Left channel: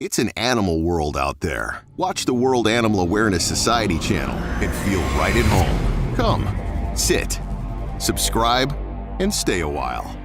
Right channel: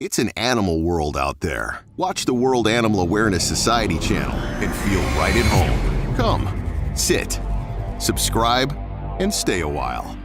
It's an animal world out there. Watch the World Animal Awareness Society channel and feel right at home. Come, sit, subscribe, and stay a while.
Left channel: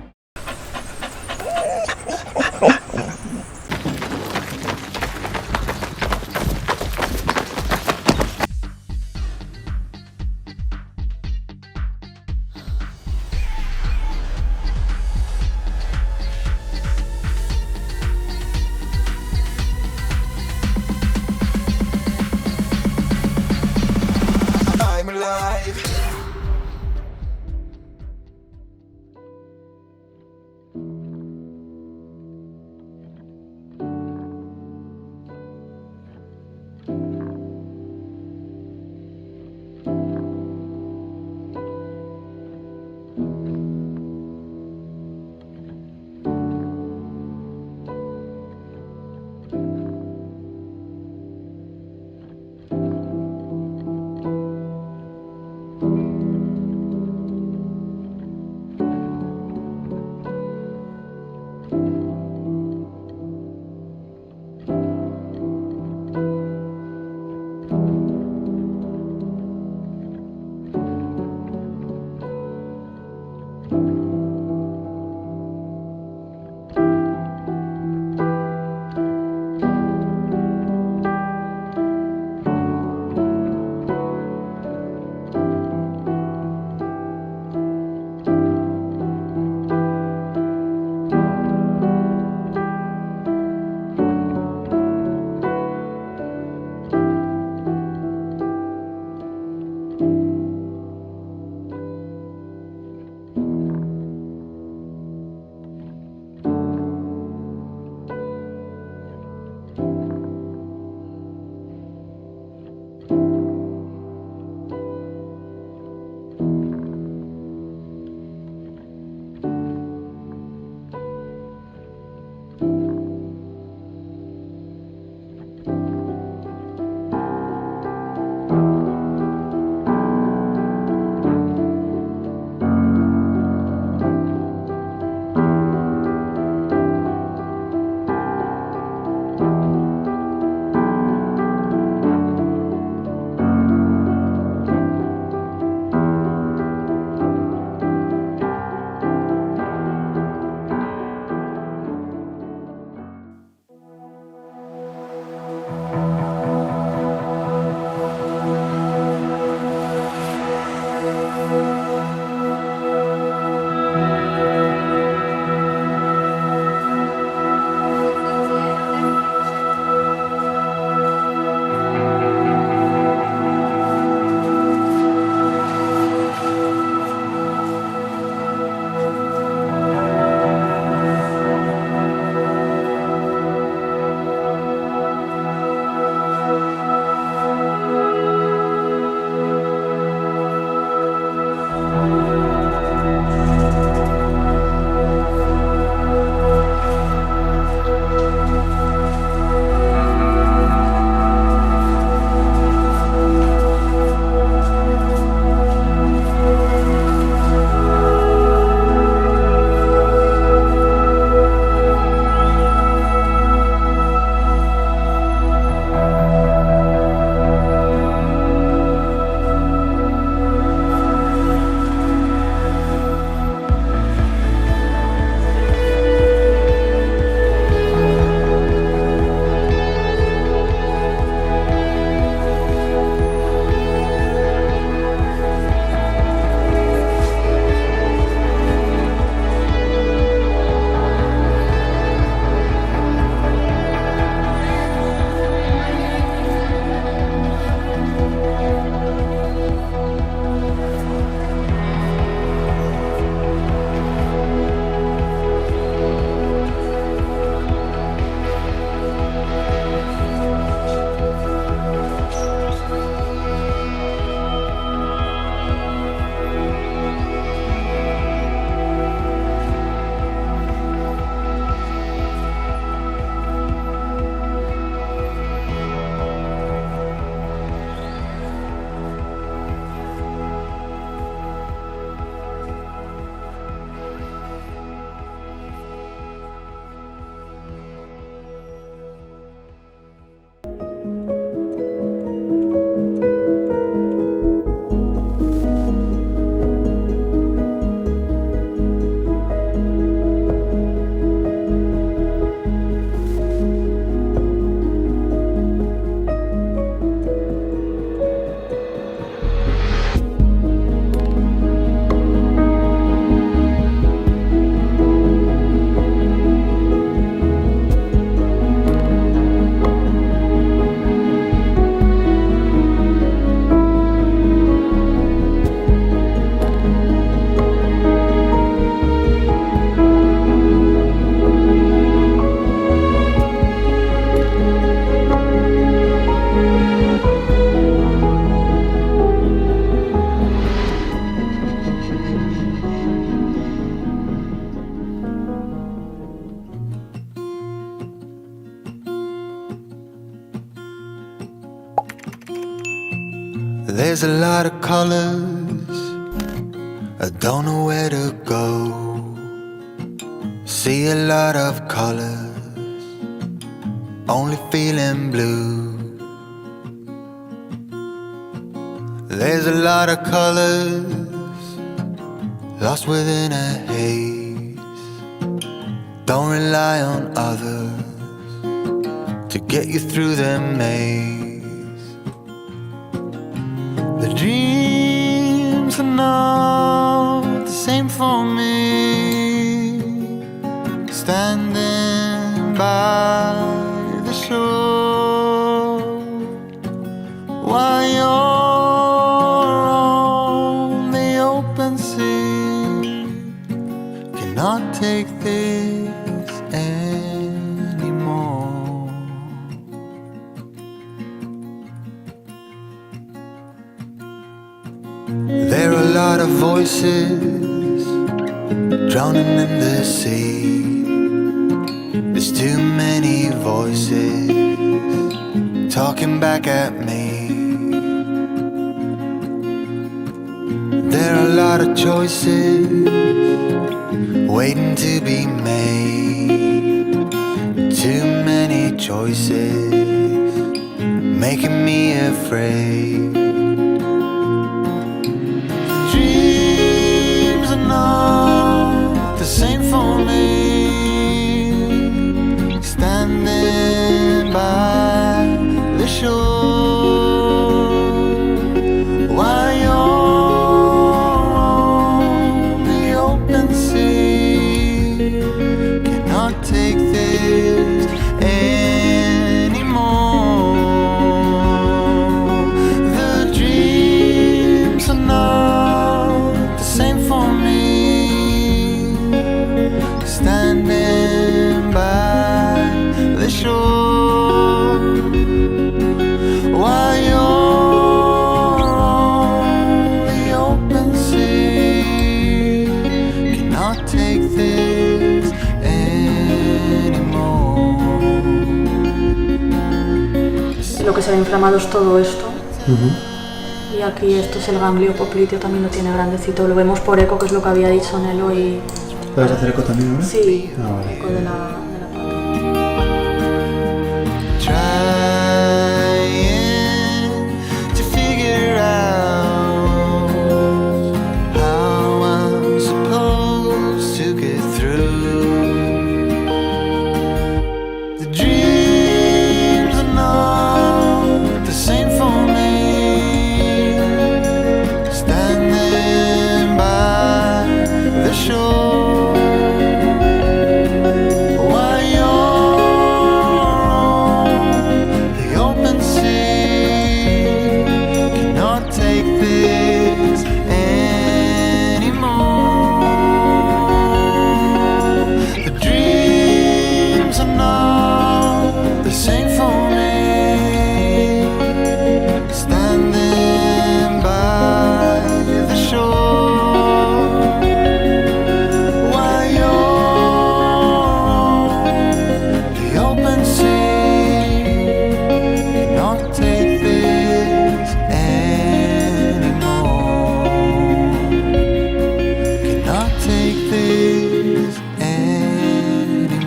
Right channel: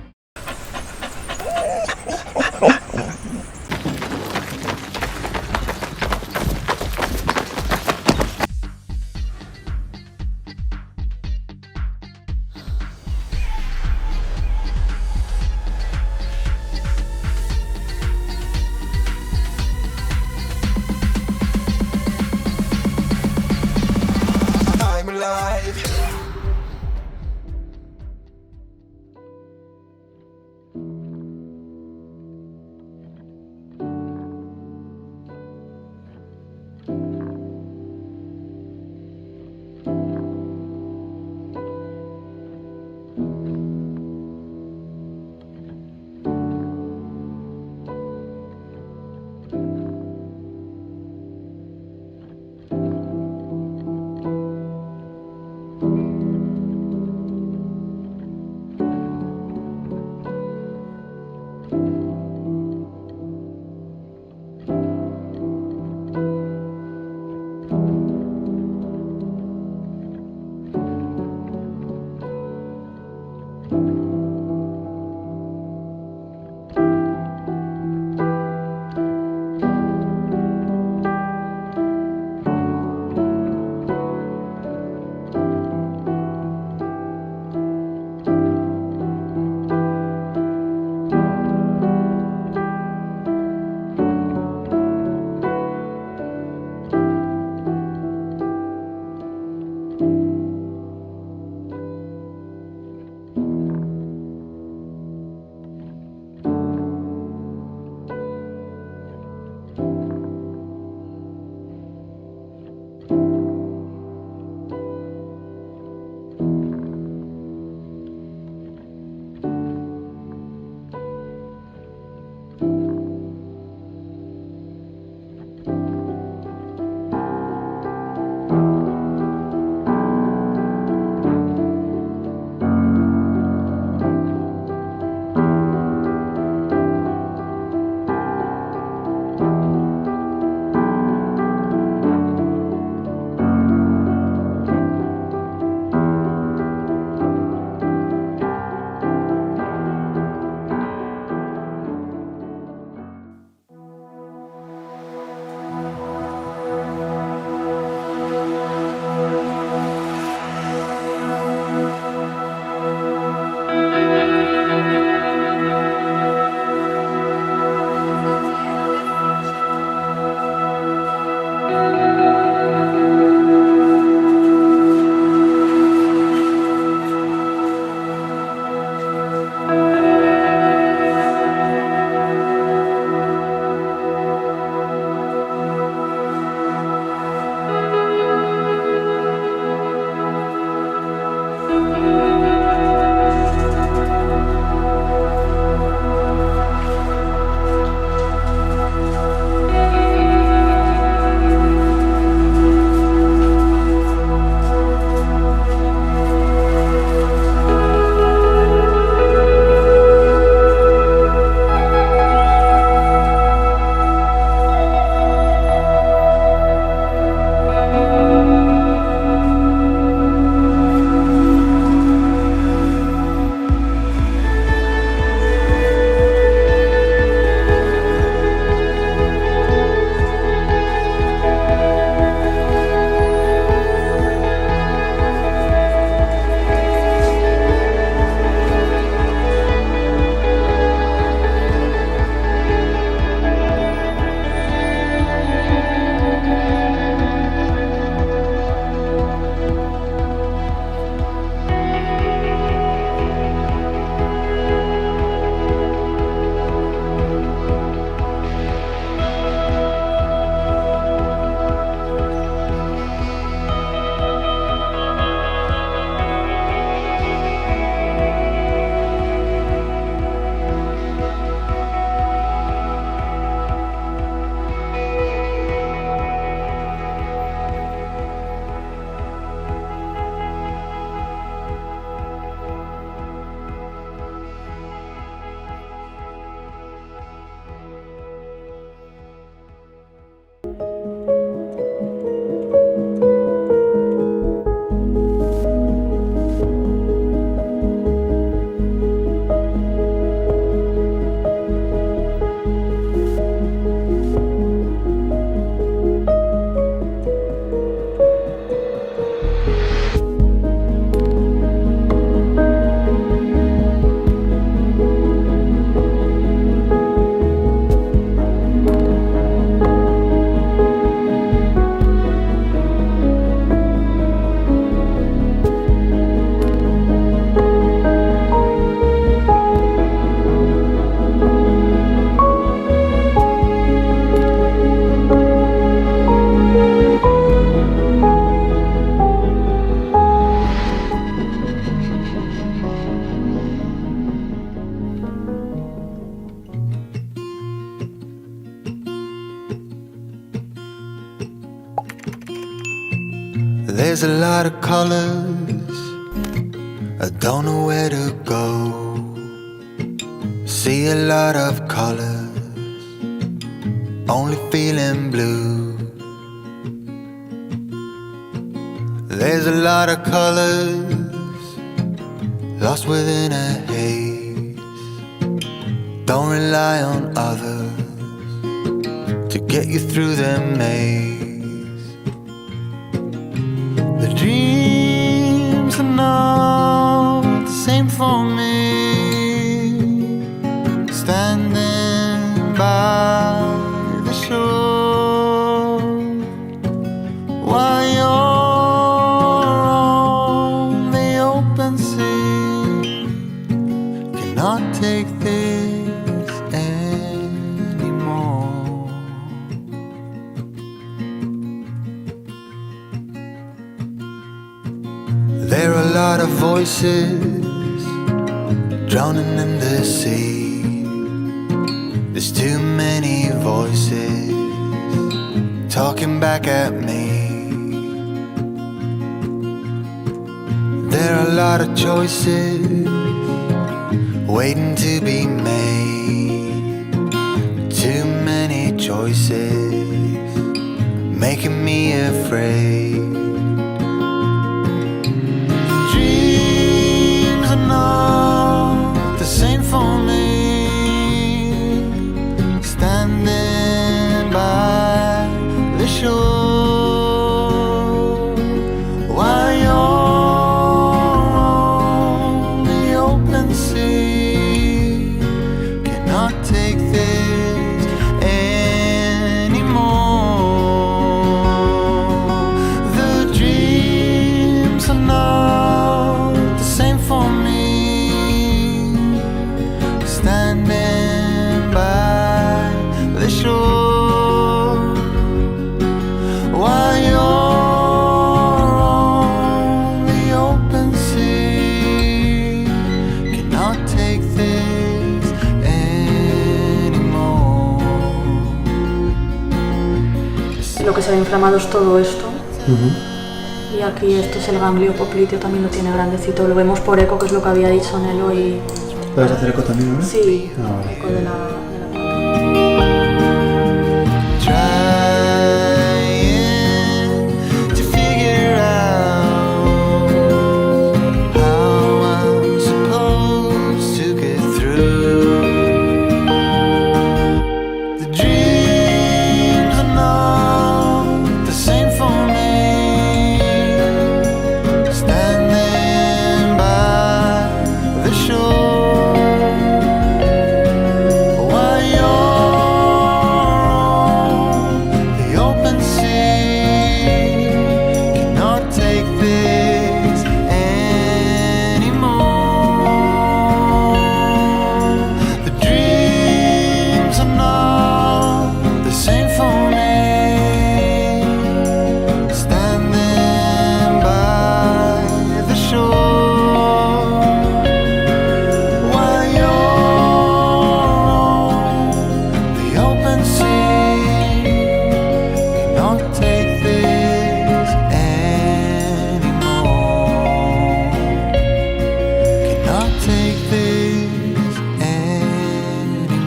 There's a lot of colors, I don't know where to go. See a lot of colors, only feeling blue. There's a lot of colors, lost within a haze. Don't rely on others to get you through the maze. The dreams are not the same for me. Standing by the shore while you're on the open sea, cannot take this anymore. There are a lot of voices drowning in the sea. There's too many voices talking back at me. There are a lot of choices waiting to be made. Too many choices making me afraid. Dreams are not the same for me. Standing by the shore while you're on the open sea, cannot take this anymore. The dreams are not the same for me. Standing by the shore while you're on the open sea, cannot take this anymore. Lo que se ve inflamado es todo esto. Y aquí esto es el ganglio popliteo, también lo tiene grandecito. Lo vemos por eco, que es lo que había dicho Nelo. Y ¿Puedes hacer eco también ahora? sí, Ah, vale. eco de la pata. Trying to figure out how I'm supposed to get through. The dreams are not the same for me. Standing by the shore while you're on the open sea, cannot take this anymore. The dreams are not the same for me. Standing by the shore while you're on the open sea, cannot take this anymore. Cannot take this anymore.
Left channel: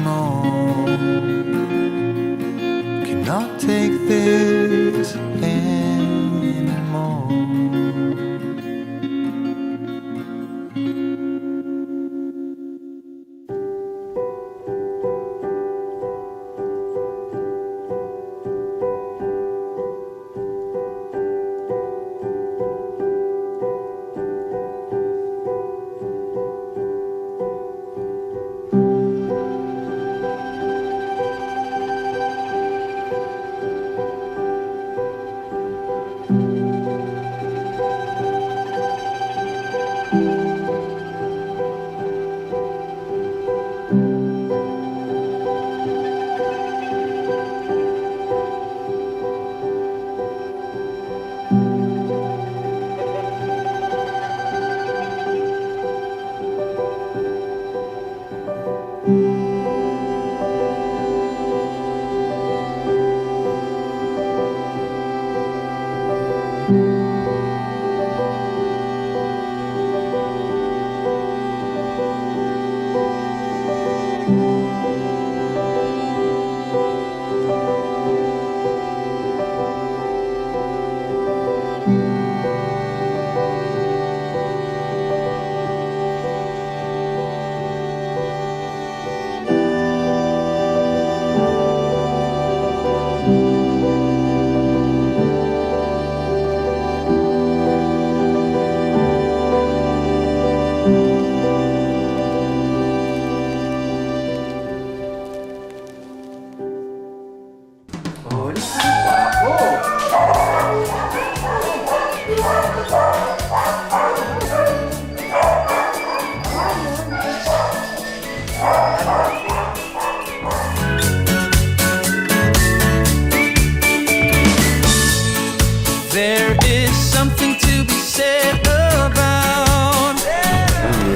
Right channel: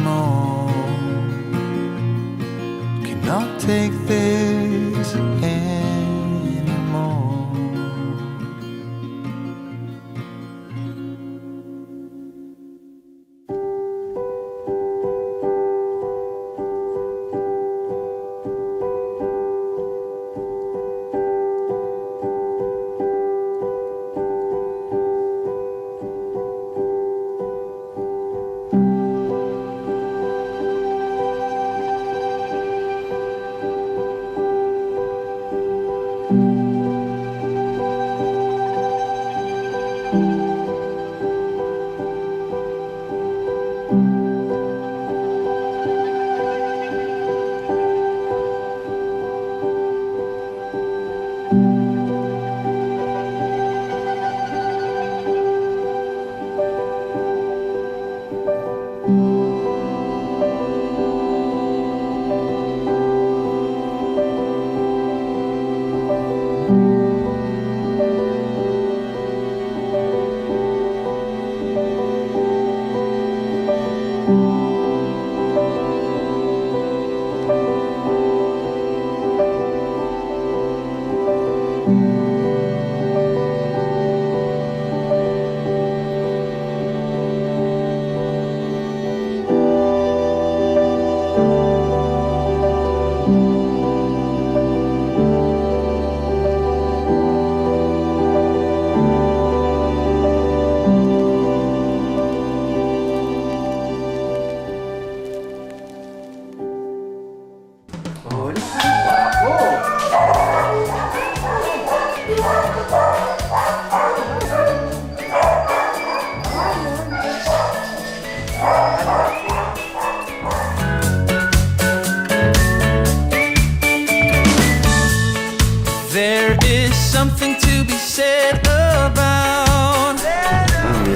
Cannot take this anymore.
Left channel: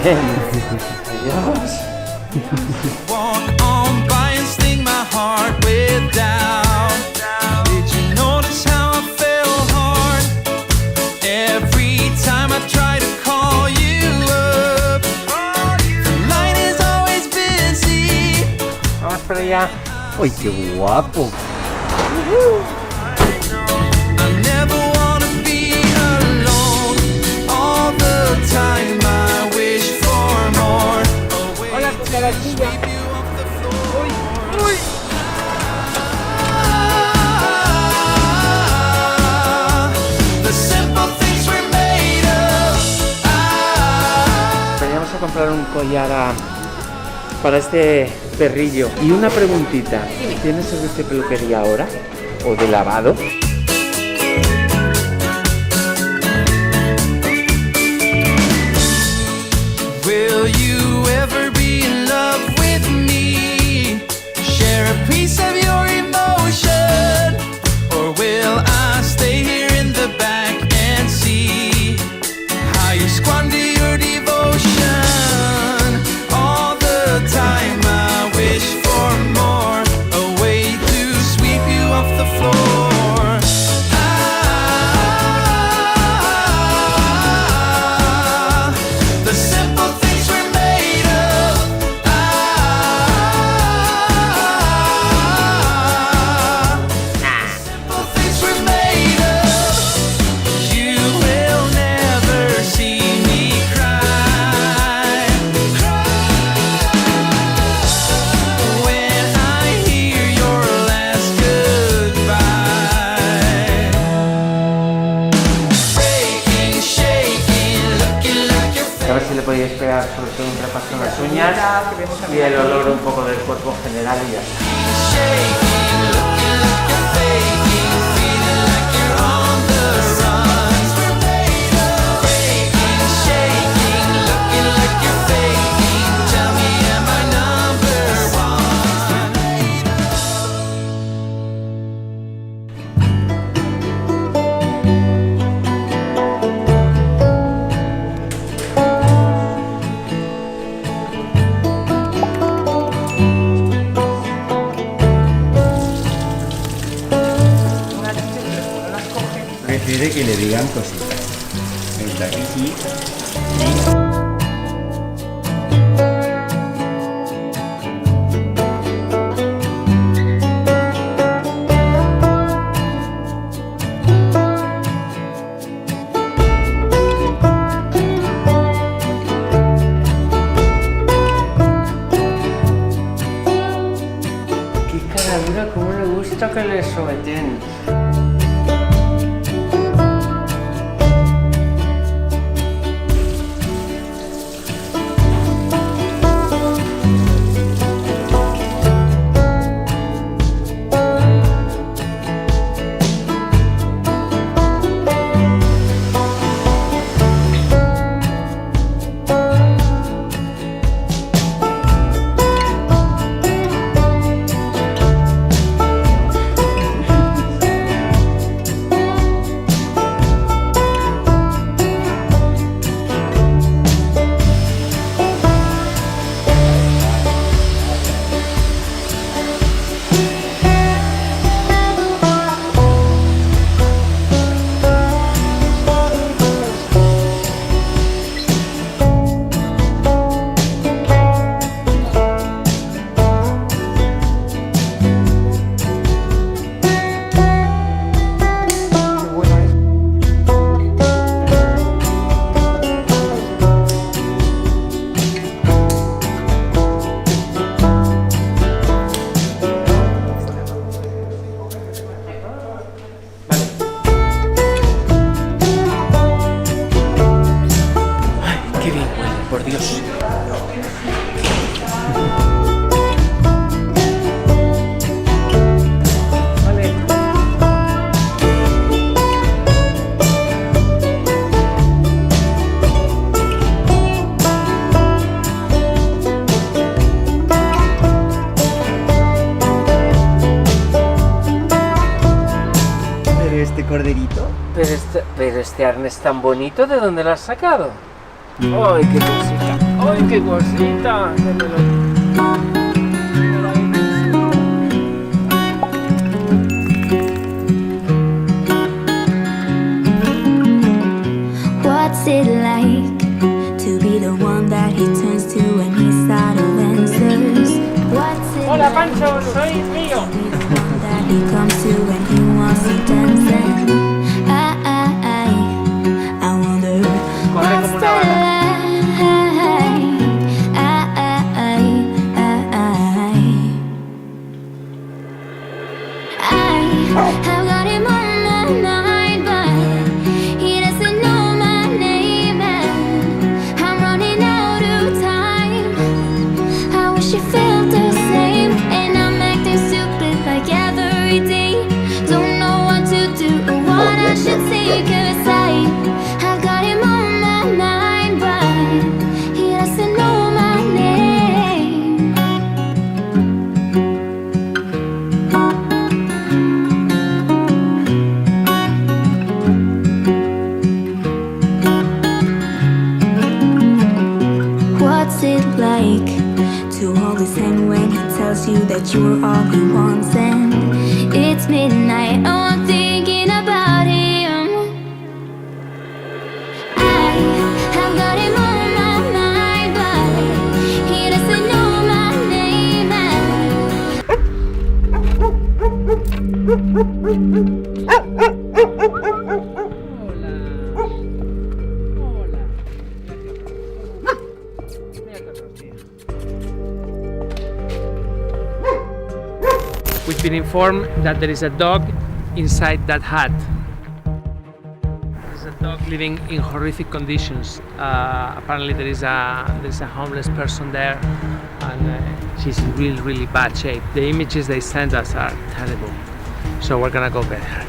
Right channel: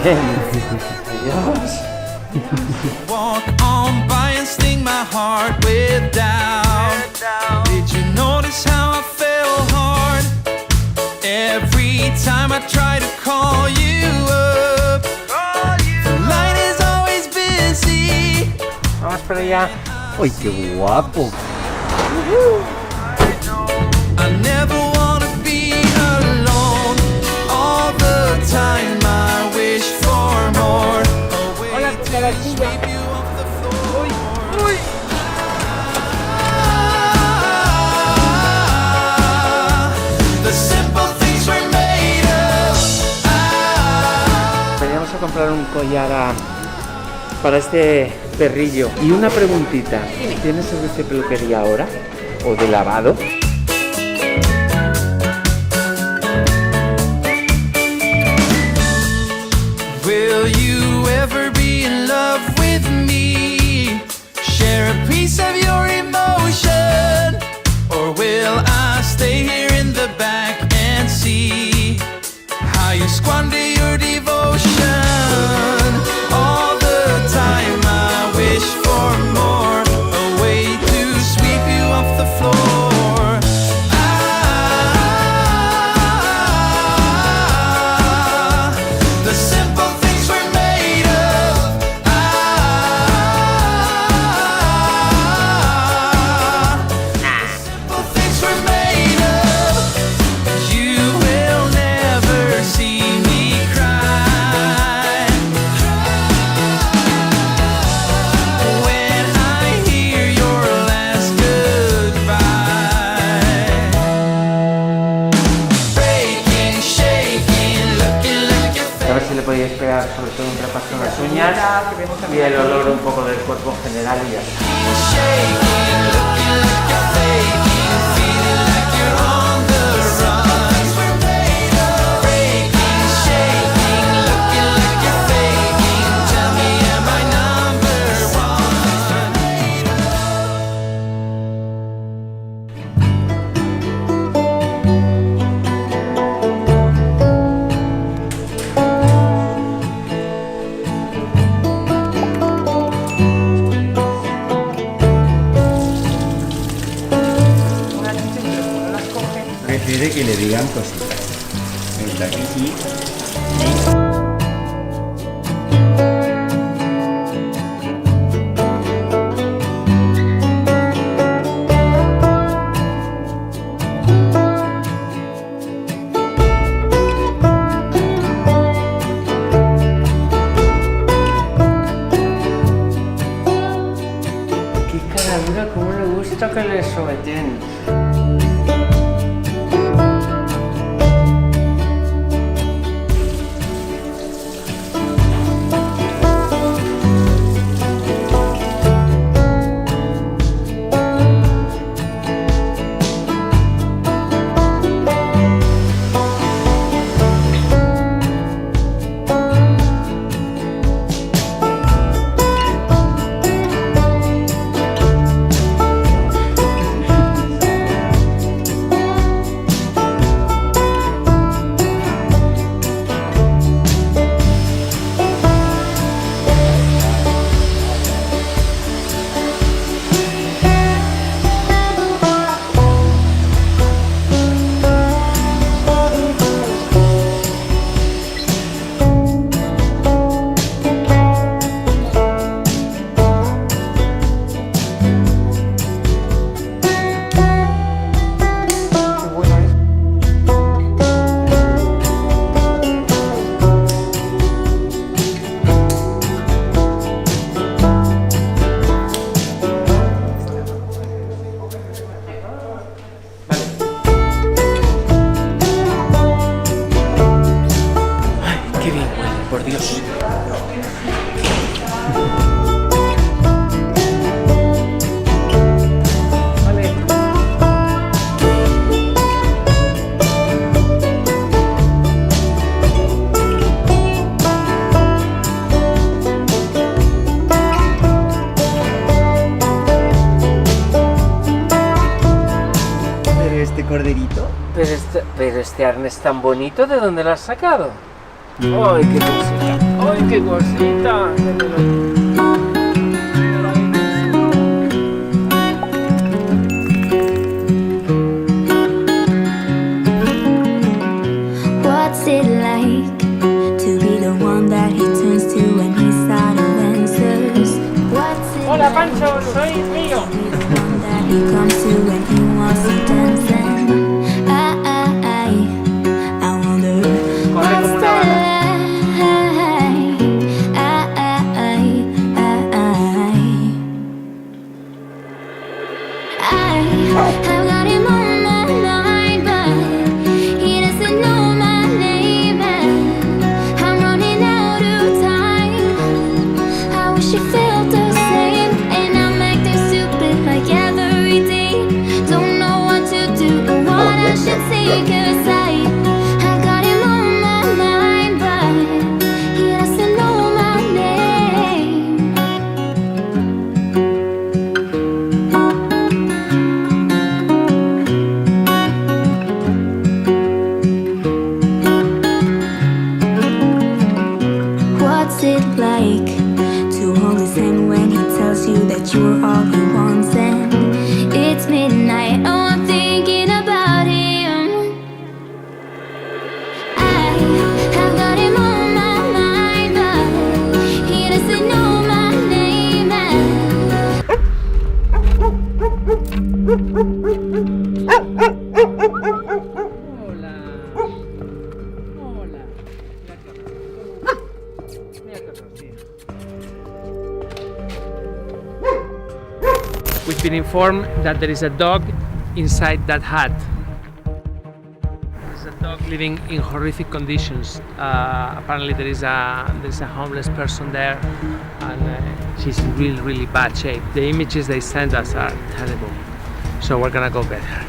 bien. Adiós. Walk on by and sting my heart with doubt. Did you notice how I fell hard every time I try to call you up? The line is always busy. Vamos para allá. ¡Uy, qué guapo! I never wanna be alone all the time. I wish for more. Hola, cucarachilla. Uy. The simple things we're made of. Veníamos a comprar un collar para este perrillo. Y una preguntita. ¿Tienes servicio de peluquería ahora? ¿O de lavado? Will you ever be in love with me? Share a piece of your emotion? Or will I stay here in the back and see how you squander your devotion? All the time I wish for more, a way to sweep you off the floor. The simple things we're made of. The simple things we're made of. You will never see me cry when I hear your last goodbye. Breaking, shaking, looking like your A ver si le podíais pegar sobre todo un repaso en las uñas y el olor un poco del cuerpo en general y ya está. shaking, looking like you're faking, feeling like you're on the run. We're made of breaking, shaking, looking like you're faking. Tell me, am I number one? Prefiere que le digan cositas. ¿Verdad que sí? Qué cara dura, cómo le gusta que le someten. por Dios. Vale. Pero este corderito. Pero este arnés tan bonito, ¿de dónde lo has sacado? ¡Ay, qué música! ¡Ay, qué cosita! What's it like to be the one that he turns to when he's out of answers? What's it Hola, like Pancho, soy Río. to be the one that he comes to when he wants to dance? And I wonder Corre como what's una it bala. I've got him on my mind, but he doesn't know my name, and I'm running out of time. I wish he felt the same, and I'm acting stupid like every day. Don't know what to do or what I should say, 'cause I've got him on my mind, but he doesn't know my name. What's it like to hold his hand when he tells you that you're all he wants? And it's midnight, oh, I'm thinking about him. I have got him on my mind, but he doesn't know my name. Hola. Hola. Mira qué horror, tío. We've been informed that there is a dog inside that hut. There's a dog living in horrific conditions. Apparently there is a homeless person there, and she's in really bad shape. The images they send us are terrible. So we're gonna go get her.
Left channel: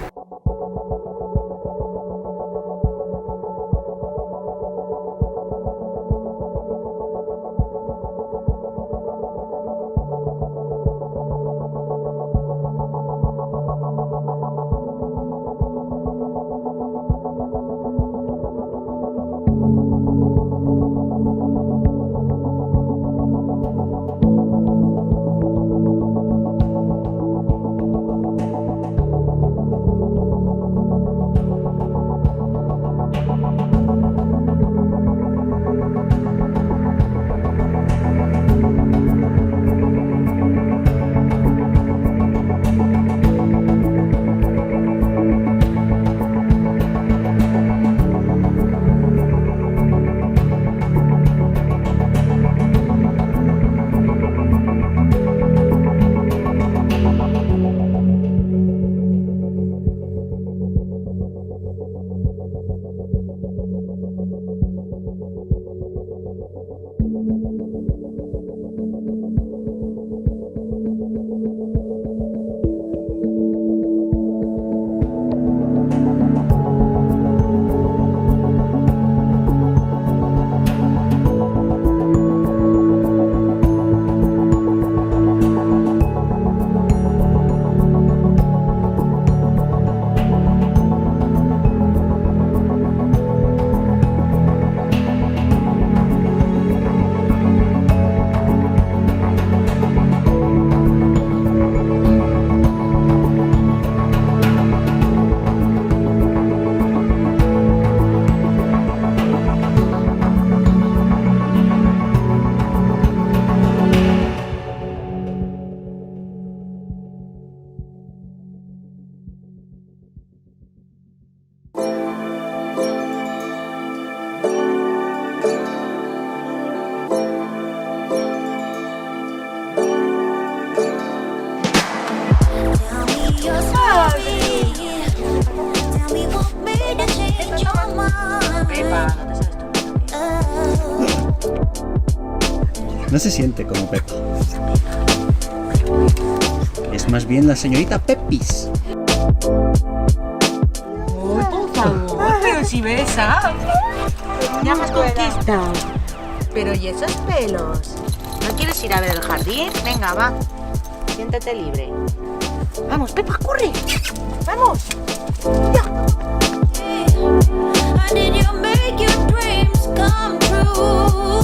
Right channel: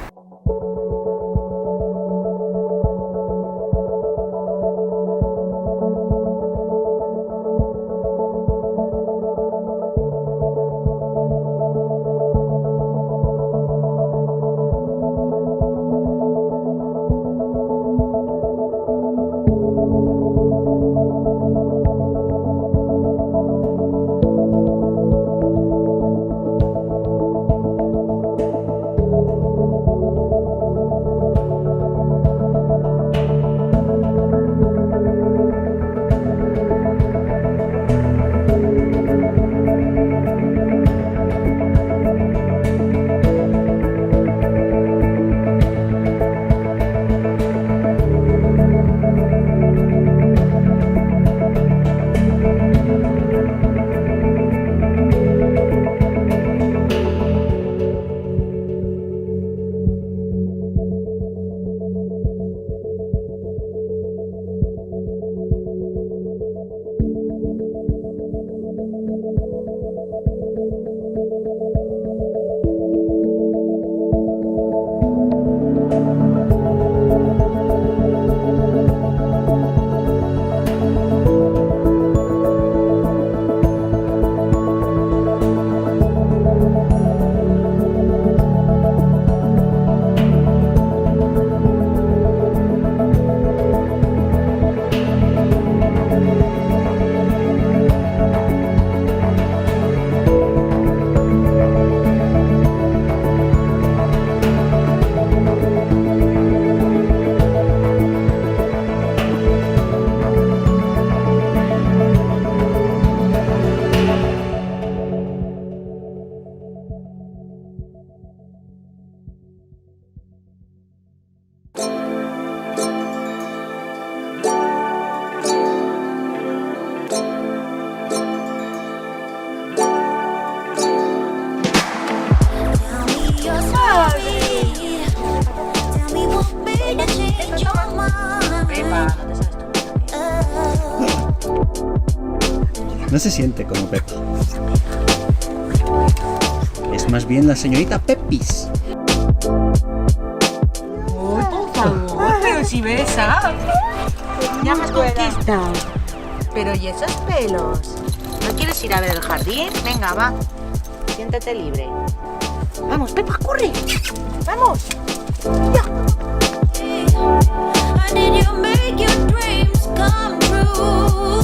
No se siente como Peppa. Es más bien la señorita Pepis. Uy, por favor, pero si besa. Ya me has conquistado. Pero ¿y esos pelos? ¿No quieres ir a ver el jardín? Venga, va. Siéntate libre. Vamos, Peppa, corre. Vamos. Ya. How did you make your dreams come true?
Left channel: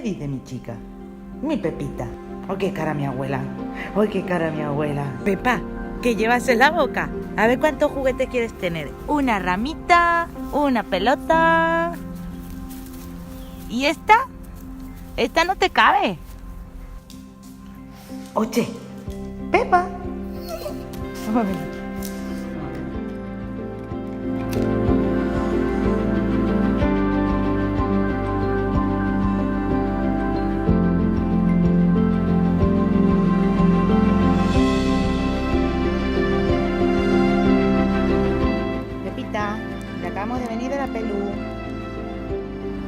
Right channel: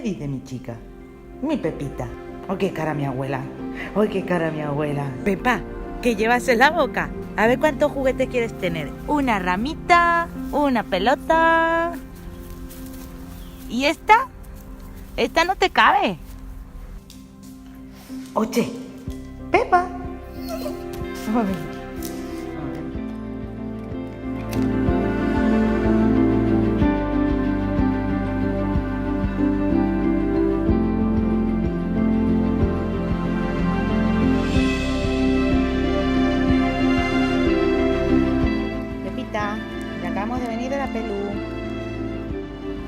¿Qué dice mi chica? Mi Pepita. ¡Oh, qué cara mi abuela! ¡Oh, qué cara mi abuela! Pepa, ¿qué llevas en la boca? A ver cuántos juguetes quieres tener. Una ramita, una pelota. ¿Y esta? Esta no te cabe. Oye, Pepa. Pepita, ya acabamos de venir de la pelu.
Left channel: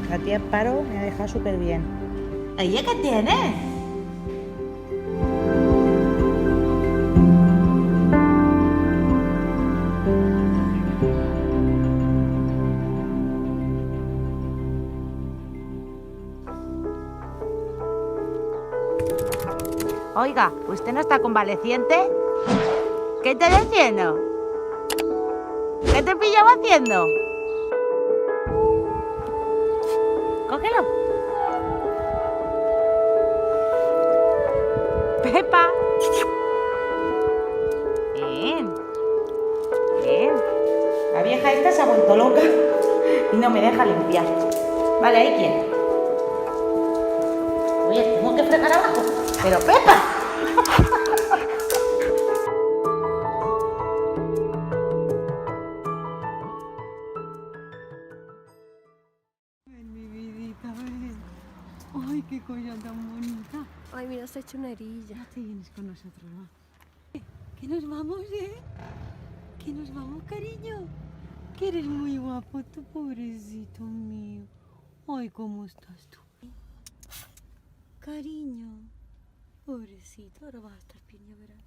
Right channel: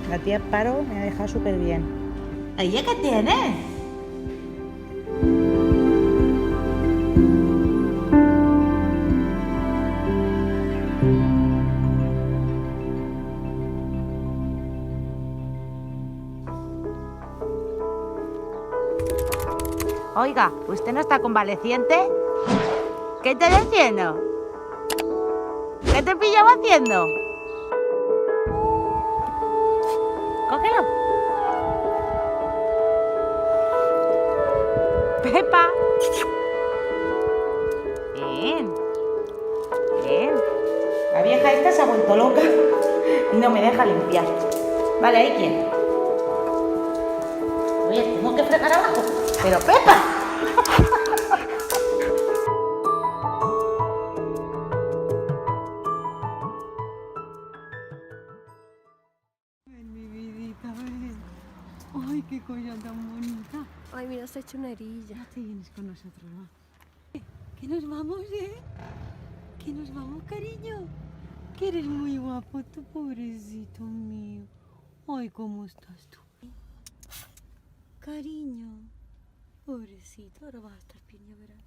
La tía Paro me ha dejado súper bien. ¿Ella qué tienes? Oiga, ¿usted no está convaleciente? ¿Qué estás haciendo? ¿Qué te pillaba haciendo? Cógelo. Pepa. Bien. Bien. La vieja esta se ha vuelto loca y no me deja limpiar. Vale, ahí quiero. Oye, tengo que fregar abajo. ¡Pero Pepa! Ven, mi vidita, ven. Ay, qué cosa tan bonita. Ay, mira, se ha hecho una herilla. Ya te vienes con nosotros, ¿no? Que nos vamos, ¿eh? Que nos vamos, cariño. Que eres muy guapo, tu pobrecito mío. Ay, ¿cómo estás tú? Cariño. Pobrecito, ahora vas a estar bien, ya verás.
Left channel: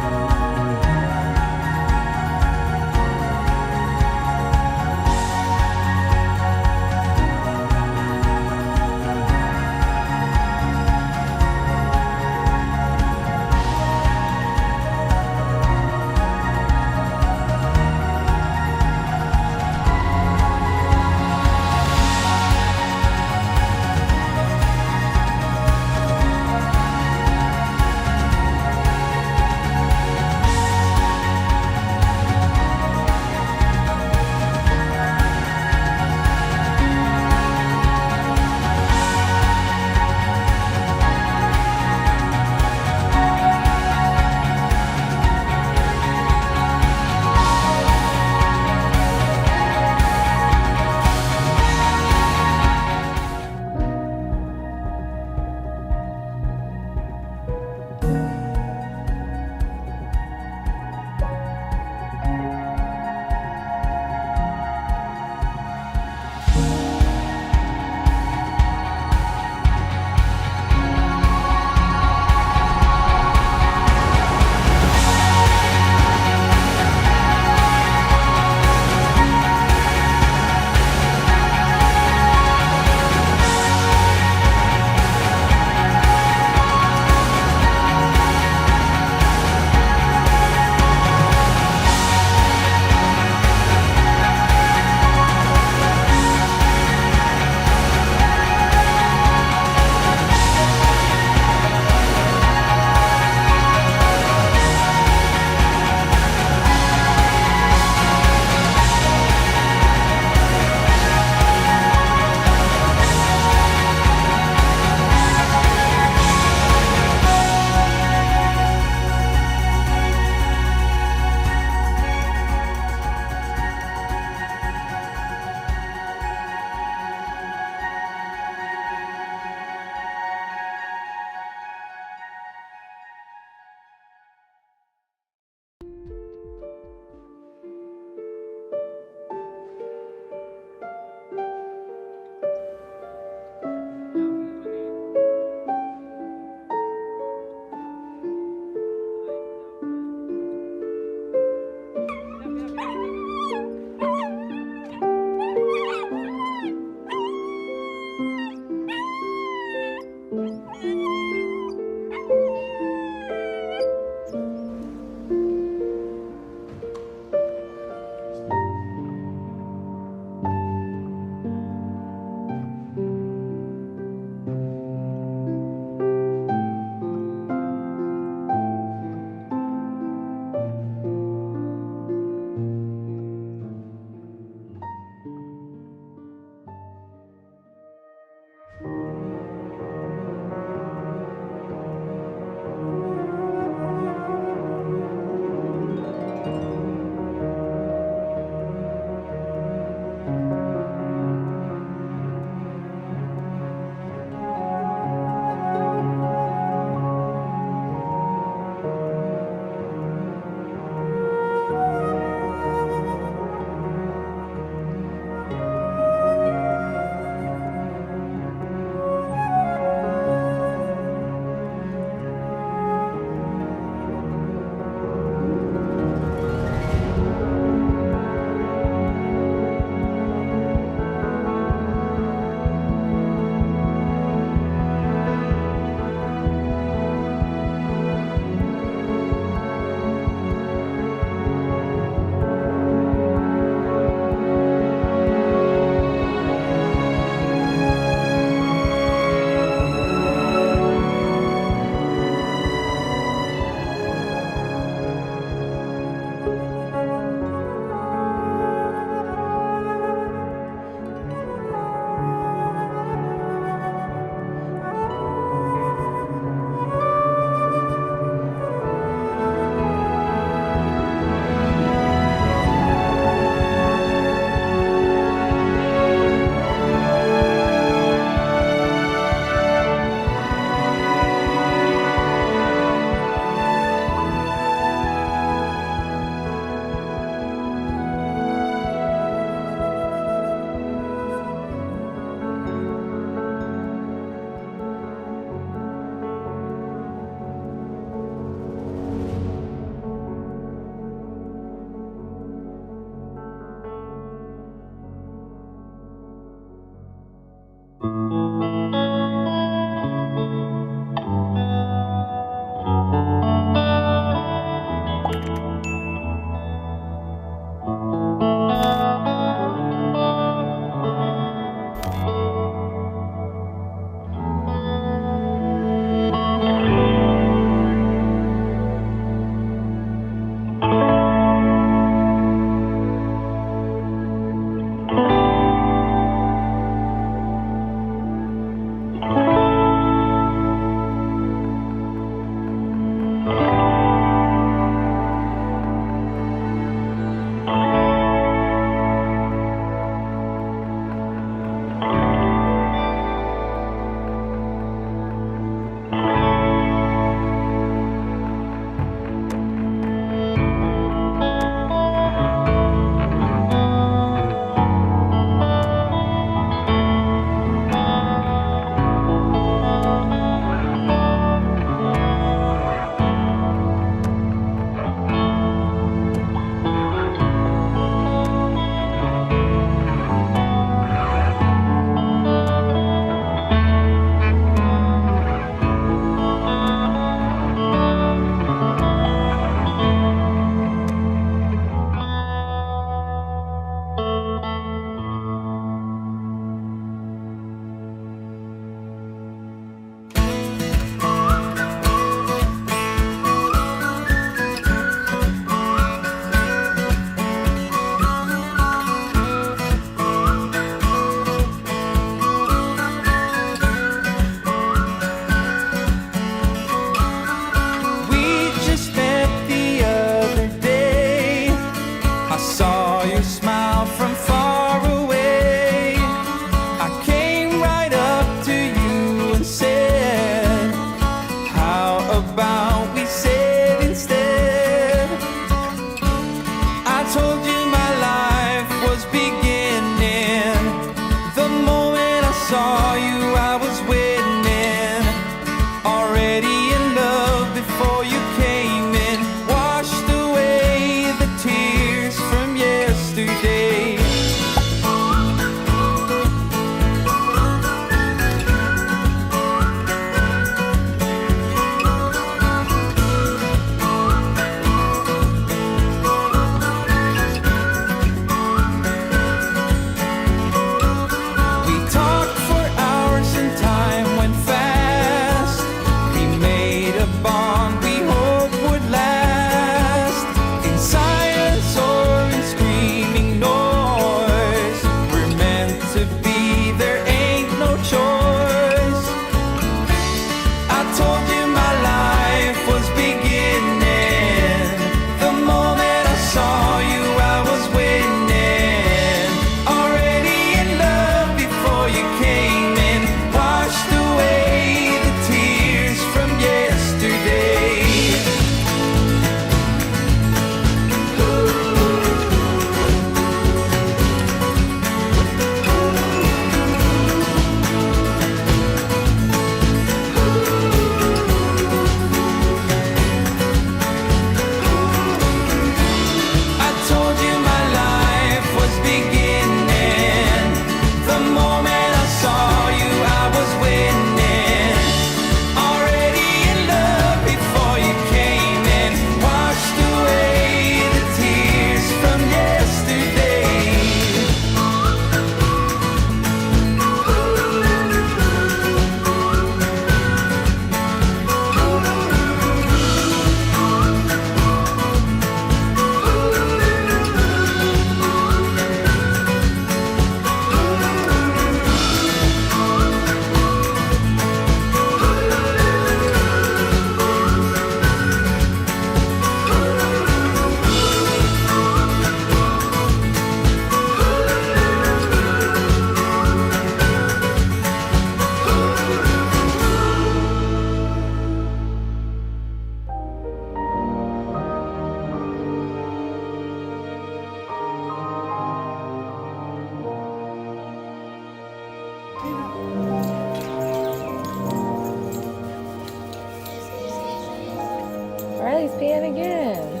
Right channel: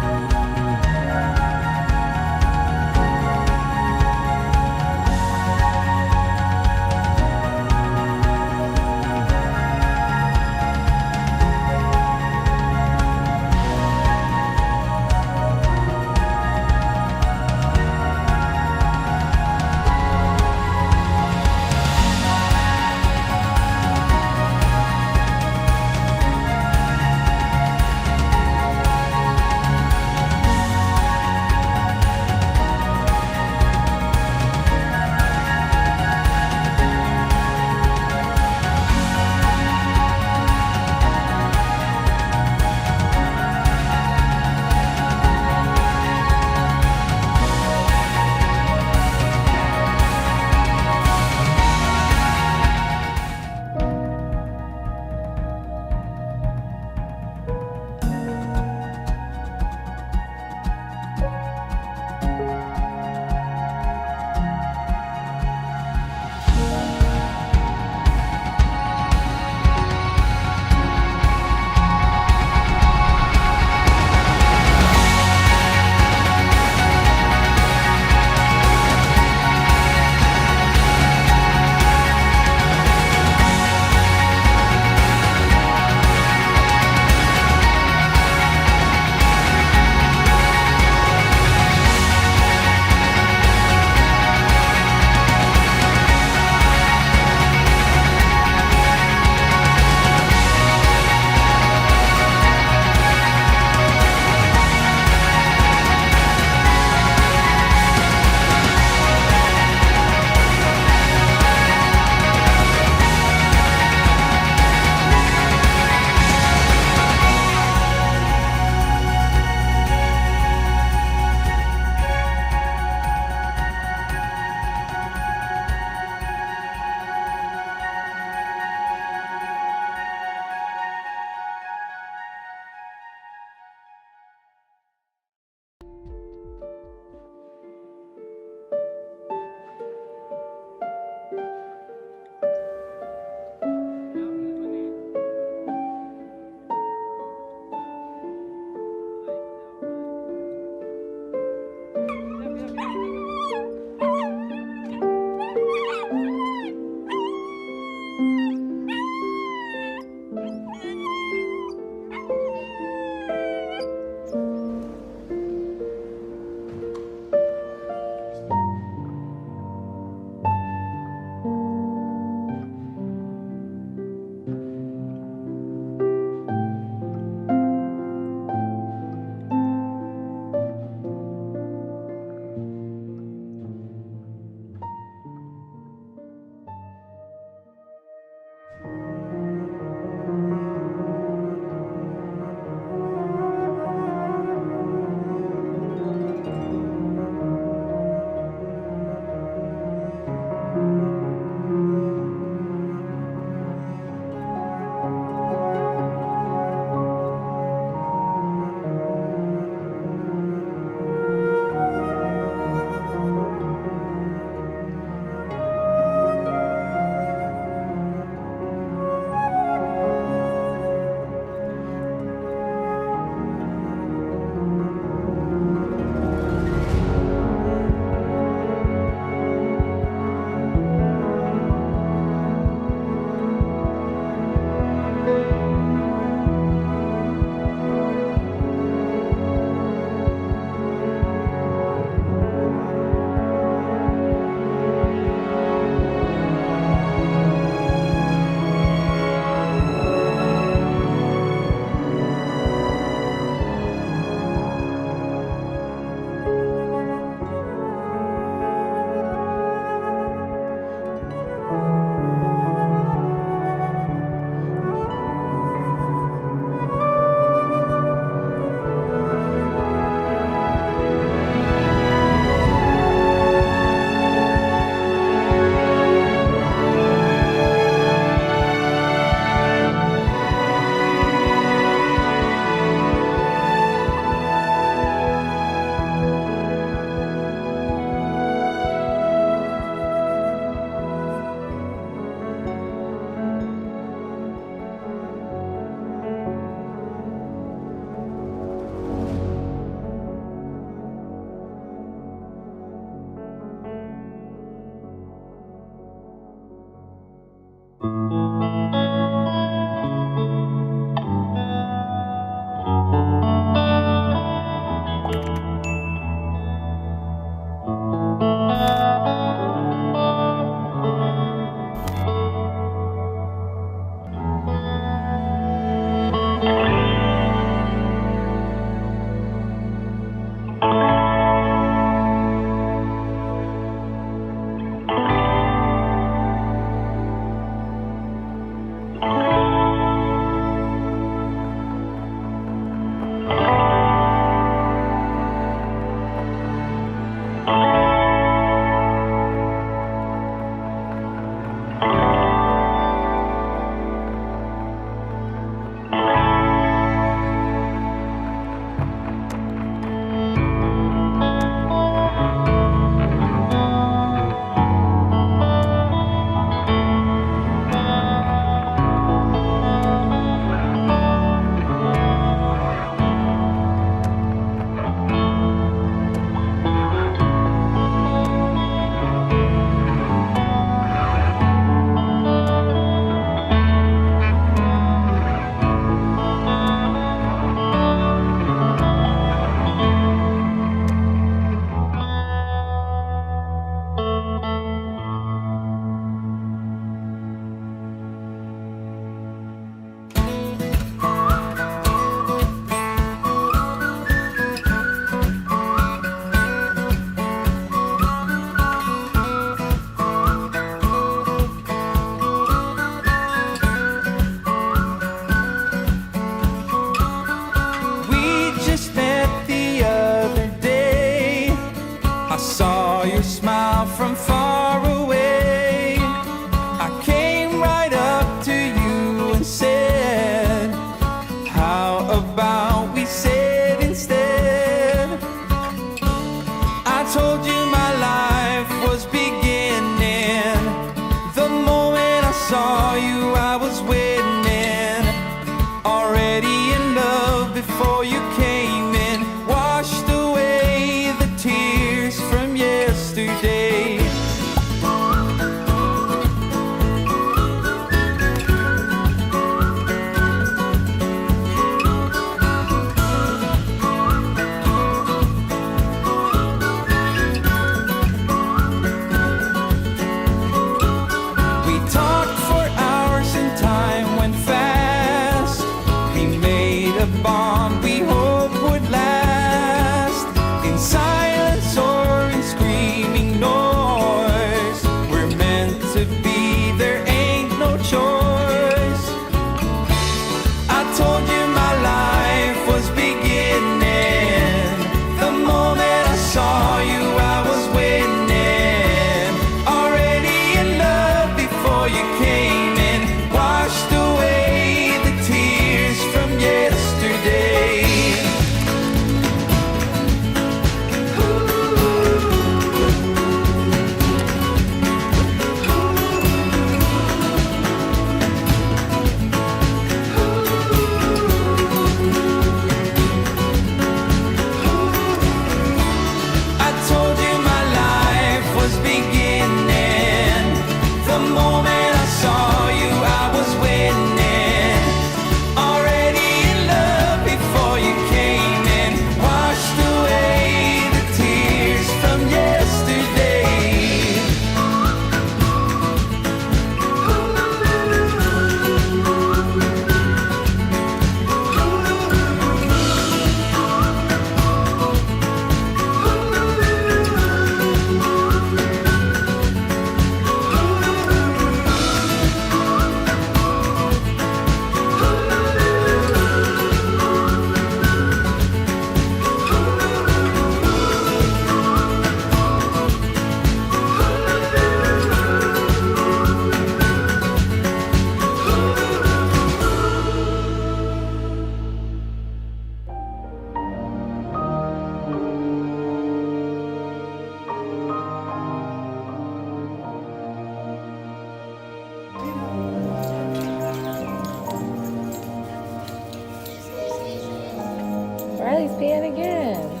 Stand again.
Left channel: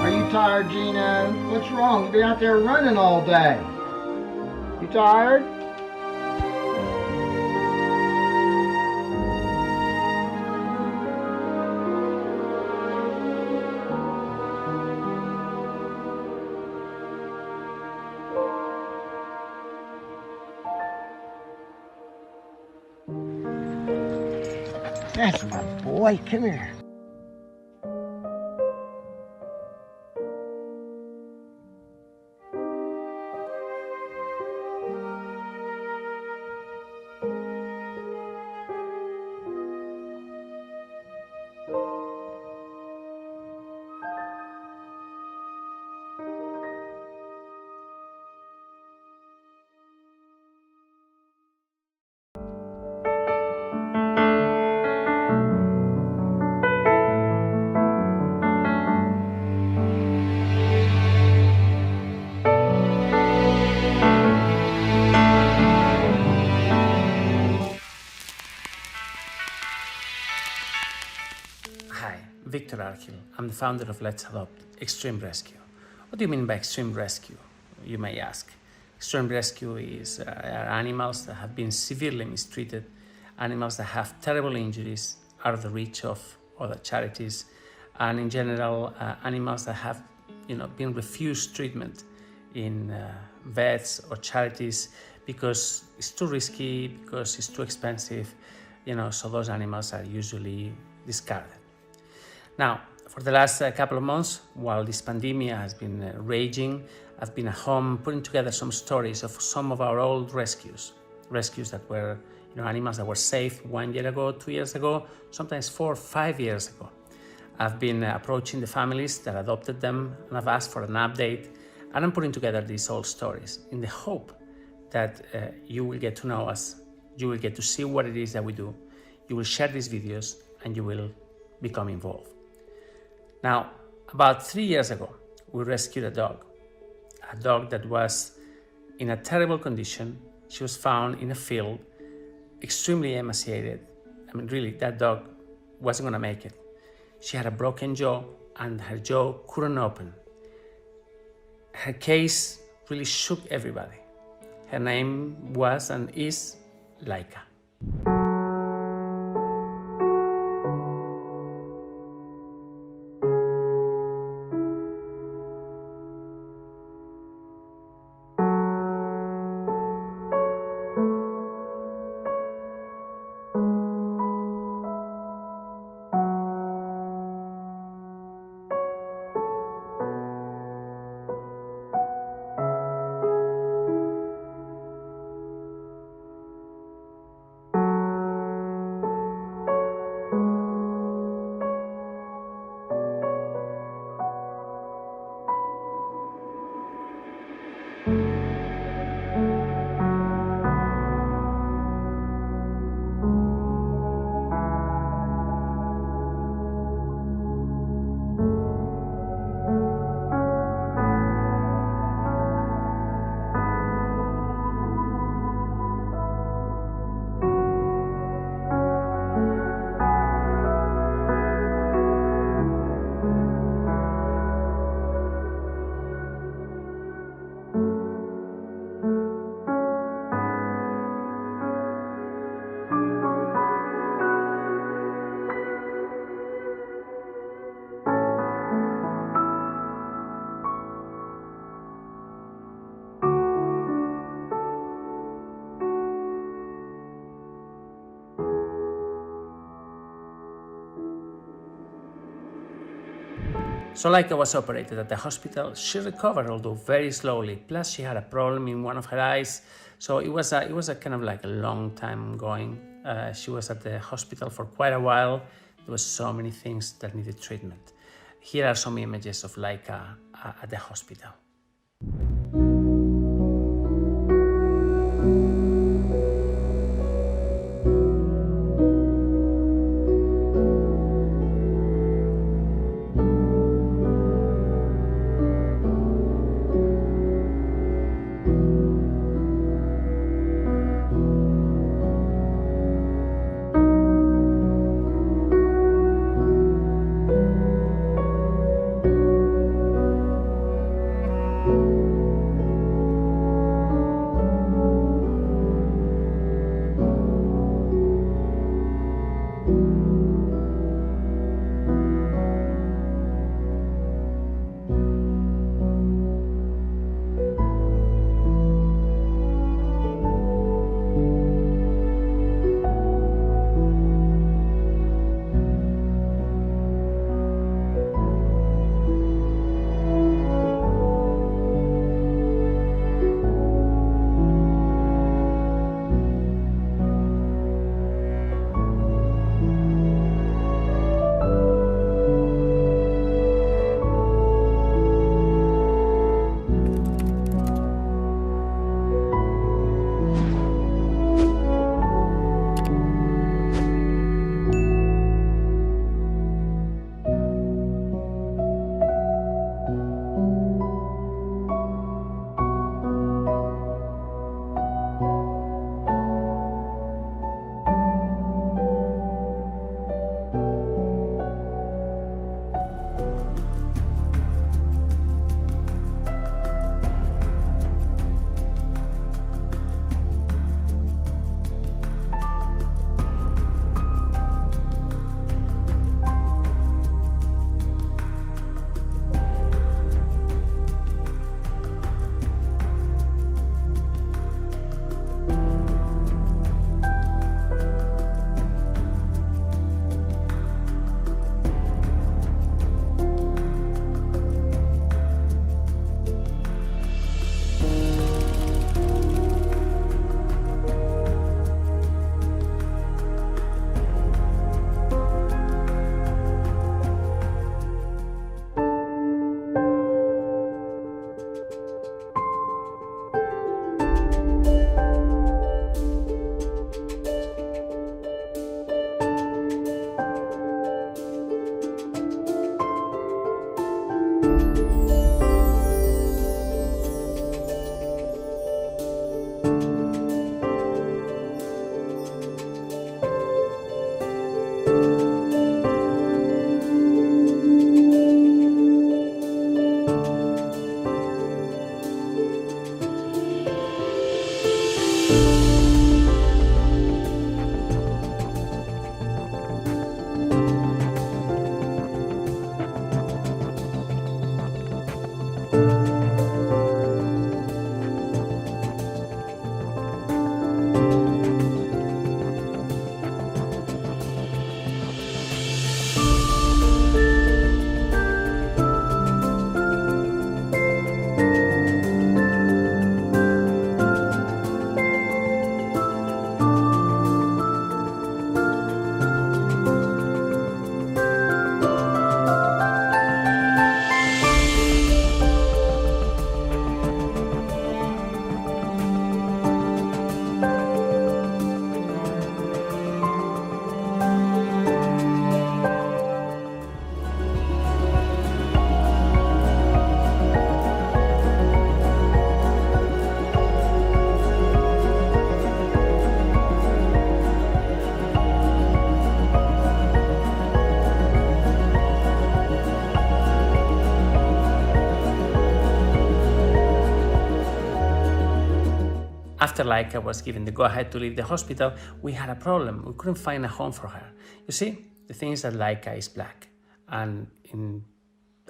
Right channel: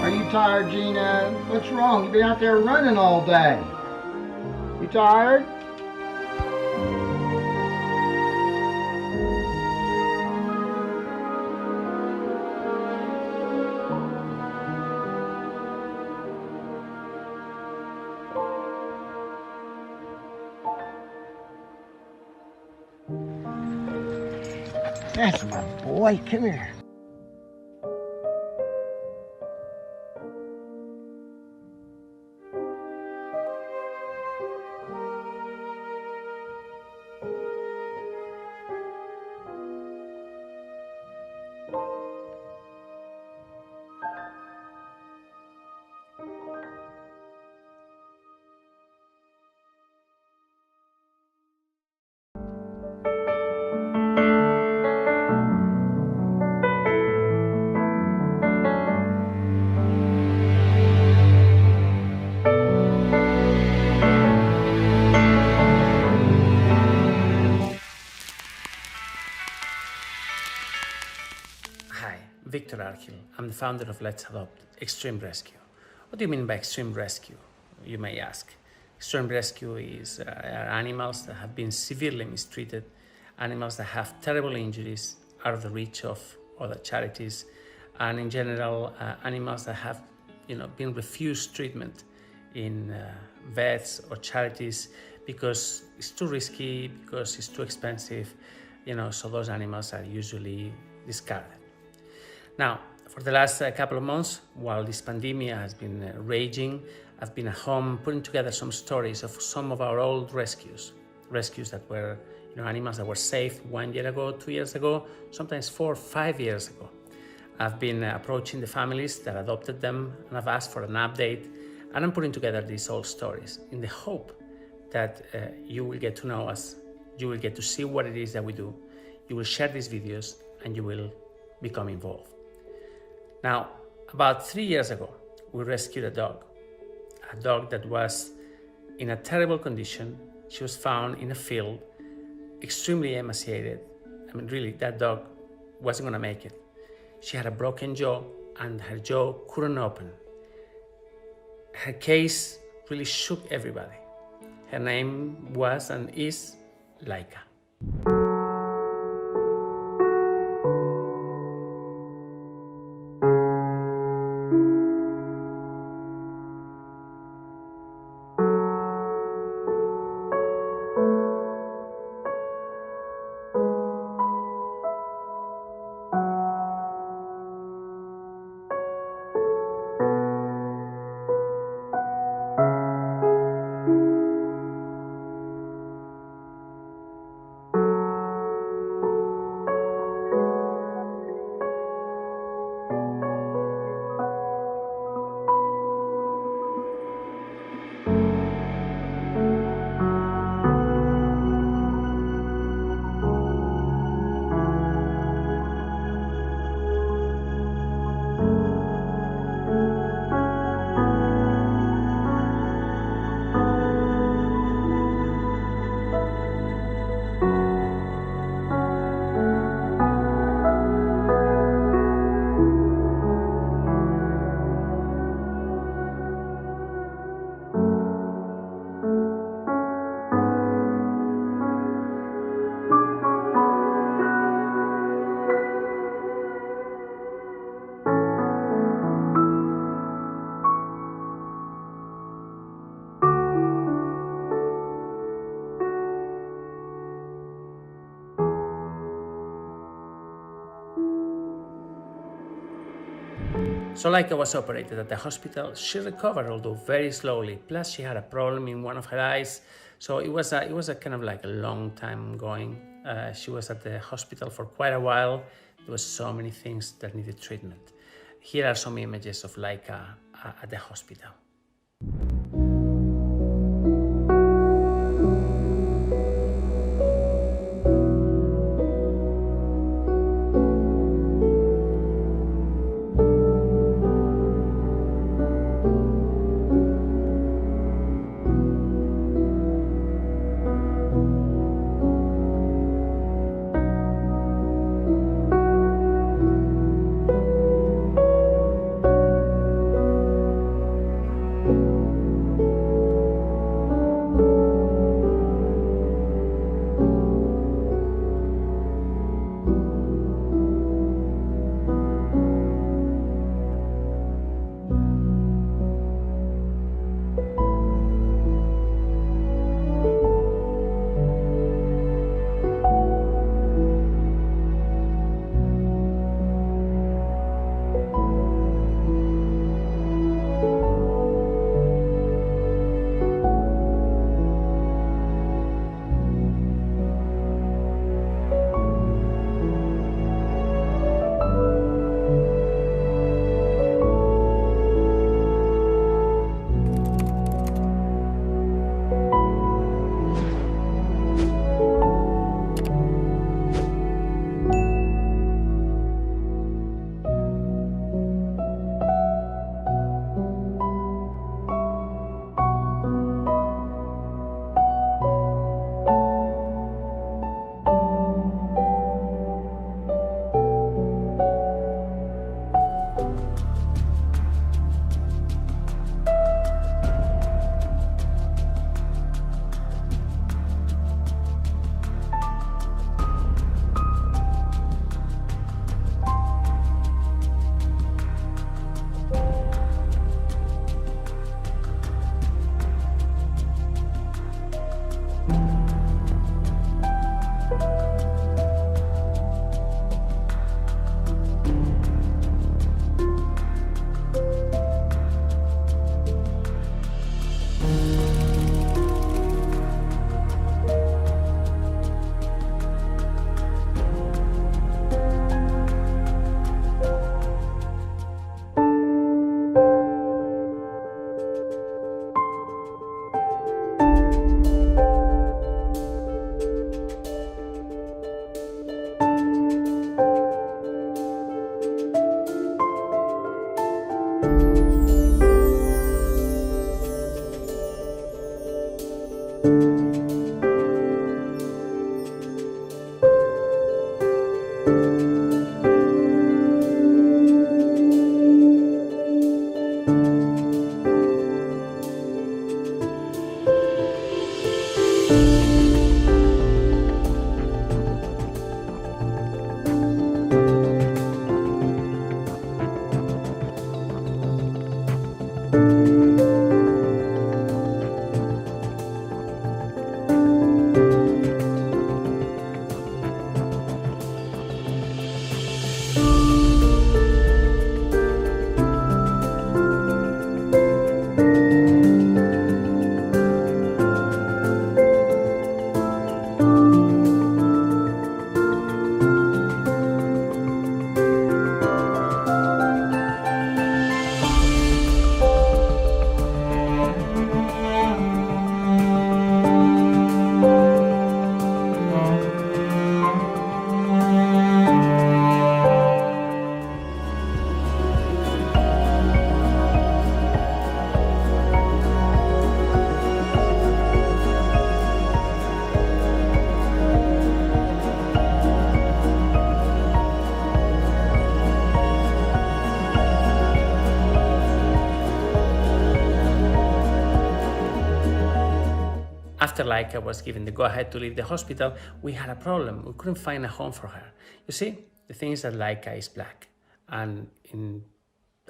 Are you tired, Gina? What's wrong? You've been out there running all day. You tired? That's my boy. Come here. Hi, Viktor Larkhill. I'm the founder of Let's Adopt Extreme Rescue. What do you mean by extreme rescue, you may ask? Extreme rescue are animals that have been severely mistreated, animals that have terrible injuries, out of the reach of other charities, and in general, animals that have been refused treatment in vets or charities because it's too risky, because it's too expensive, so those animals are usually discarded. Now, for the last couple of months, while this pandemic has been raging, I've been at home putting together some stories of some of our old rescues that were, animals that were saved 1 year ago, 2 years ago, sometimes 4 or 5 years ago. I've been approaching the families that adopted them, and I've asked for an update, and I'm putting together these old stories in the hope that you will get to know us, you will get to see what it is that we do, you will share these videos, and you will become involved. Now, about 3 years ago, we rescued a dog that was in a terrible condition. She was found in a field, extremely emaciated. I mean, really, that dog wasn't gonna make it. She had a broken jaw and her jaw couldn't open. Her case really shook everybody. Her name was and is Leica. So Leica was operated at the hospital. She recovered, although very slowly. Plus, she had a problem in one of her eyes. So it was a kind of like a long time going. She was at the hospital for quite a while. There was so many things that needed treatment. Here are some images of Leica at the hospital. After Leica was given the go-ahead to leave the hospital, we had a problem. We couldn't find a home for her. You see, the thing is that Leica is black, and in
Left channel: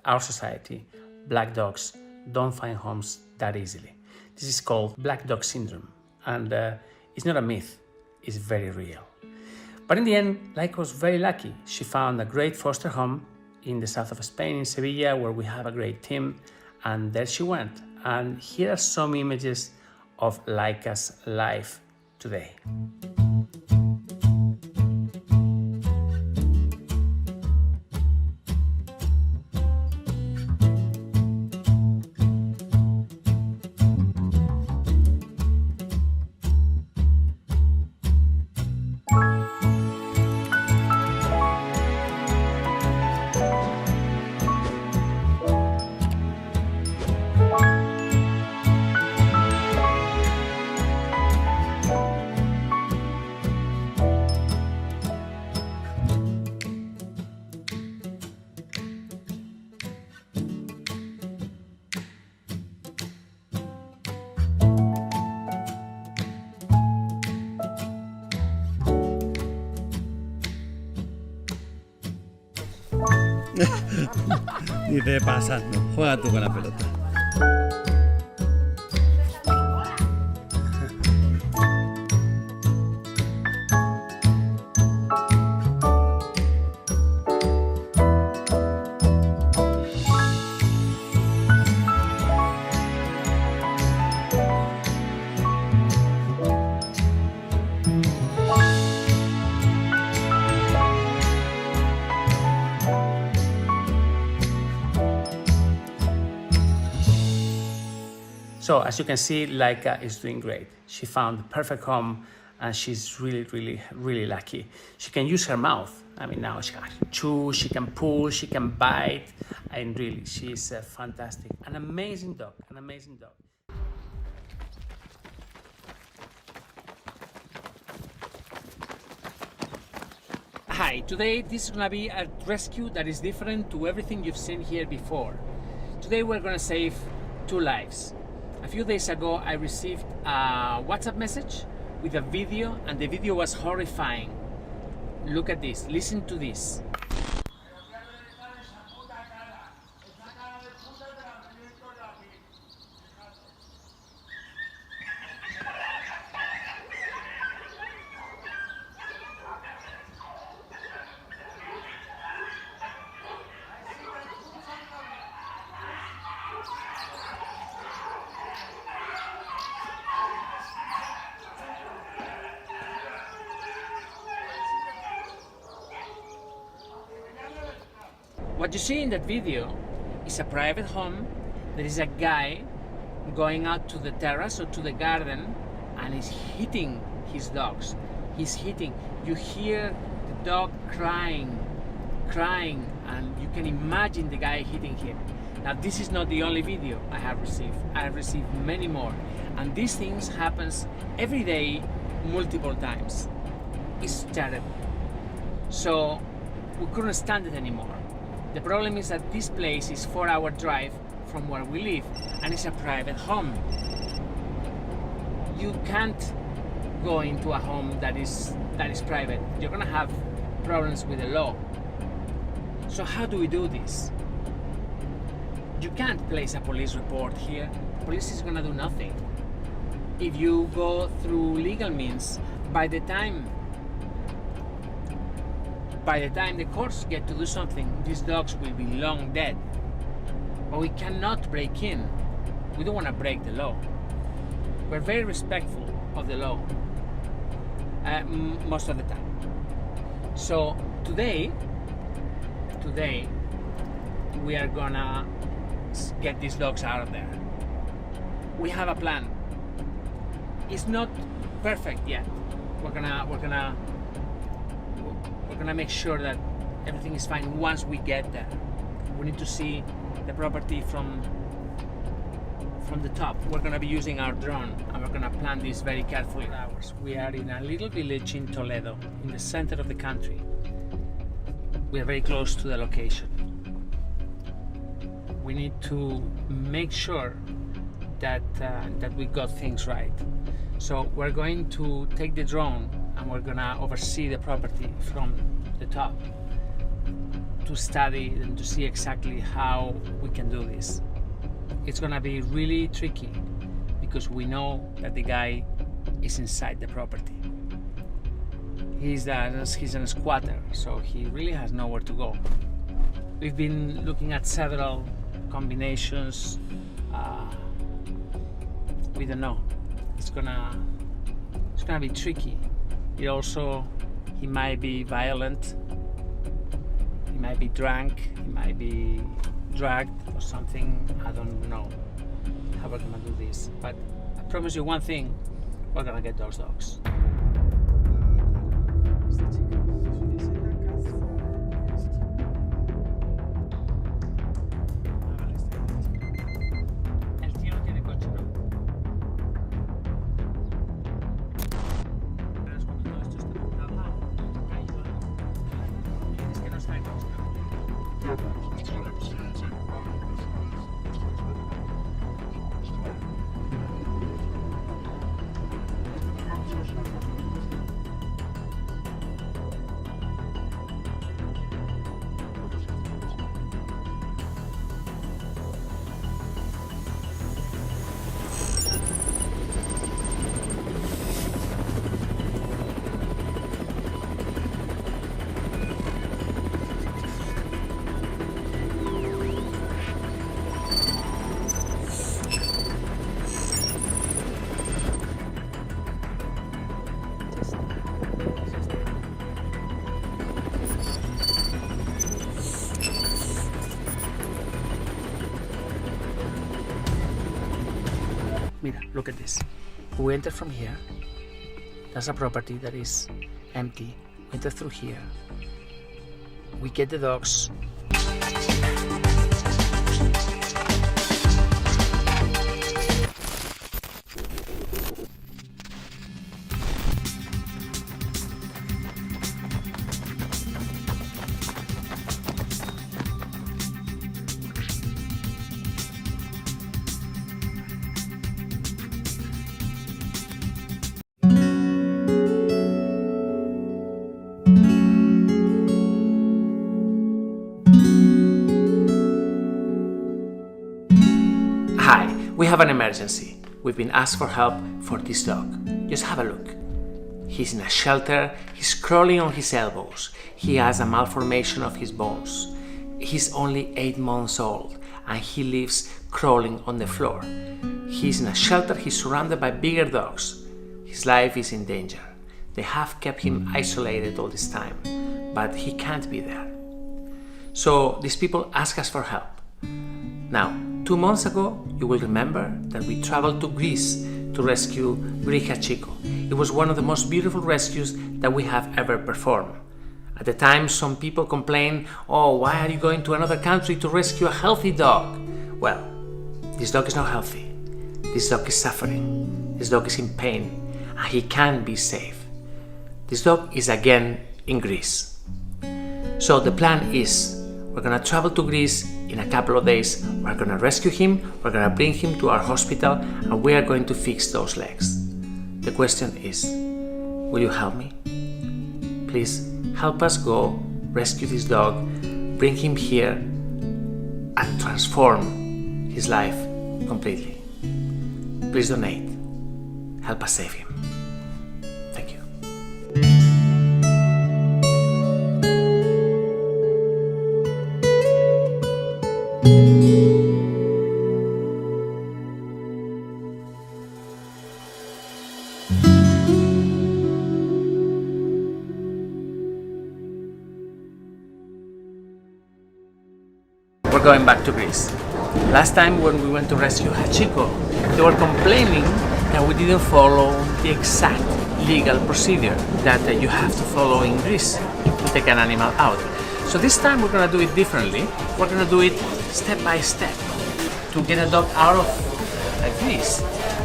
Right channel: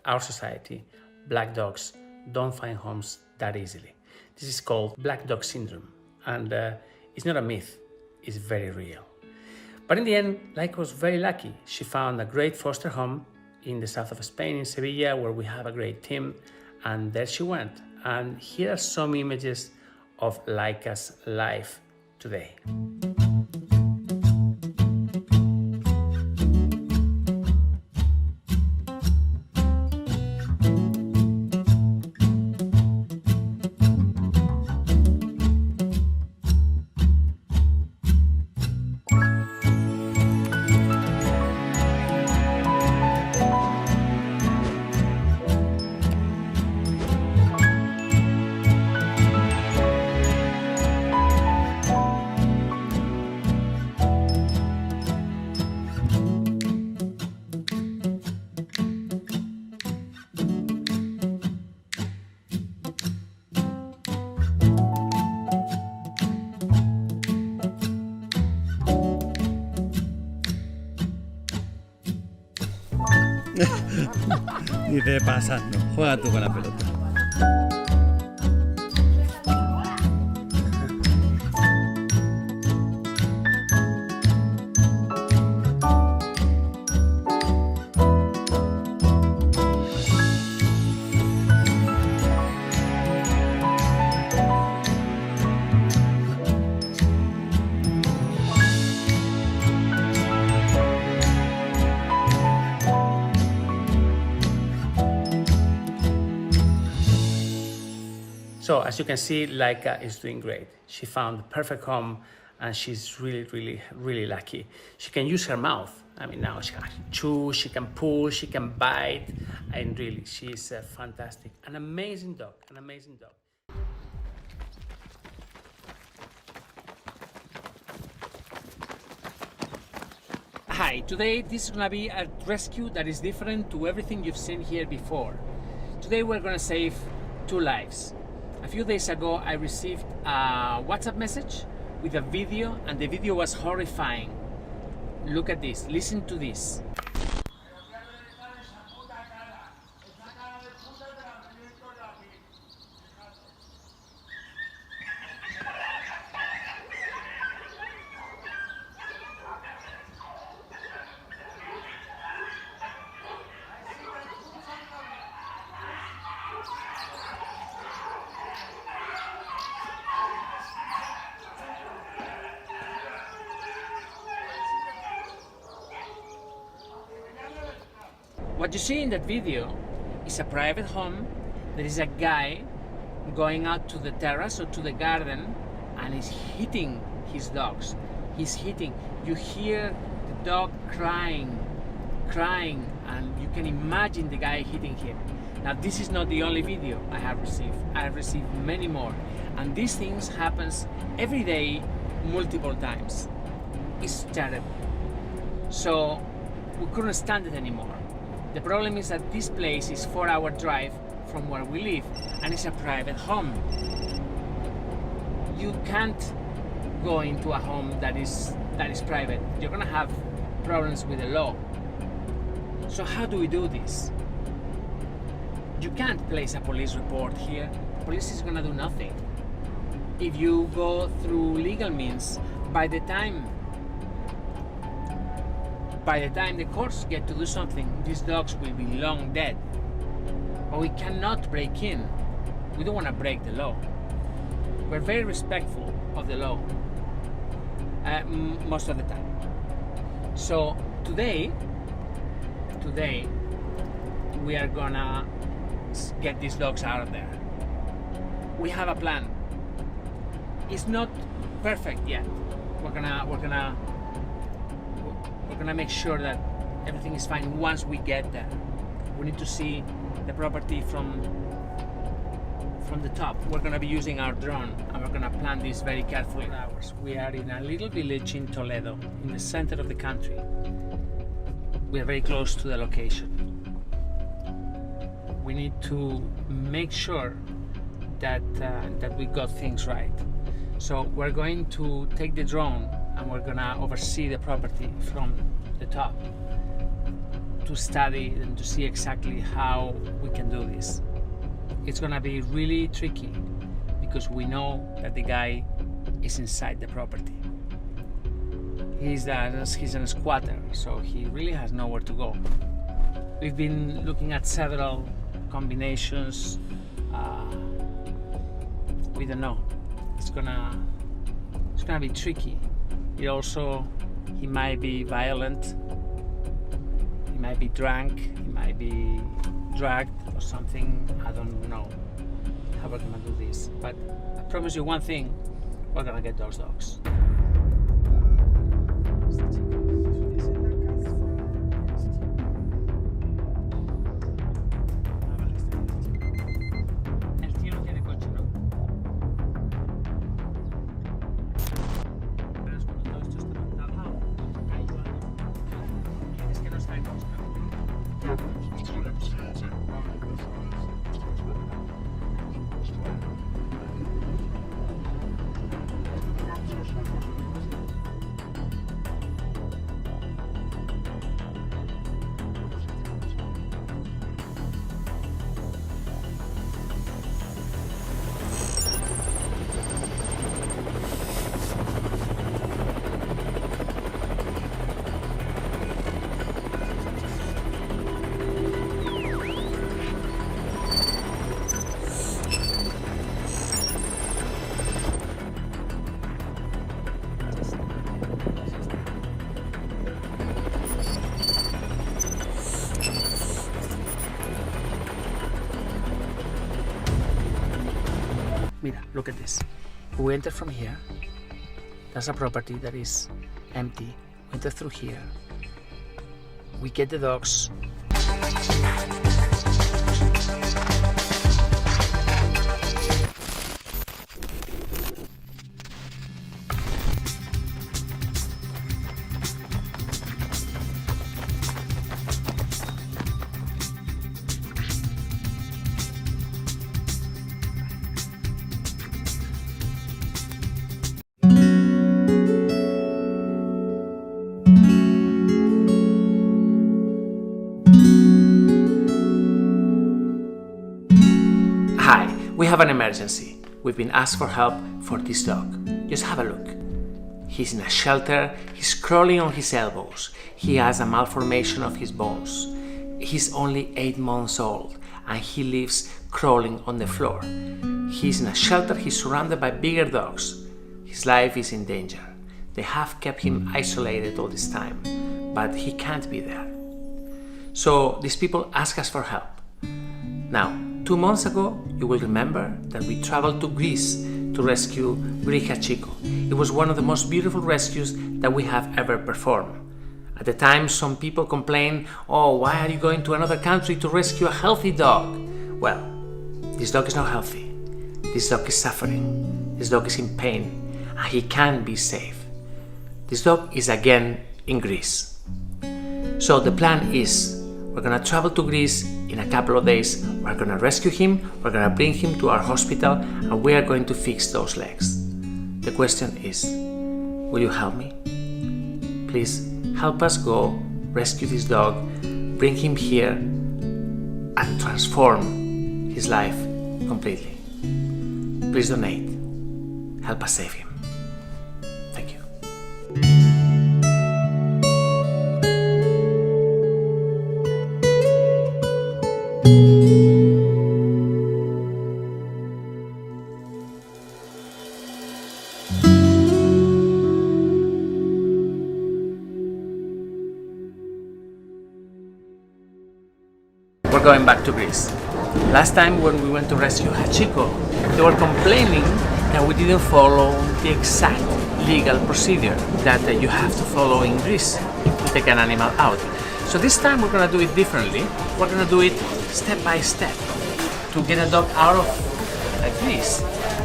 our society, black dogs don't find homes that easily. This is called black dog syndrome, and it's not a myth, it's very real. But in the end, Leica was very lucky. She found a great foster home in the south of Spain, in Sevilla, where we have a great team, and there she went. And here are some images of Leica's life today. Dice pasando, juega tú con la pelota. So as you can see, Leica is doing great. She found the perfect home and she's really lucky. She can use her mouth. I mean, now she can chew, she can pull, she can bite, and really, she's fantastic. An amazing dog, an amazing dog. Hi, today this is gonna be a rescue that is different to everything you've seen here before. Today we're gonna save 2 lives. A few days ago I received a WhatsApp message with a video, and the video was horrifying. Look at this, listen to this. What you see in that video is a private home. There is a guy going out to the terrace or to the garden and he's hitting his dogs. He's hitting. You hear the dog crying, and you can imagine the guy hitting him. Now this is not the only video I have received. I have received many more. And these things happens every day, multiple times. It's terrible. So we couldn't stand it anymore. The problem is that this place is 4-hour drive from where we live, and it's a private home. You can't go into a home that is private. You're gonna have problems with the law. So how do we do this? You can't place a police report here. The police is gonna do nothing. If you go through legal means, by the time the courts get to do something, these dogs will be long dead. But we cannot break in. We don't want to break the law. We're very respectful of the law most of the time. So today we are gonna get these dogs out of there. We have a plan. It's not perfect yet. We're gonna make sure that everything is fine once we get there. We need to see the property from the top. We're gonna be using our drone and we're gonna plan this very carefully. We are in a little village in Toledo, in the center of the country. We are very close to the location. We need to make sure that we got things right. So we're going to take the drone and we're gonna oversee the property from the top to study and to see exactly how we can do this. It's gonna be really tricky because we know that the guy is inside the property. He's a squatter, so he really has nowhere to go. We've been looking at several combinations. We don't know. It's gonna be tricky. He might be violent, he might be drunk, he might be drugged or something. I don't know how we're gonna do this, but I promise you one thing, we're gonna get those dogs. Mira, look at this. We enter from here. That's a property that is empty. We enter through here. We get the dogs. Hi, we have an emergency. We've been asked for help for this dog. Just have a look. He's in a shelter, he's crawling on his elbows. He has a malformation of his bones. He's only 8 months old and he lives crawling on the floor. He's in a shelter, he's surrounded by bigger dogs. His life is in danger. They have kept him isolated all this time, but he can't be there. So these people ask us for help. Now, 2 months ago, you will remember that we traveled to Greece to rescue Gricha Chico. It was one of the most beautiful rescues that we have ever performed. At the time, some people complained, "Oh, why are you going to another country to rescue a healthy dog?" Well, this dog is not healthy. This dog is suffering. This dog is in pain, and he can't be safe. This dog is again in Greece. So the plan is, we're gonna travel to Greece in a couple of days. We're gonna rescue him, we're gonna bring him to our hospital, and we are going to fix those legs. The question is, will you help me? Please help us go rescue this dog, bring him here, and transform his life completely. Please donate. Help us save him. Thank you. We're going back to Greece. Last time when we went to rescue Hachiko, they were complaining that we didn't follow the exact legal procedure that you have to follow in Greece to take an animal out. So this time we're gonna do it differently. We're gonna do it step by step. To get a dog out of Greece,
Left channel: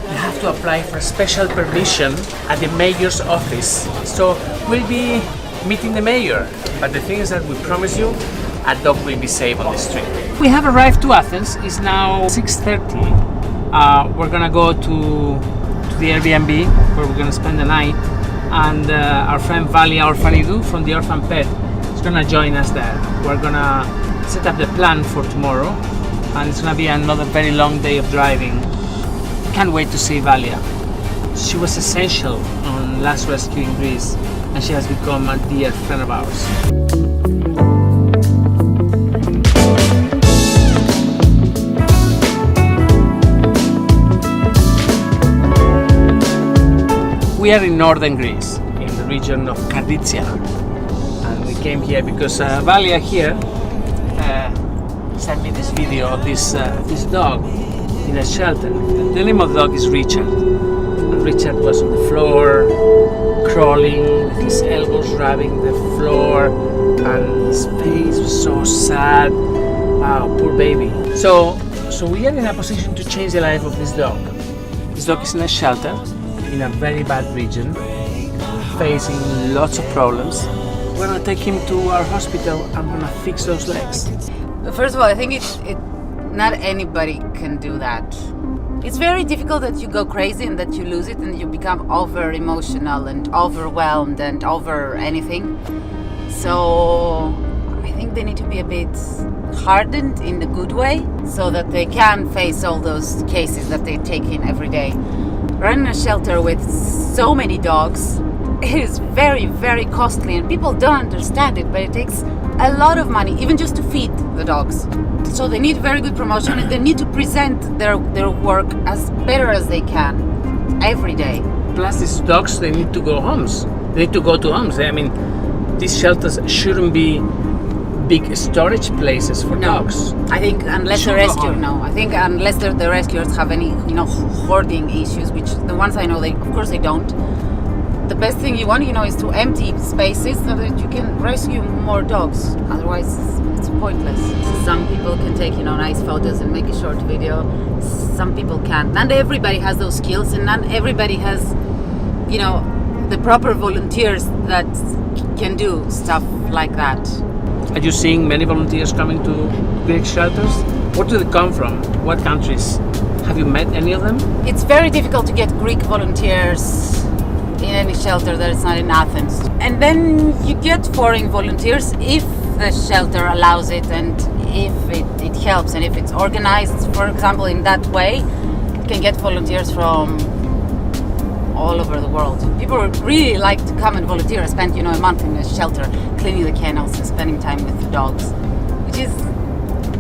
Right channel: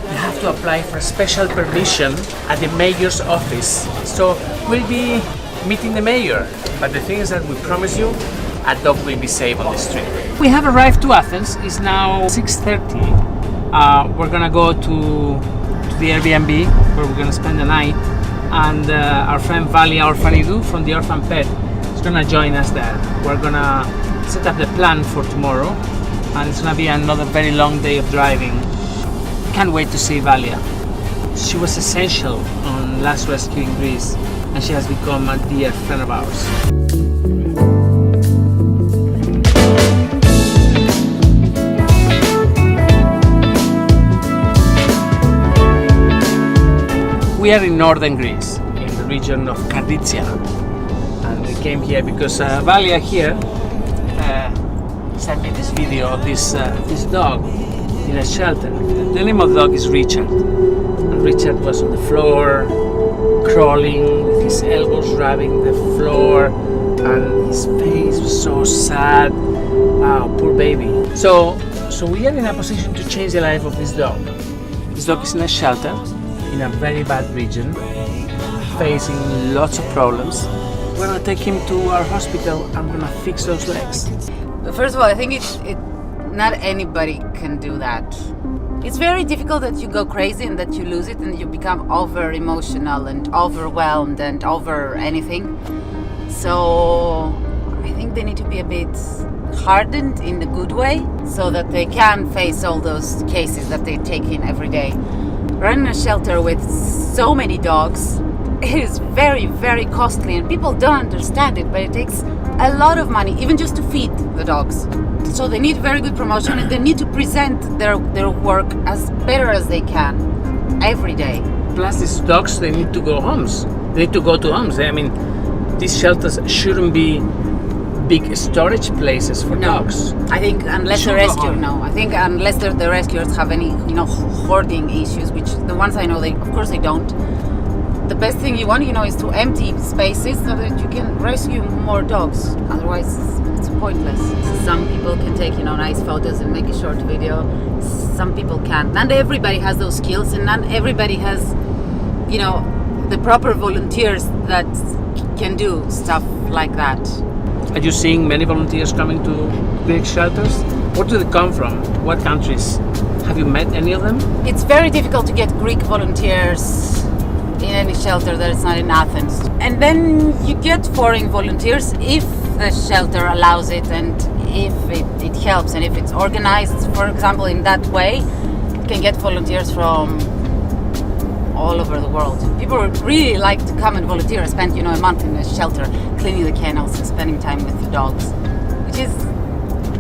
you have to apply for a special permission at the mayor's office. So we'll be meeting the mayor, but the thing is that we promise you a dog will be safe on the street. We have arrived to Athens. It's now 6:30. We're gonna go to the Airbnb where we're gonna spend the night, and our friend Valia Orfanidou from the Orphan Pet is gonna join us there. We're gonna set up the plan for tomorrow, and it's gonna be another very long day of driving. Can't wait to see Valia. She was essential on last rescue in Greece, and she has become a dear friend of ours. We are in northern Greece, in the region of Karditsia, and we came here because Valia here sent me this video of this dog in a shelter. The name of the dog is Richard. And Richard was on the floor, crawling with his elbows rubbing the floor, and his face was so sad. Wow, poor baby. So we are in a position to change the life of this dog. This dog is in a shelter in a very bad region, facing lots of problems. We're gonna take him to our hospital and we're gonna fix those legs. First of all, I think not anybody can do that. It's very difficult that you go crazy and that you lose it and you become over emotional and overwhelmed and over anything. So I think they need to be a bit hardened in a good way so that they can face all those cases that they take in every day. Running a shelter with so many dogs, it is very, very costly, and people don't understand it, but it takes a lot of money, even just to feed the dogs. So they need very good promotion, and they need to present their work as better as they can every day. Plus these dogs, they need to go homes. They need to go to homes. I mean, these shelters shouldn't be big storage places for dogs. I think unless the rescue, I think unless the rescuers have any, hoarding issues, which the ones I know, of course they don't. The best thing you want, is to empty spaces so that you can rescue more dogs. Otherwise, it's pointless. Some people can take, nice photos and make a short video. Some people can't. Not everybody has those skills, and not everybody has, the proper volunteers that can do stuff like that. Are you seeing many volunteers coming to Greek shelters? Where do they come from? What countries? Have you met any of them? It's very difficult to get Greek volunteers in any shelter that is not in Athens. And then you get foreign volunteers if the shelter allows it and if it helps and if it's organized, for example, in that way, you can get volunteers from all over the world. People really like to come and volunteer, spend a month in a shelter, cleaning the kennels and spending time with the dogs, which is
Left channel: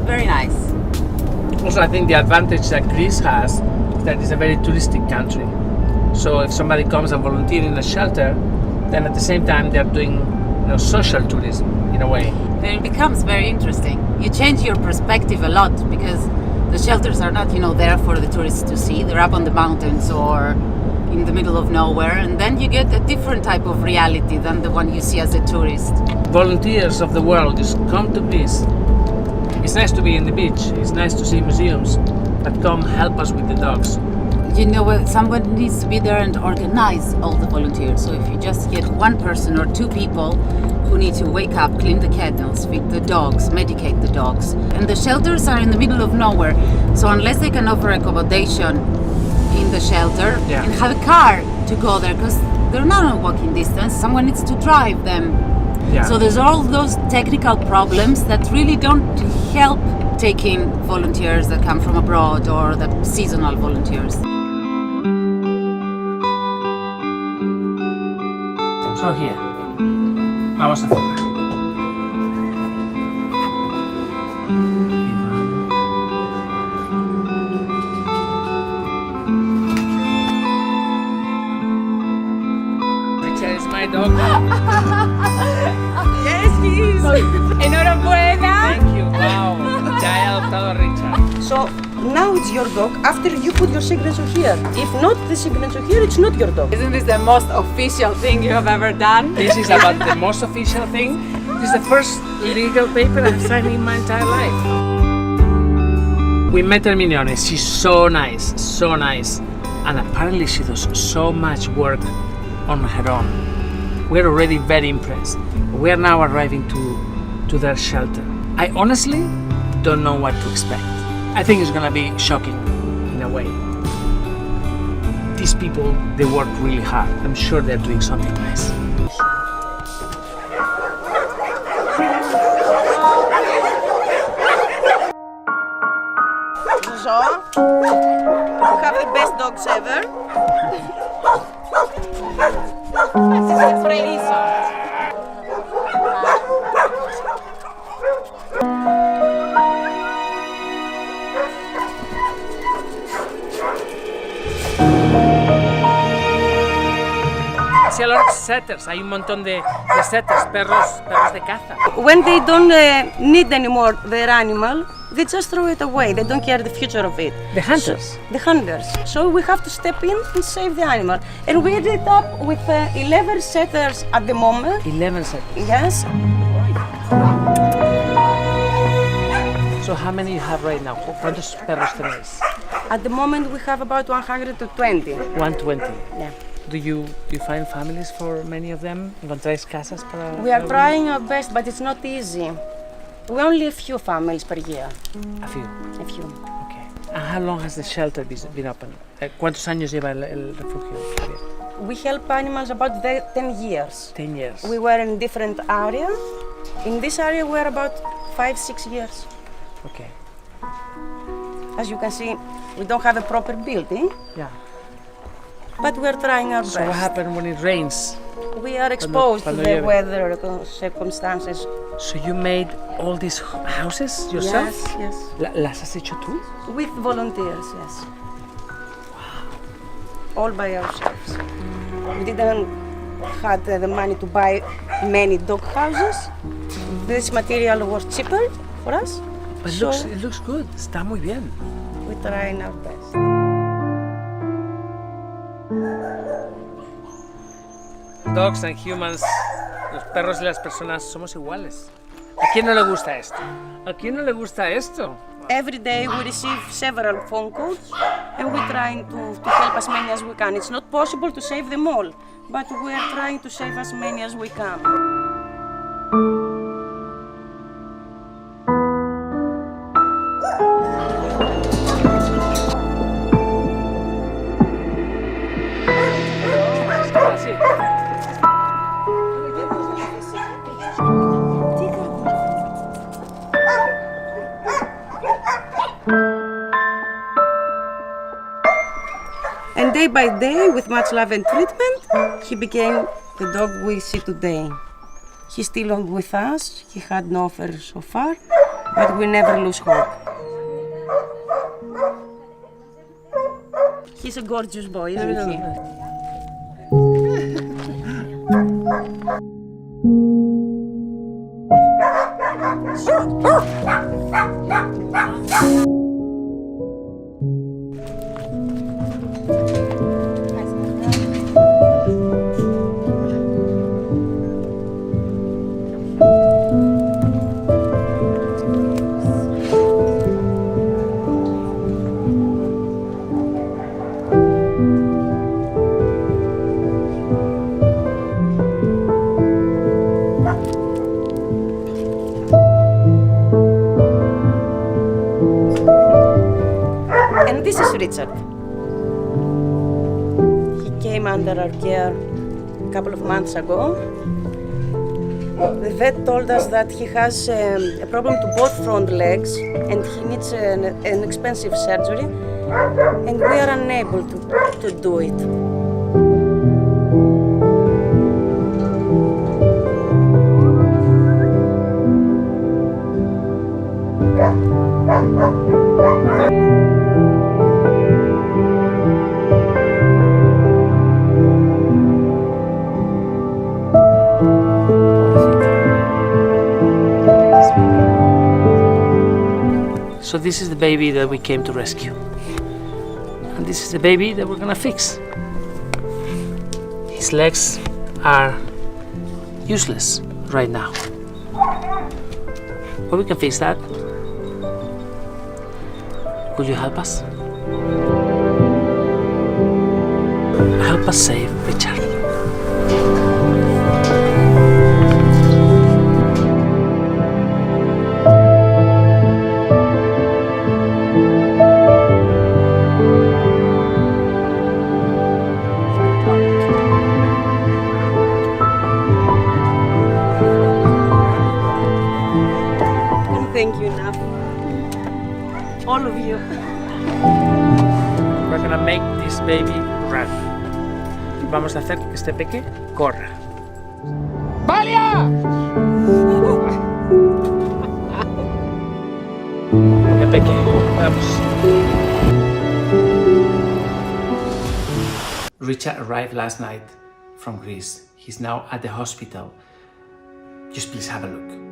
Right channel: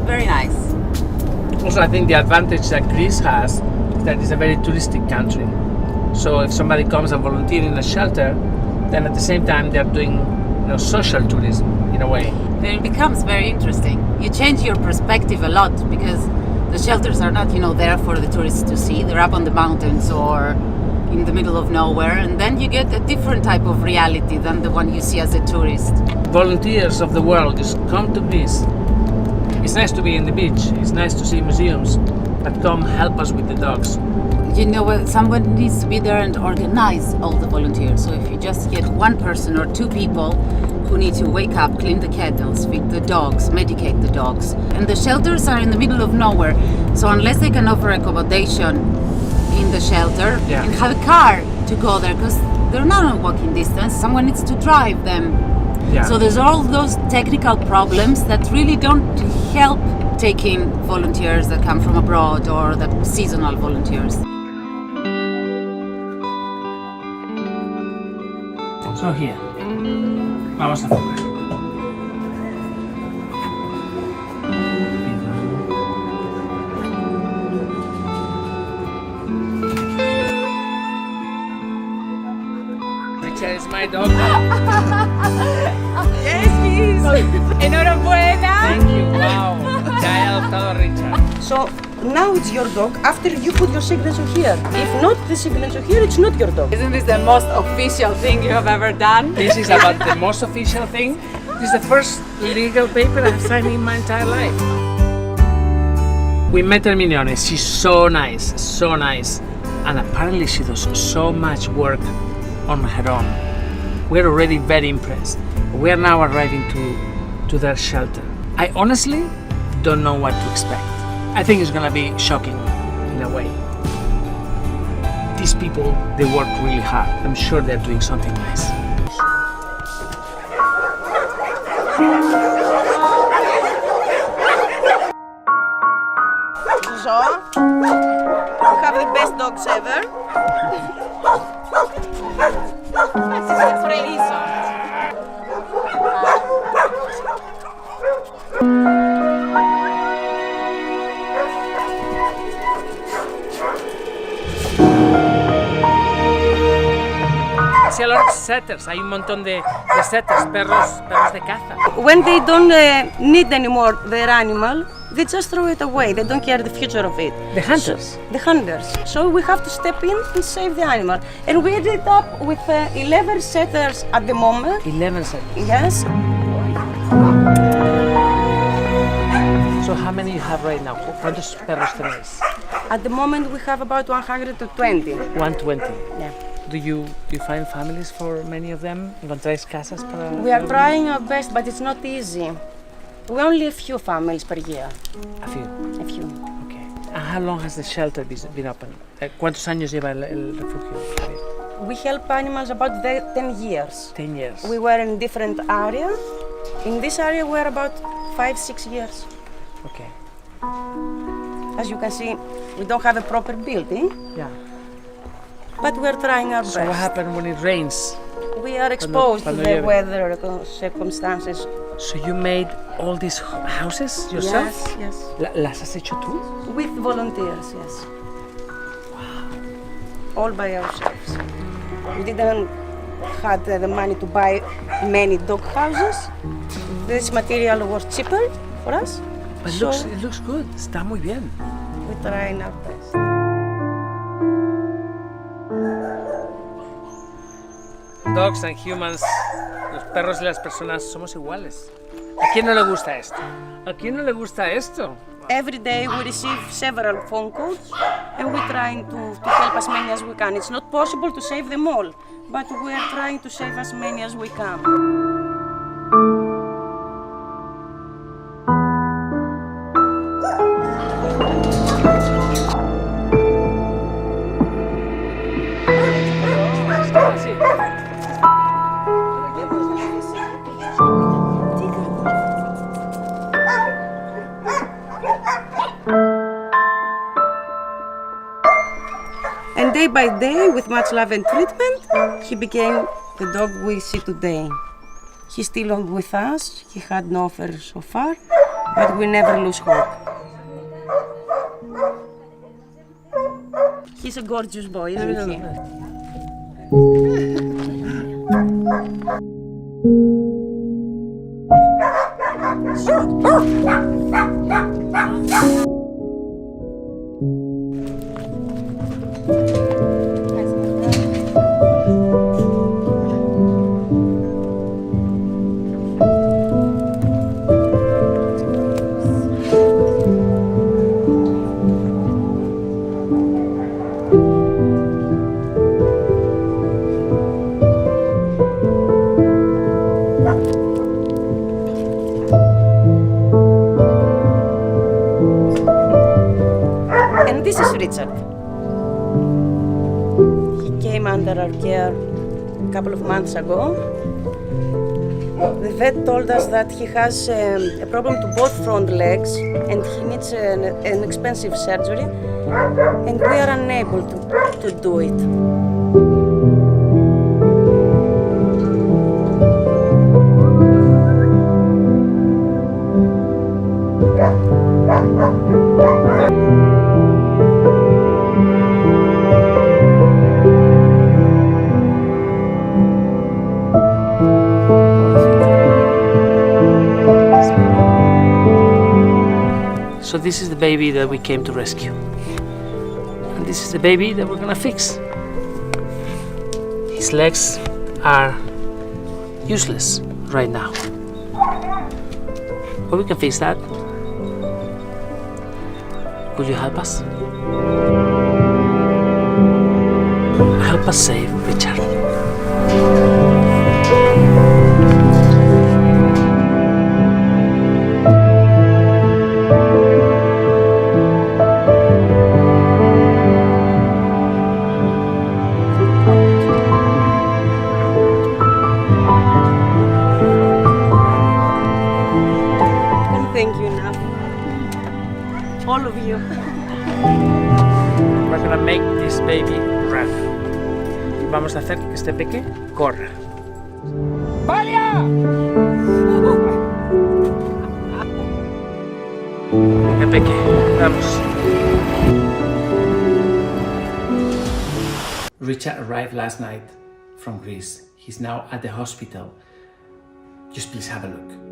very nice. Also, I think the advantage that Greece has is that it's a very touristic country. So if somebody comes and volunteers in a shelter, then at the same time they're doing social tourism in a way. Then it becomes very interesting. You change your perspective a lot because the shelters are not there for the tourists to see. They're up on the mountains or in the middle of nowhere, and then you get a different type of reality than the one you see as a tourist. Volunteers of the world just come to Greece. It's nice to be in the beach, it's nice to see museums, but come help us with the dogs. Someone needs to be there and organize all the volunteers. So if you just get one person or two people who need to wake up, clean the kennels, feed the dogs, medicate the dogs. And the shelters are in the middle of nowhere, so unless they can offer accommodation in the shelter and have a car to go there, because they're not on walking distance, someone needs to drive them. So there's all those technical problems that really don't help taking volunteers that come from abroad or the seasonal volunteers. So here, vamos a jugar. Richard is my dog. Yes, please. Enhorabuena. Thank you. Wow. Ya he adoptado a Richard. So now it's your dog after you put your signature here. If not the signature here, it's not your dog. Isn't this the most official thing you have ever done? This is about the most official thing. This is the first legal paper I've signed in my entire life. We met Hermione. She's so nice, so nice. And apparently she does so much work on her own. We're already very impressed. We are now arriving to their shelter. I honestly don't know what to expect. I think it's gonna be shocking in a way. These people, they work really hard. I'm sure they're doing something nice. So, you have the best dogs ever. This is reason. See a lot of setters. Hay un montón de setters, perros de caza. When they don't need anymore their animal, they just throw it away. They don't care the future of it. The hunters? The hunters. So we have to step in and save the animal. And we ended up with 11 setters at the moment. 11 setters? Yes. So how many you have right now? ¿Cuántos perros tenéis? At the moment we have about 120. 120? Yeah. Do you find families for many of them? ¿Encontráis casas para? We are trying our best, but it's not easy. We only a few families per year. A few? A few. Okay. And how long has the shelter been open? ¿Cuántos años lleva el refugio? We help animals about 10 years. 10 years. We were in different area. In this area we're about 5-6 years. Okay. As you can see, we don't have a proper building. Yeah. But we're trying our best. So what happens when it rains? We are exposed to the weather circumstances. So you made all these houses yourself? Yes, yes. ¿Las has hecho tú? With volunteers, yes. Wow. All by ourselves. We didn't had the money to buy many dog houses. This material was cheaper for us. But so it looks good. Está muy bien. we're trying our best. Dogs and humans, los perros y las personas somos iguales. ¿A quién no le gusta esto? ¿A quién no le gusta esto? Every day we receive several phone calls and we're trying to help as many as we can. It's not possible to save them all, but we are trying to save as many as we can. And day by day, with much love and treatment, he became the dog we see today. He's still on with us. He had no offer so far, but we never lose hope. He's a gorgeous boy, isn't he? And this is Richard. He came under our care a couple of months ago. The vet told us that he has a problem to both front legs and he needs an expensive surgery, and we are unable to do it. So this is the baby that we came to rescue. And this is the baby that we're gonna fix. His legs are useless right now. But we can fix that. Will you help us? Help us save Richard. Thank you enough. All of you. We're gonna make this baby run. Vamos a hacer que este peque corra. Venga, peque, vamos. Richard arrived last night from Greece. He's now at the hospital. Just please have a look.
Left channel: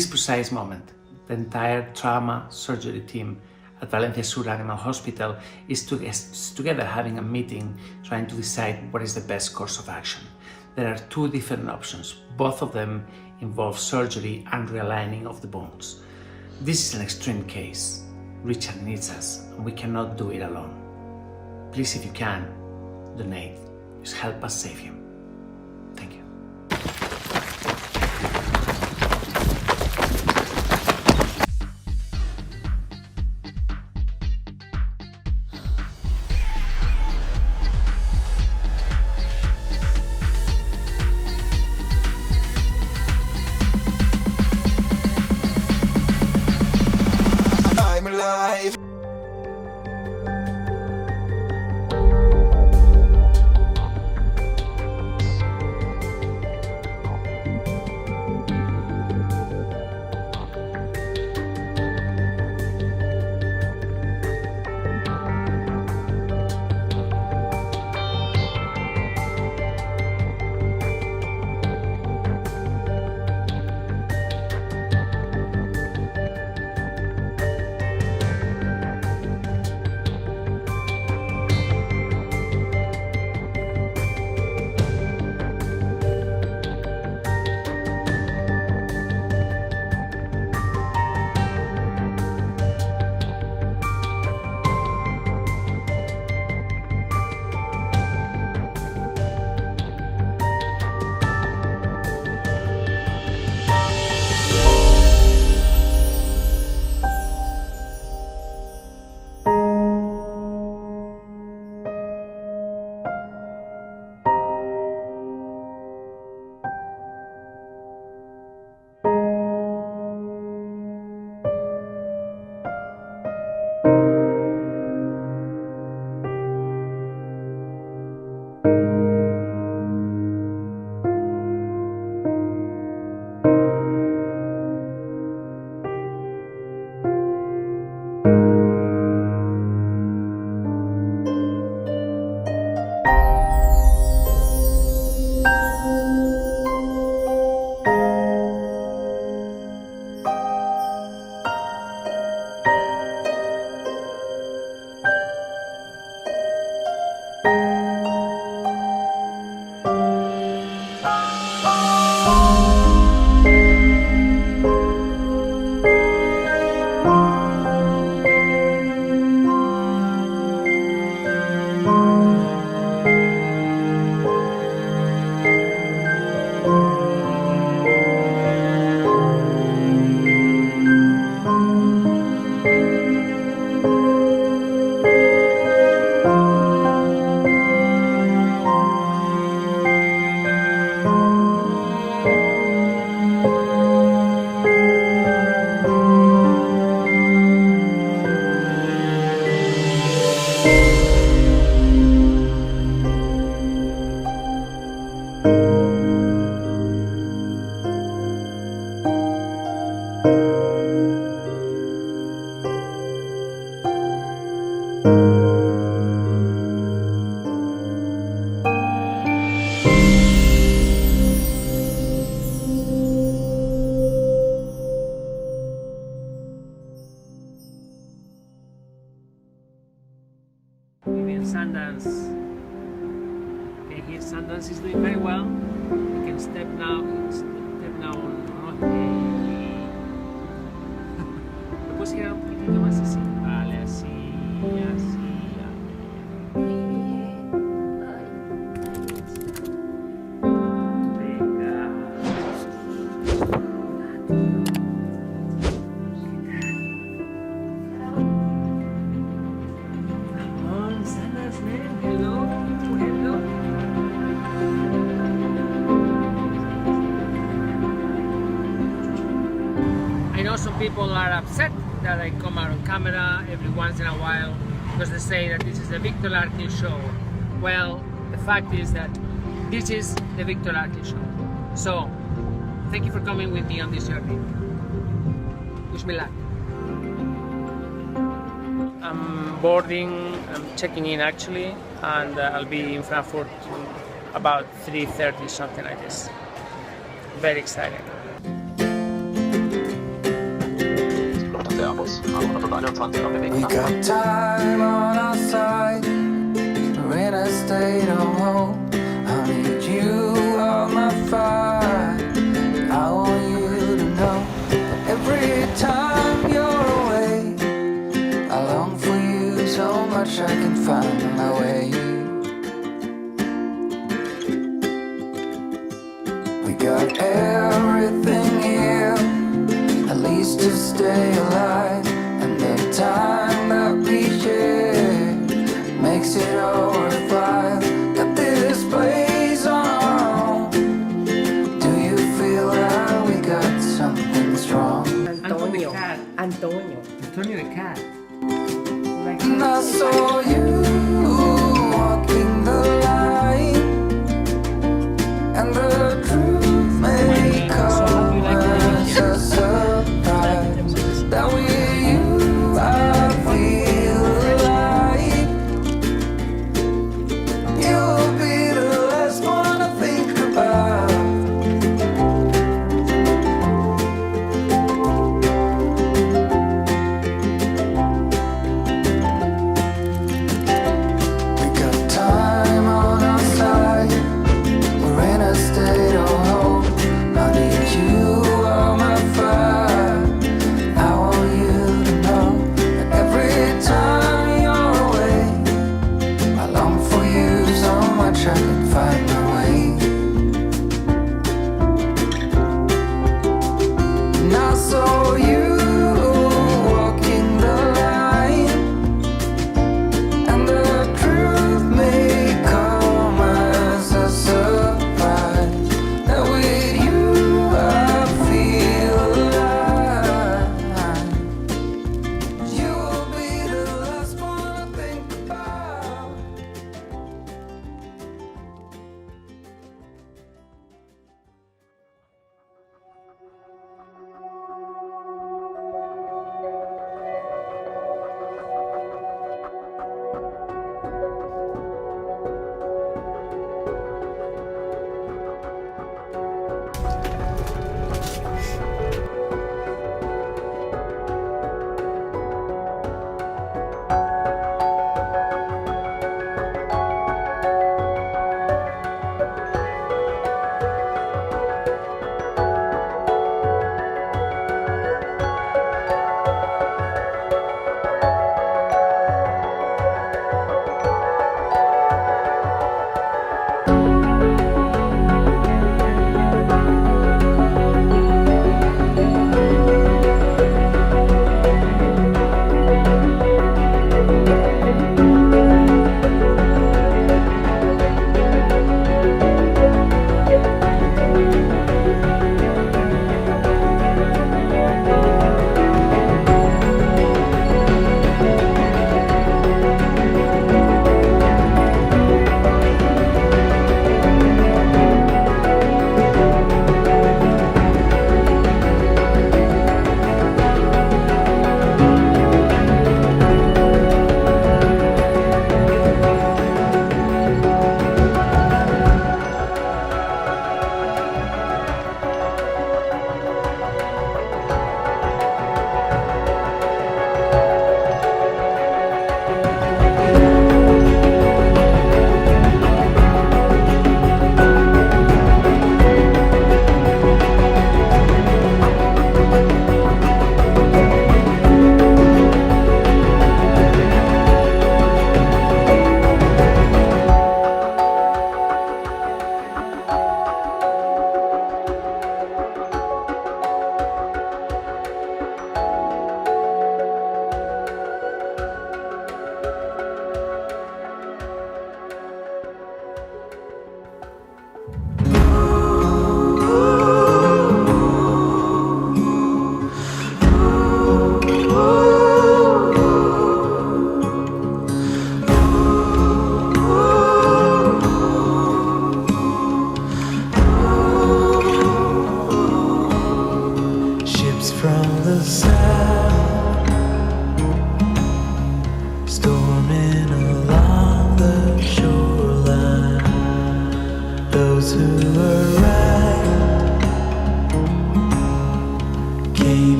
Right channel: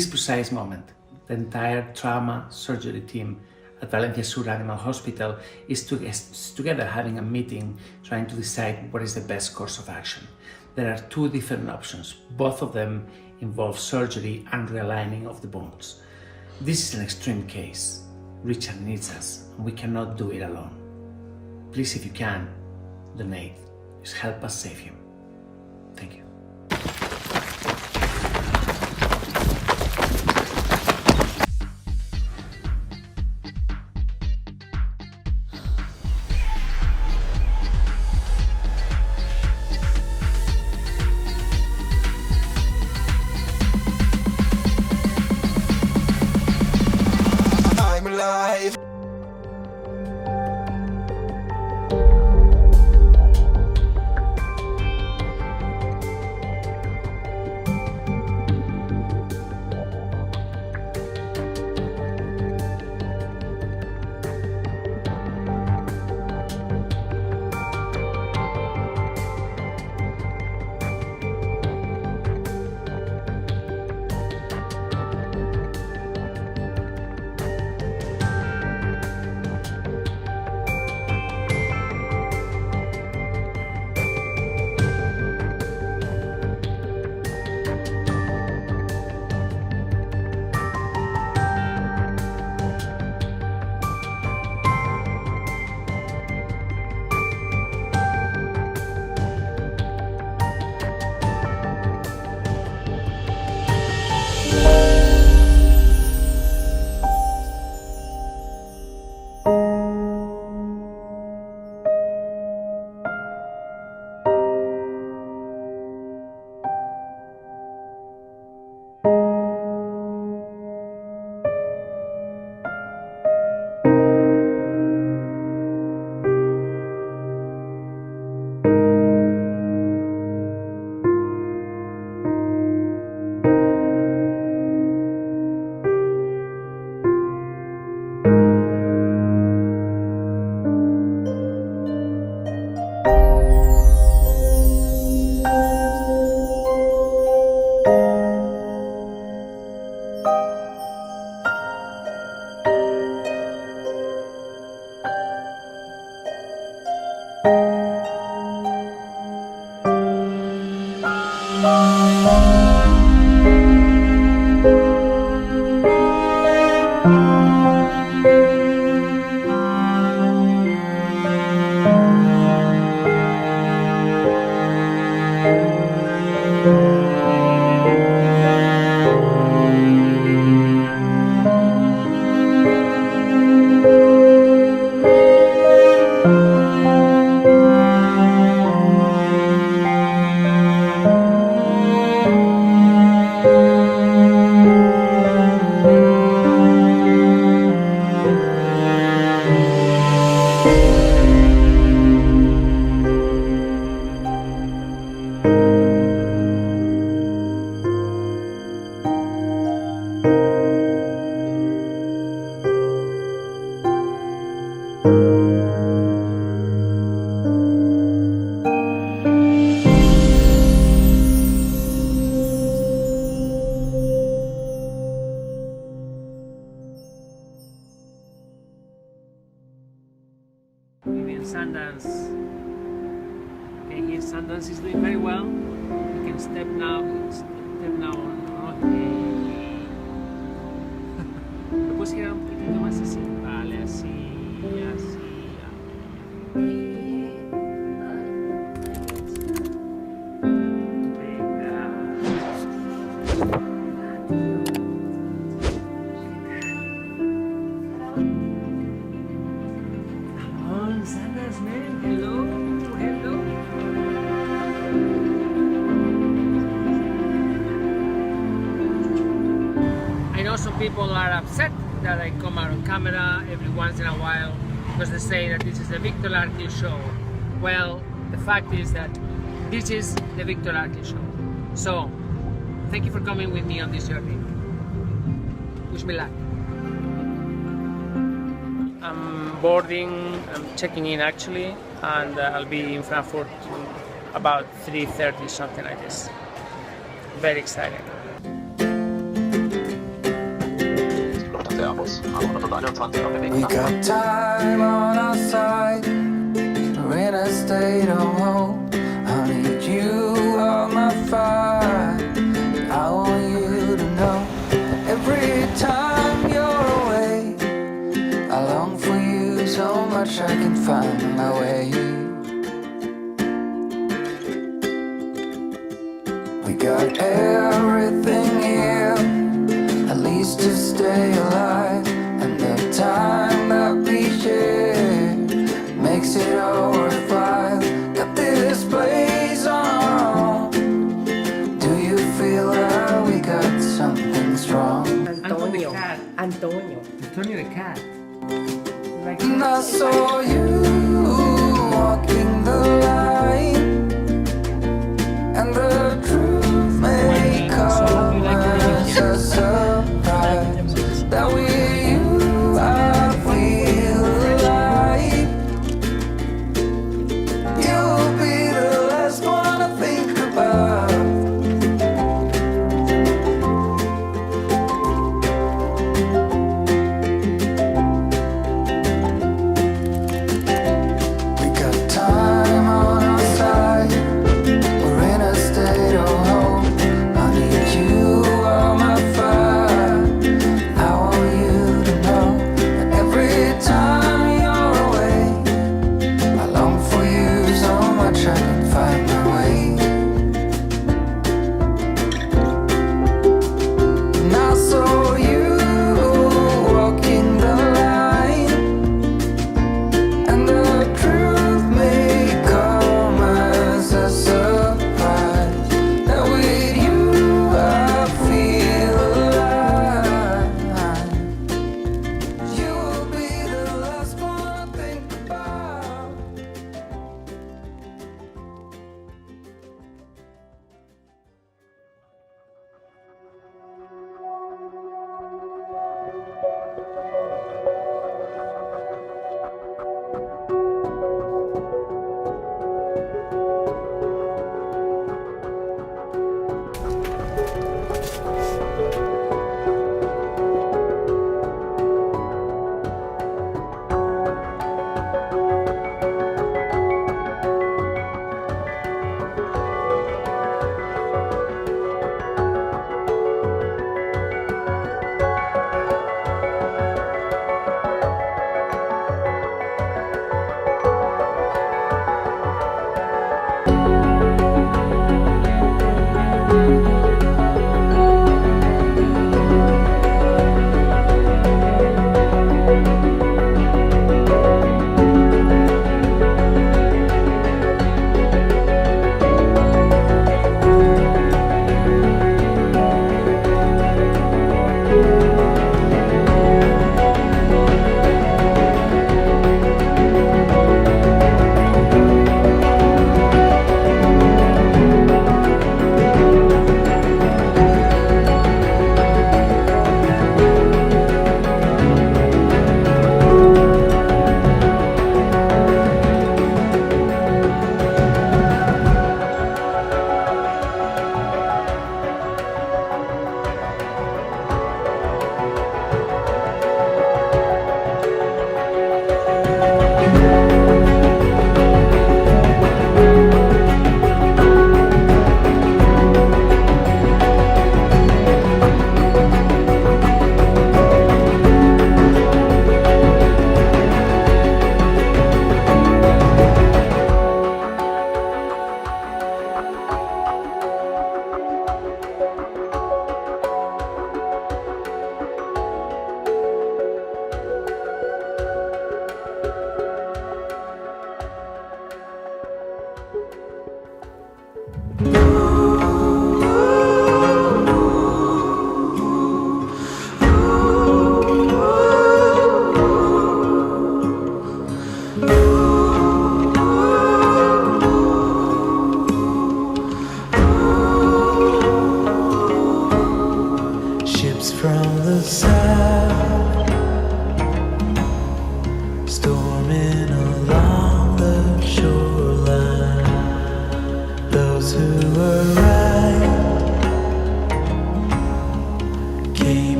this precise moment, the entire trauma surgery team at Valencia Sur Animal Hospital is together having a meeting trying to decide what is the best course of action. There are two different options. Both of them involve surgery and realigning of the bones. This is an extreme case. Richard needs us, and we cannot do it alone. Please, if you can, donate. Just help us save him. Thank you. I'm alive. Sundance. Okay, here Sundance is doing very well. You can step now on. Okay. Lo puedes girar un poquitito más así. Vale, así, así. Venga. Sanders, man. Hello, hello. I know some people are upset that I come out on camera every once in a while because they say that this is the Viktor Larkhill show. Well, the fact is that this is the Viktor Larkhill show. So, thank you for coming with me on this journey. Wish me luck. I'm boarding, I'm checking in actually, and I'll be in Frankfurt about 3:30, something like this. Very exciting. We got time on our side. We're in a state of hope. I need you on my fire. I want you to know that every time you're away, I long for you so much I can find my way. We got everything here, at least to stay alive. And the time that we share makes it all worthwhile. Got this place on our own. Do you feel that we got something strong? Antonio. Antonio. Antonio the cat. And I saw you walking the line, and the truth may come as a surprise. That with you I feel alive. You'll be the last one I think about. We got time on our side. We're in a state of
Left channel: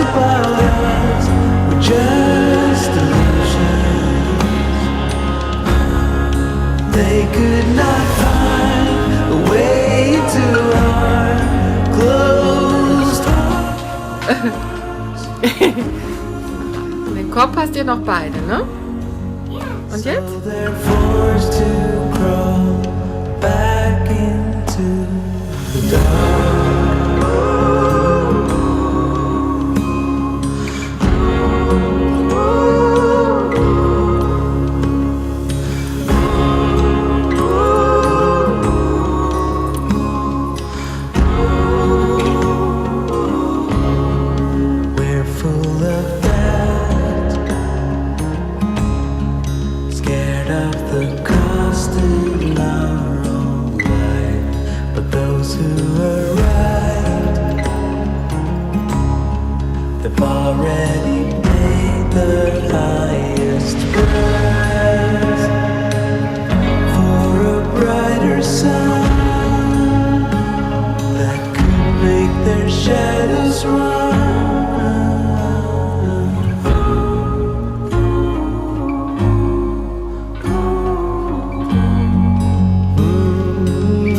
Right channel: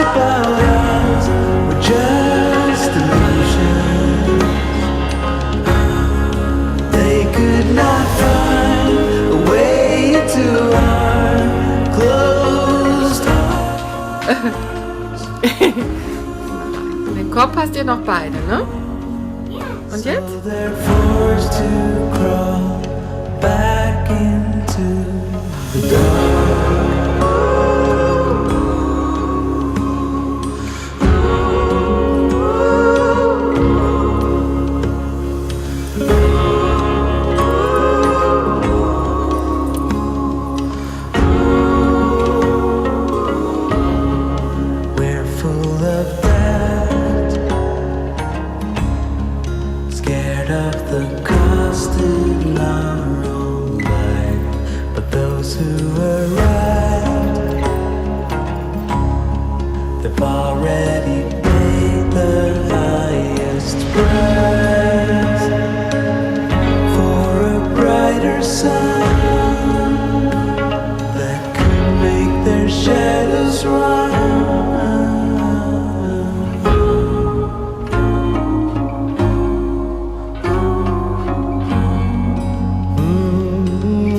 thoughts about us were just illusions. They could not find a way into our closed hearts. Den Kopf hast ihr noch beide, ne? Und jetzt? So they're forced to crawl back into the dark. We're full of doubt, scared of the cost in our own life. But those who are right, they've already paid the highest price for a brighter sun that could make their shadows run.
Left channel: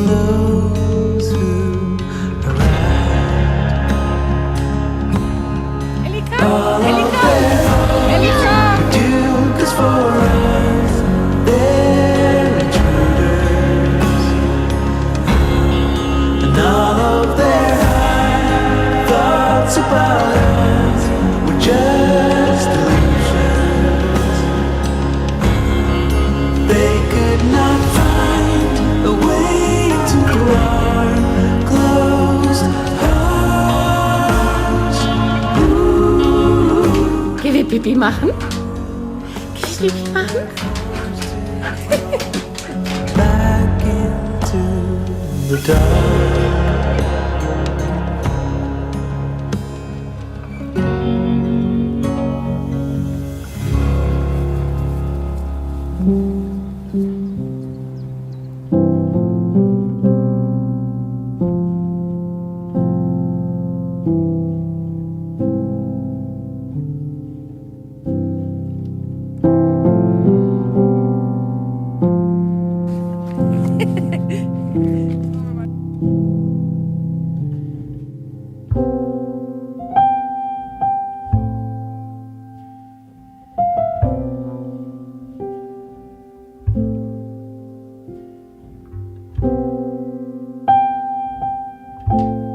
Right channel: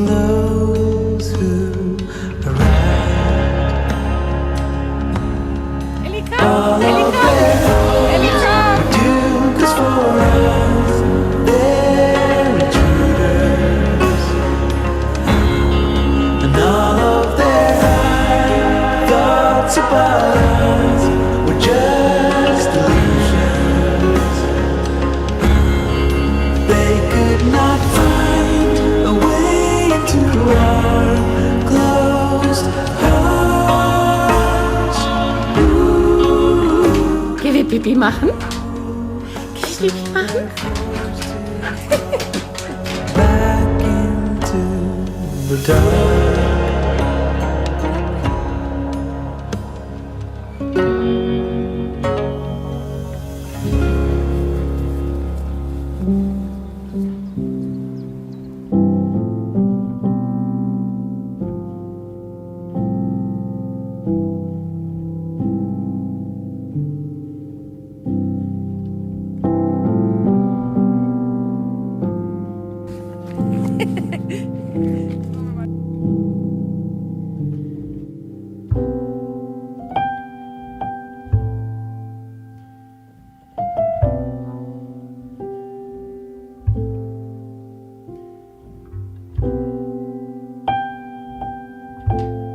Those who are right. All of their hopes are doomed, 'cause for us they're intruders. And all of their high thoughts about us were just illusions. They could not find a way to our closed hearts. Geh wie Pipi machen. Geh wie Pipi machen. Back into the dark.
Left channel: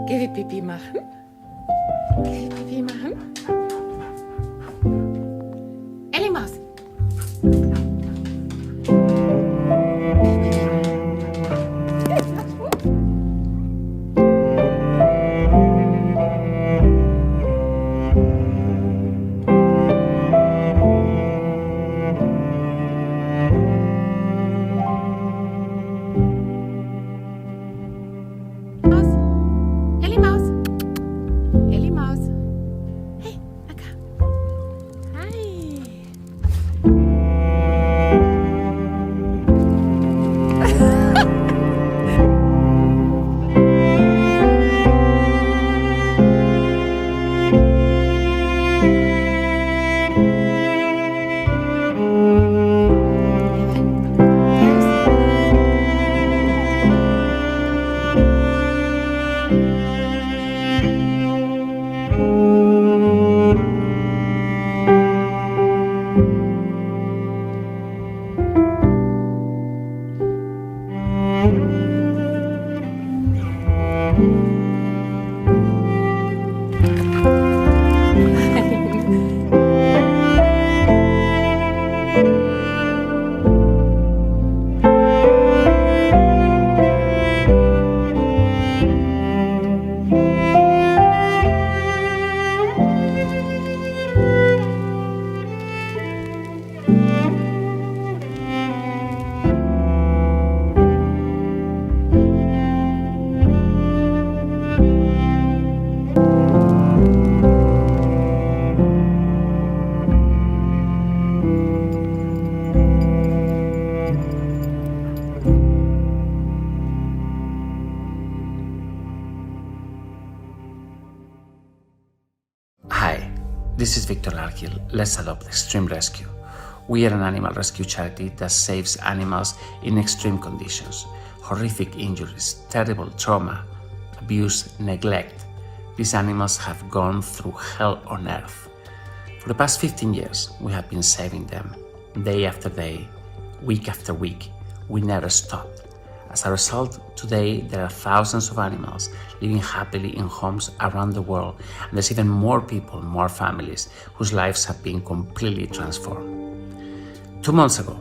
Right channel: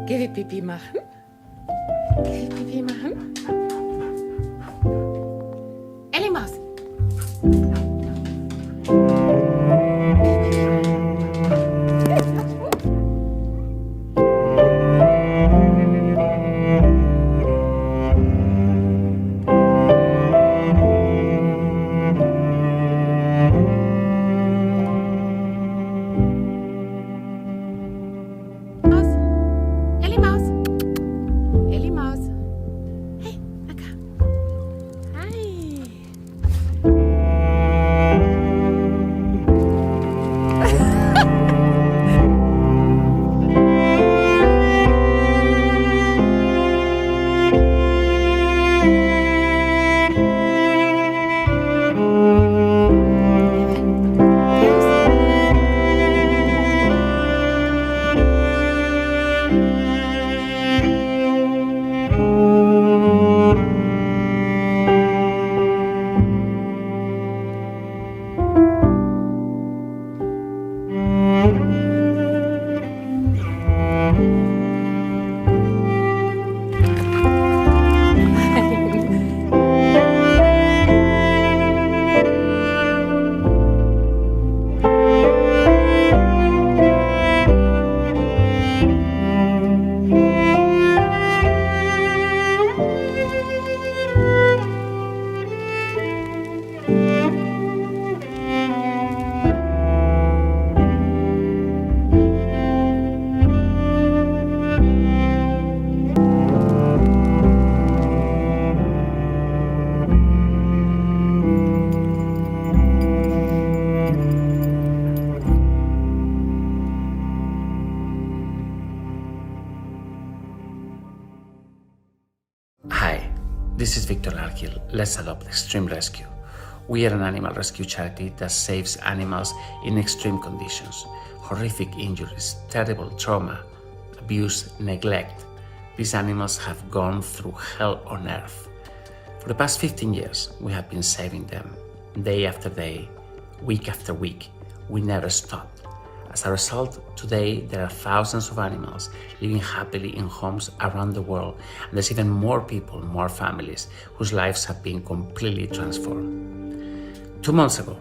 Geh wie Pipi machen. Geh wie Pipi machen. Ellie Maus. Maus. Ellie Maus. Ellie Maus. Hey, Akka. Hi. Hi, This is Viktor Larkhill. Let's Adopt Extreme Rescue. We are an animal rescue charity that saves animals in extreme conditions, horrific injuries, terrible trauma, abuse, neglect. These animals have gone through hell on earth. For the past 15 years, we have been saving them, day after day, week after week. We never stopped. As a result, today there are thousands of animals living happily in homes around the world, and there's even more people, more families, whose lives have been completely transformed. 2 months ago,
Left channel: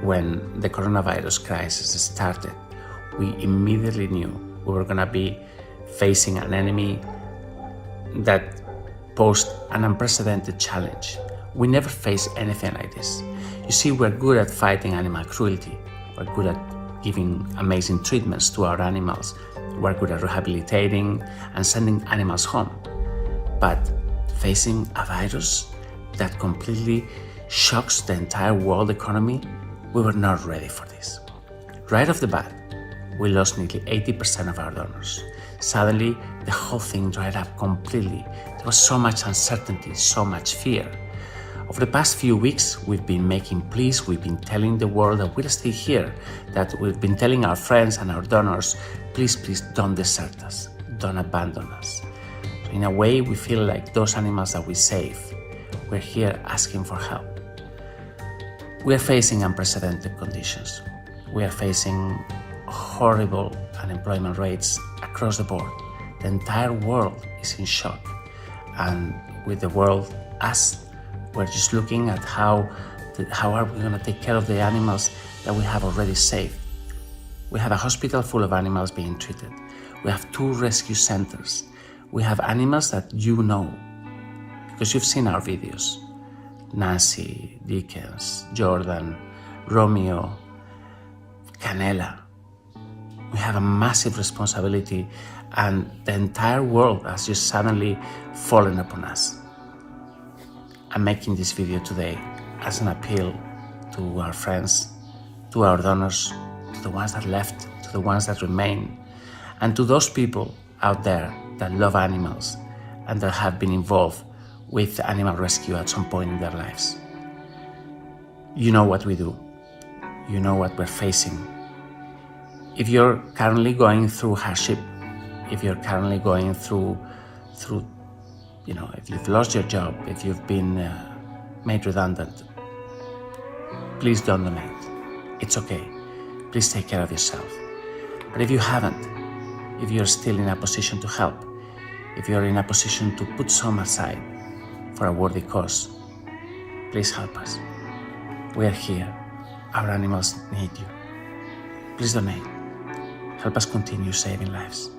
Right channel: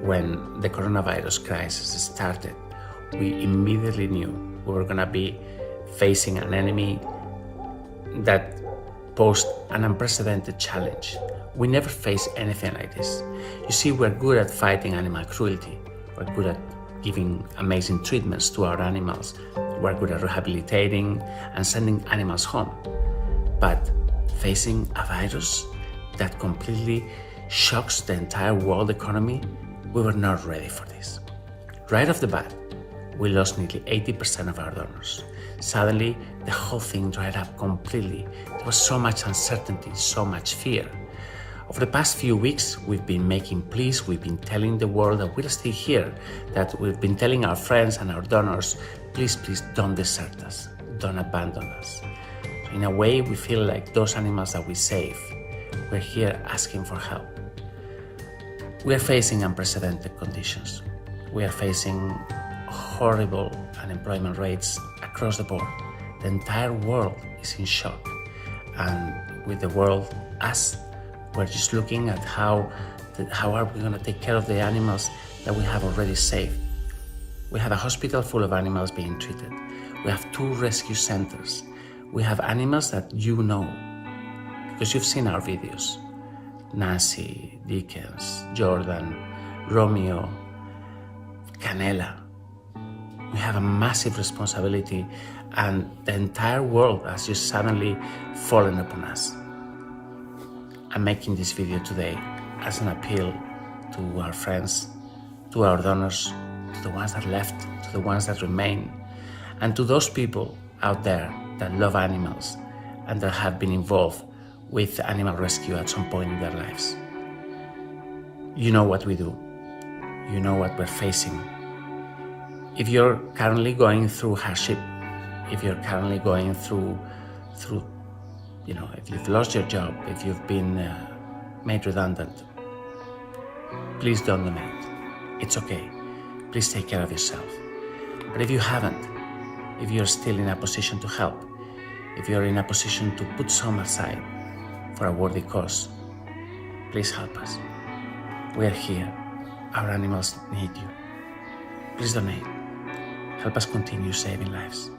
when the coronavirus crisis started, we immediately knew we were going to be facing an enemy that posed an unprecedented challenge. We never faced anything like this. You see, we're good at fighting animal cruelty. We're good at giving amazing treatments to our animals. We're good at rehabilitating and sending animals home. But facing a virus that completely shocks the entire world economy, we were not ready for this. Right off the bat, we lost nearly 80% of our donors. Suddenly, the whole thing dried up completely. There was so much uncertainty, so much fear. Over the past few weeks, we've been making pleas, we've been telling the world that we'll stay here, that we've been telling our friends and our donors, please, please don't desert us, don't abandon us. So in a way, we feel like those animals that we save, we're here asking for help. We are facing unprecedented conditions. We are facing horrible unemployment rates across the board. The entire world is in shock. And with the world, we're just looking at how are we going to take care of the animals that we have already saved. We have a hospital full of animals being treated. We have 2 rescue centers. We have animals that you know, because you've seen our videos. Nancy, Dickens, Jordan, Romeo, Canela. We have a massive responsibility, and the entire world has just suddenly fallen upon us. I'm making this video today as an appeal to our friends, to our donors, to the ones that left, to the ones that remain, and to those people out there that love animals and that have been involved with animal rescue at some point in their lives. You know what we do. You know what we're facing. If you're currently going through hardship, if you're currently going through if you've lost your job, if you've been made redundant, please don't donate. It's okay. Please take care of yourself. But if you haven't, if you're still in a position to help, if you're in a position to put some aside for a worthy cause, please help us. We're here. Our animals need you. Please donate. Help us continue saving lives.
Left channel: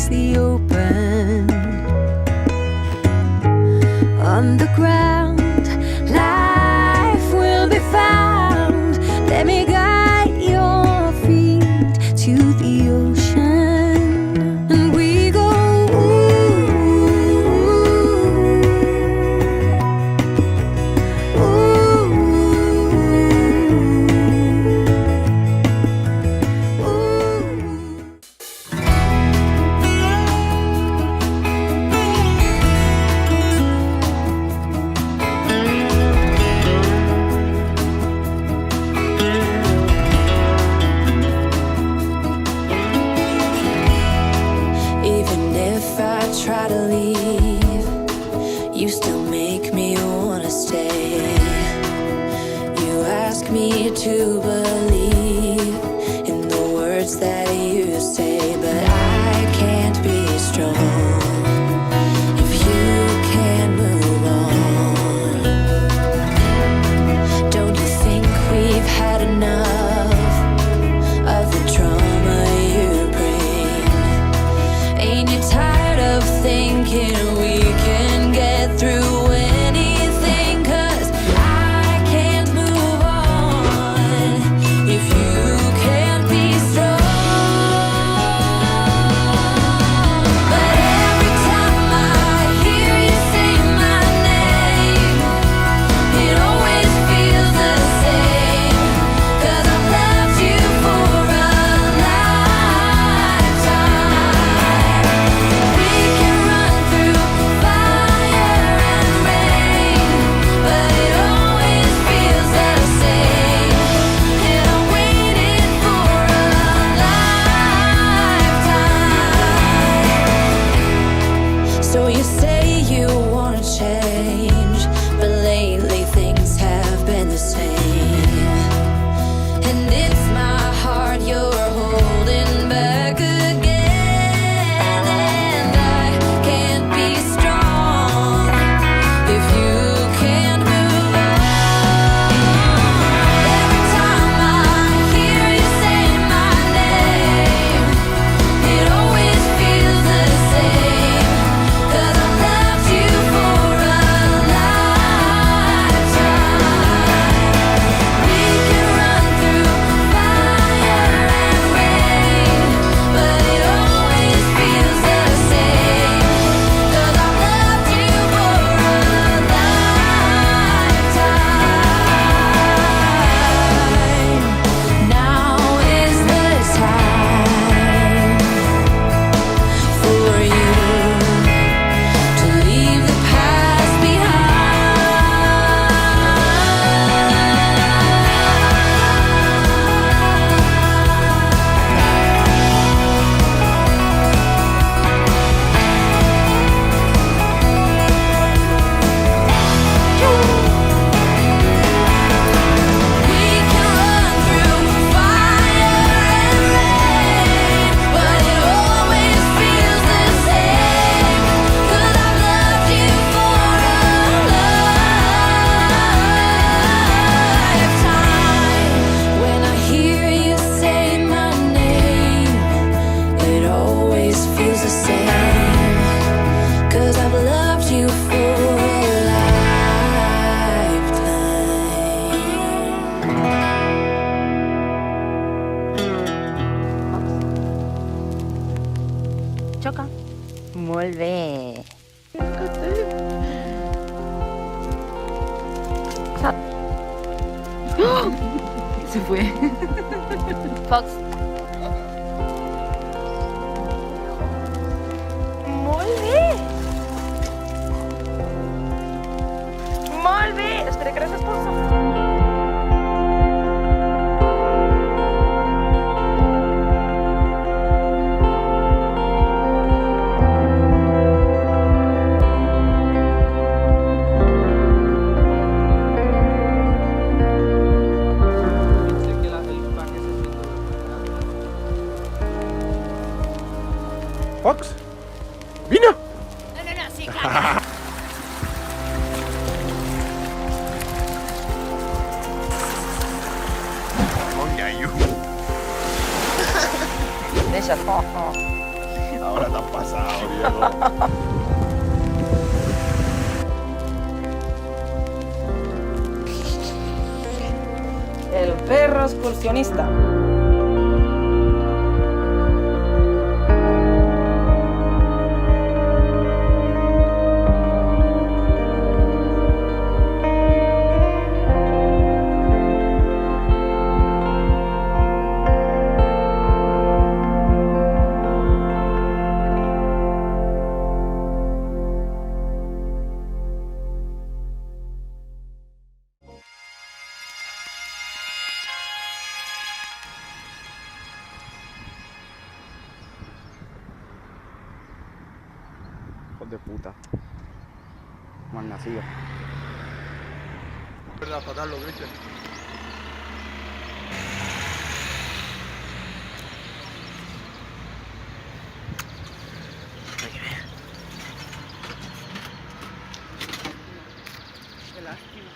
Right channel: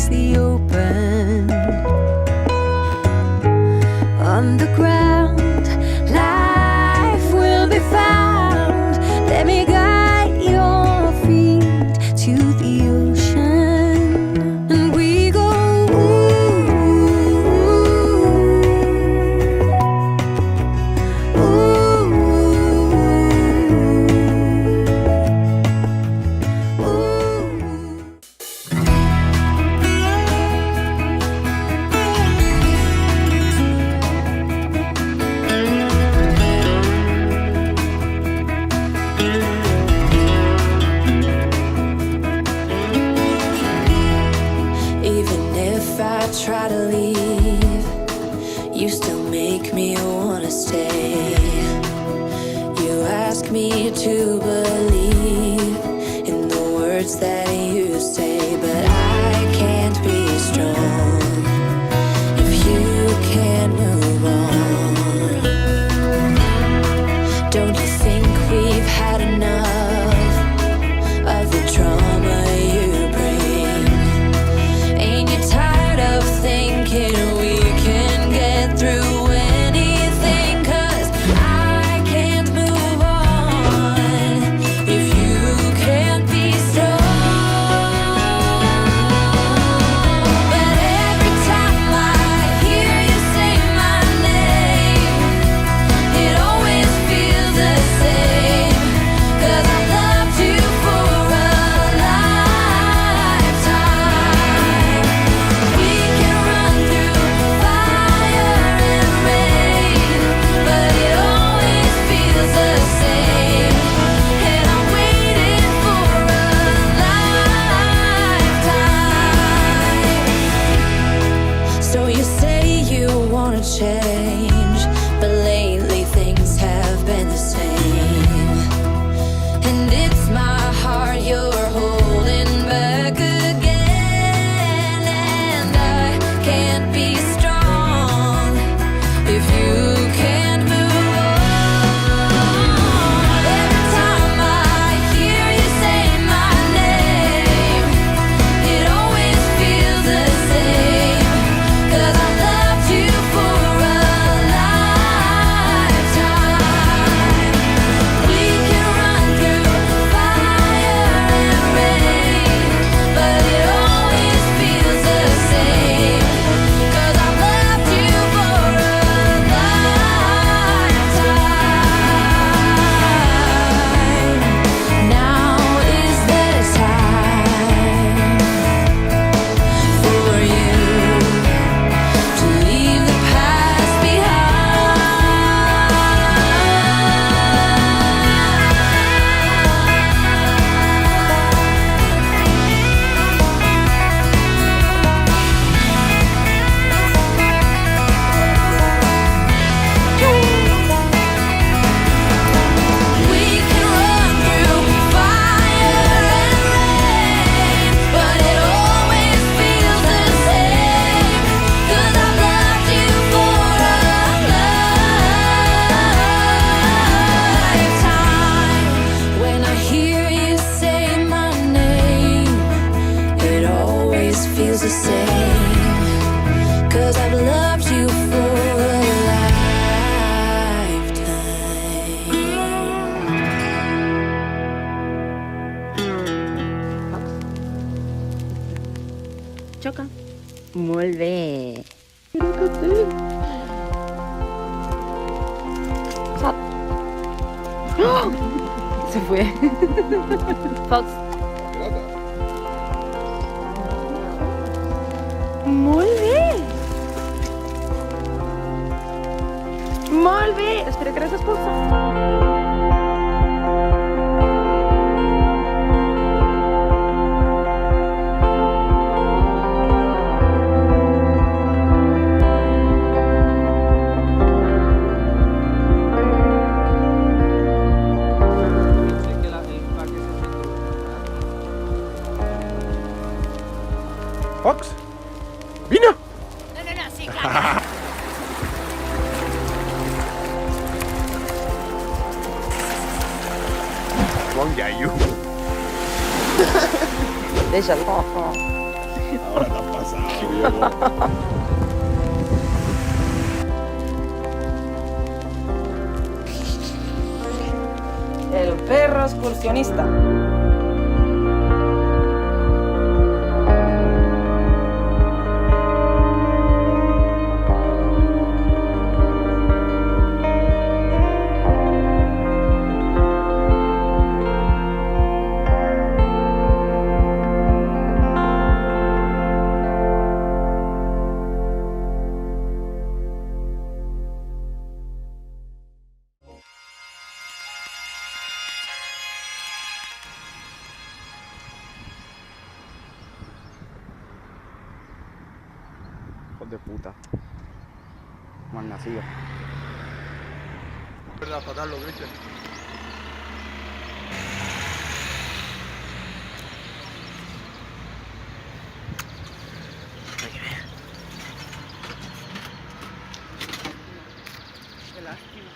face the open. On the ground, life will be found. Let me guide your feet to the ocean, and we go try to leave, you still make me wanna stay. You ask me to believe in the words that you say, but I can't be strong if you can't move on. Don't you think we've had enough of the trauma you bring? Ain't you tired of thinking we can get through anything? 'Cause I can't move on if you can't be strong. But every time I hear you say my name, it always feels the same. 'Cause I've loved you for a lifetime. We can run through fire and rain, but it always feels the same. And I waited for a lifetime. So you say you wanna change, but lately things have been the same. And it's my heart you're holding back again. And I can't be strong if you can't move on. Every time I hear you say my name, it always feels the same. 'Cause I've loved you for a lifetime. We can run through fire and rain, but it always feels the same. 'Cause I've loved you for a lifetime. Now is the time for you to leave the past We can run through fire and rain, but it always feels the same. 'Cause I've loved you for a lifetime. When I hear you say my name, it always feels the same. 'Cause I've loved you for a lifetime. Xoca. Molt bé. Se fue. Molt bé. Molt bé. Espera que hagis posat. Fox? Vine! No, sí, clar. Bon iaio. Deixa'l. Ahora te has pasado, viejo. El perro excursionista. Hijos de puta. Mal nacido. Verdad, fatal lo que viste. Qué lástima.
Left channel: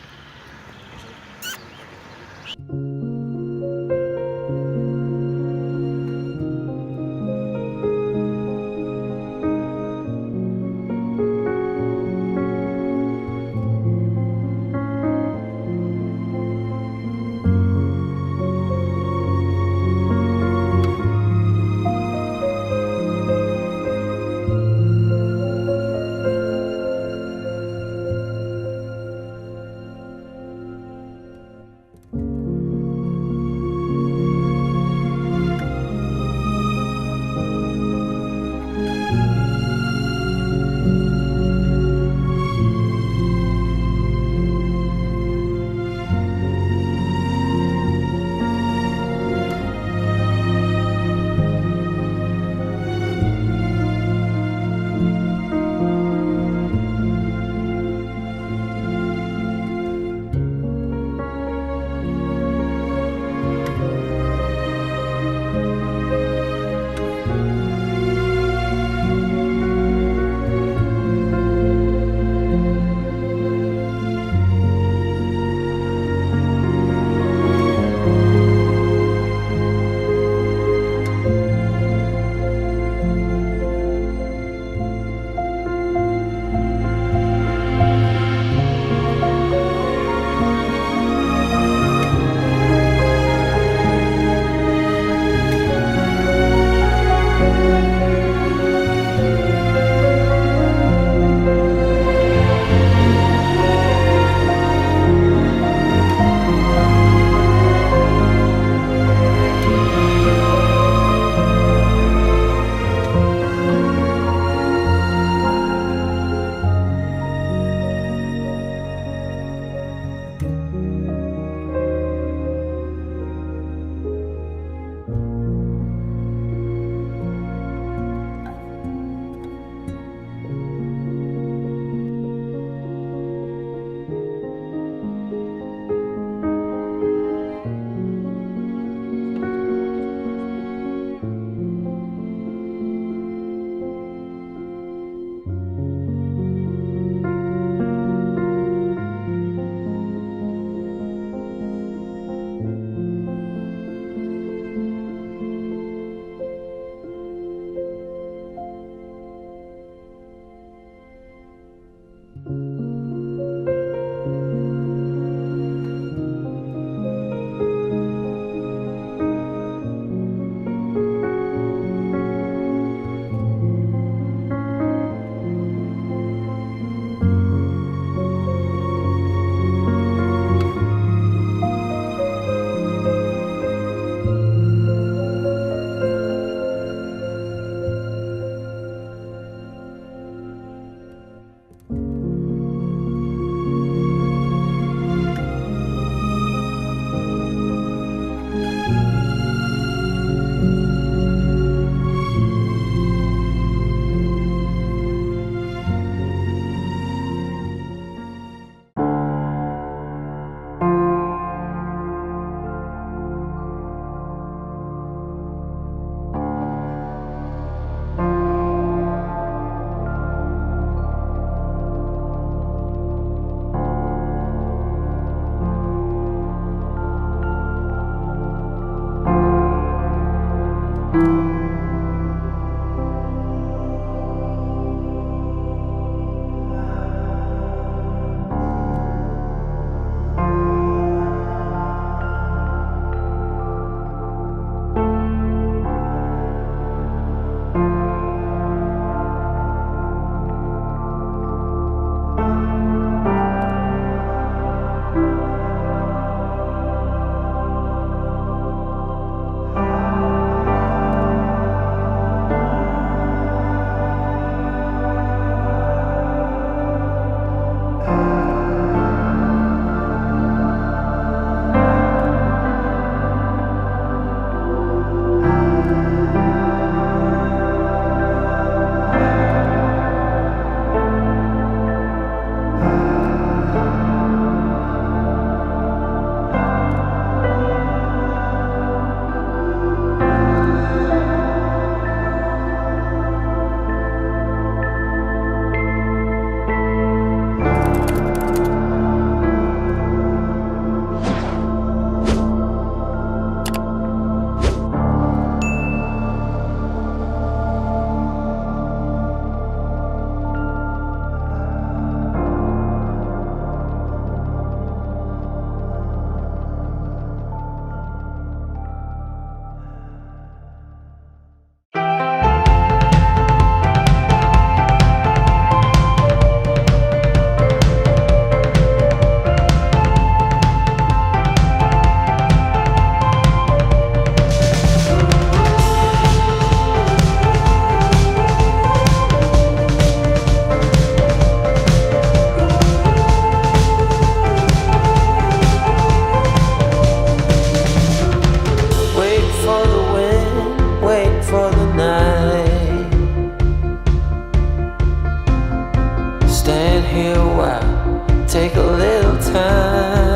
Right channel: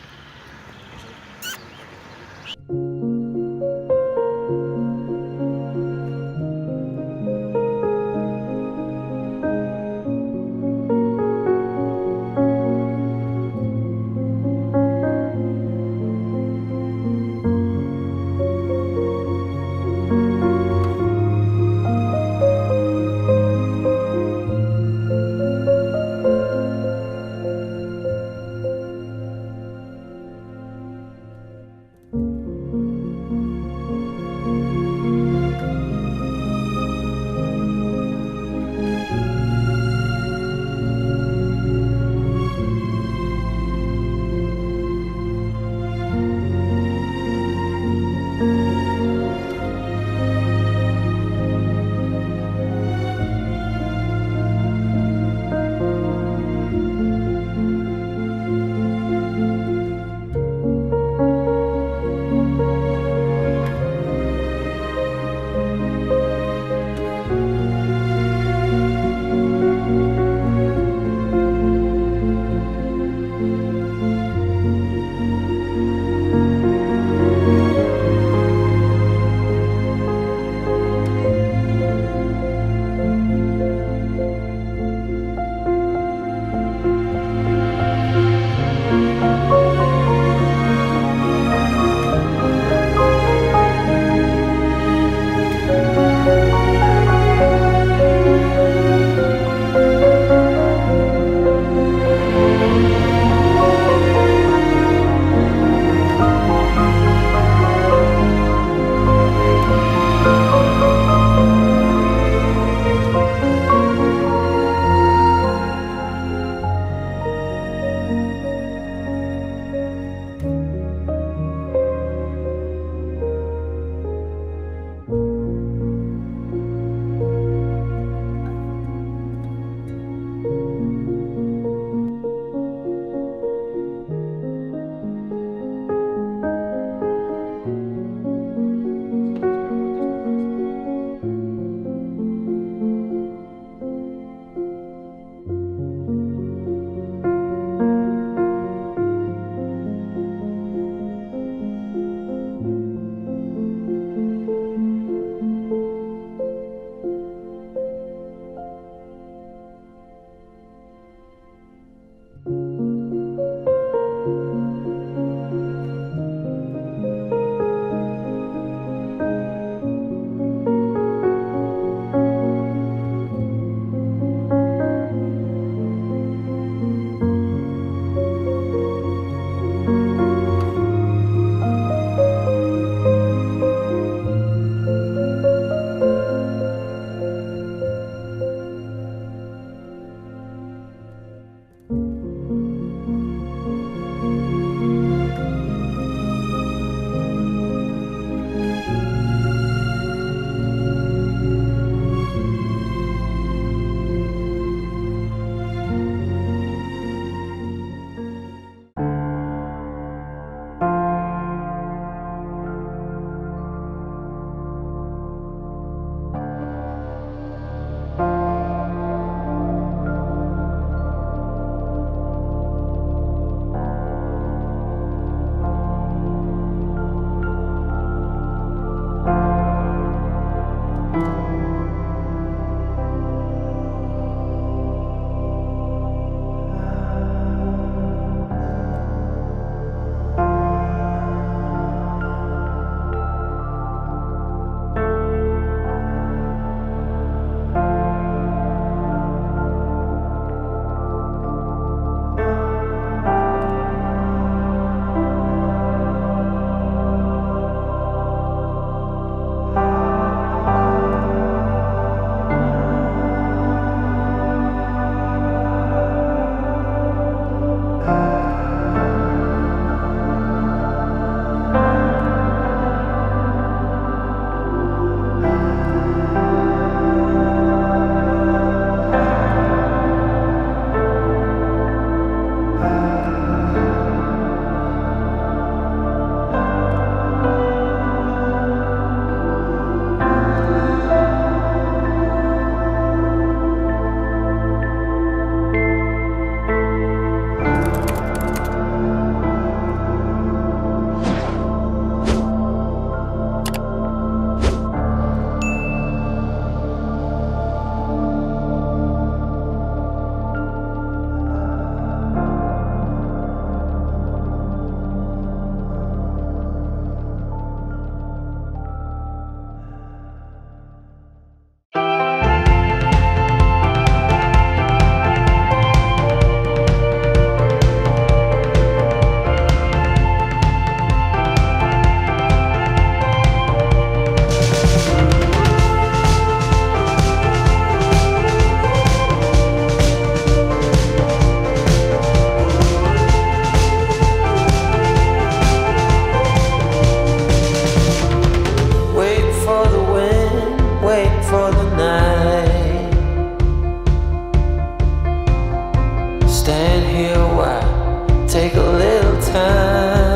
stand here a while, take a little time.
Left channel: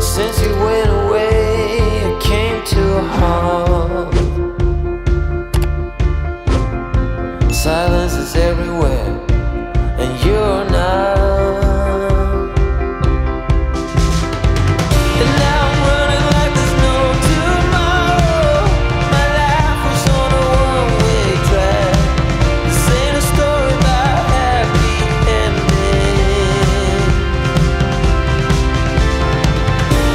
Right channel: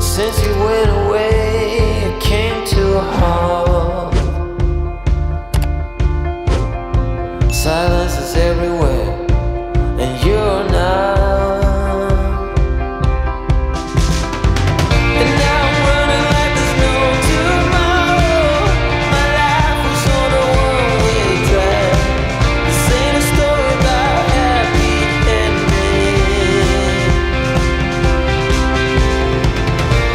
Since you went away, it came to a halt. Silence is everywhere, and you're not. And now I'm running like there's no tomorrow. My life was on a one-way track. This ain't a story about happy ending.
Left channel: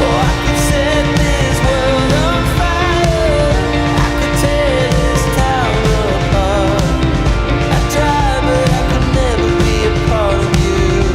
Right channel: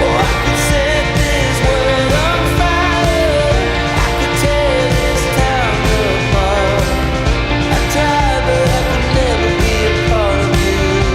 Oh, I could set this world on fire. I could tear this town apart. I tried, but I could never be a part of you.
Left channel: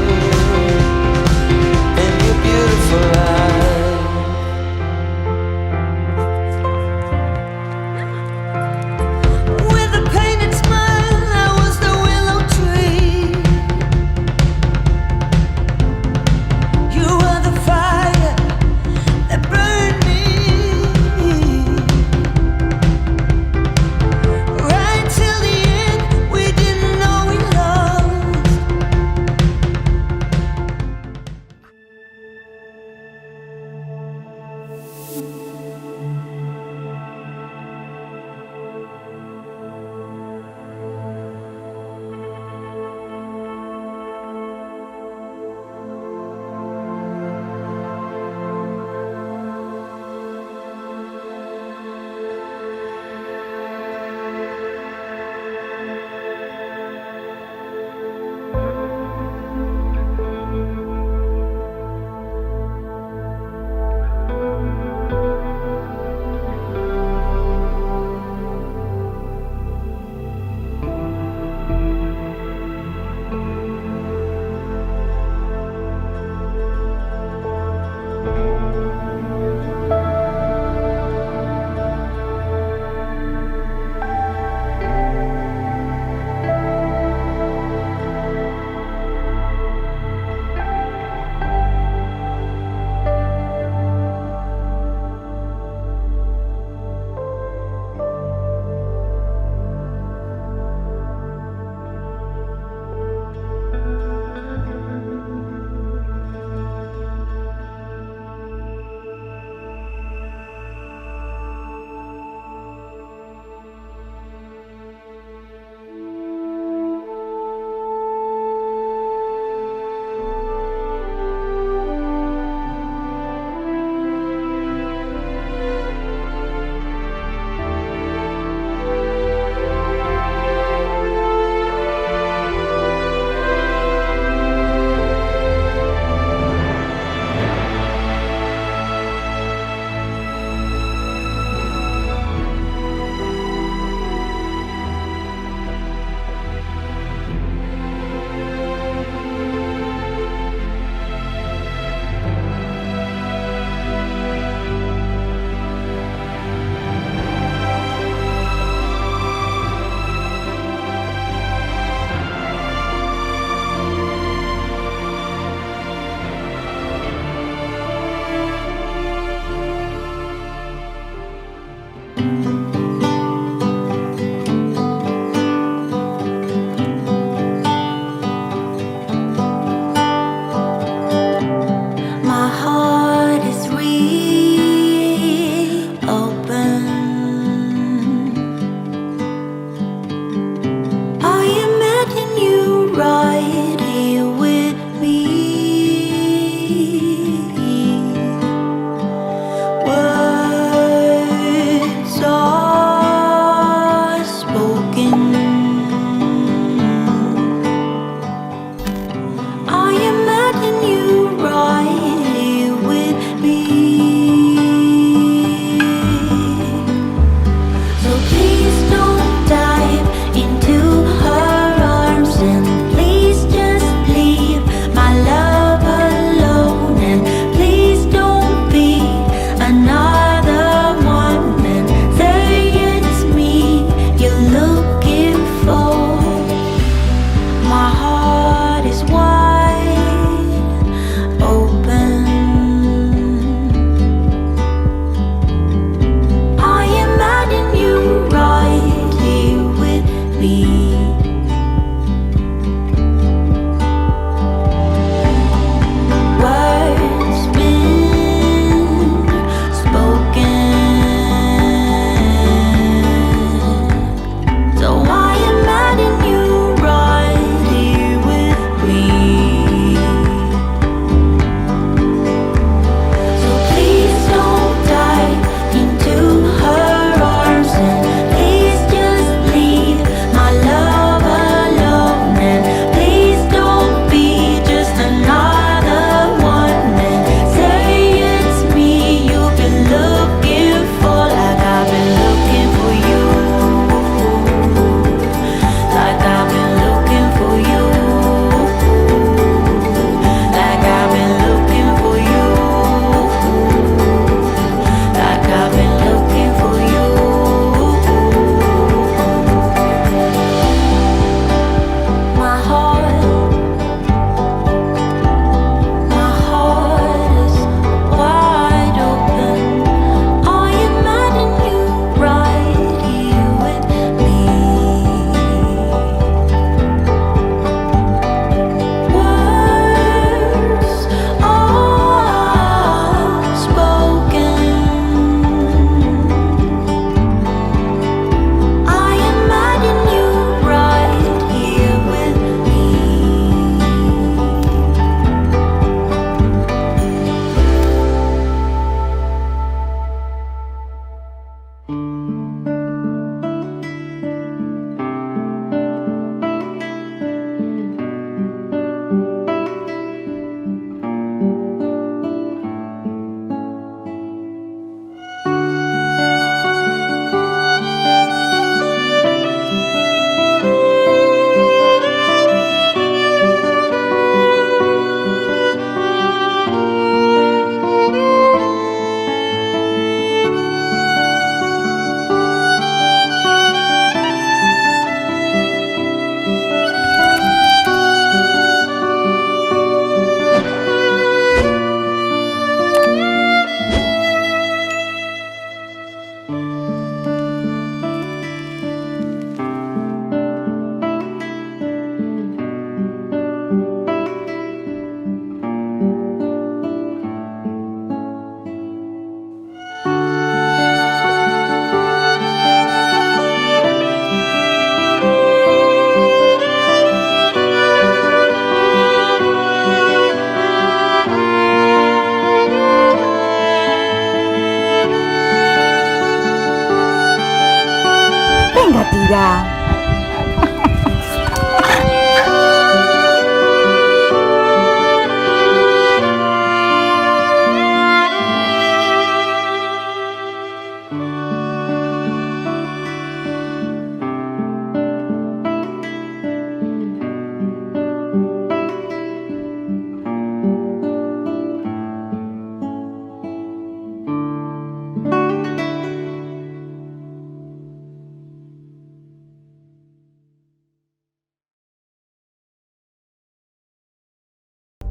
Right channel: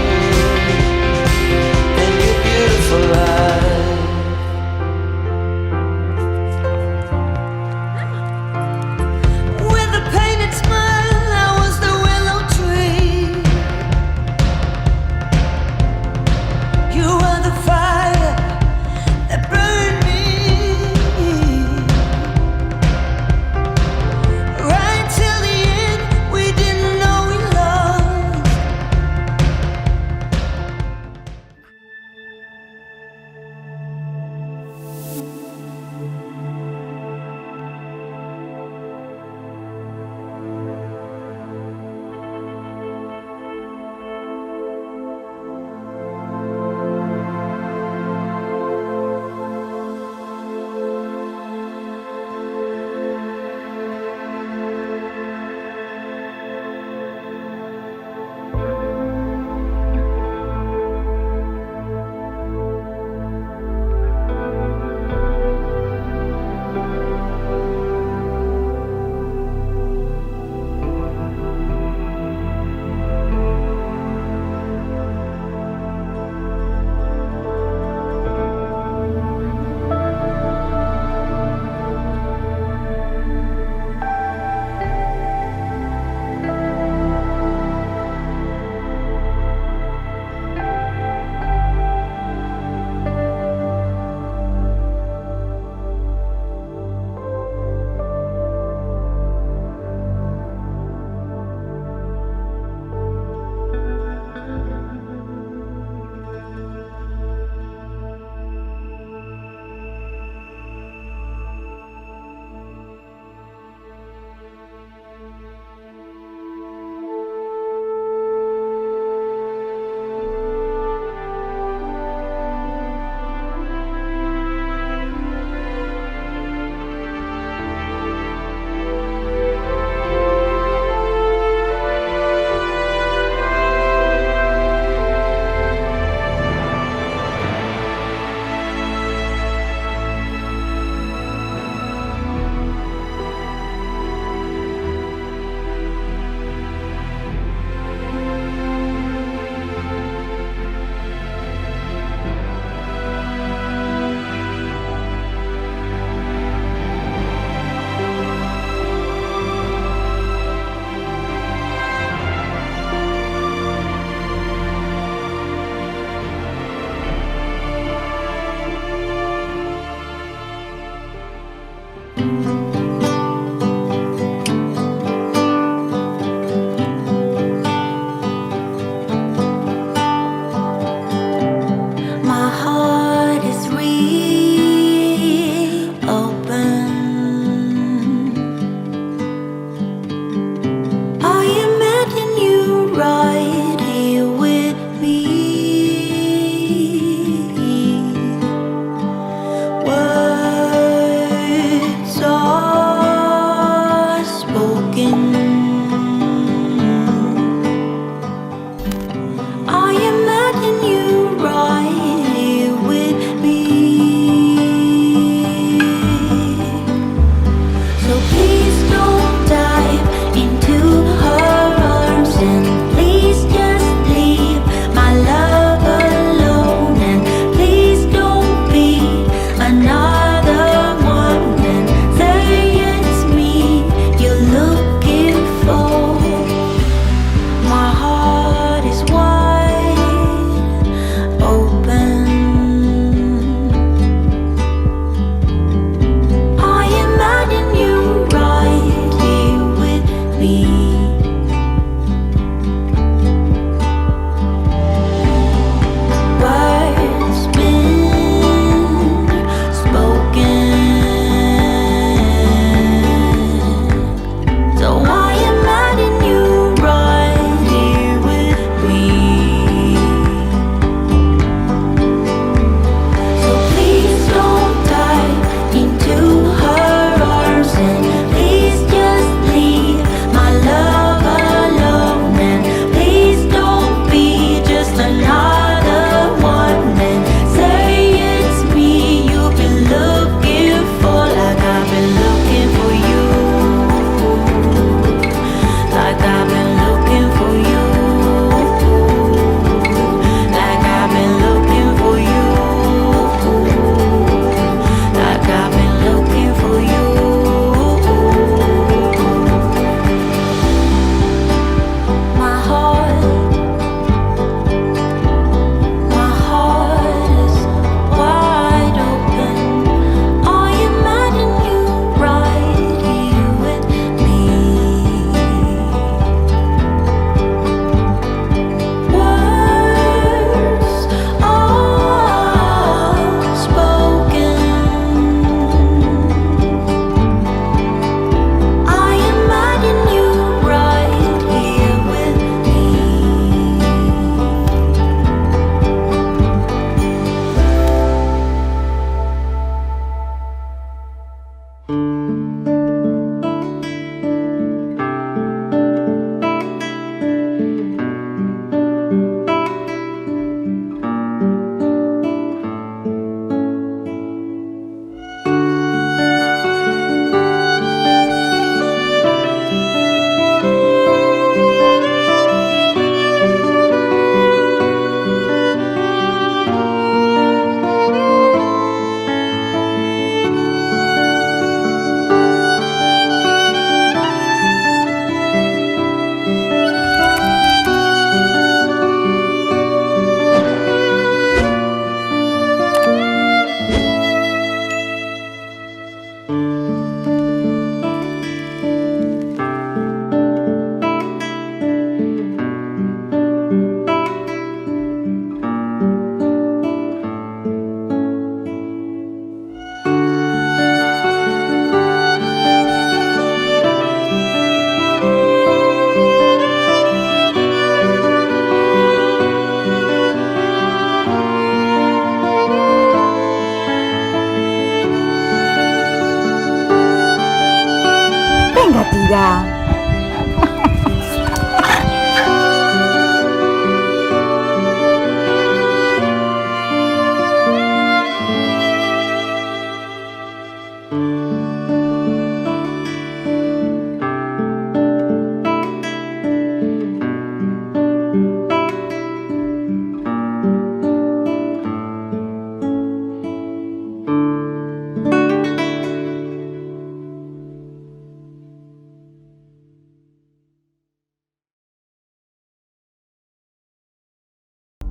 Mira.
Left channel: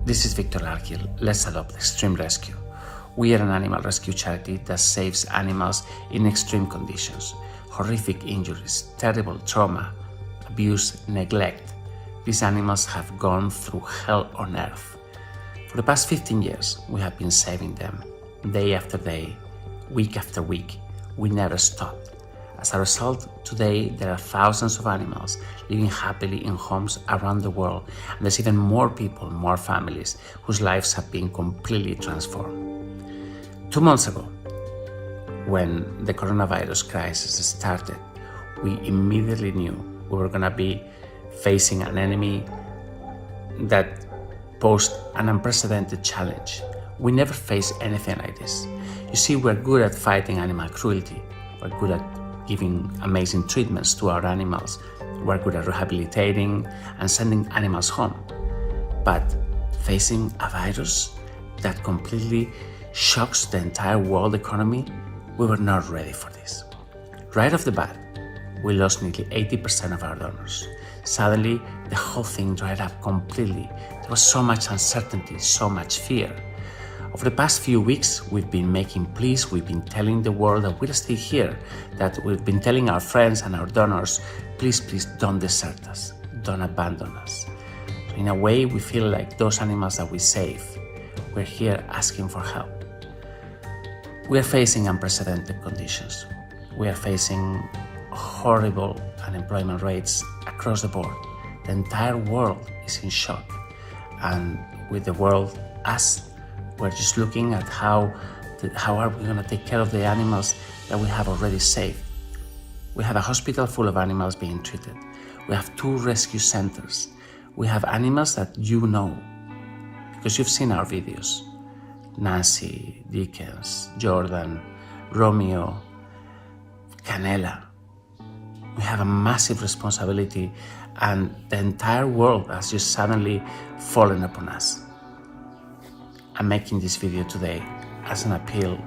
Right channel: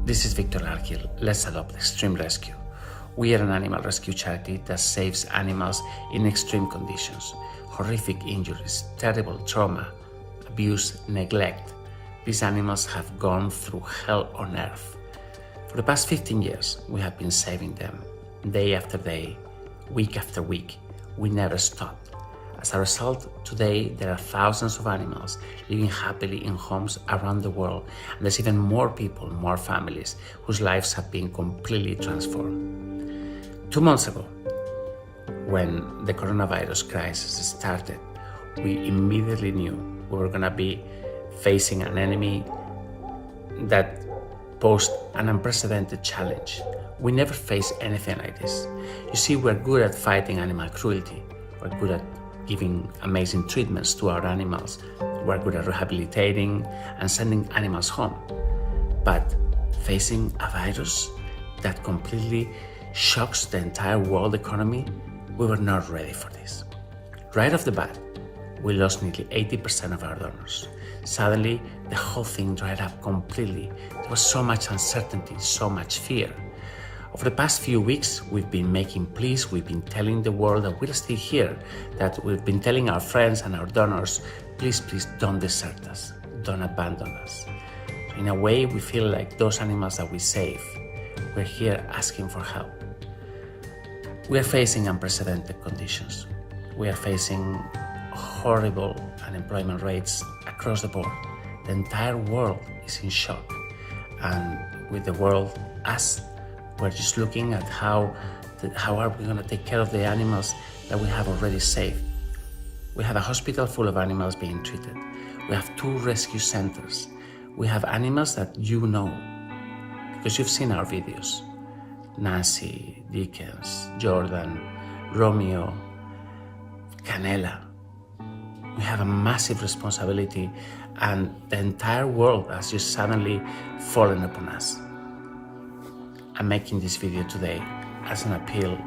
This is Viktor Larkhill. Let's Adopt Extreme Rescue. We are an animal rescue charity that saves animals in extreme conditions, horrific injuries, terrible trauma, abuse, neglect. These animals have gone through hell on earth. For the past 15 years, we have been saving them, day after day, week after week. We never stopped. As a result, today there are thousands of animals living happily in homes around the world, and there's even more people, more families, whose lives have been completely transformed. 2 months ago, when the coronavirus crisis started, we immediately knew we were going to be facing an enemy that posed an unprecedented challenge. We never faced anything like this. You see, we're good at fighting animal cruelty. We're good at giving amazing treatments to our animals. We're good at rehabilitating and sending animals home. But facing a virus that completely shocks the entire world economy, we were not ready for this. Right off the bat, we lost nearly 80% of our donors. Suddenly, the whole thing dried up completely. There was so much uncertainty, so much fear. Over the past few weeks, we've been making pleas, we've been telling the world that we're still here, that we've been telling our friends and our donors, please, please don't desert us, don't abandon us. So in a way, we feel like those animals that we save, we're here asking for help. We are facing unprecedented conditions. We are facing horrible unemployment rates across the board. The entire world is in shock. And with the world, us, we're just looking at how are we going to take care of the animals that we have already saved. We have a hospital full of animals being treated. We have 2 rescue centers. We have animals that you know, because you've seen our videos. Nancy, Dickens, Jordan, Romeo, Canela. We have a massive responsibility, and the entire world has just suddenly fallen upon us. I'm making this video today as an appeal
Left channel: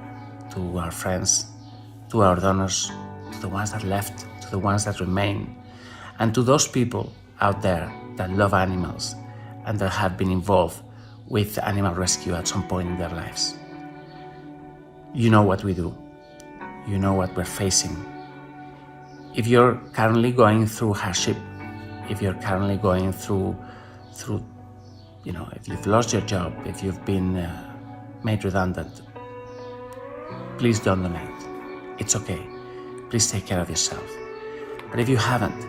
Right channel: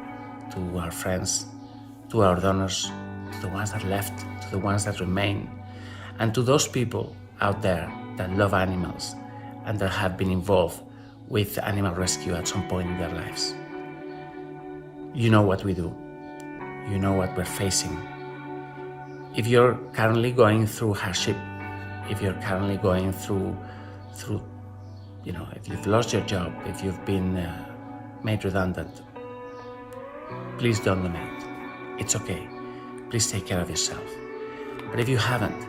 to our friends, to our donors, to the ones that left, to the ones that remain, and to those people out there that love animals and that have been involved with animal rescue at some point in their lives. You know what we do. You know what we're facing. If you're currently going through hardship, if you're currently going through if you've lost your job, if you've been made redundant, please don't donate. It's okay. Please take care of yourself. But if you haven't,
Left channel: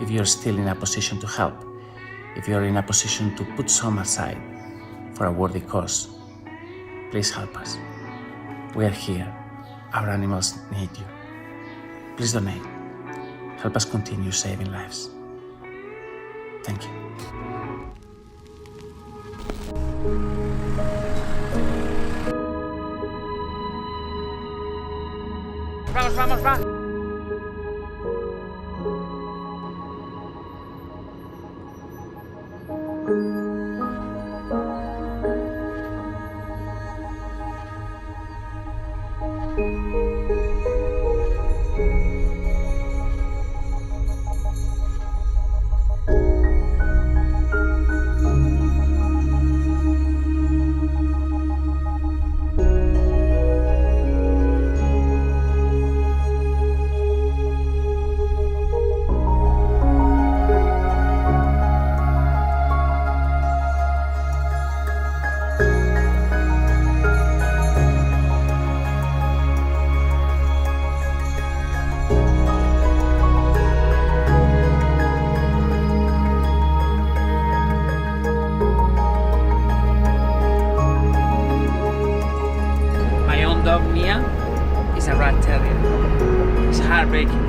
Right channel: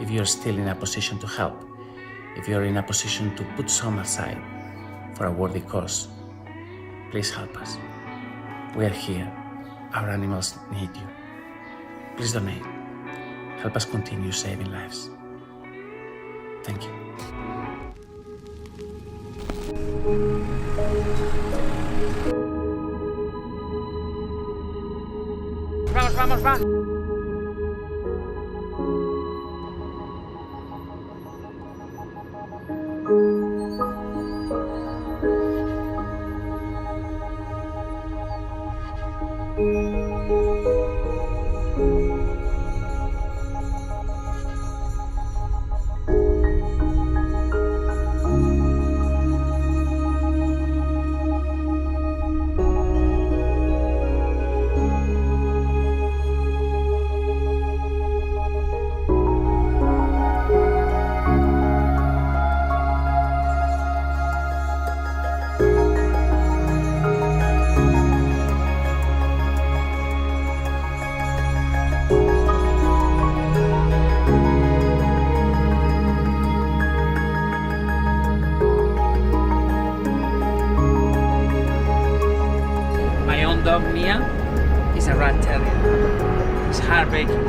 if you're still in a position to help, if you're in a position to put some aside for a worthy cause, please help us. We are here. Our animals need you. Please donate. Help us continue saving lives. Thank you. Vamos, va. dog Mia is a rat terrier. It's heartbreaking.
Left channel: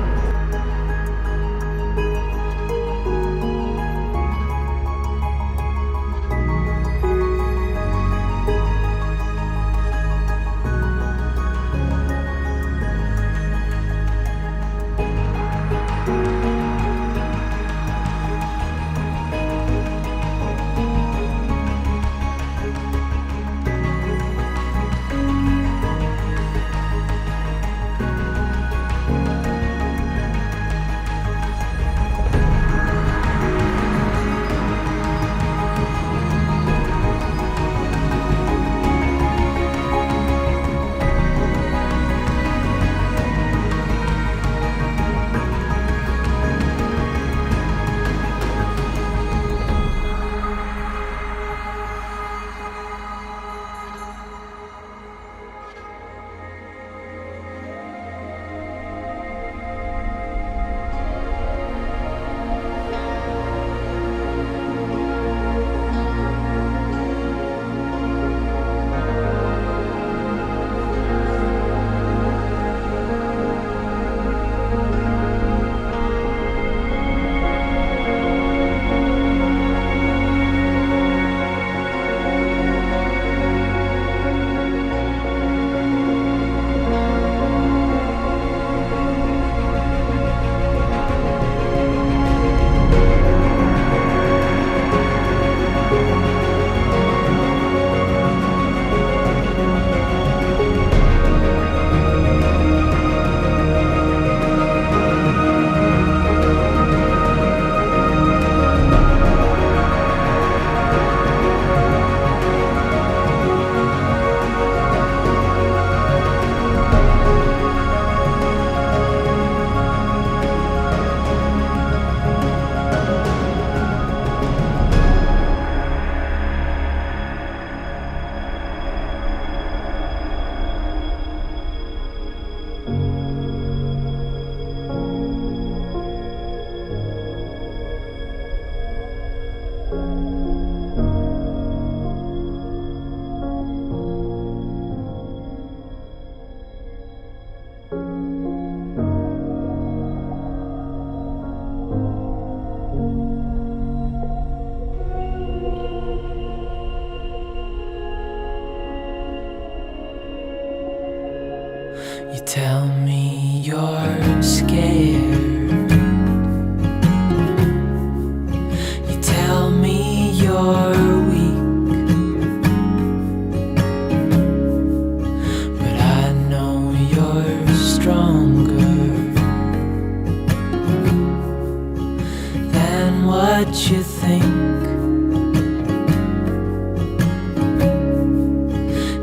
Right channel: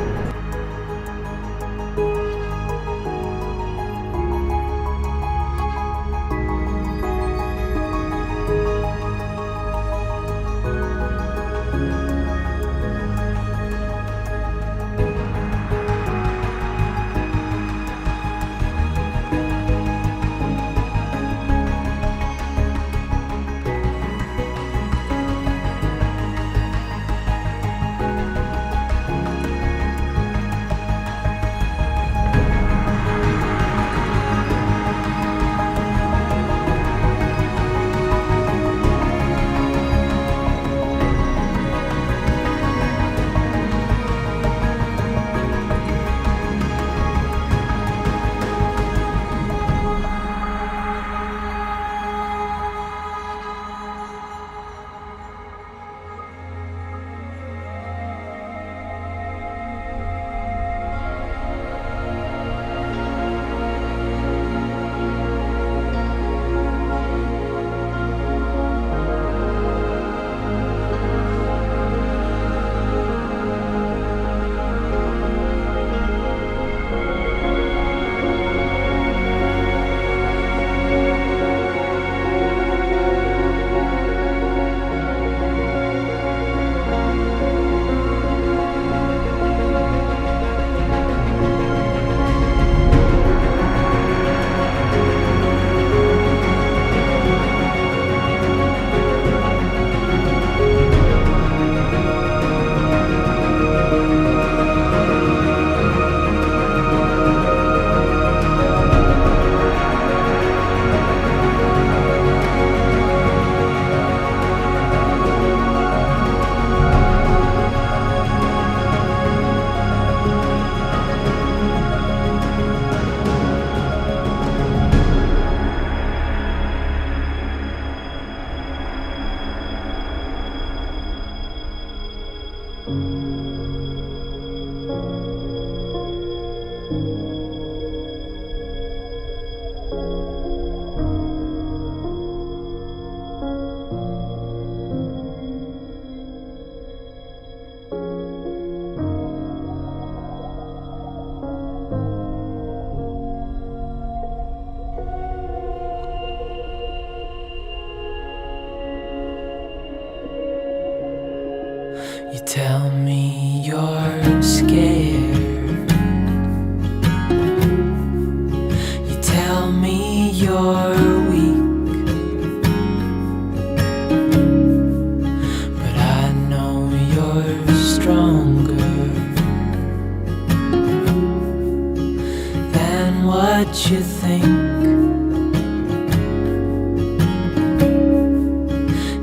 what you think,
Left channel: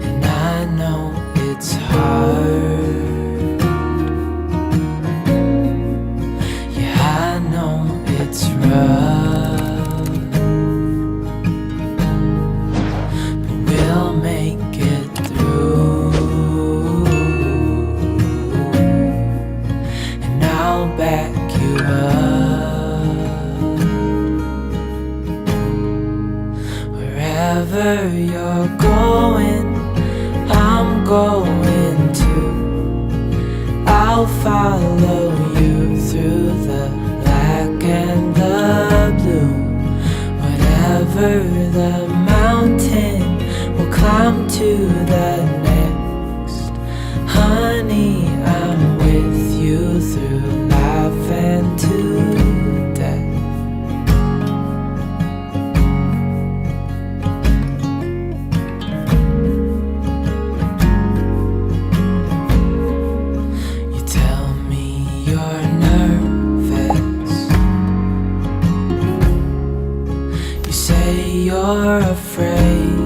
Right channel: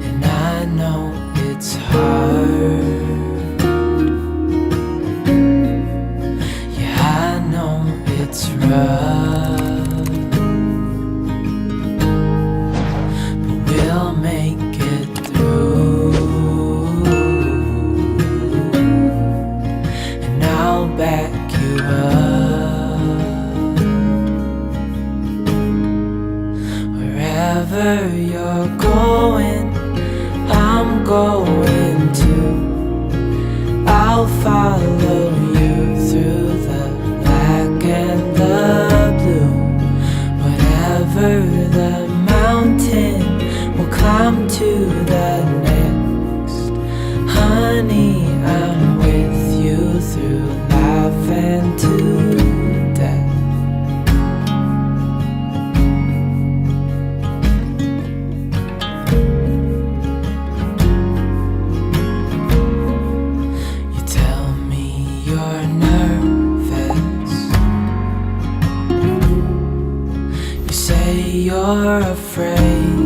and I know it's hard. Yeah, I know it's rough, but we'll make it through, and I'll back you up. Wherever you're going, I'm going to. I'll follow you through the black and the blue. Whatever the mountain, we'll climb to the next. Honey, I'm with you through life and to death. You tell me you're nervous. You say you're afraid.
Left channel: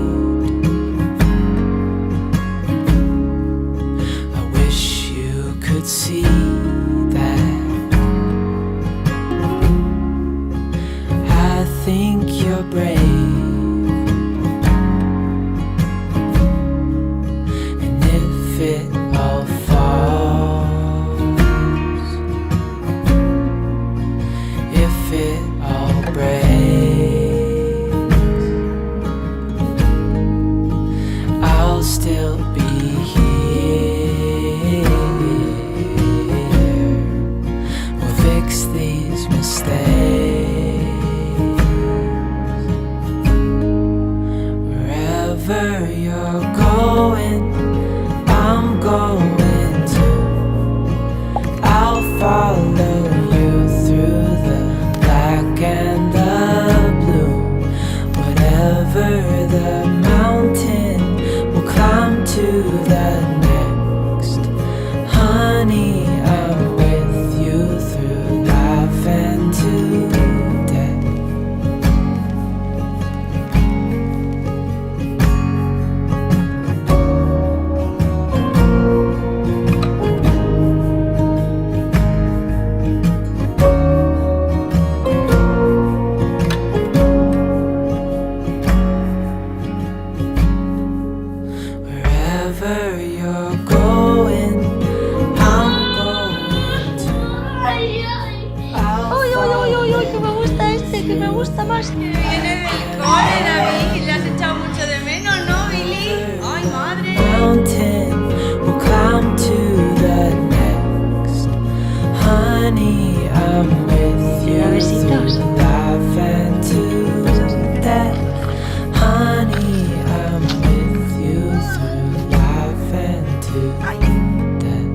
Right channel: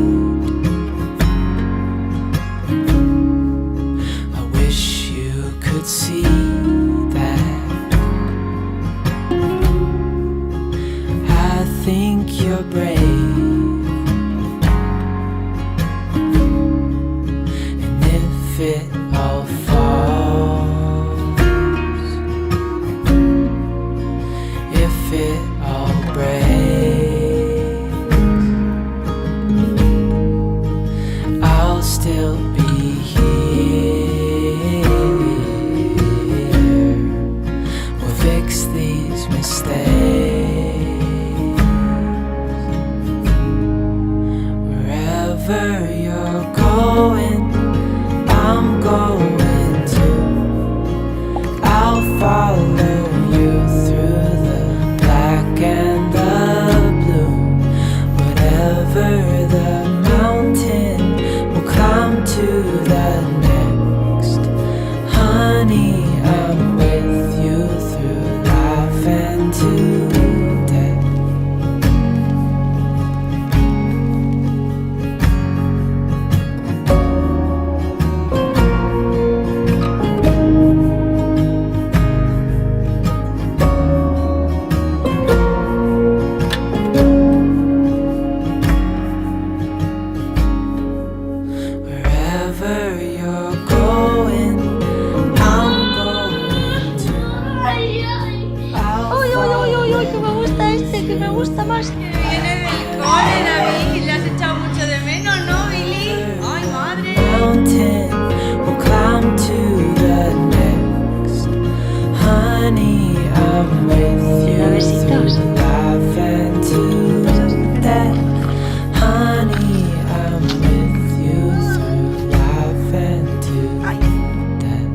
I wish you could see that. I think you're brave, and if it all falls, if it all breaks, I'll still be here. We'll fix these mistakes. Wherever you're going, I'm going to. I'll follow you through the black and the blue. Whatever the mountain, we'll climb to the next. Honey, I'm with you through life and to death. Wherever you're going, I'm going to. ¡Uy, uy, uy, uy, uy! Que me gusta este, que me gusta más. Que viene del cole, David. Le has echado mucho de menos, ¿no, Billy? ¡Ay, madre! Mountain, we'll climb to the next. Honey, I'm with you Besitos. through life and to death. Honey, I'm with you through life and to death.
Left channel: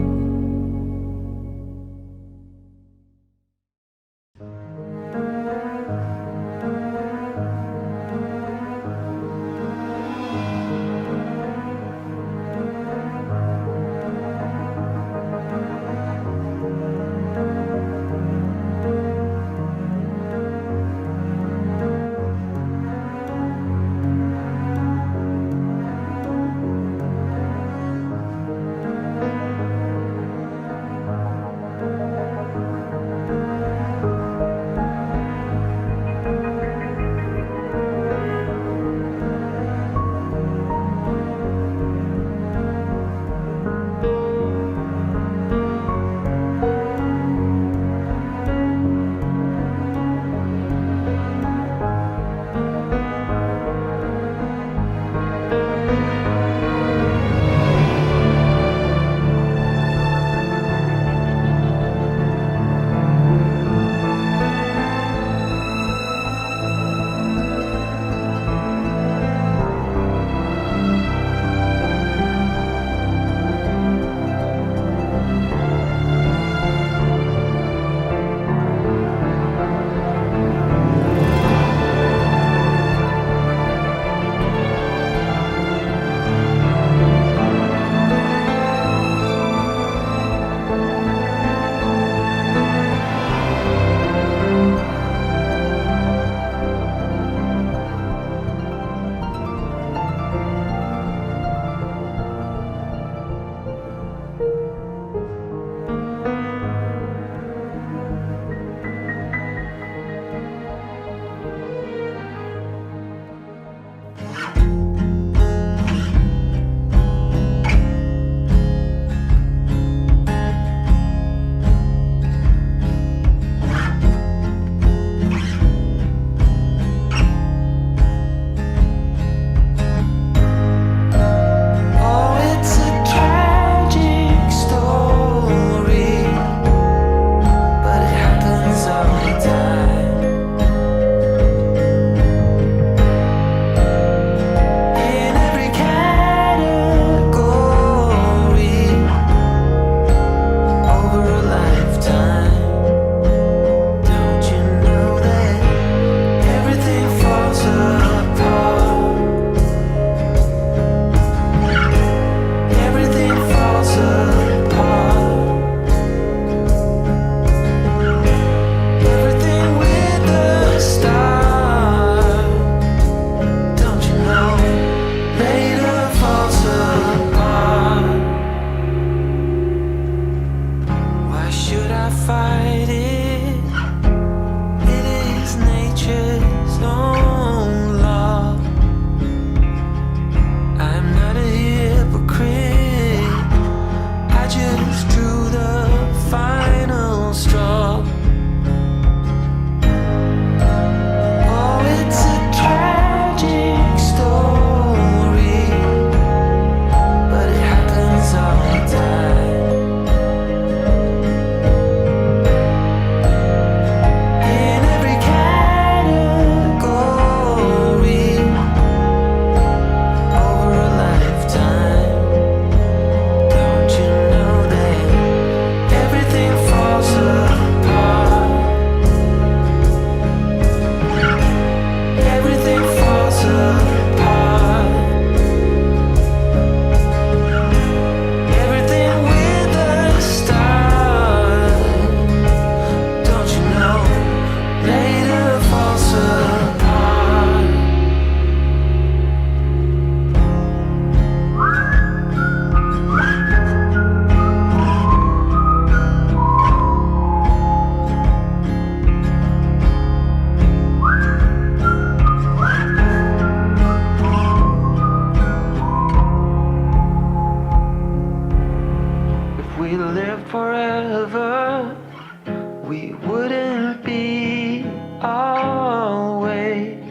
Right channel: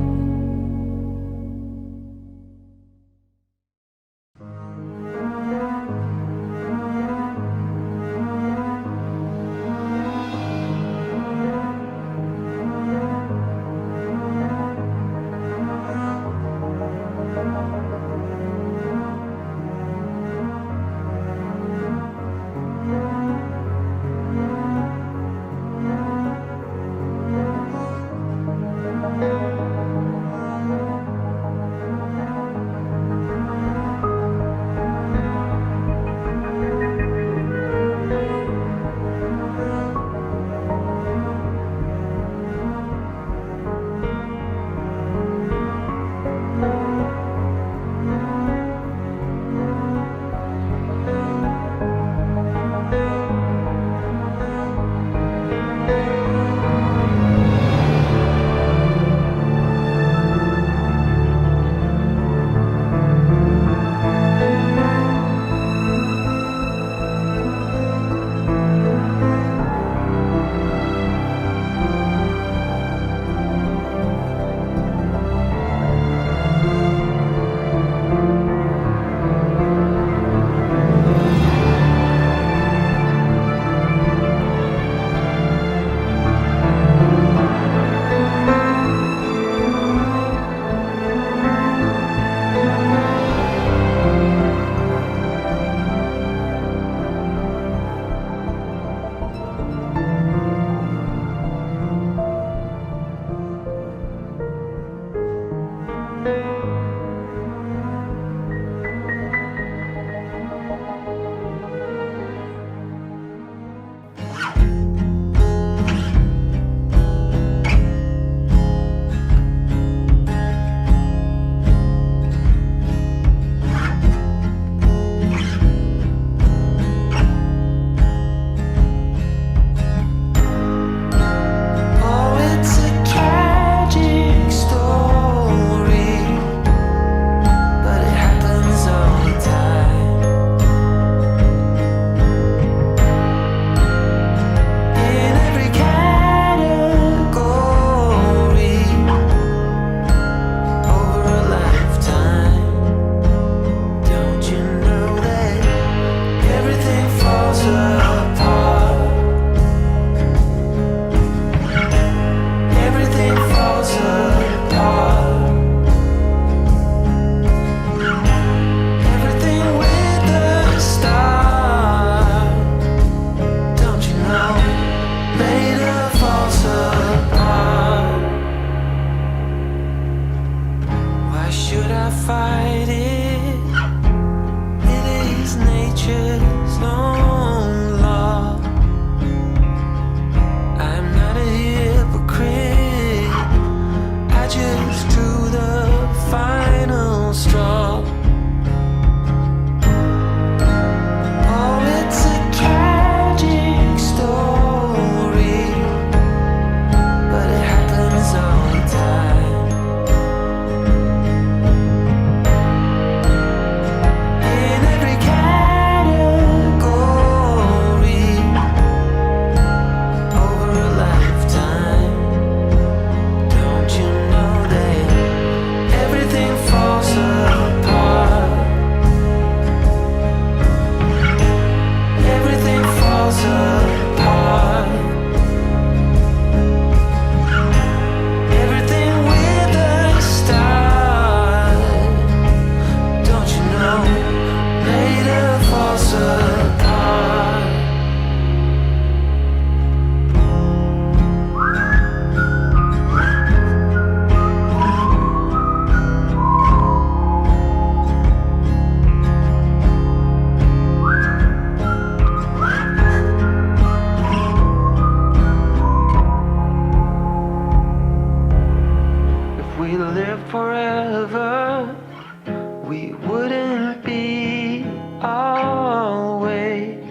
always.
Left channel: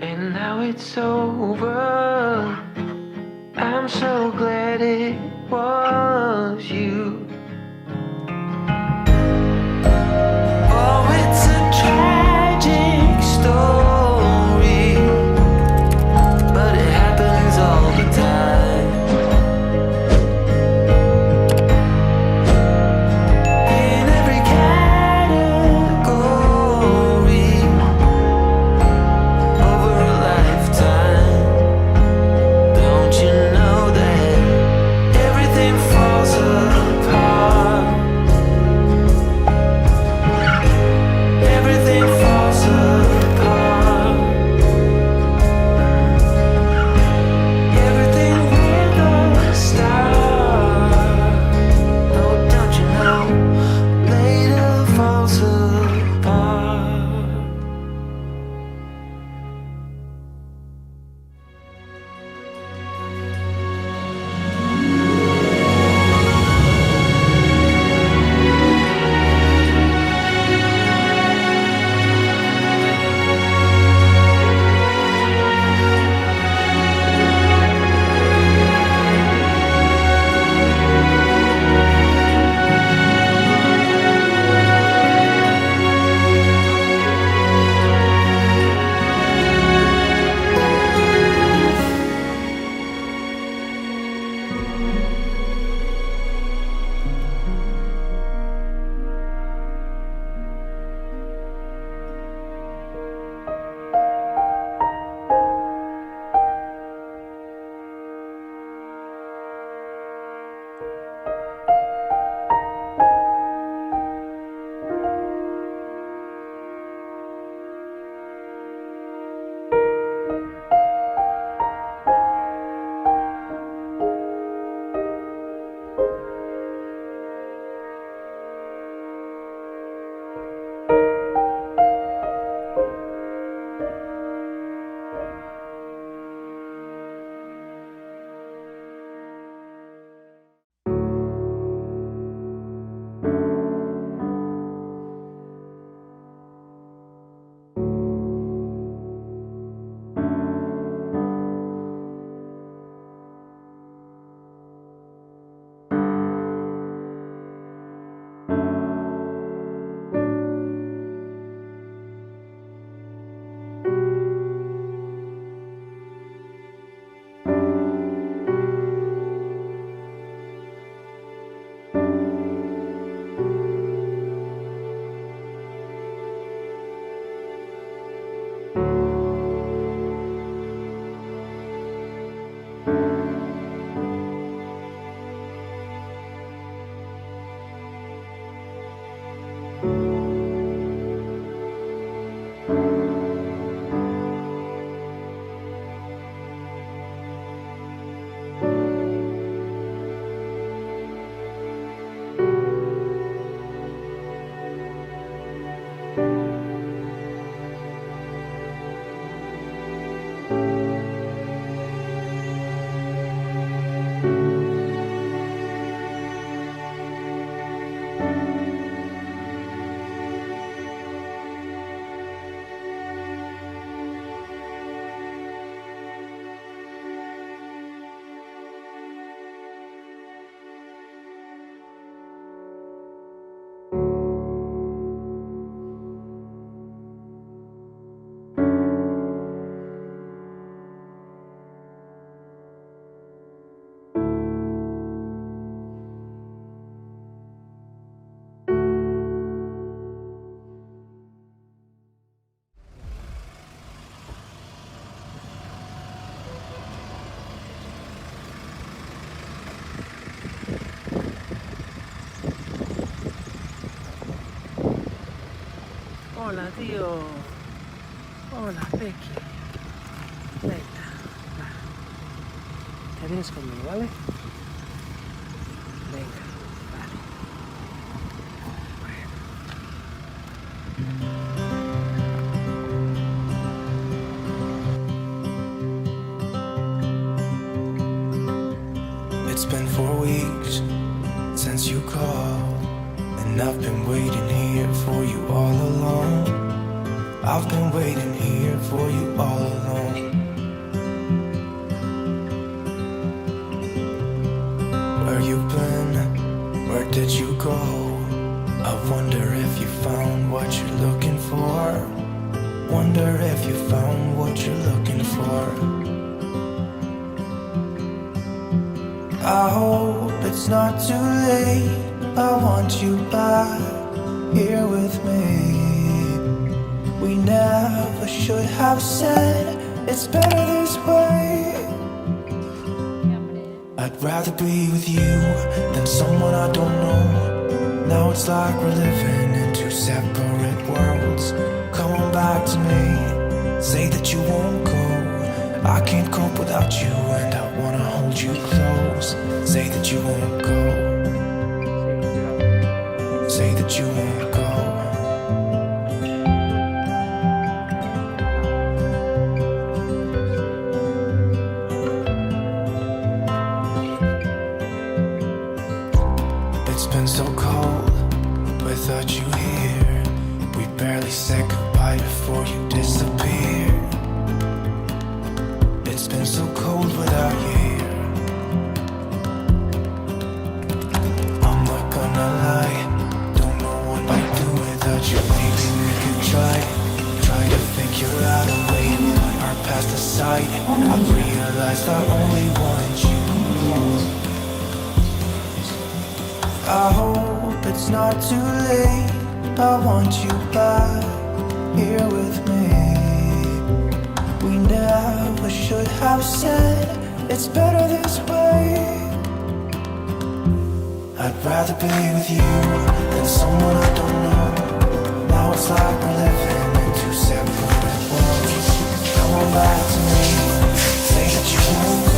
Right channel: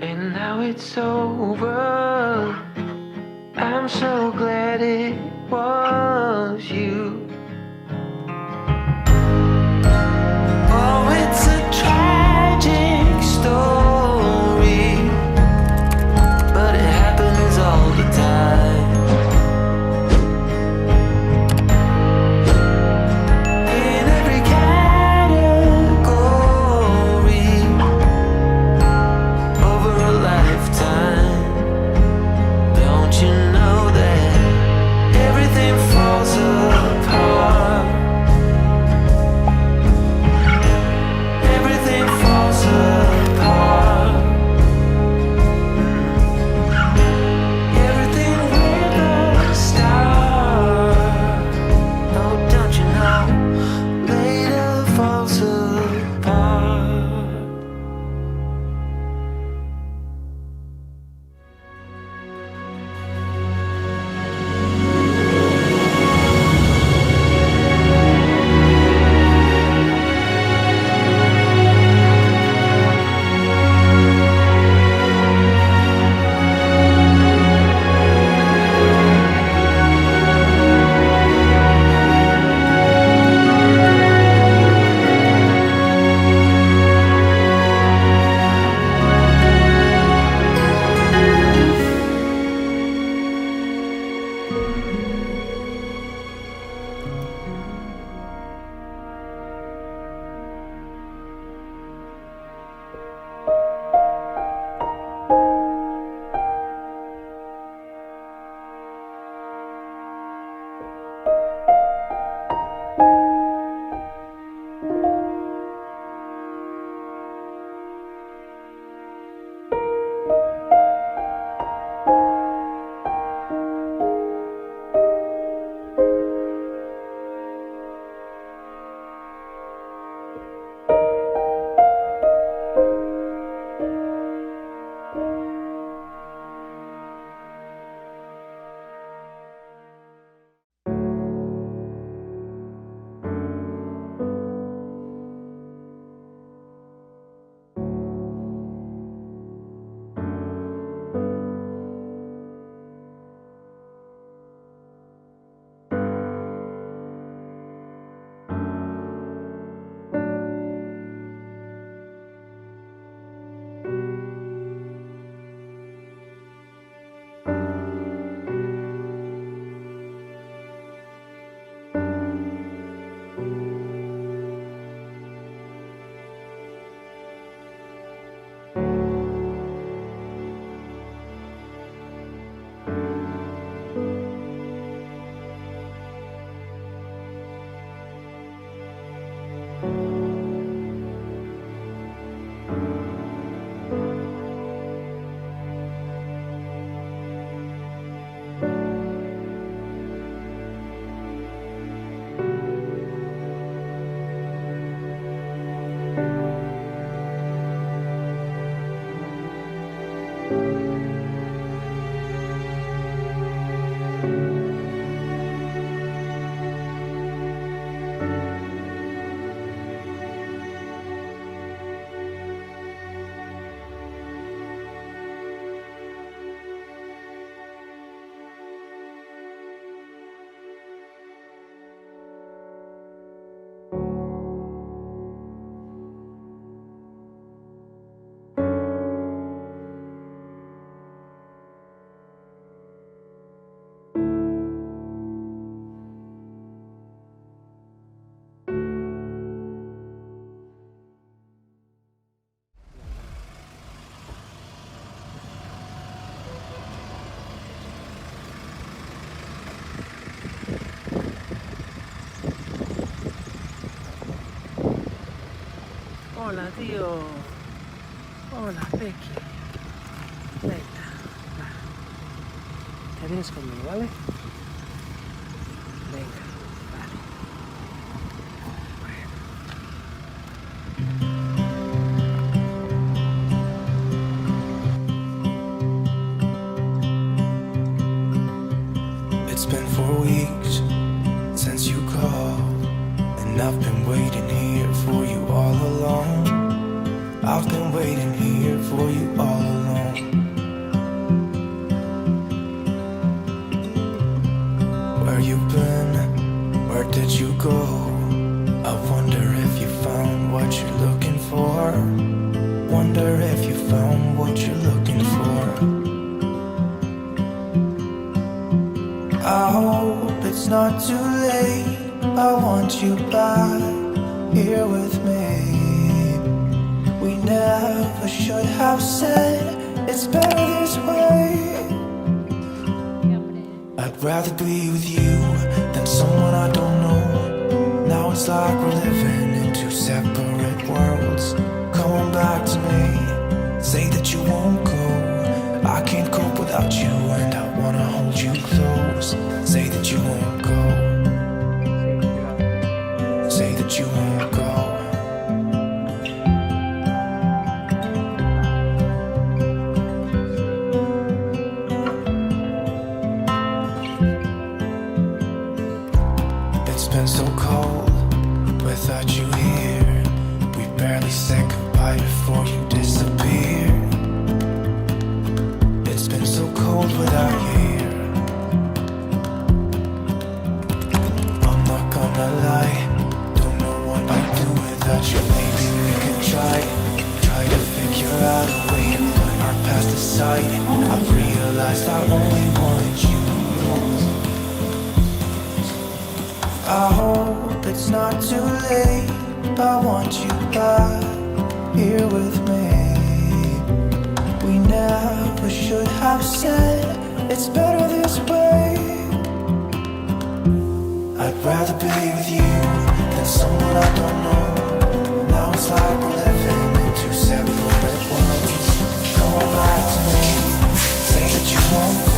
And now it's over. I'm so glad it was you. Oh, it's a tragic story, but it happens all the time. In every category over a lifetime. Don't you know that everything falls apart? Everything falls apart. Everything with a star. Oh, don't you know? Later falls apart. Hola, tío. Hola, Becky. Venga, va. Te vienes conmigo, ¿vale? Venga, vale. It's been 4 weeks since you called, and I've been waiting here for you all alone. I've been waiting here for you all alone. Where you been? Where did you go? I wonder if you found what you're looking for. Wonder if you found what you're looking for. I hope it's not too late. I want you back here with me. We never should have said it's better this way. I'd rather be with you than someone I don't know. Now it's like we're living in two separate worlds. Come on back to me, say that you won't go. I can't cope without you and I wanna hold you close. Say that you won't go. Say that you won't go. It's been so cold without you here. We barely said goodbye before you disappeared. It's been so cold without you here. I'm not gonna lie, don't know what I'd do without you. Maybe we could try to figure out a way to put our past aside. I've realized I only want you. I hope it's not too late. I want you back here with me. We never should have said it's better this way. I'd rather be with you than someone I don't know. Now it's like we're living in two separate worlds. Come on back to me, say that you won't go.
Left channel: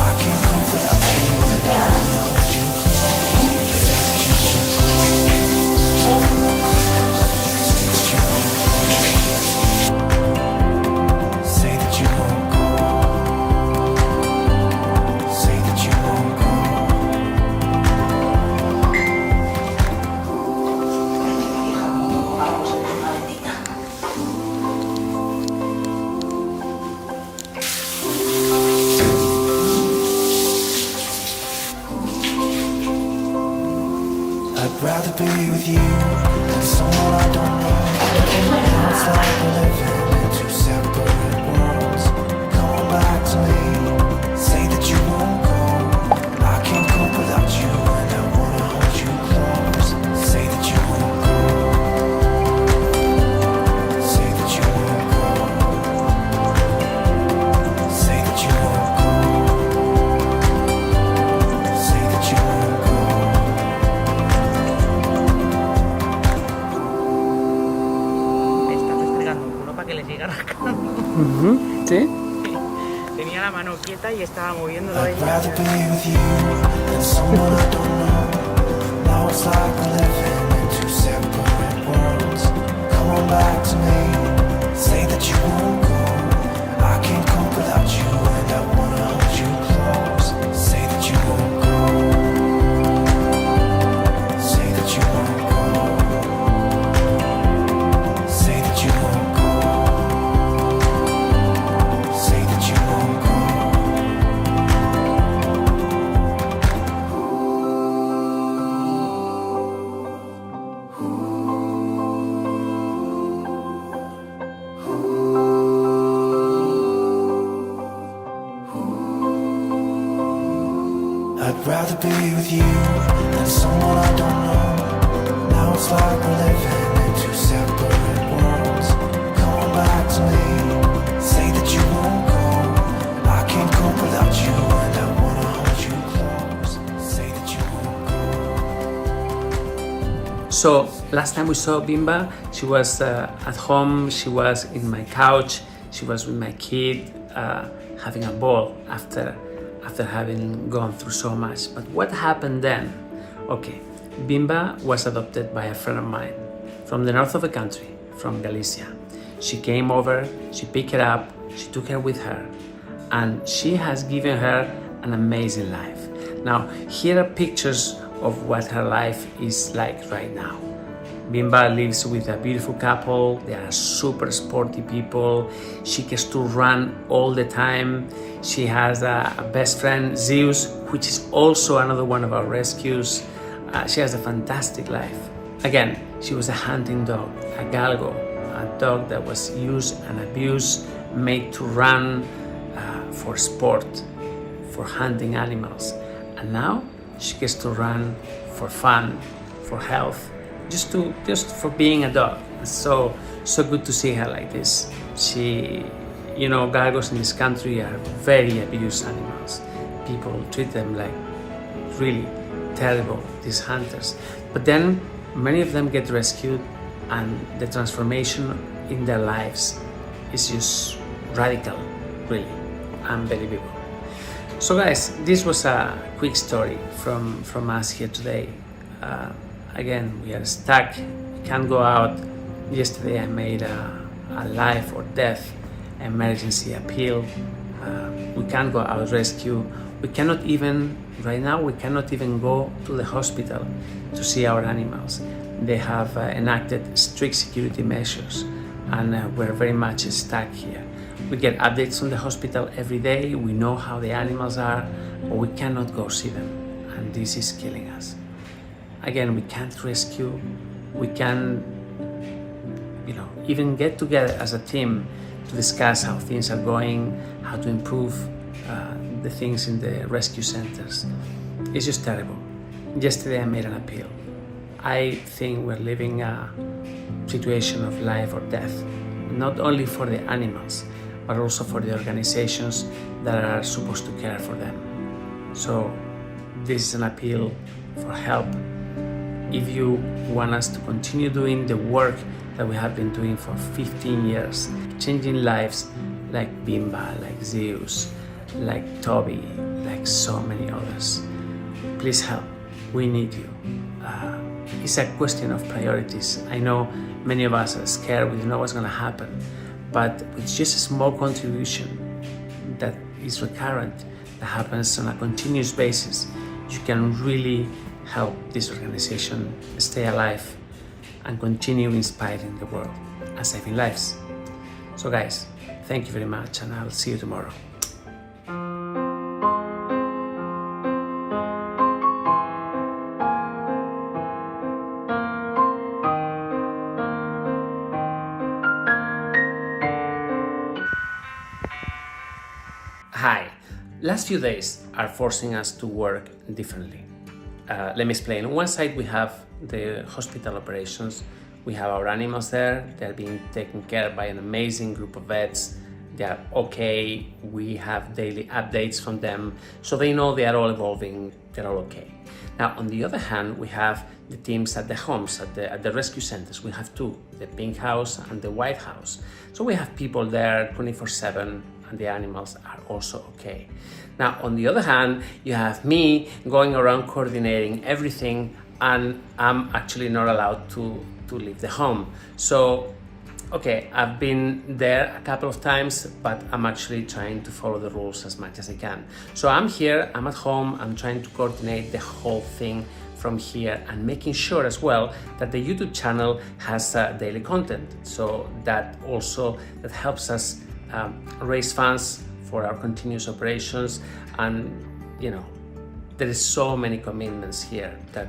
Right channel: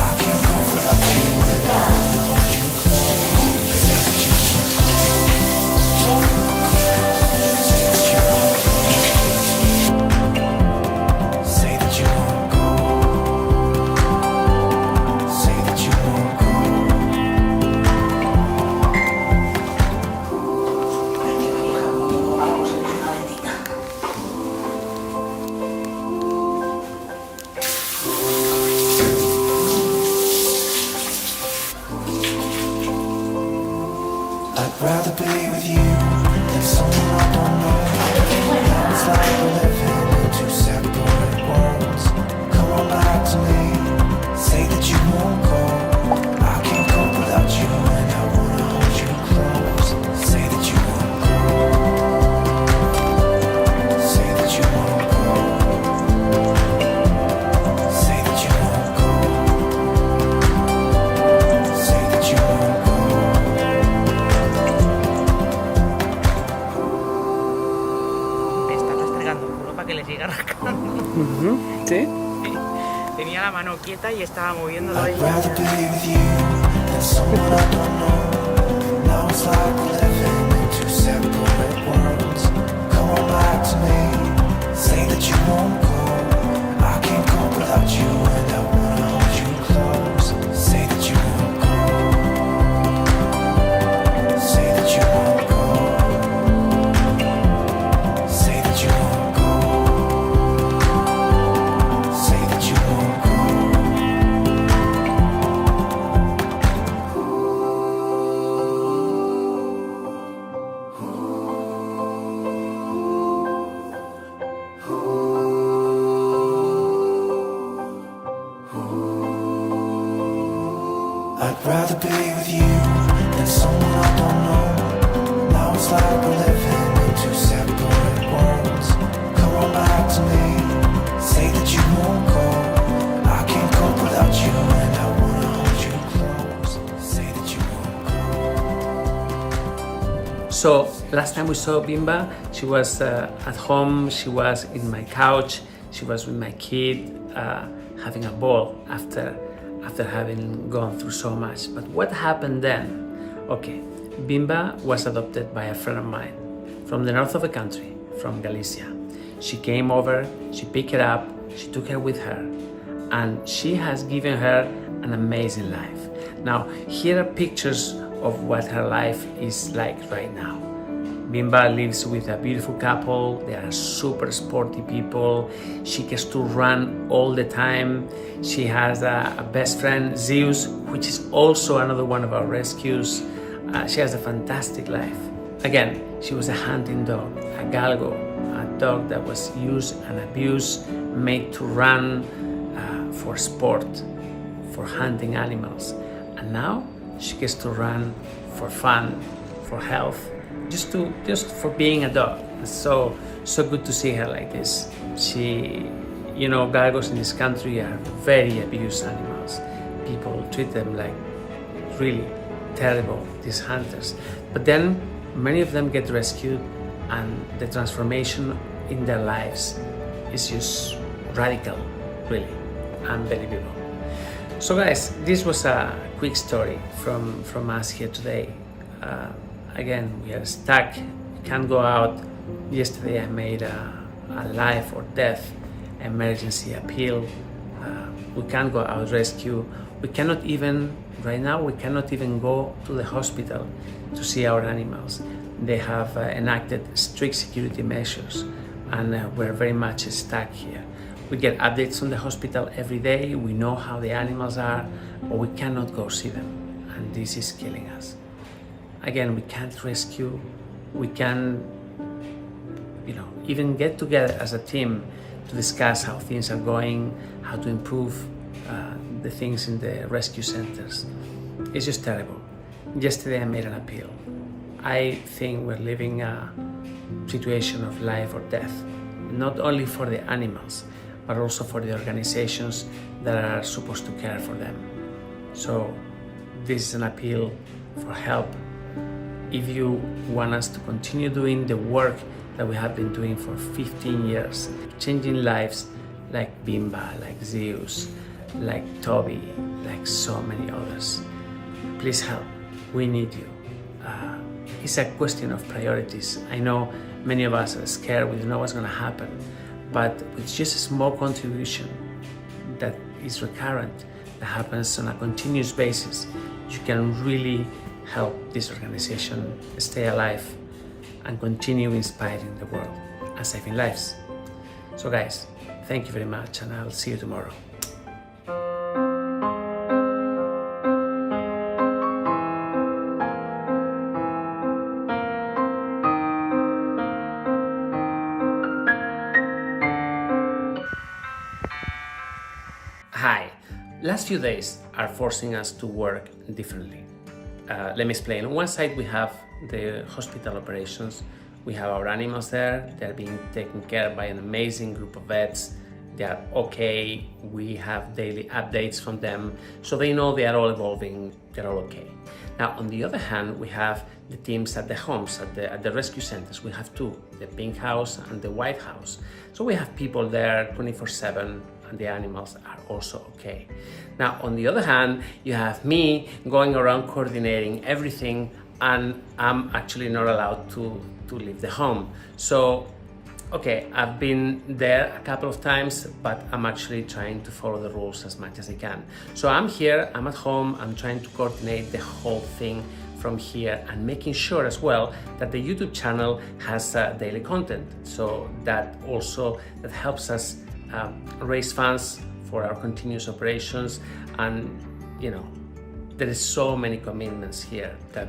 I can't go without you and I wanna hold you close. Say that you won't go. Say that you won't go. Say that you won't go. I'd rather be with you than someone I don't know. Now it's like we're living in two separate worlds. Come on back to me, say that you won't go. I can't cope without you and I wanna hold you close. Say that you won't go. Say that you won't go. Say that you won't go. Say that you won't go. Que le siga rascando. ¿Sí? Tenía la mano quieta y estaba moviéndolo ahí. I'd rather be with you than someone I don't know. Now it's like we're living in two separate worlds. Come on back to me, say that you won't go. I can't cope without you and I wanna hold you close. Say that you won't go. Say that you won't go. Say that you won't go. Say that you won't go. I'd rather be with you than someone I don't know. Now it's like we're living in two separate worlds. Come on back to me, say that you won't go. I can't cope without you and I wanna hold you close. Say that you won't go. So last time we saw Bimba, she was at home, she was in my couch, she was with my kid, having a ball after having gone through so much. But what happened then? Okay, Bimba was adopted by a friend of mine from the north of the country, from Galicia. She came over, she picked her up, she took her with her, and she has given her an amazing life. Now, here are pictures of what her life is like right now. Bimba lives with a beautiful couple. They are super sporty people. She gets to run all the time. She has a best friend, Zeus, which is also another one of our rescues. She has a fantastic life. Again, she was a hunting dog, a galgo, a dog that was used and abused, made to run for sport, for hunting animals. And now she gets to run for fun, for health, just for being a dog. It's so good to see her like this. She, you know, galgos in this country are very abused animals. People treat them like really terrible, these hunters. But then many of them get rescued, and the transformation in their lives is just radical, really unbelievable. So guys, this was a quick story from us here today. Again, we are stuck, we can't go out. Yesterday I made a life or death emergency appeal. We can't go out rescue. We cannot even, right now, we cannot even go to the hospital to see our animals. They have enacted strict security measures, and we're very much stuck here. We get updates from the hospital every day. We know how the animals are, but we cannot go see them, and this is killing us. Again, we can't rescue. We can, you know, even get together as a team to discuss how things are going, how to improve the things in the rescue centers. It's just terrible. Yesterday I made an appeal. I think we're living a situation of life or death, not only for the animals, but also for the organizations that are supposed to care for them. So this is an appeal for help. If you want us to continue doing the work that we have been doing for 15 years, changing lives like Bimba, like Zeus, like Toby, like so many others, please help. We need you. It's a question of priorities. I know many of us are scared, we don't know what's going to happen, but with just a small contribution that is recurrent, that happens on a continuous basis, you can really help this organization stay alive and continue inspiring the world and saving lives. So guys, thank you very much, and I'll see you tomorrow. Hi. Last few days are forcing us to work differently. Let me explain. On one side we have the hospital operations. We have our animals there. They're being taken care of by an amazing group of vets. They are okay. We have daily updates from them, so they know they are all evolving. They're all okay. Now, on the other hand, we have the teams at the homes, at the rescue centers. We have two, the pink house and the white house. So we have people there 24/7, and the animals are also okay. Now, on the other hand, you have me going around coordinating everything, and I'm actually not allowed to leave the home. So, okay, I've been there a couple of times, but I'm actually trying to follow the rules as much as I can. So I'm here, I'm at home, I'm trying to coordinate the whole thing from here, and making sure as well that the YouTube channel has daily content. So that helps us raise funds for our continuous operations. And you know, there is so many commitments here that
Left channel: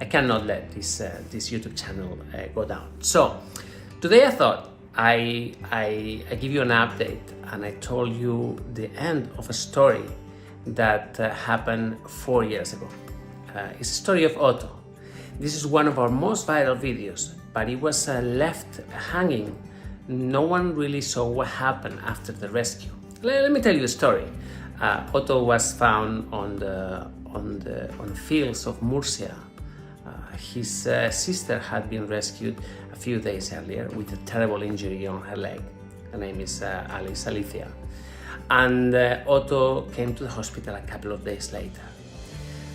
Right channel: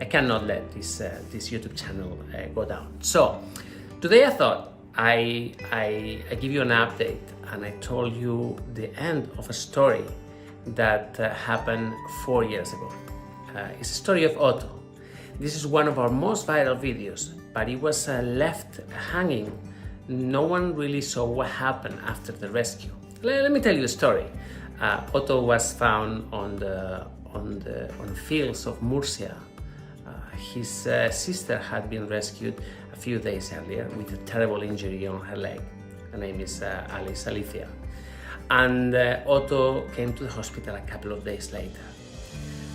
I cannot let this YouTube channel go down. So today I thought I give you an update, and I told you the end of a story that happened 4 years ago. It's a story of Otto. This is one of our most viral videos, but it was left hanging. No one really saw what happened after the rescue. Let me tell you the story. Otto was found on the fields of Murcia. His sister had been rescued a few days earlier with a terrible injury on her leg. Her name is Alicia. And Otto came to the hospital a couple of days later.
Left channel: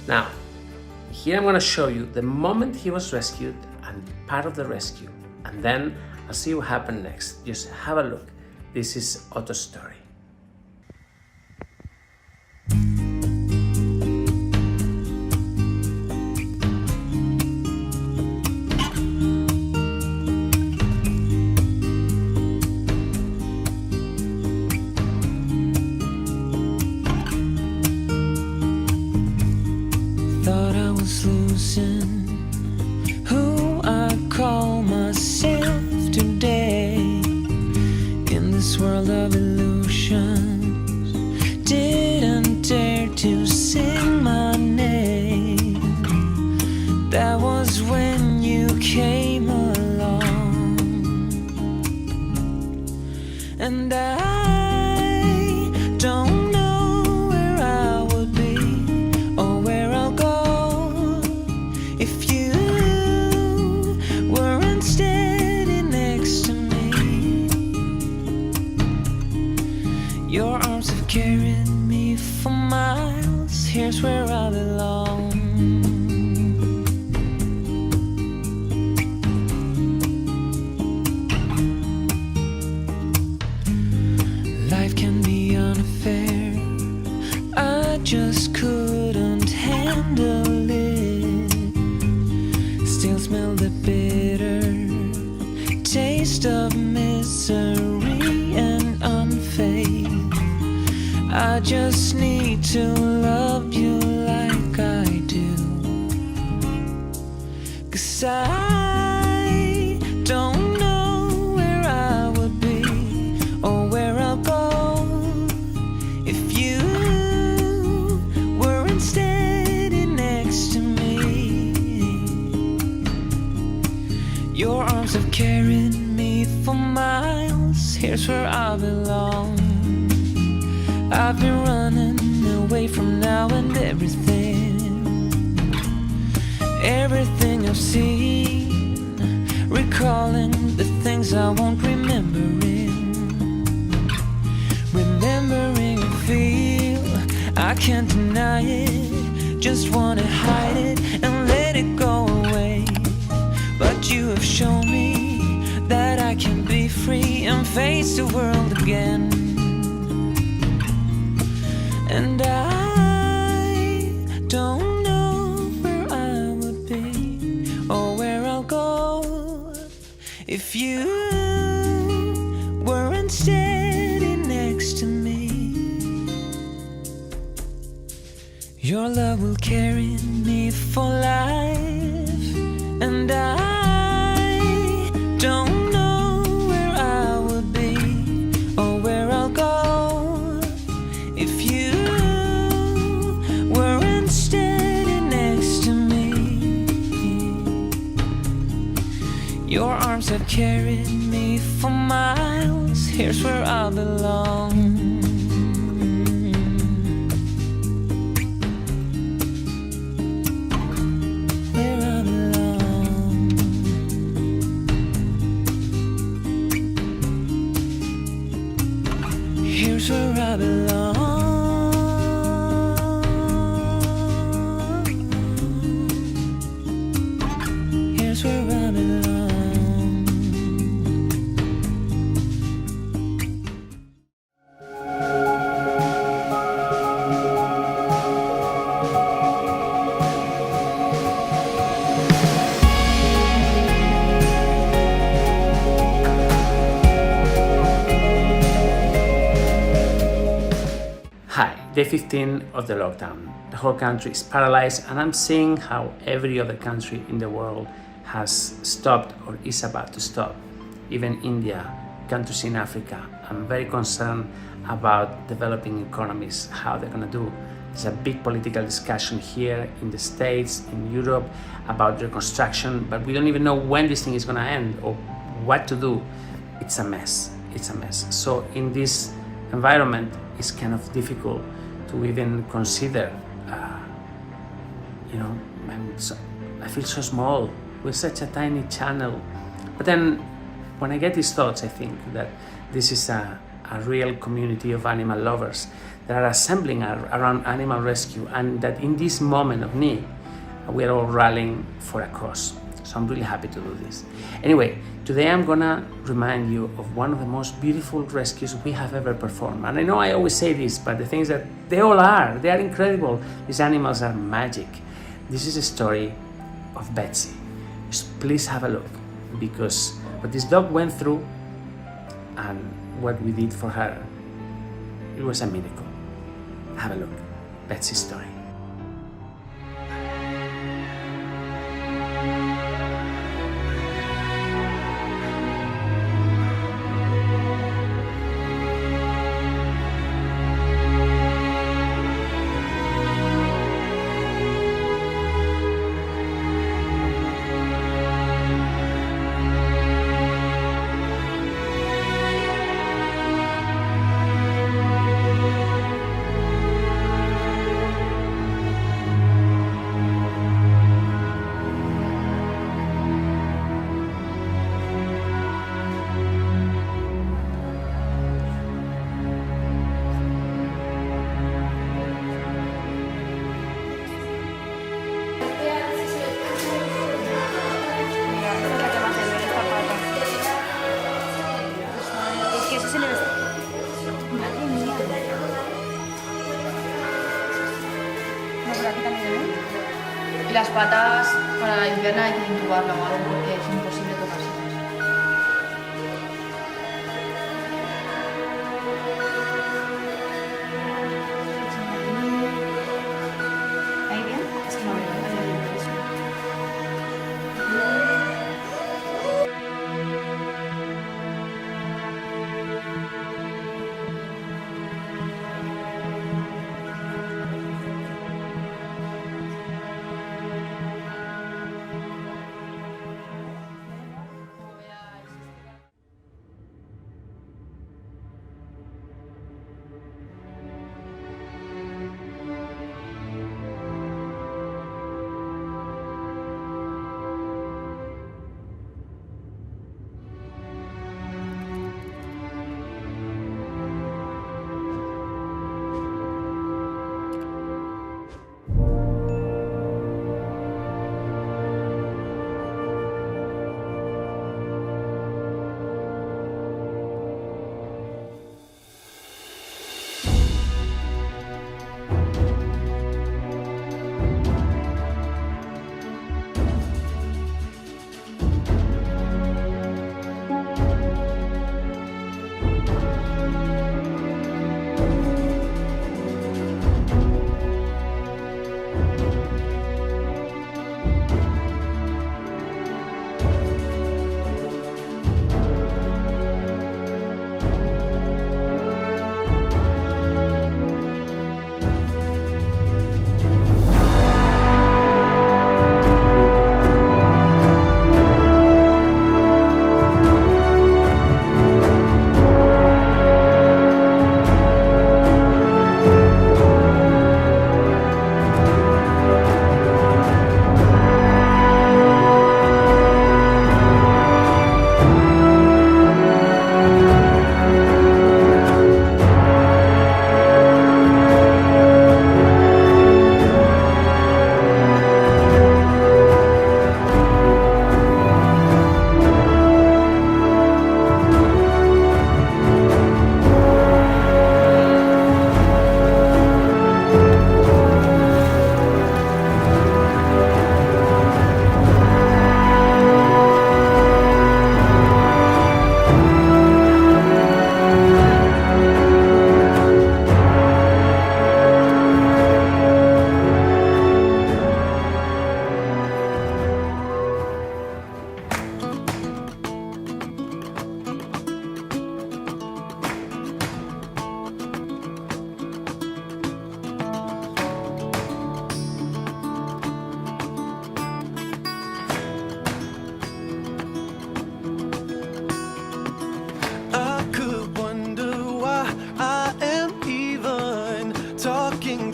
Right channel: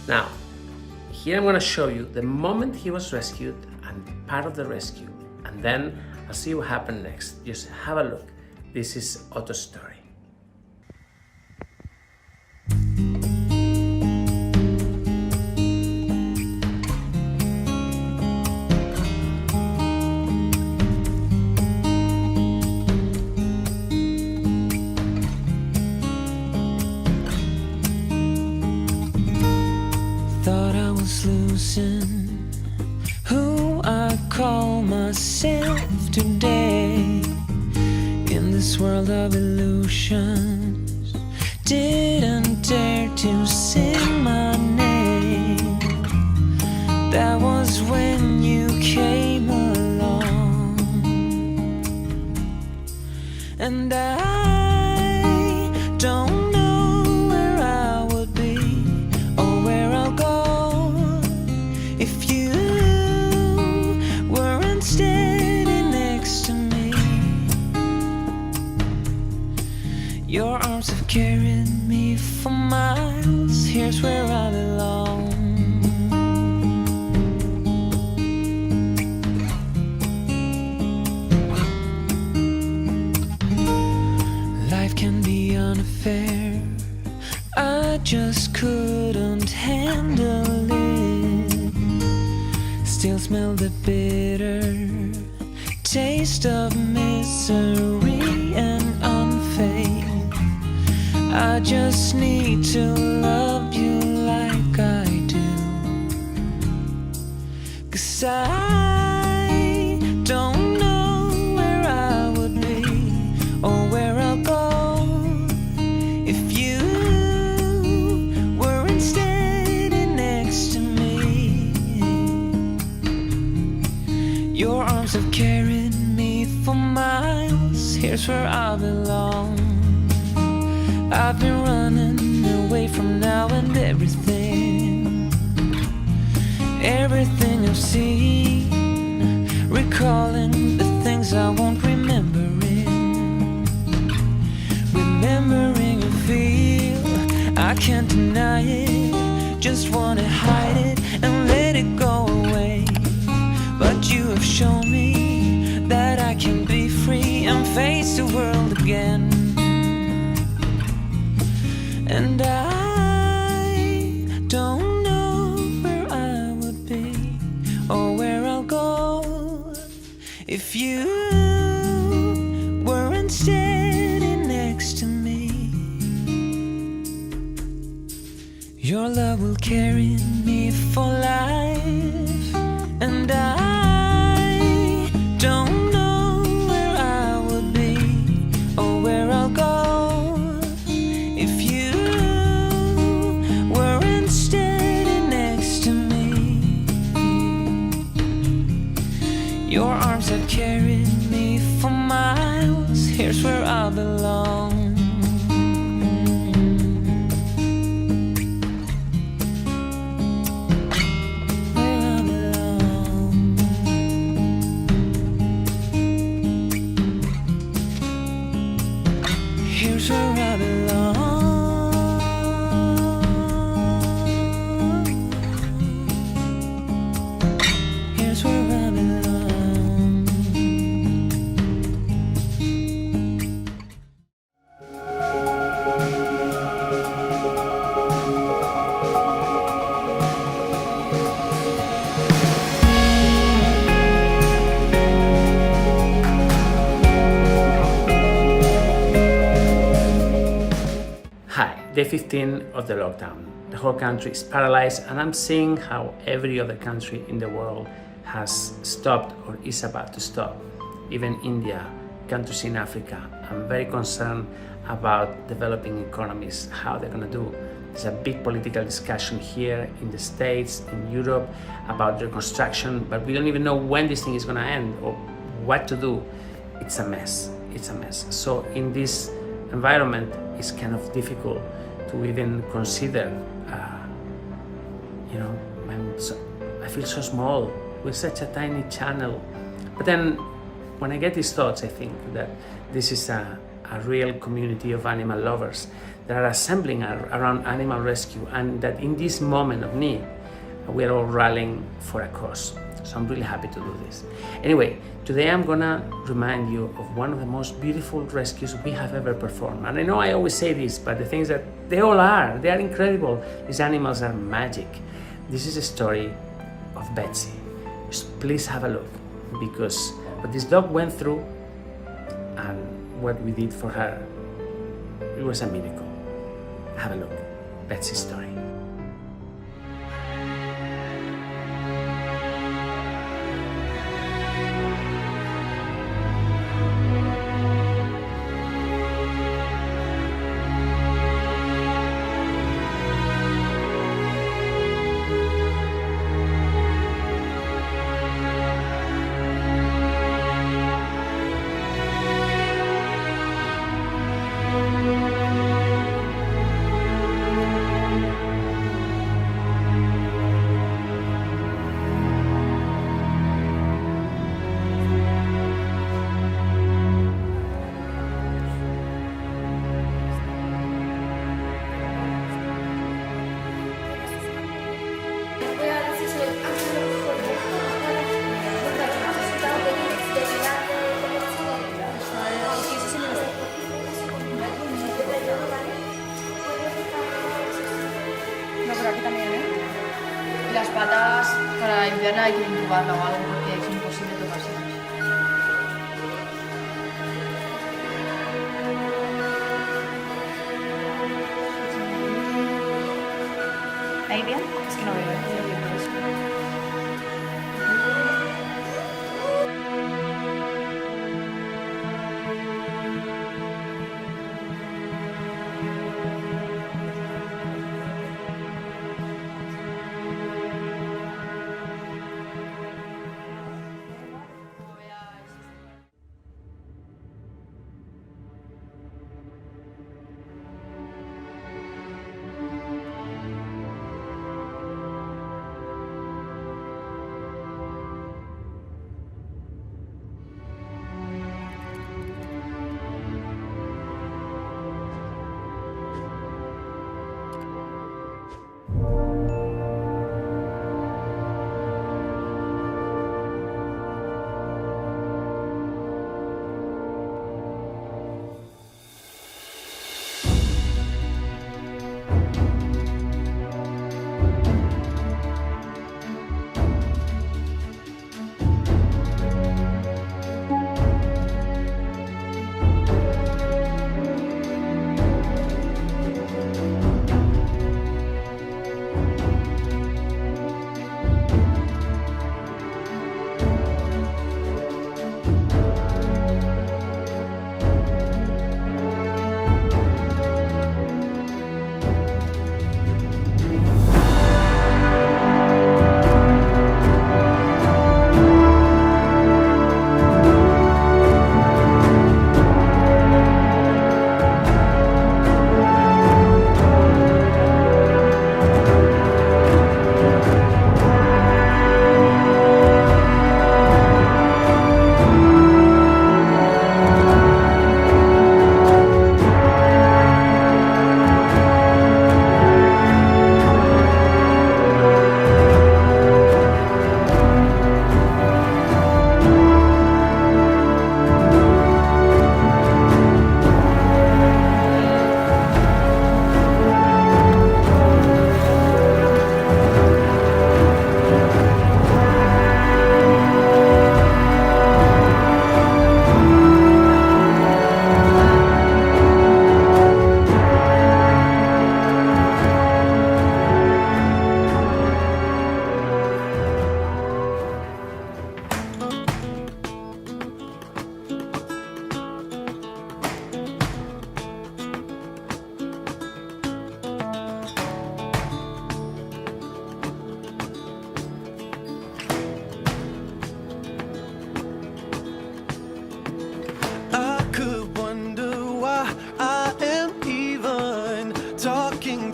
Now, here I'm going to show you the moment he was rescued and part of the rescue, and then I'll see what happened next. Just have a look. This is Otto's story. losing who I call myself today in this world of illusions. Didn't dare to sing my name. That was when you came along, and I don't know where I would be or where I'll go if you weren't steady next to me. Your arms have carried me for miles. Here's where I belong. Life can be unfair. I just couldn't handle it. Still smell the bitter taste of misery and unfaith. I just need to love you like I do, 'cause I don't know where I would be or where I'll go if you weren't steady next to me. Your arms have carried me for miles. Here's where I belong. I've been running away from now and everything I've seen, recalling the things I won't remembering a feel I can't deny it. Just wanna hide it and let it go away. But you have shown me that I can be free and face the world again. And I don't know where I would be or where I'll go if you weren't steady next to me. Your love will carry me for life, and I don't know where I would be or where I'll go if you weren't steady next to me. Your arms have carried me for miles. Here's where I belong. Where I belong. Here's where I belong. Here's where I belong. Hi, day 15 of the lockdown. The whole country is paralyzed, and I'm seeing how every other country in the world has stopped or is about to stop. Even India, countries in Africa. I'm very concerned about developing economies, how they're gonna do. There's a big political discussion here in the States, in Europe, about reconstruction, but we don't even know when this thing is gonna end or what to do. It's a mess, it's a mess. So in this environment, it's kind of difficult to even consider, I feel so small. We're such a tiny channel. But then when I get these thoughts, I think that this is a real community of animal lovers that are assembling around animal rescue, and that in this moment of need, we're all rallying for a cause. So I'm really happy to do this. Anyway, today I'm gonna remind you of one of the most beautiful rescues we have ever performed. And I know I always say this, but the thing is that they all are. They are incredible. These animals are magic. This is a story of Betsy. Just please have a look, because what this dog went through and what we did for her, it was a miracle. Have a look. Betsy's story. patas para limpiarla hay que intubarla o algo porque es imposible tocarse eso. ¿Ahí bien? Es que no veo, no veo bien por eso.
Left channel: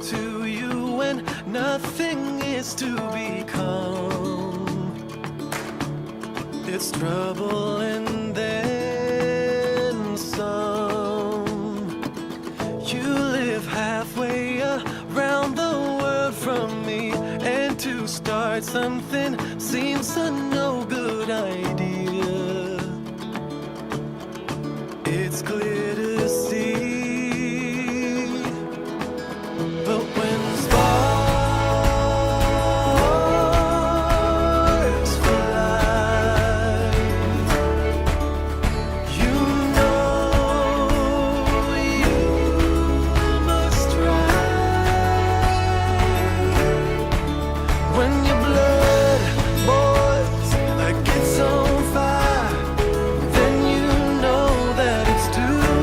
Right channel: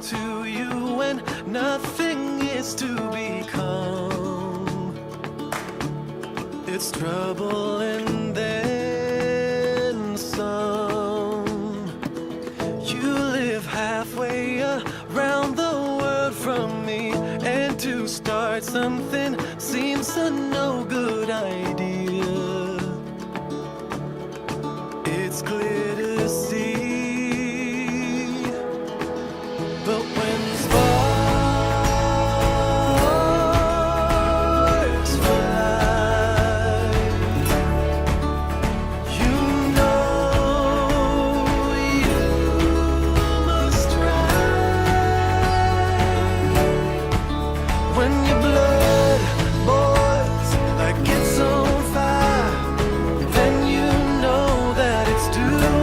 To you when nothing is to become. It's trouble and then some. You live halfway around the world from me, and to start something seems a no good idea. It's clear to see. But when sparks fly, you know you must try. When your blood boils like it's on fire, then you know that it's too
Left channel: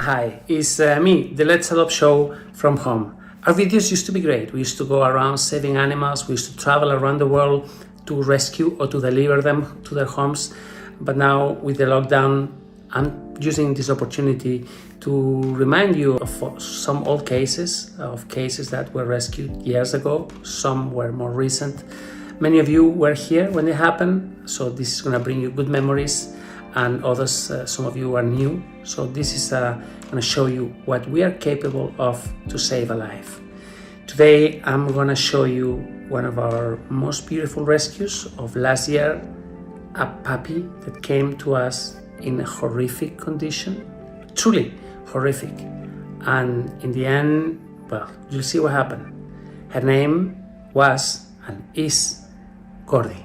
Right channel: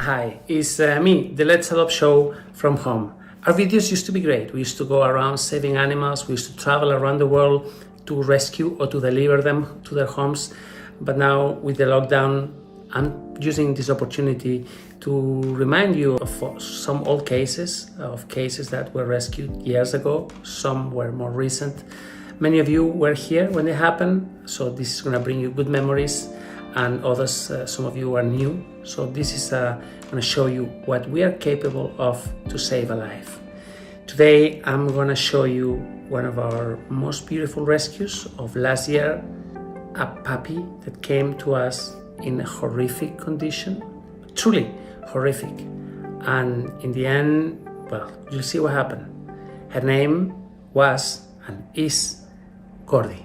Hi, it's me, the Let's Adopt show from home. Our videos used to be great. We used to go around saving animals. We used to travel around the world to rescue or to deliver them to their homes. But now with the lockdown, I'm using this opportunity to remind you of some old cases, of cases that were rescued years ago. Some were more recent. Many of you were here when they happened, so this is gonna bring you good memories, and others, some of you are new. So this is gonna show you what we are capable of to save a life. Today, I'm gonna show you one of our most beautiful rescues of last year, a puppy that came to us in a horrific condition, truly horrific. And in the end, well, you'll see what happened. Her name was and is Gordy.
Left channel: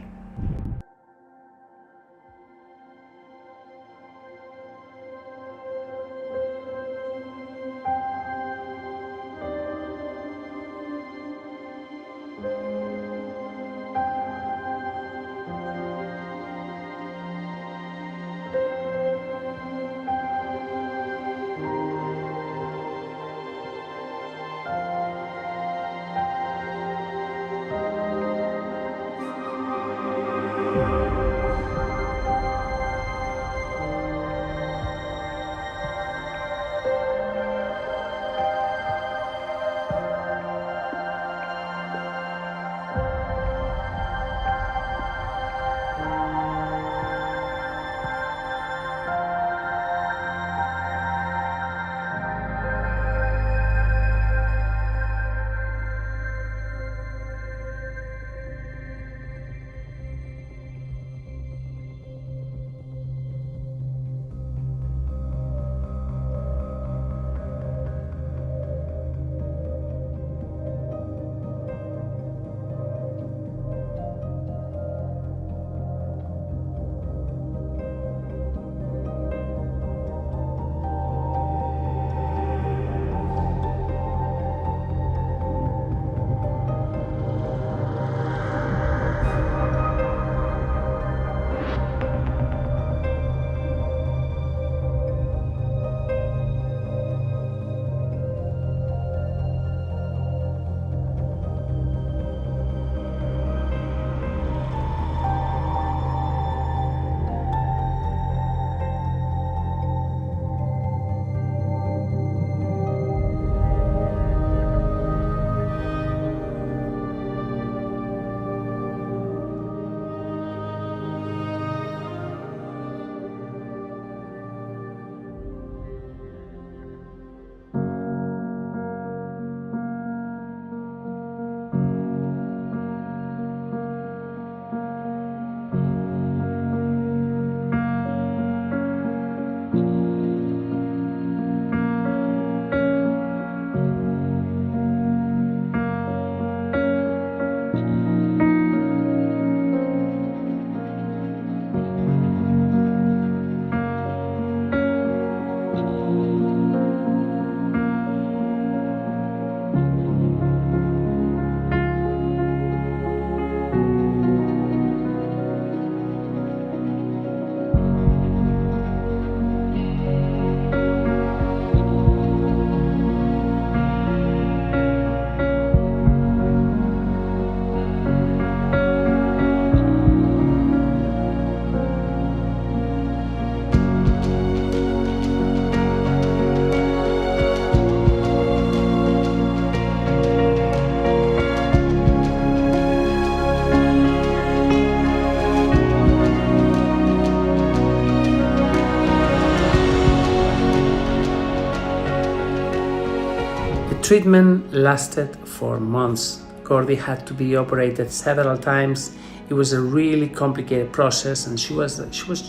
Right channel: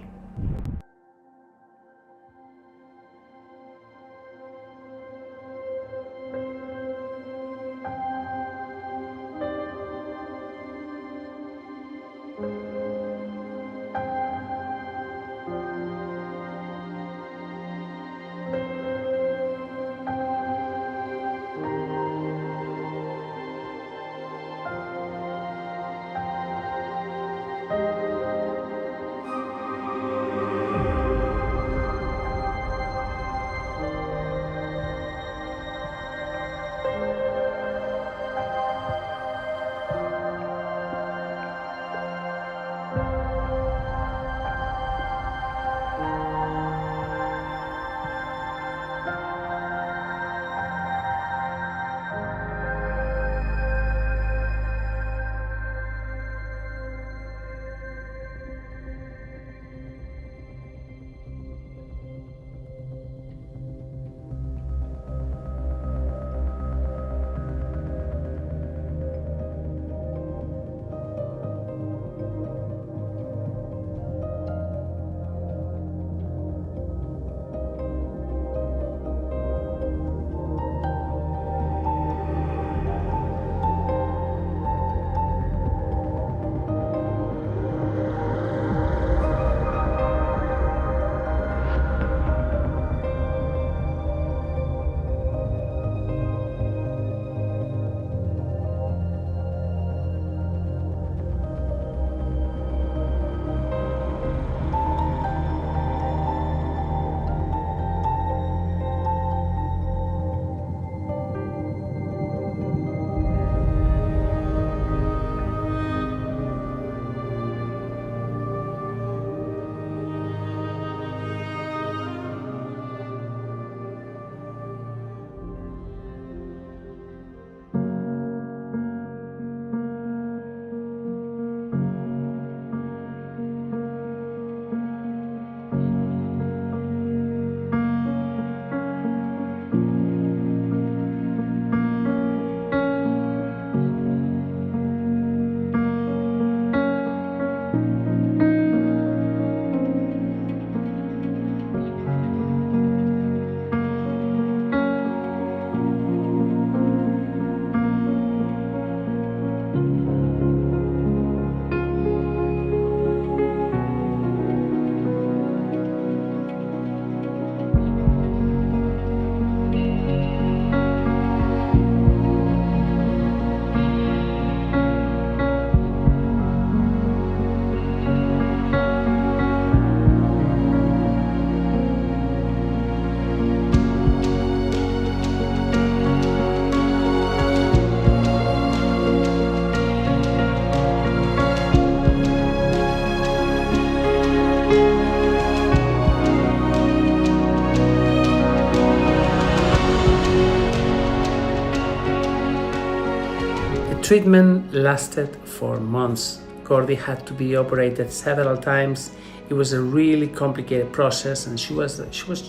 Treatment lasted for months. Gordy had to be operated several times. It was a really complicated process, and she was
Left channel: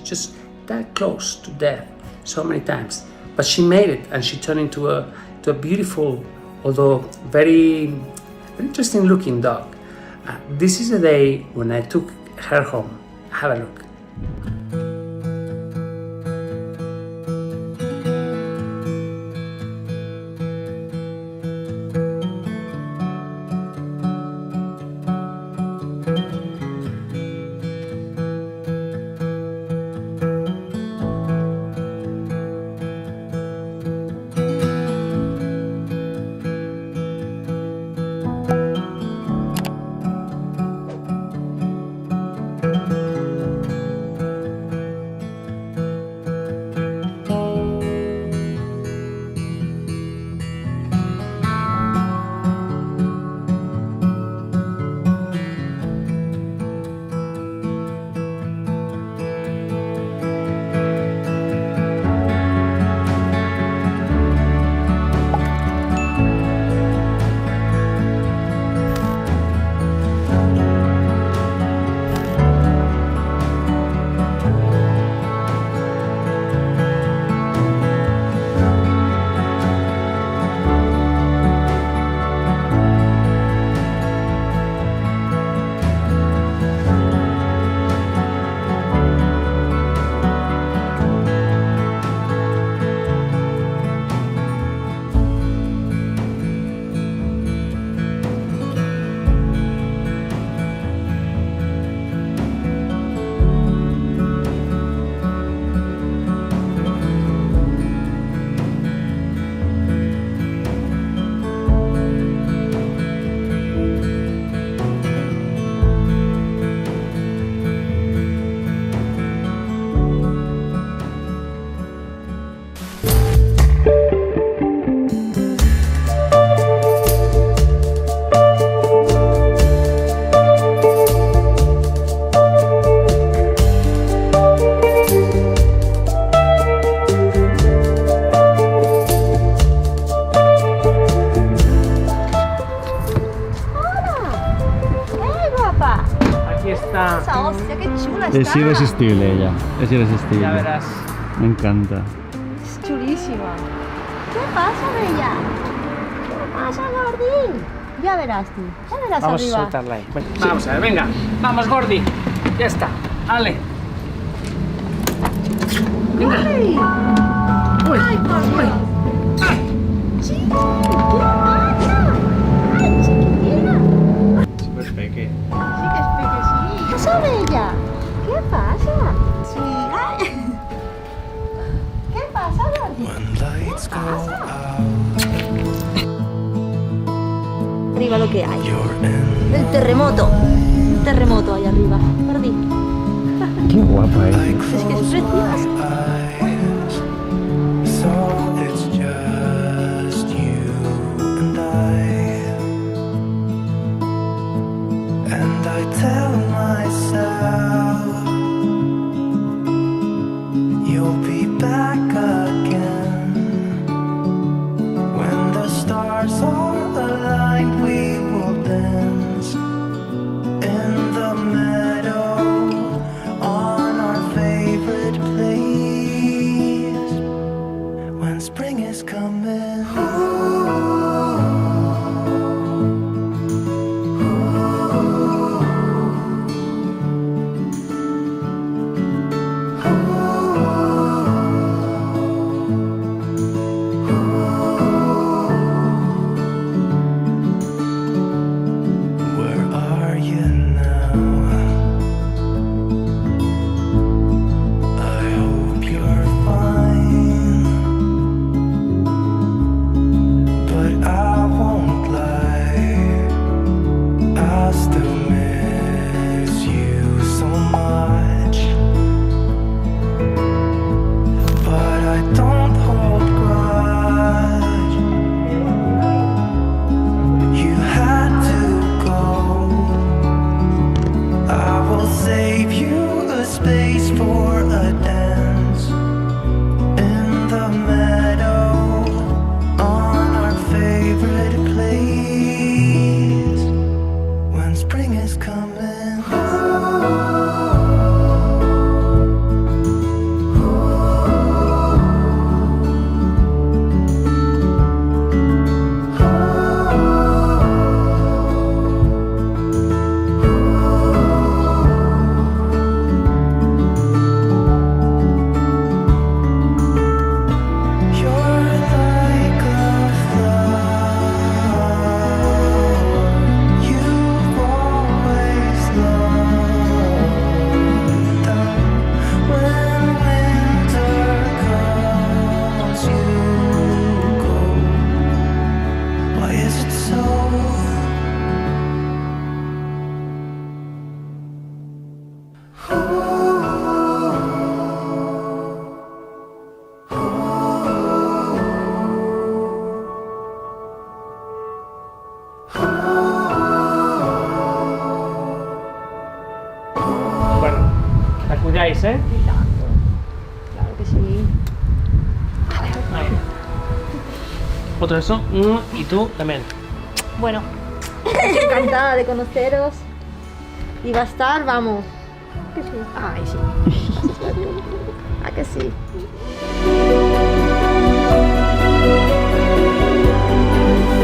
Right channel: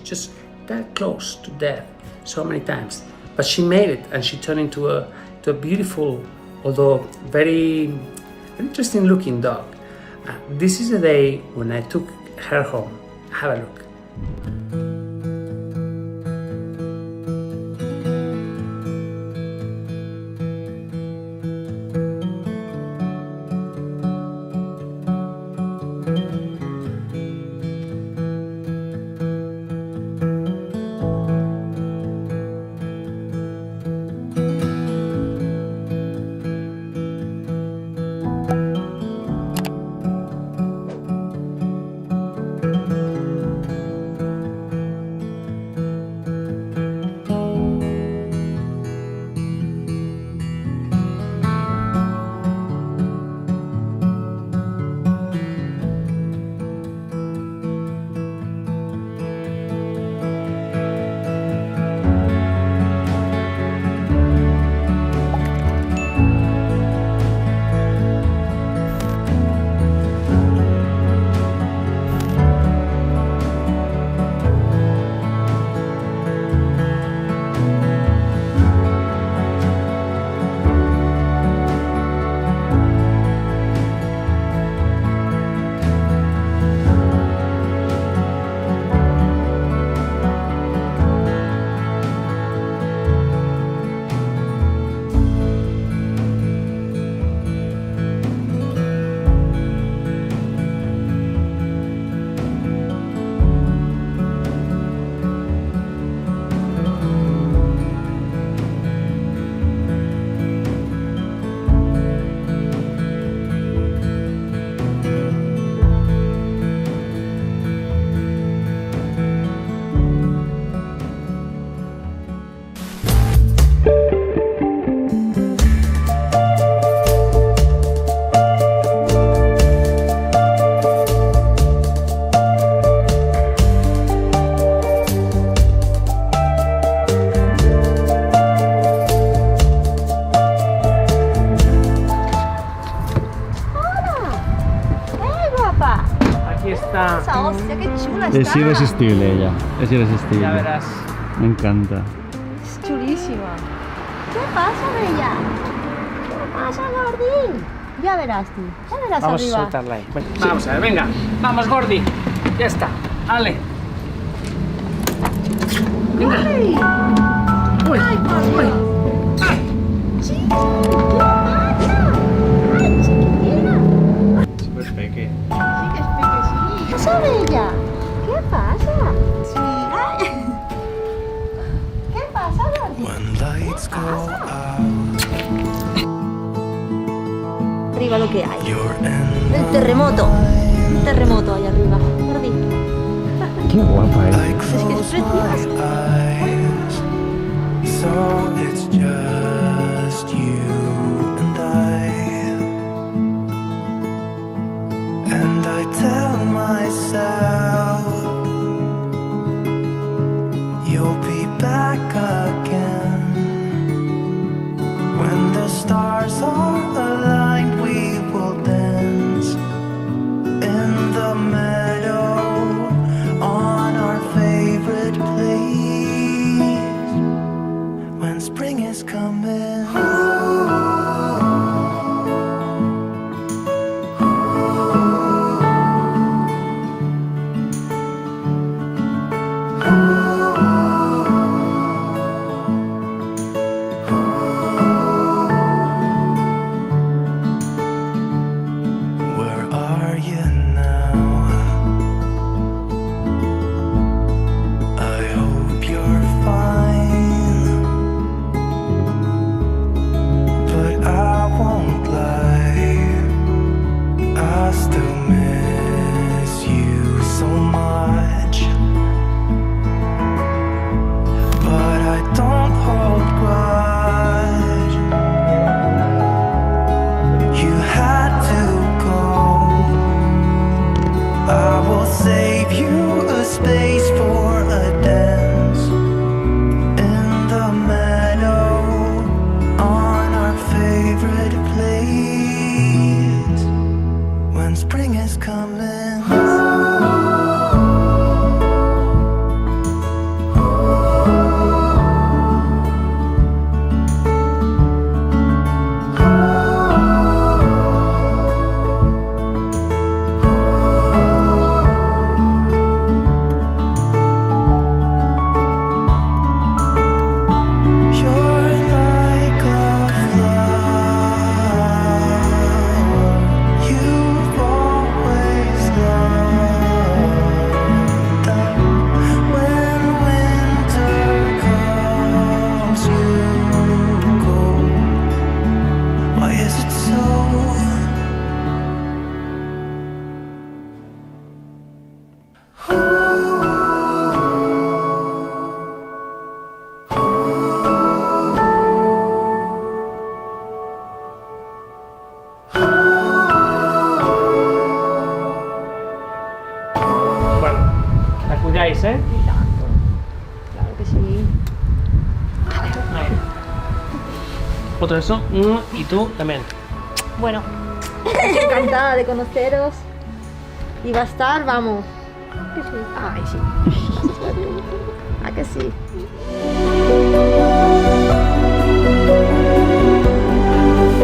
just that close to death so many times. But she made it, and she turned into a beautiful, although very interesting looking dog. This is the day when I took her home. Have a look. Está. Esa hostia, qué chula está. Es irresistible ella, es irresistible. Ya verás. Me encanta. Es chulísima. ¿Qué pasa, Bella? ¿Qué pasa, Gordi? Ya verás tú, ya verás Vamos arriba. a soltarla ahí. Bueno, vamos a ver, venga. Vamos, Gordi. Ya está. Ale. Venga. ¡Ay! Uy. ¡Ay, por Dios! Uy. ¡Sí! ¿Qué pasa? ¡Ay, chiquitina! Súper peque. Sí que es peque, sí. ¿Qué pasa, Bella? ¿Qué pasa? Sí. ¡Ay! ¿Qué pasa, Gordi? ¿Qué pasa? Arriba lo que hay. El terremoto. Un terremoto ahí arriba. Gordi. Qué guapa es. Es que es preciosa. So it's just you and I tell myself you'll be back again when the stars are aligned. We will dance in the meadow on our favorite place when spring is coming. Where are you now? I hope you're fine, but I won't lie, I still miss you so much. But I don't hold grudge. You had to go. I will save you a space for a dance in the meadow on our favorite place when spring is coming. You're like a flower you've always loved. When winter comes, you go. Why is it so? Bueno, la cuidáis, ¿eh? Claro que sí. Ahí. Otro eso. Y tú también. Bueno, encantada de conoceros. Y va a estar, vamos. Que sí. Ay, sí. ¿A que sí?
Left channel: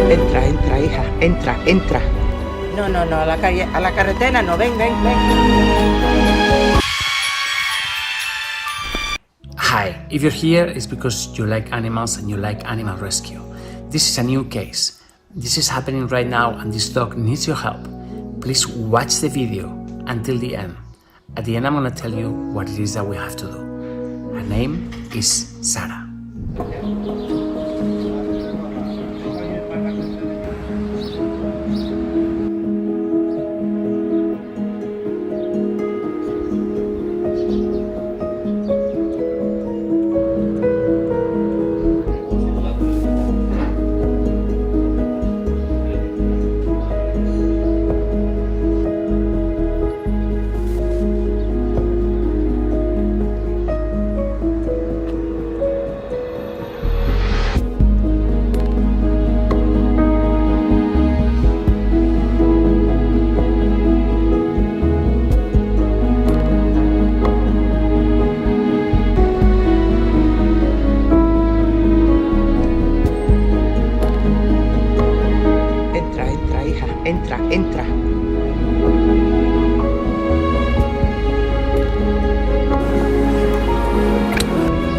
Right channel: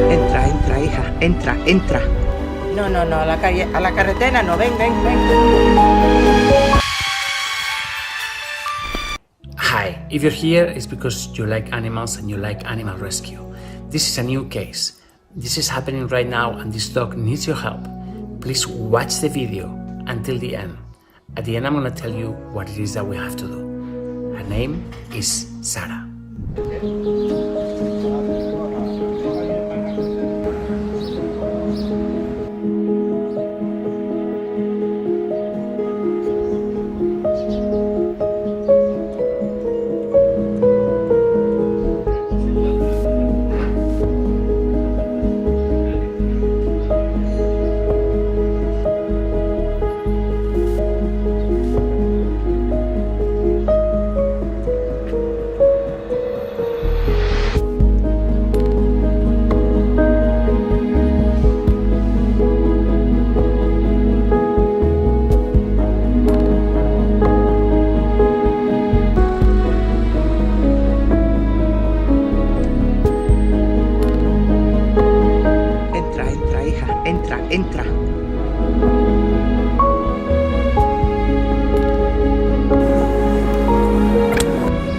Entra, entra, hija, entra, entra. No, no, no, a la carretera no, ven, ven, ven. Hi, if you're here, it's because you like animals and you like animal rescue. This is a new case. This is happening right now and this dog needs your help. Please watch the video until the end. At the end, I'm gonna tell you what it is that we have to do. Her name is Sarah. entra, entra.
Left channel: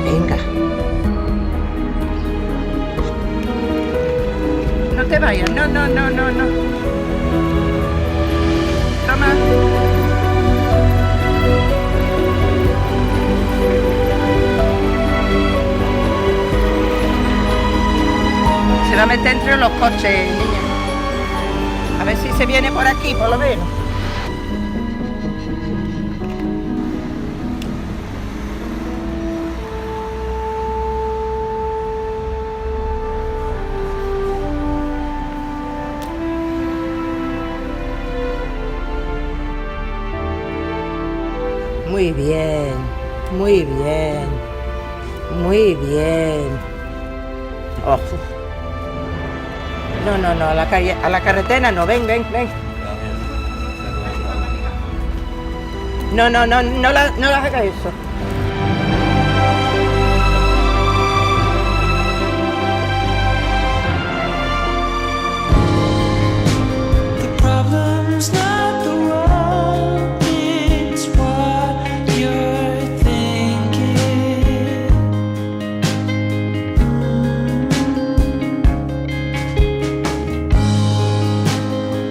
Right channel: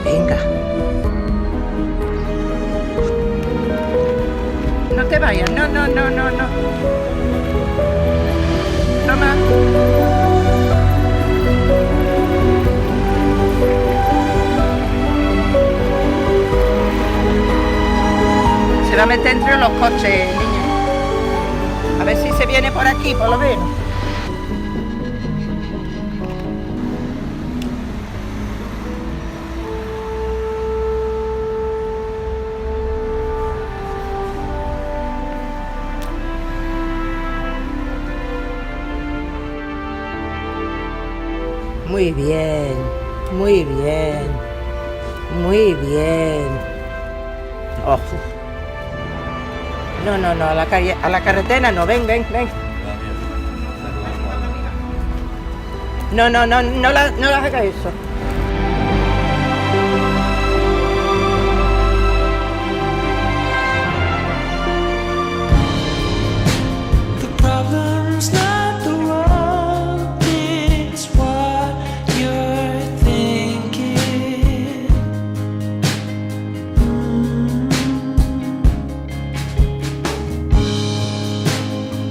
Venga. No te vayas, no. Toma. Se va a meter entre los coches, niña. A ver si se viene por aquí, por lo menos. Muy bien, muy bien, muy bien. Oh. No, a la calle, a la carretera no, ven. No le hagas eso. The problem's not the world, it's what you're thinking.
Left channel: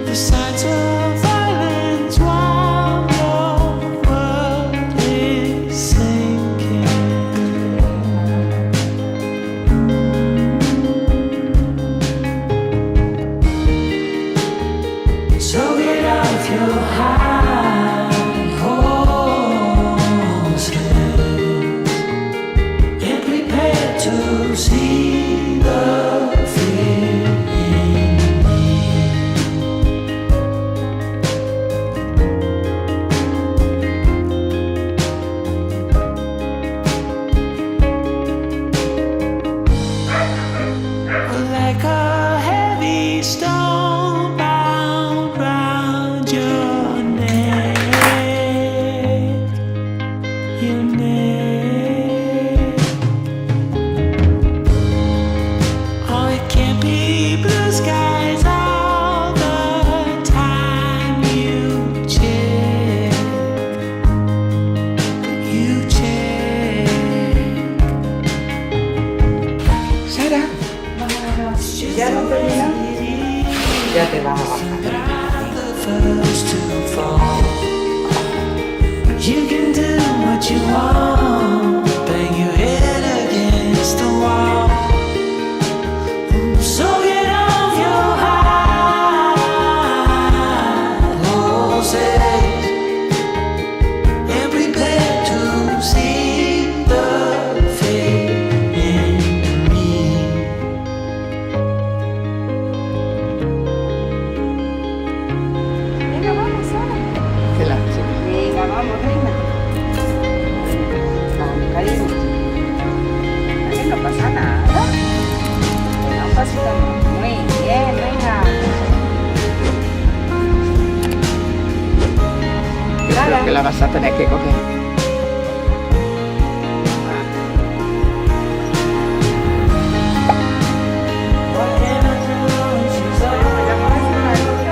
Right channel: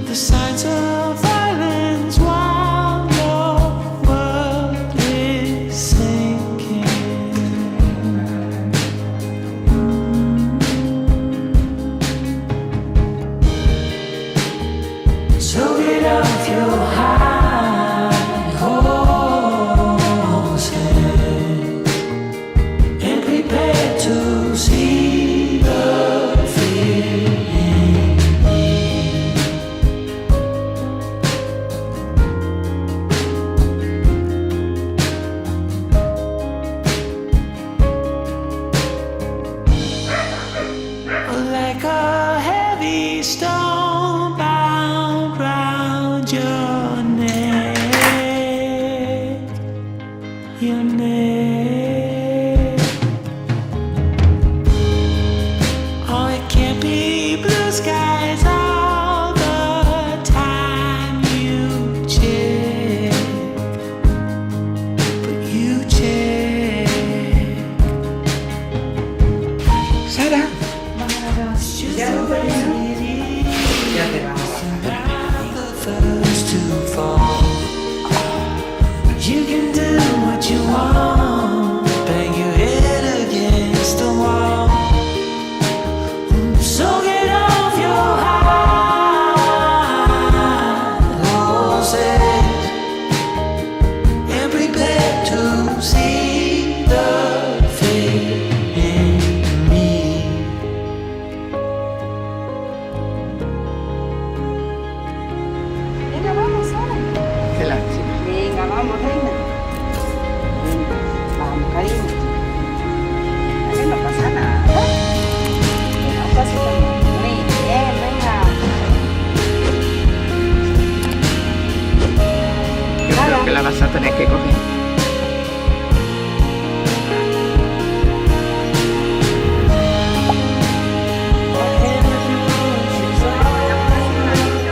The signs of violence while the world is sinking. So get off your high horses and prepare to see the fear in me. Like a heavy stone bound round your neck, your neck. Oh, it can't be blue skies all the time you check, but you check. Sara, ya no terminas. Ya te vamos a bajar. The first to fall. You can do what you want, bang your head against the wall. So get off your high horses and prepare to see the fate in me. Venga, vamos, Sara. Venga, vamos, reina. Vamos, cariño. Aquí no pasa nada. Venga, un pasito más. Muy bien, venga. Yo creo que la vas a tener que coger.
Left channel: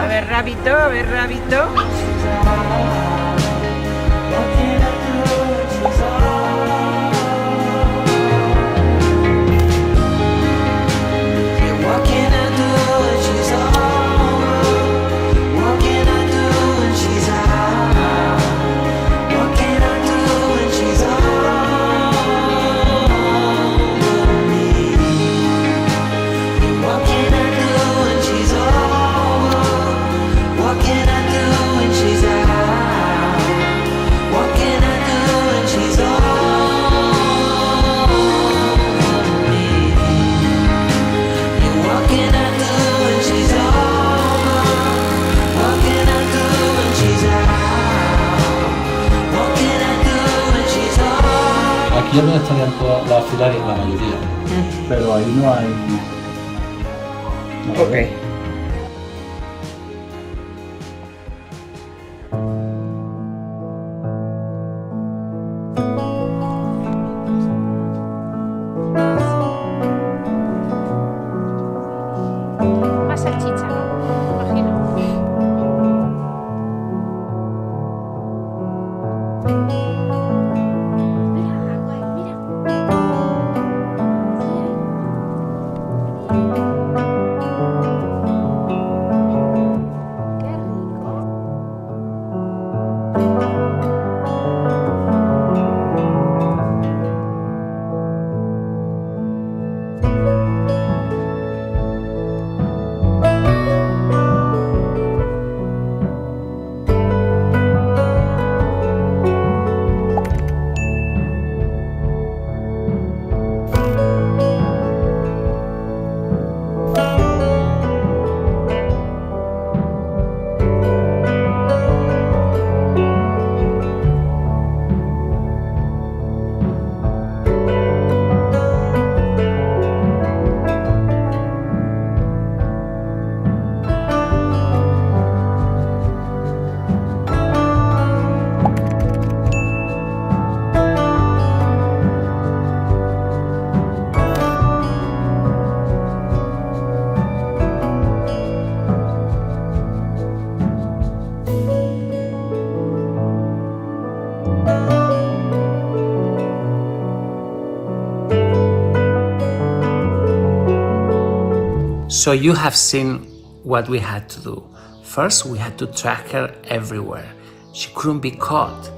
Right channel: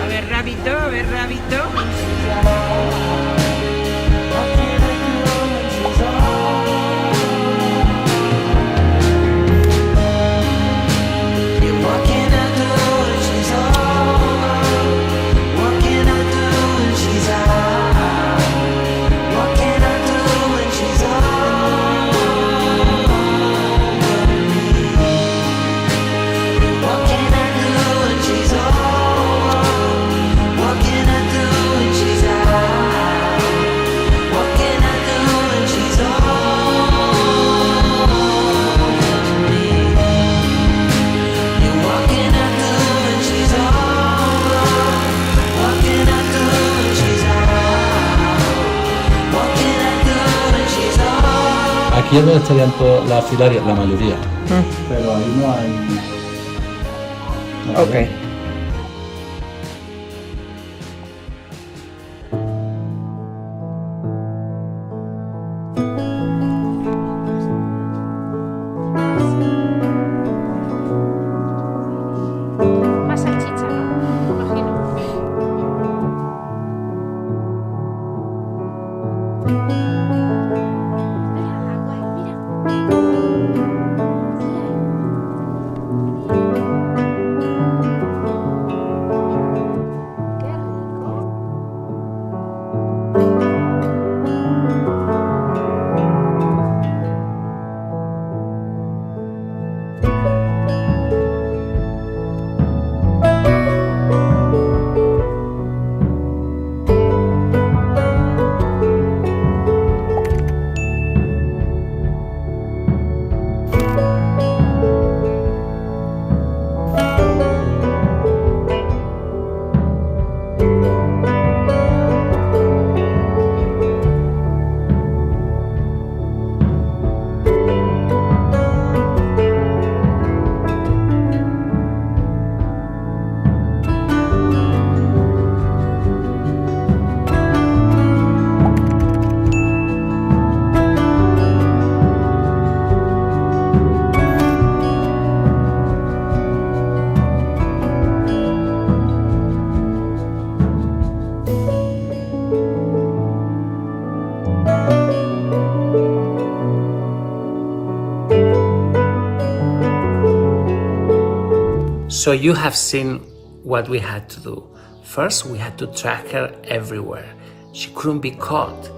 A ver, rabito. What can I do when she's over? What can I do when she's out? What can I do when she's over me? What can I do when she's over? What can I do when she's out? What can I do when she's over me? What can I do when she's over? What can I do when she's out? What can I do when she's over? Aquí es donde estarían todas las auxiliares, la mayoría. Pero ahí no hay. Ok. Más salchicha, ¿no? Imagino. So you have seen what we had to do. First, we had to track her everywhere. She couldn't be caught.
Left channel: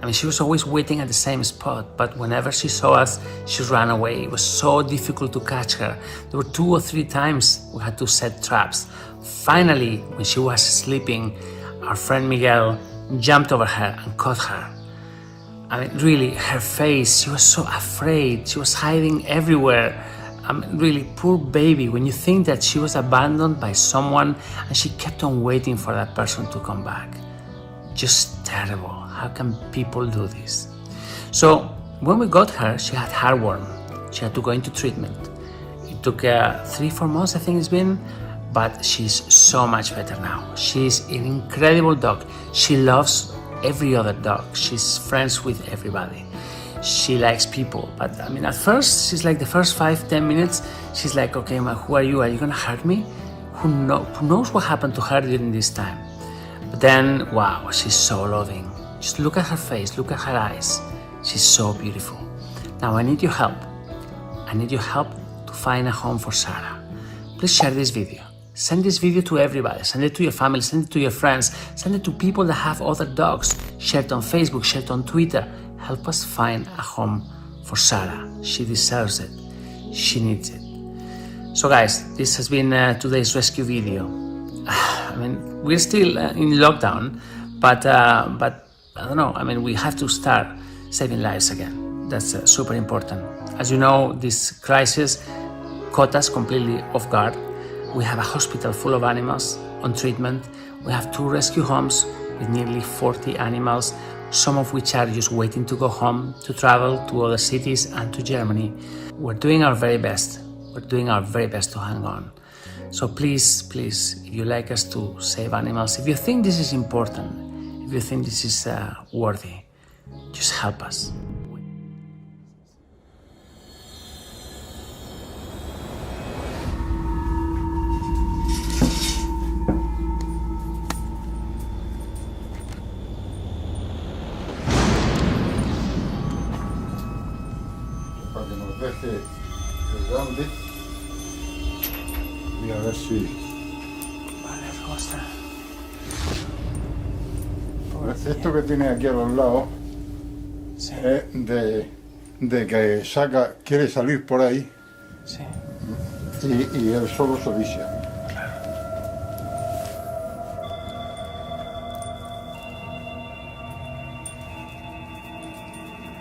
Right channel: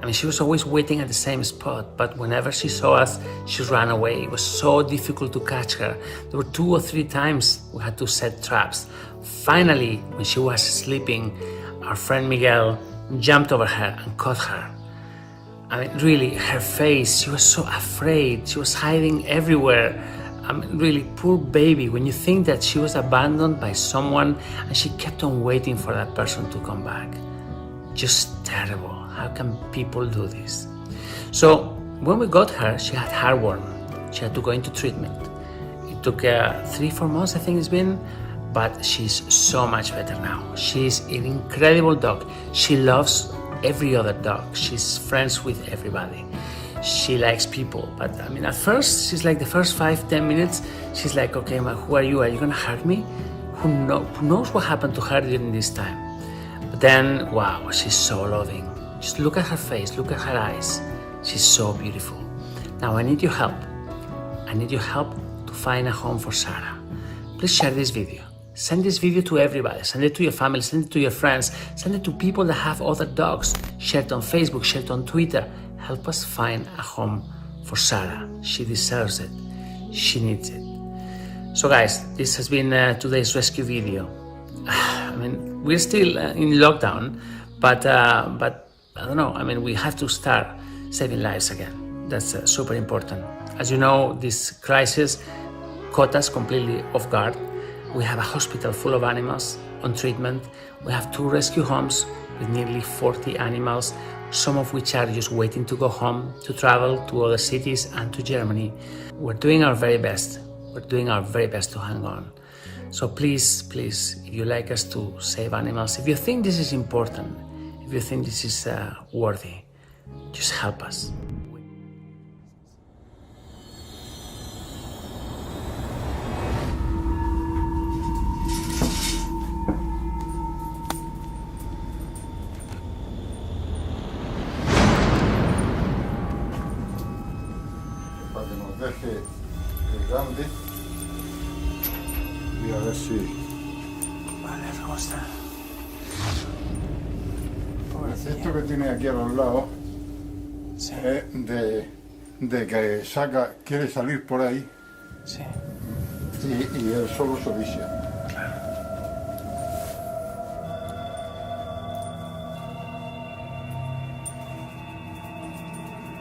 I mean, she was always waiting at the same spot, but whenever she saw us, she ran away. It was so difficult to catch her. There were 2 or 3 times we had to set traps. Finally, when she was sleeping, our friend Miguel jumped over her and caught her. I mean, really, her face, she was so afraid. She was hiding everywhere. I mean, really, poor baby, when you think that she was abandoned by someone and she kept on waiting for that person to come back. Just terrible. How can people do this? So when we got her, she had heartworm. She had to go into treatment. It took 3-4 months, I think it's been, but she's so much better now. She's an incredible dog. She loves every other dog. She's friends with everybody. She likes people, but I mean, at first, she's like the first 5-10 minutes, she's like, okay, ma, who are you? Are you gonna hurt me? Who knows what happened to her during this time? But then, wow, she's so loving. Just look at her face, look at her eyes. She's so beautiful. Now I need your help. I need your help to find a home for Sarah. Please share this video. Send this video to everybody. Send it to your family, send it to your friends, send it to people that have other dogs. Share it on Facebook, share it on Twitter. Help us find a home for Sarah. She deserves it. She needs it. So guys, this has been today's rescue video. I mean, we're still in lockdown, but I don't know. I mean, we have to start saving lives again. That's super important. As you know, this crisis caught us completely off guard. We have a hospital full of animals on treatment. We have 2 rescue homes with nearly 40 animals, some of which are just waiting to go home, to travel to other cities and to Germany. We're doing our very best. We're doing our very best to hang on. So please, please, if you like us to save animals, if you think this is important, if you think this is worthy, just help us. Para que nos deje el grande y a ver si... Vale, ¿cómo está? Esto que tiene aquí a los lados es de que saca, quiere salir por ahí y él solo se vicia.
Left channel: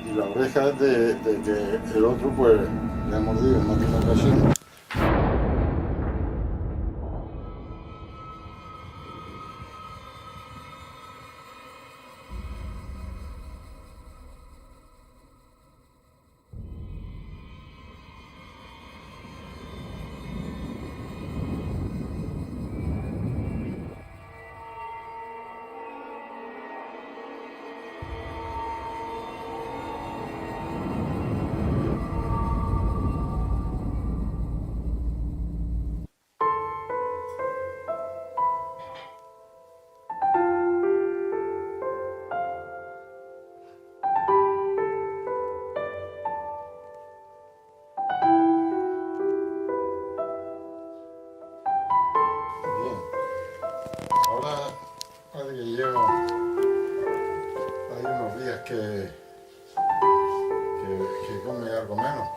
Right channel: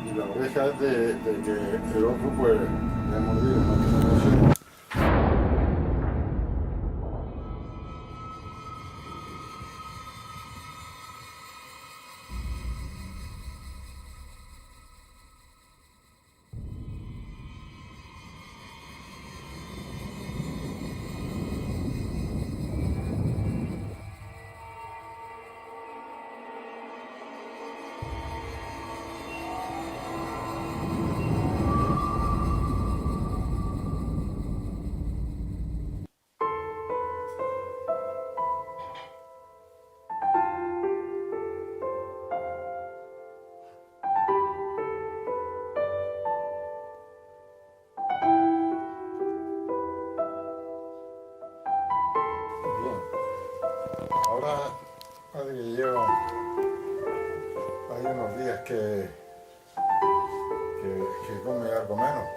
Y la oreja es de que el otro pues le ha mordido en alguna ocasión. Ahora parece que lleva, hay unos días que come algo menos.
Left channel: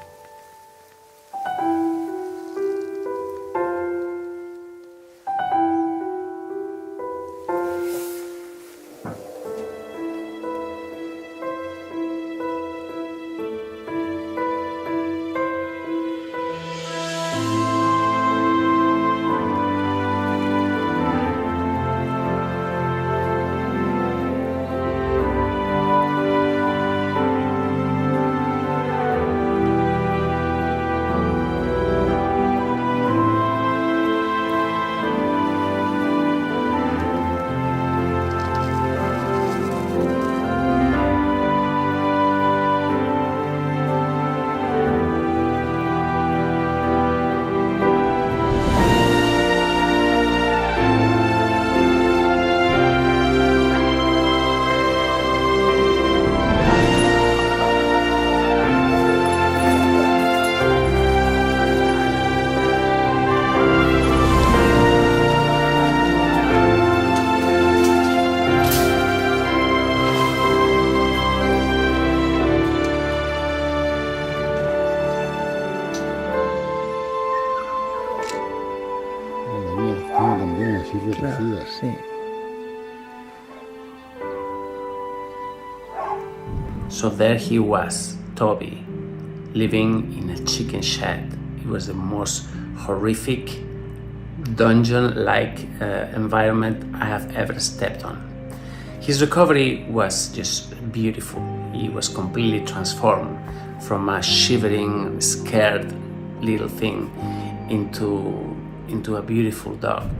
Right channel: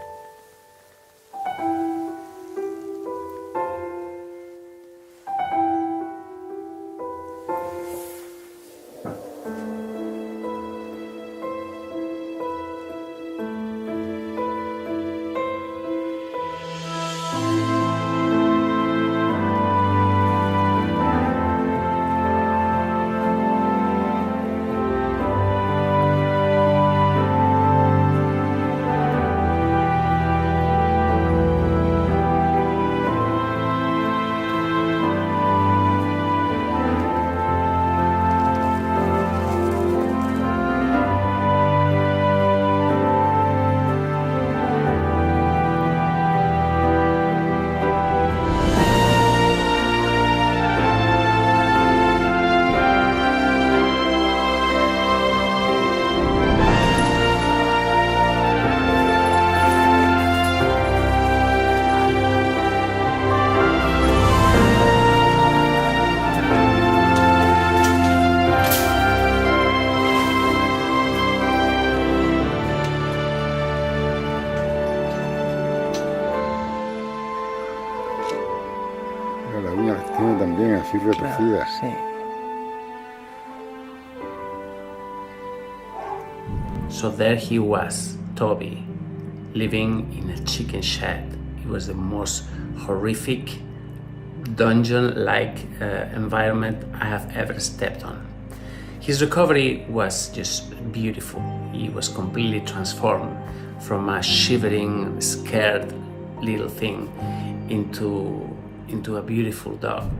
también, así retorcidas. Sí. So there he was, Toby, living in a chicken shed. It was the most horrific dungeon-like environment I have ever stepped on. His recovery was just beautiful. He was completely transformed from a shivering, scared little thing into a beautiful dog.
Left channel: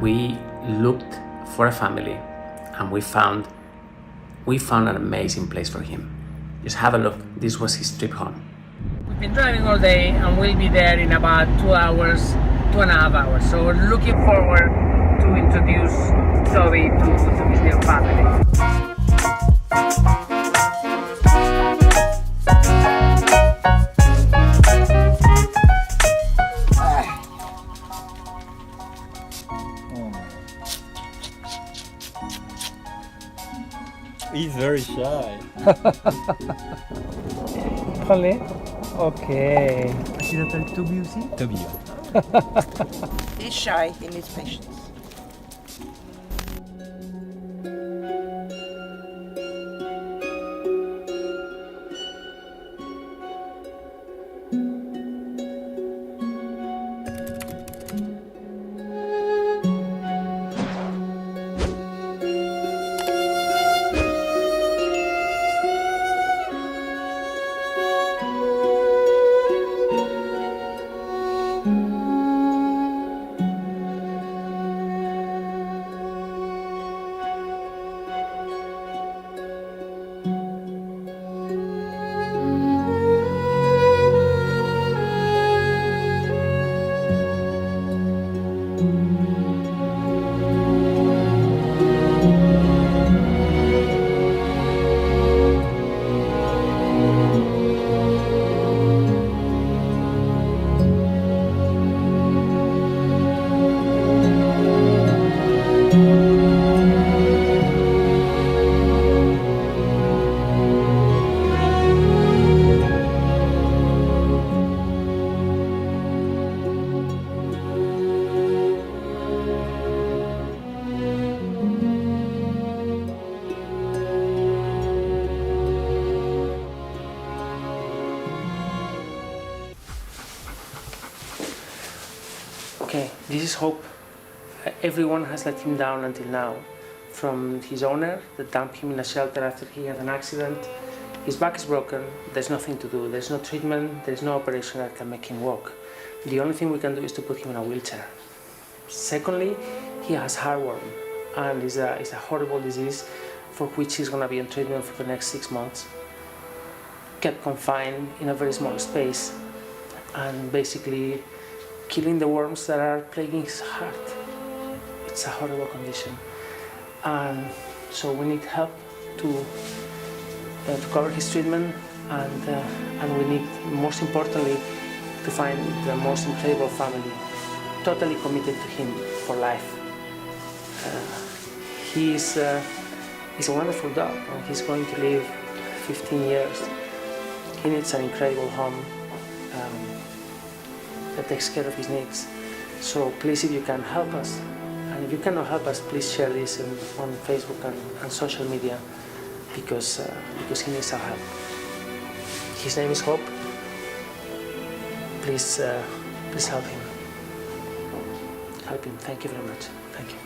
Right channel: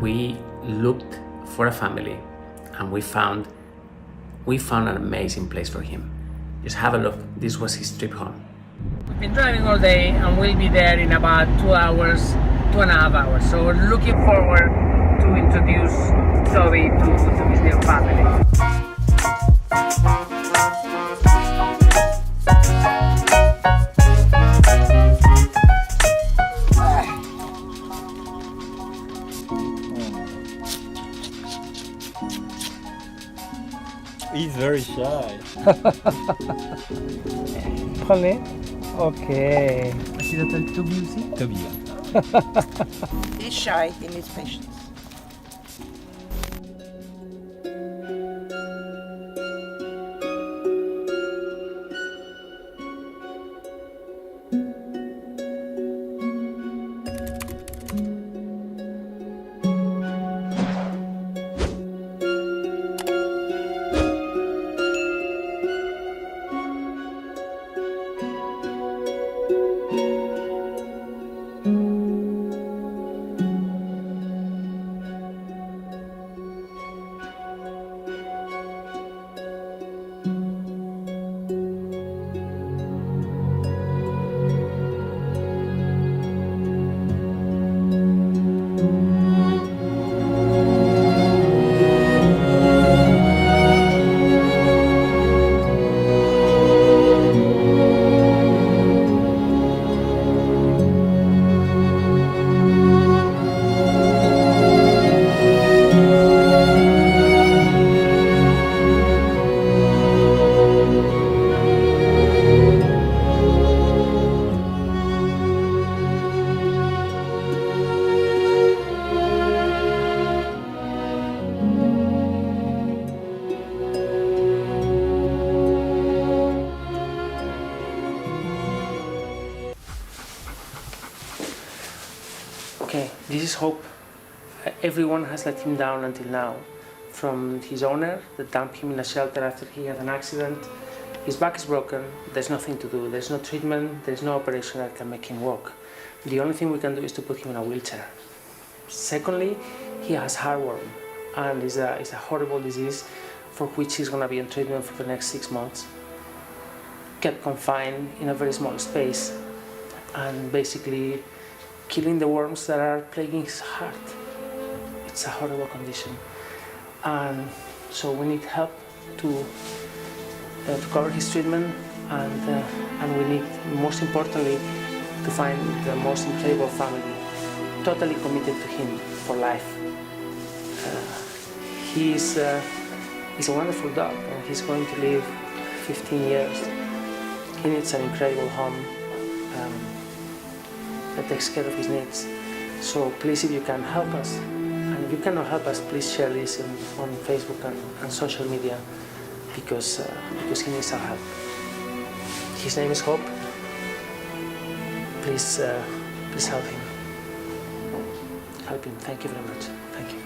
We looked for a family and we found an amazing place for him. Just have a look. This was his trip home. We've been driving all day and we'll be there in about 2 hours, 2.5 hours. So we're looking forward to introduce Toby to his new family. He's very shy. Allez. Okay. Tu l'appelles Toby aussi? Toby. He's shy, he needs patience. this is Hope. Everyone has let him down until now. From his owner that dumped him in a shelter after he had an accident. His back is broken, there's nothing to do, there's no treatment, there's no operation that can make him walk. The only thing we can do is to put him in a wheelchair. Secondly, he has heartworm, and it's a horrible disease for which he's going to be on treatment for the next 6 months. Kept confined in a very small space and basically killing the worms that are plaguing his heart. It's a horrible condition. And so we need help to cover his treatment, and we need, most importantly, to find the most incredible family, totally committed to him for life. He's a wonderful dog, and he's going to live 15 years. He needs an incredible home that takes care of his needs. So please, if you can help us, and if you cannot help us, please share this on Facebook and social media, because he needs our help. His name is Hope. Please help him. Help him. Thank you very much. Thank you.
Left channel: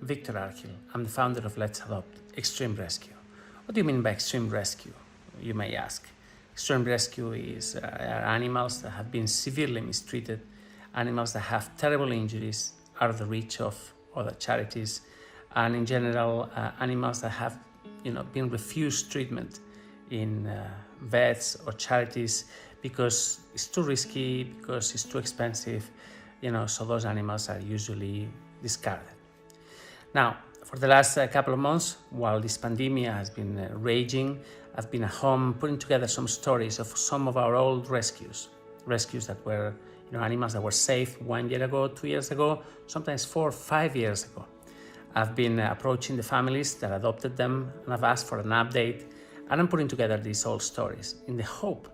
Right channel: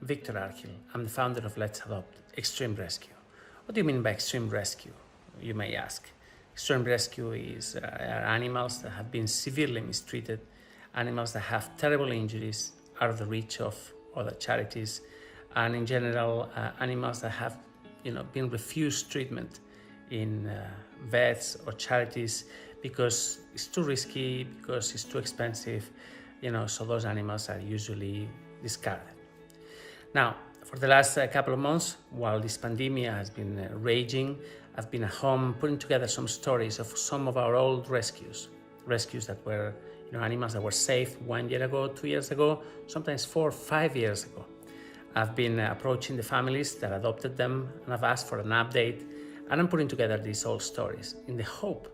Viktor Larkhill. I'm the founder of Let's Adopt Extreme Rescue. What do you mean by extreme rescue, you may ask? Extreme rescue are animals that have been severely mistreated, animals that have terrible injuries, out of the reach of other charities, and in general, animals that have been refused treatment in vets or charities because it's too risky, because it's too expensive, so those animals are usually discarded. Now, for the last couple of months, while this pandemic has been raging, I've been at home putting together some stories of some of our old rescues that were, animals that were saved 1 year ago, 2 years ago, sometimes 4 or 5 years ago. I've been approaching the families that adopted them, and I've asked for an update, and I'm putting together these old stories in the hope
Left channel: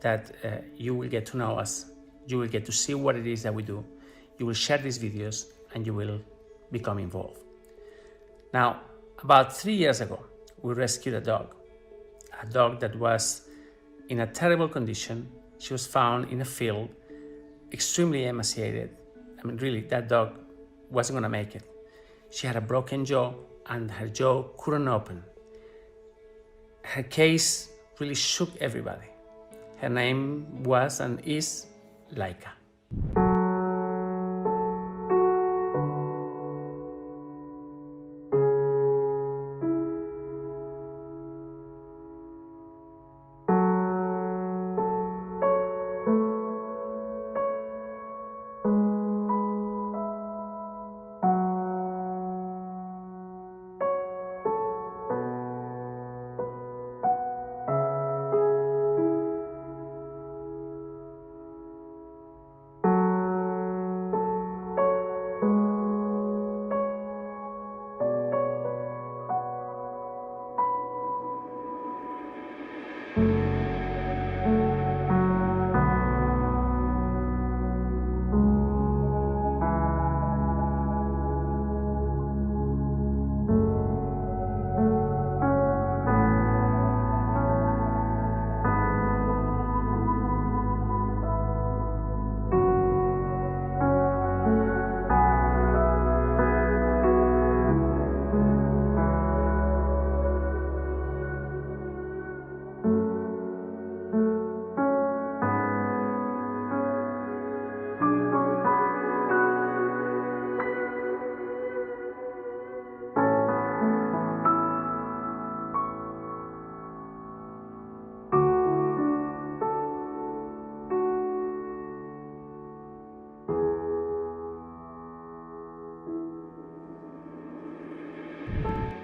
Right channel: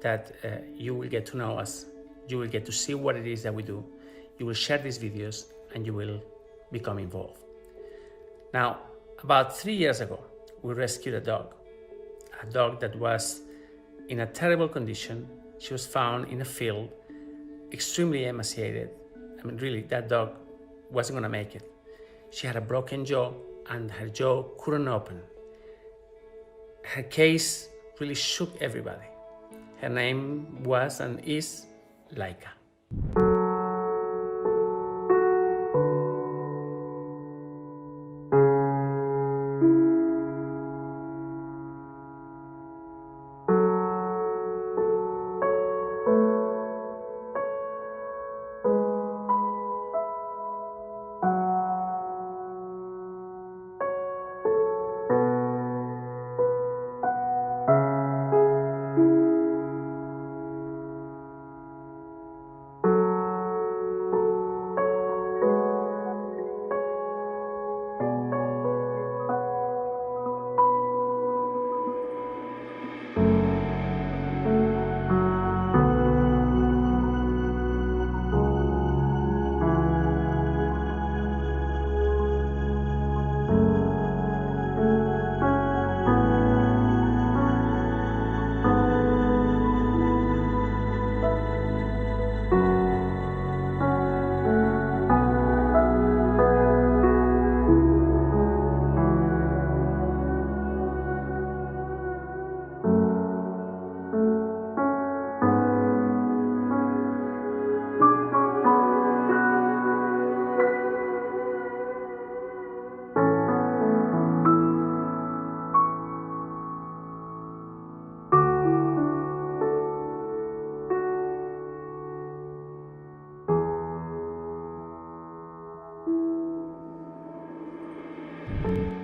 that you will get to know us, you will get to see what it is that we do, you will share these videos, and you will become involved. Now, about 3 years ago, we rescued a dog that was in a terrible condition. She was found in a field, extremely emaciated. I mean, really, that dog wasn't going to make it. She had a broken jaw, and her jaw couldn't open. Her case really shook everybody. Her name was and is Leica.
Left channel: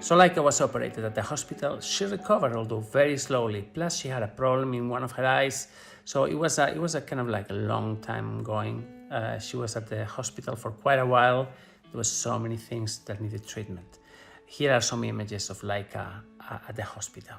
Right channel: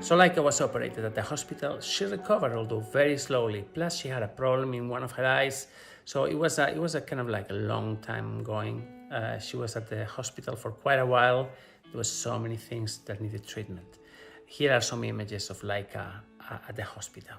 So Leica was operated at the hospital. She recovered, although very slowly. Plus, she had a problem in one of her eyes. So it was a kind of like a long time going. She was at the hospital for quite a while. There were so many things that needed treatment. Here are some images of Leica at the hospital.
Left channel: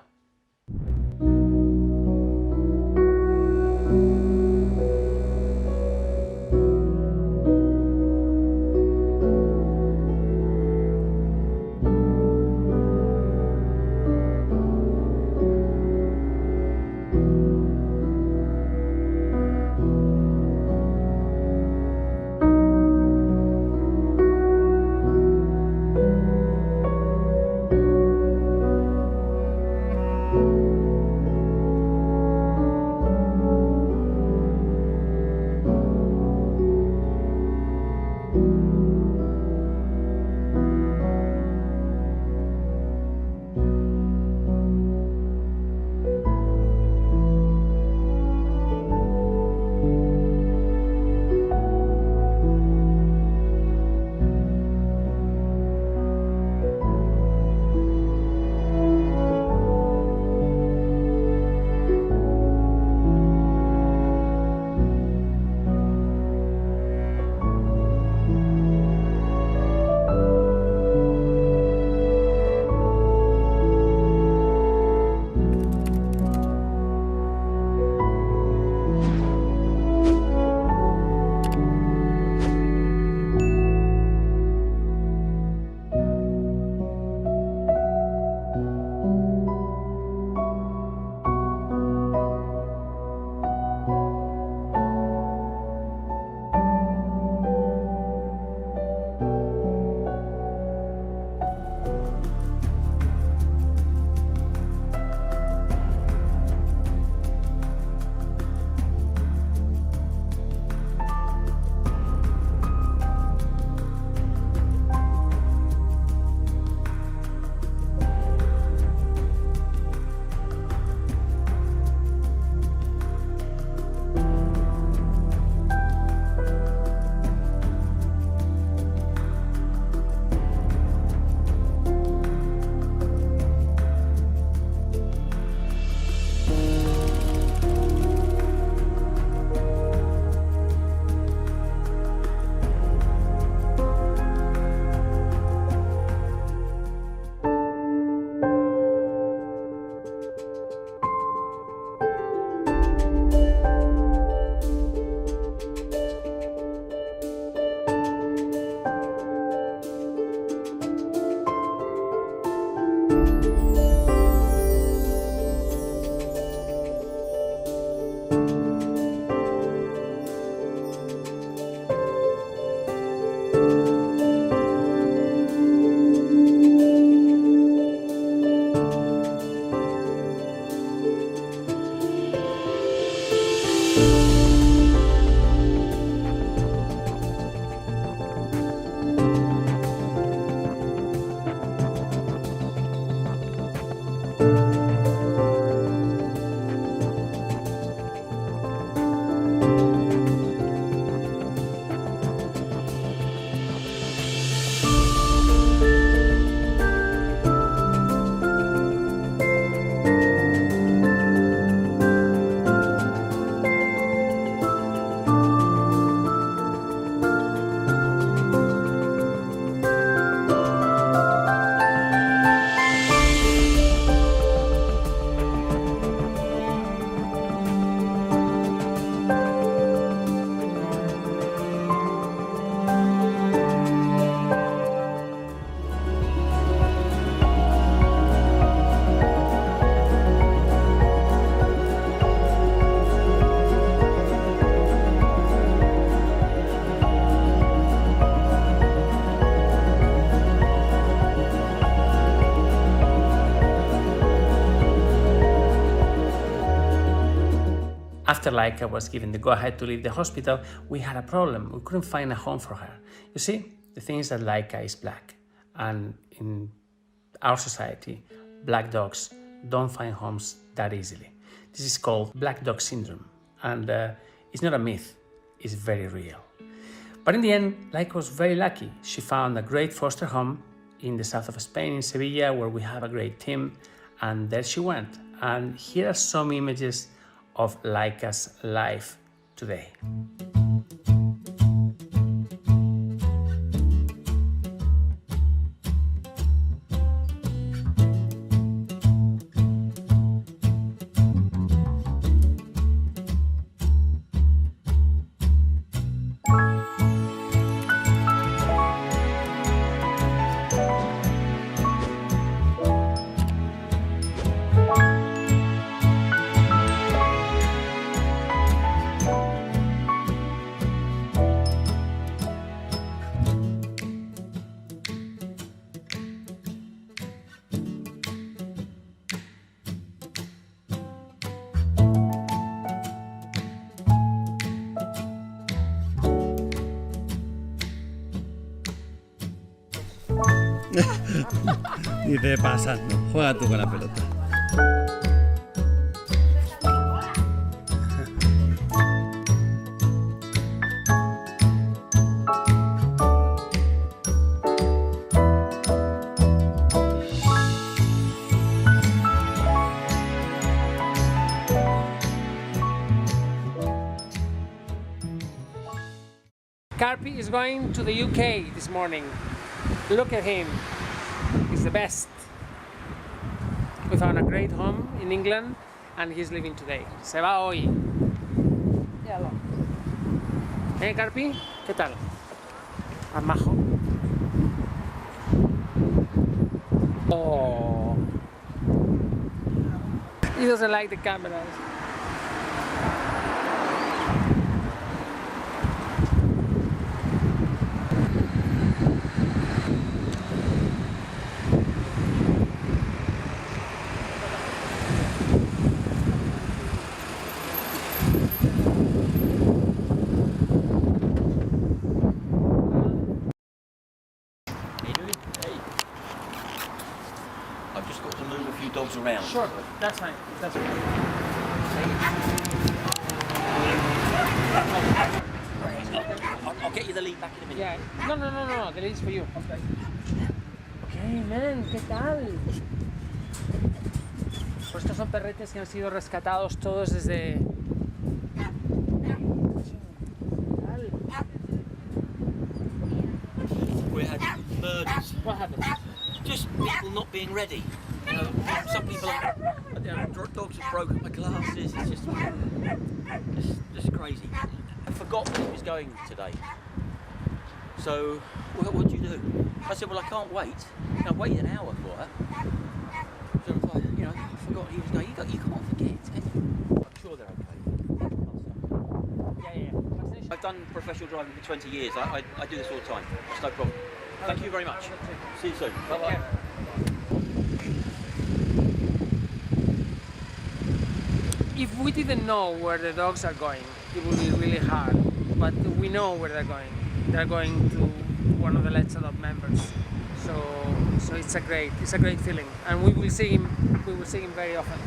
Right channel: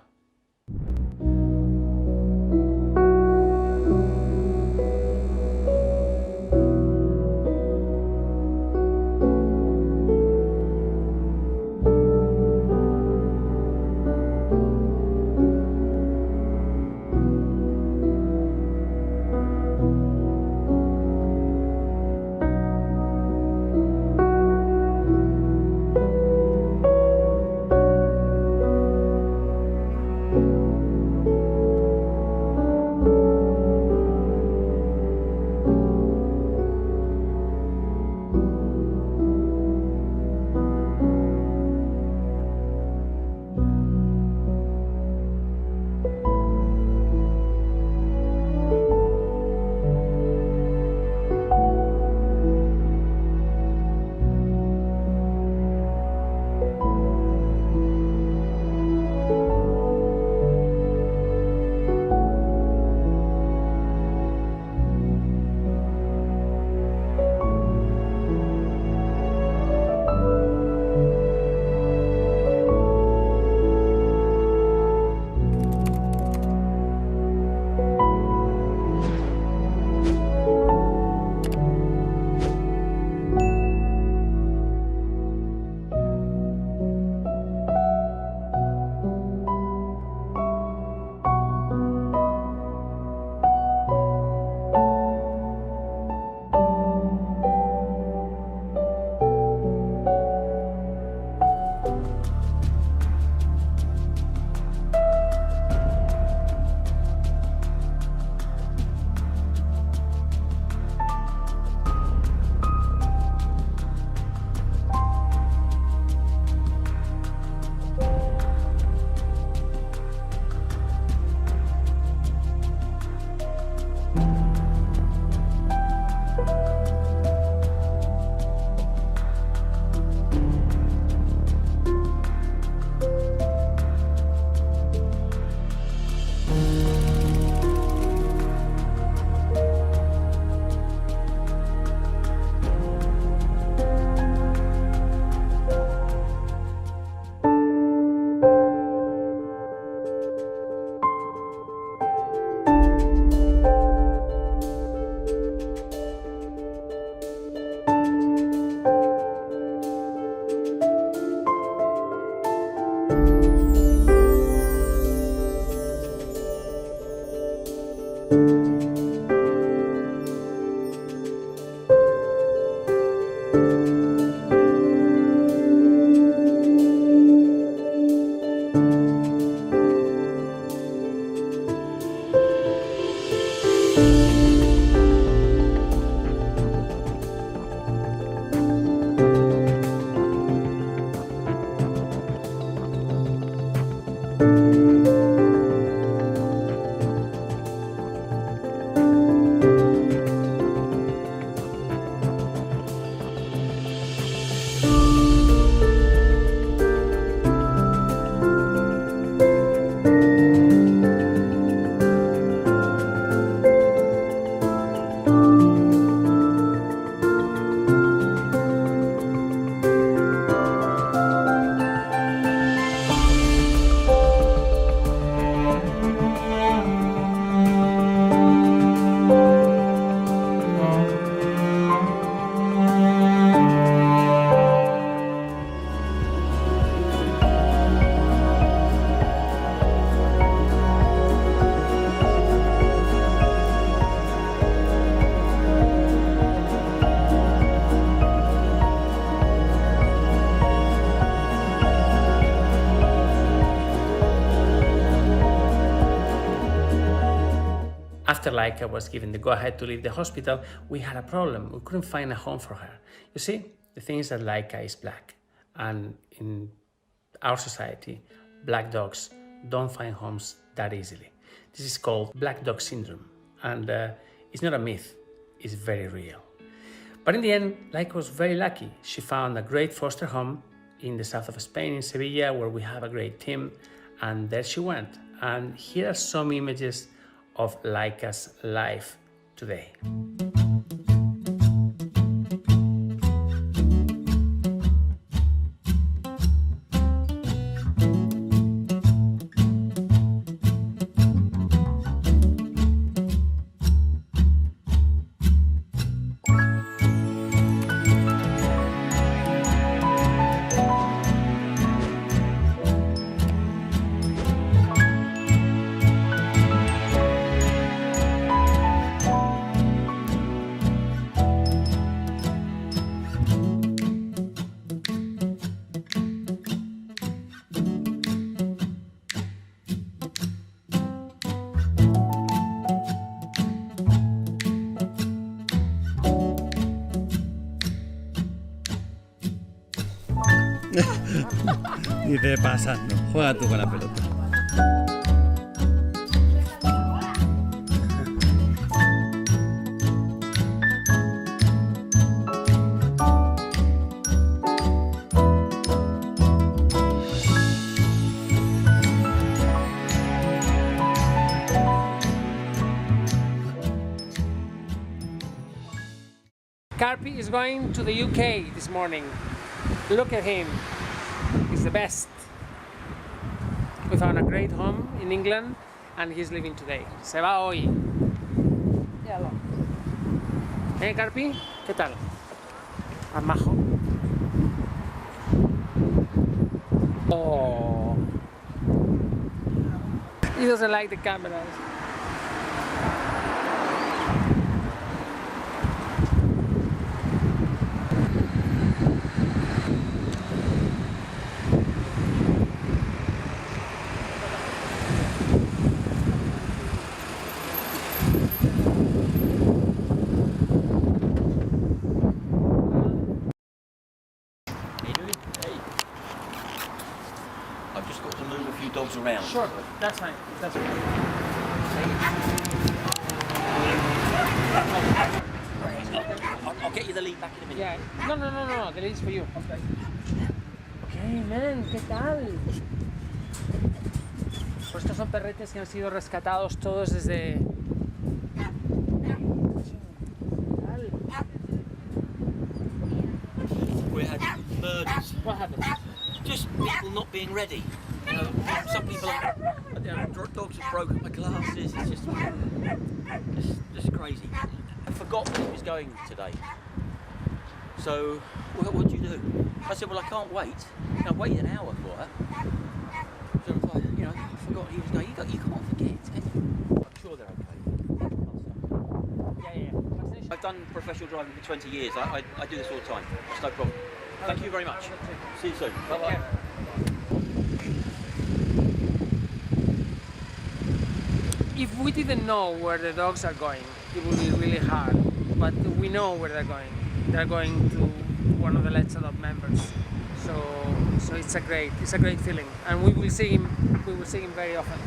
After Leica was given the go-ahead to leave the hospital, we had a problem. We couldn't find a home for her. You see, the thing is that Leica is black, and in our society, black dogs don't find homes that easily. This is called black dog syndrome, and it's not a myth, it's very real. But in the end, Leica was very lucky. She found a great foster home in the south of Spain, in Sevilla, where we have a great team, and there she went. And here are some images of Leica's life today. Dice, pasando, juega tú con la pelota. Carpi is going to the UK this morning. Look at him. He's the best. We found a great home in England and he's leaving today. Se va hoy. Carpi? ¿Qué tal? ¿Más majo? Oh. He doesn't like the cameras. Dogs around. Sure, that's fine. That's fine. I'll get you the lead back in a minute. Yeah. No. The lead's for you. Okay, man, ¿qué tal? Pues estos son perretes que han sido rescatados todos desde... We had murders. What happened? Just people not being ready. You know, some people dogs have broken my glasses. It's just crazy. I forgot that he was going today. So, what do you do? I said, well, I can't wait. I waited an hour for her. So I forgot he was going. You can't forget, can you? I'm sure they're okay. Yeah. I've done professional driving for 20 years. I do this all the time. It's no problem. Thank you very much. See you soon. Bye-bye. If we didn't know where the dogs are going, it would be really hard. But we know where they're going. They're going to one of the Let's Adopt members. So it's a great feeling, and we will see him. We will see him very often.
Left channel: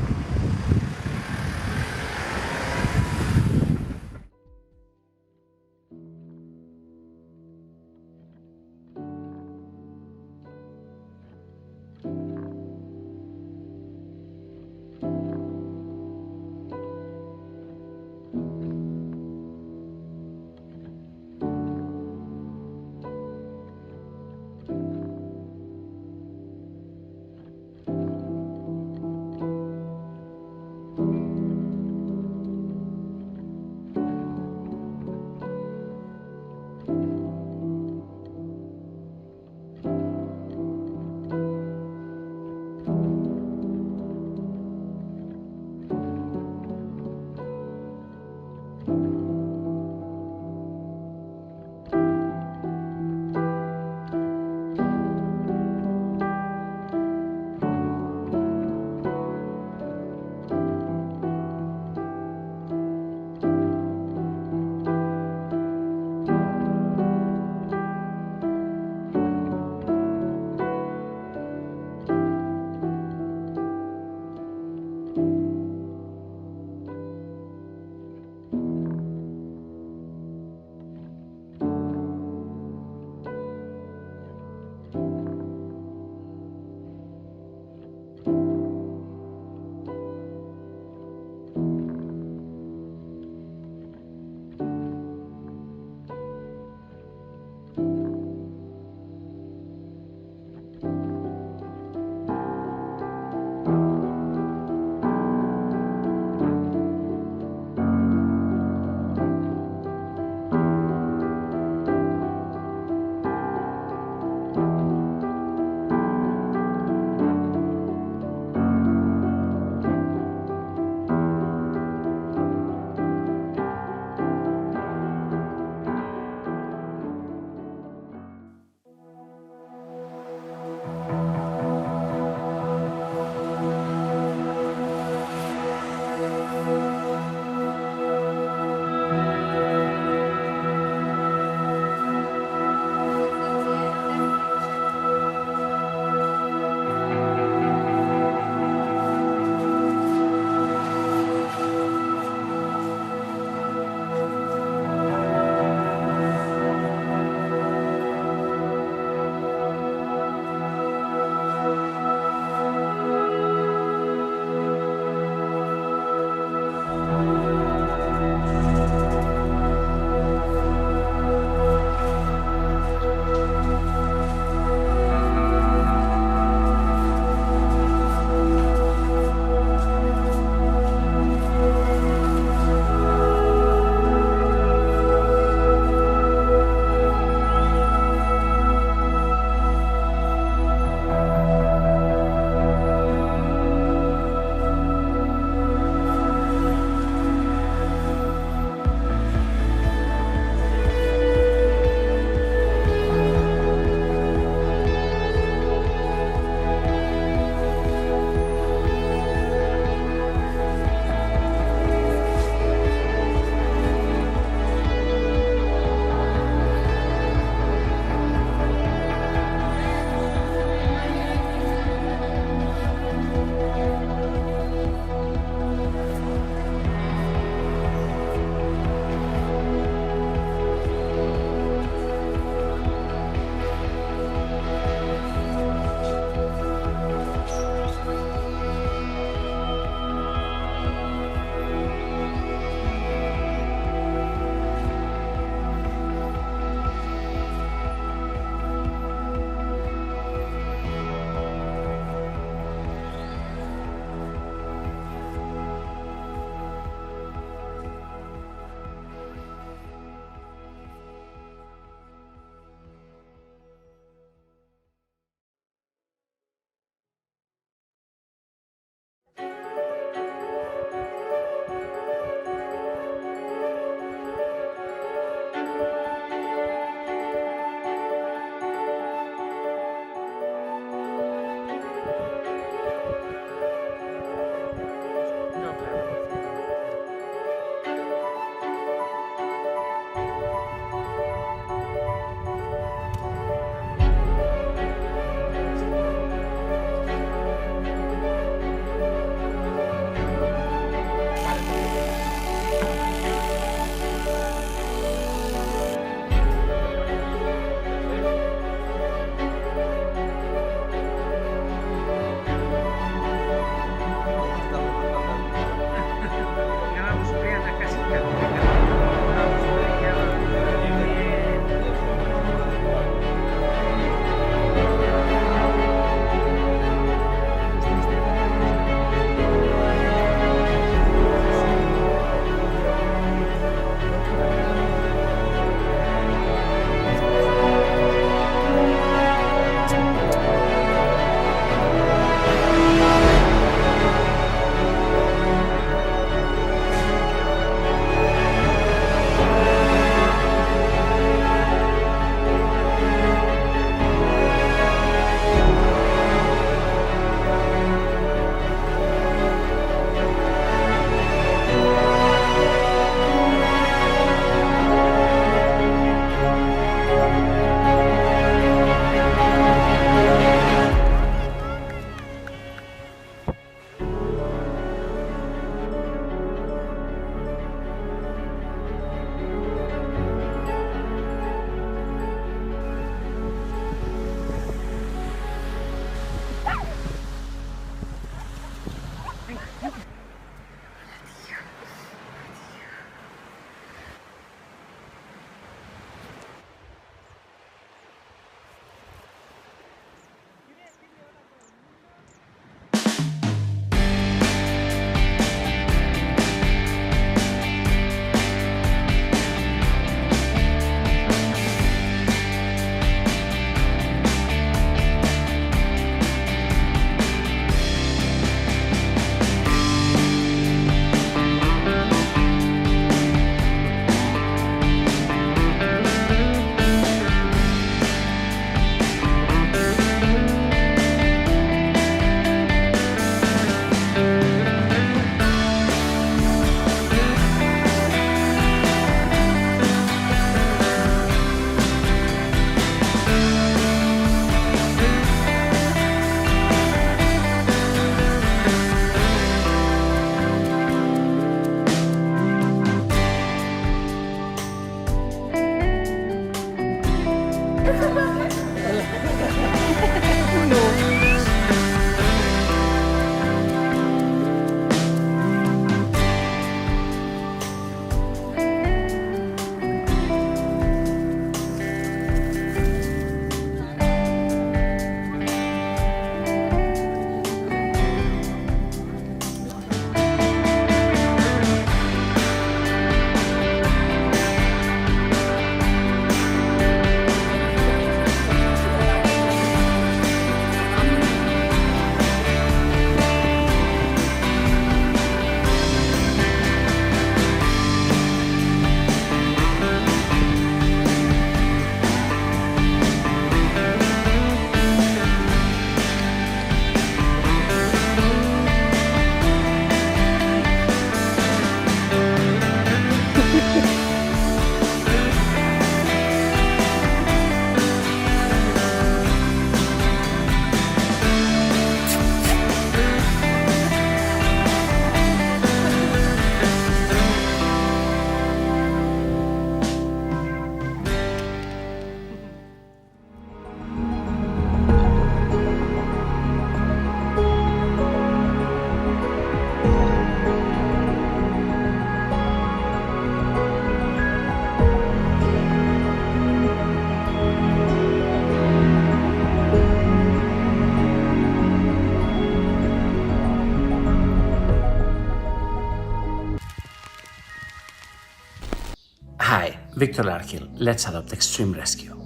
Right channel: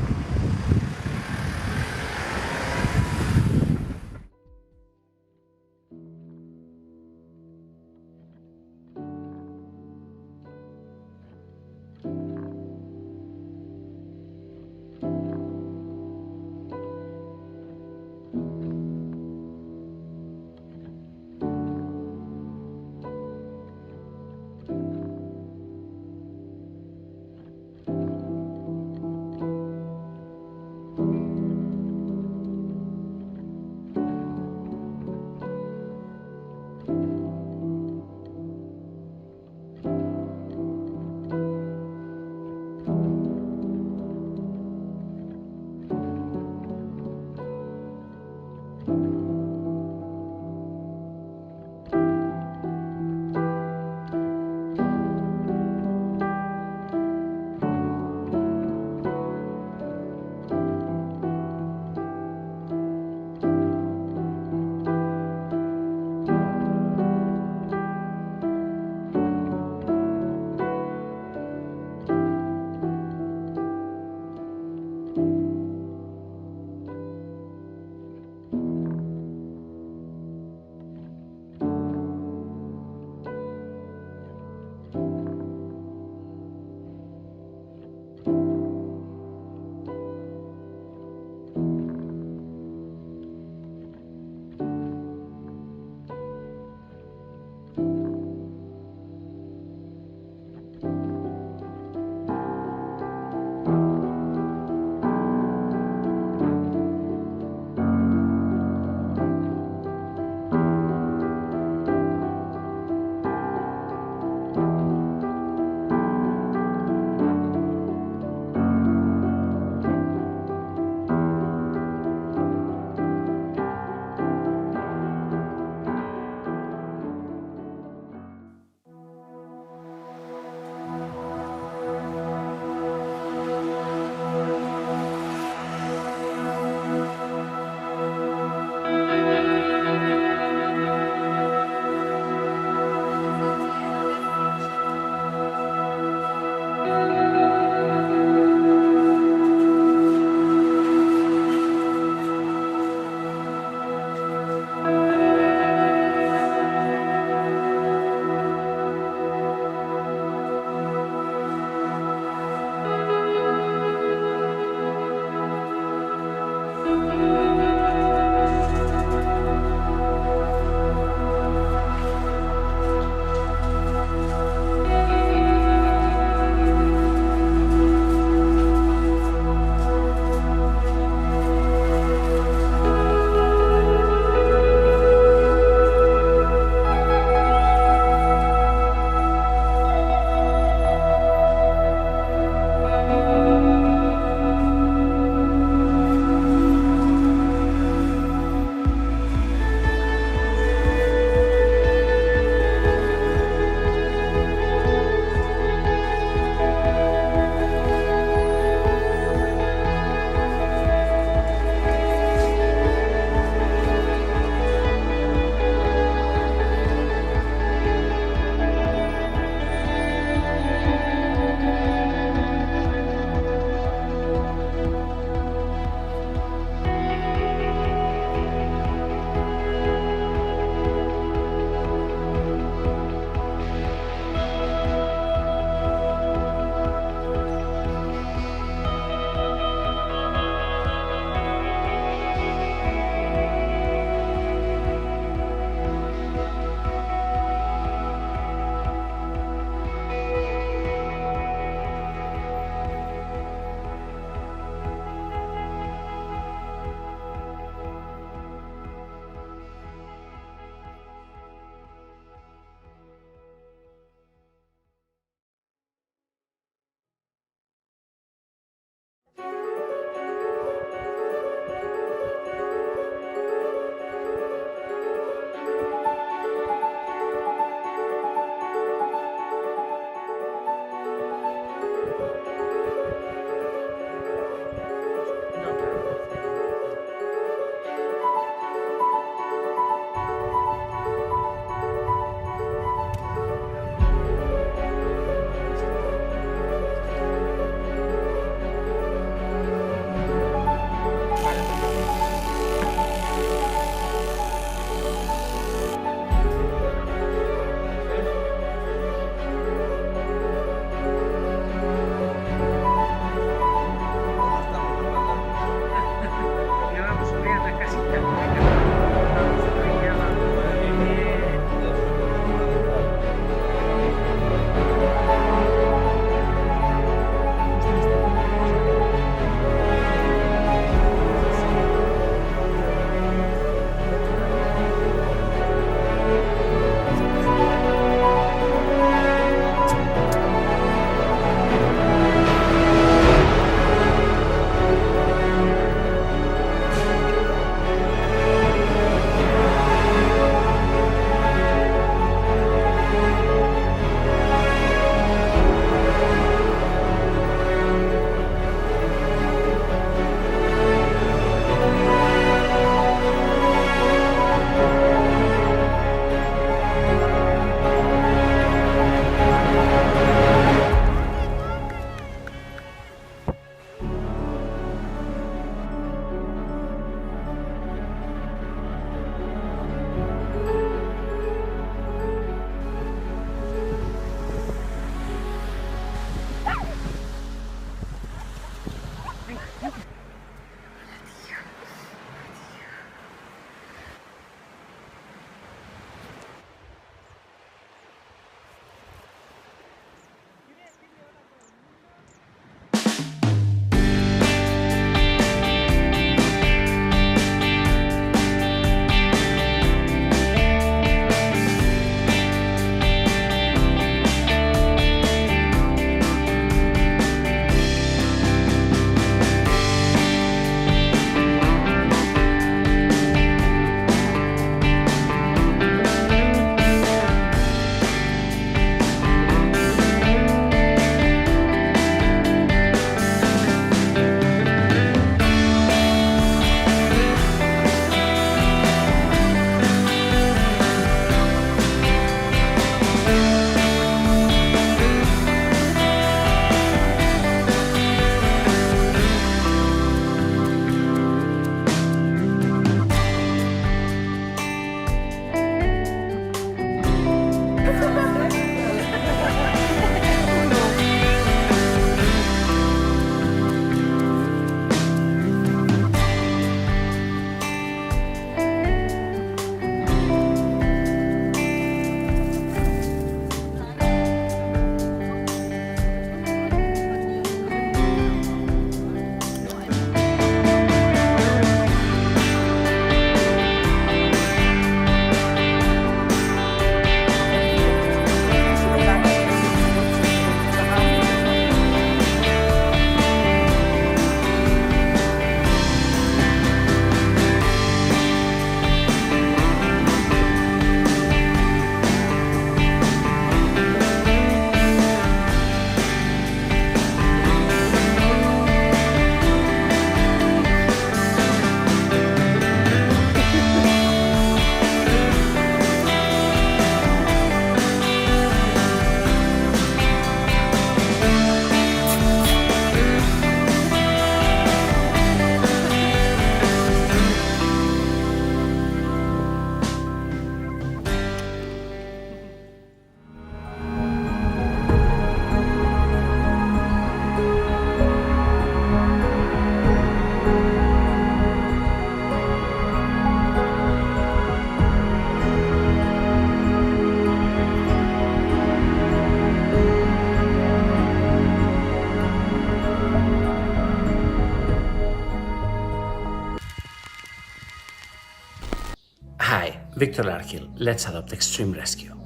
Viktor Larkhill, Let's Adopt Extreme Rescue.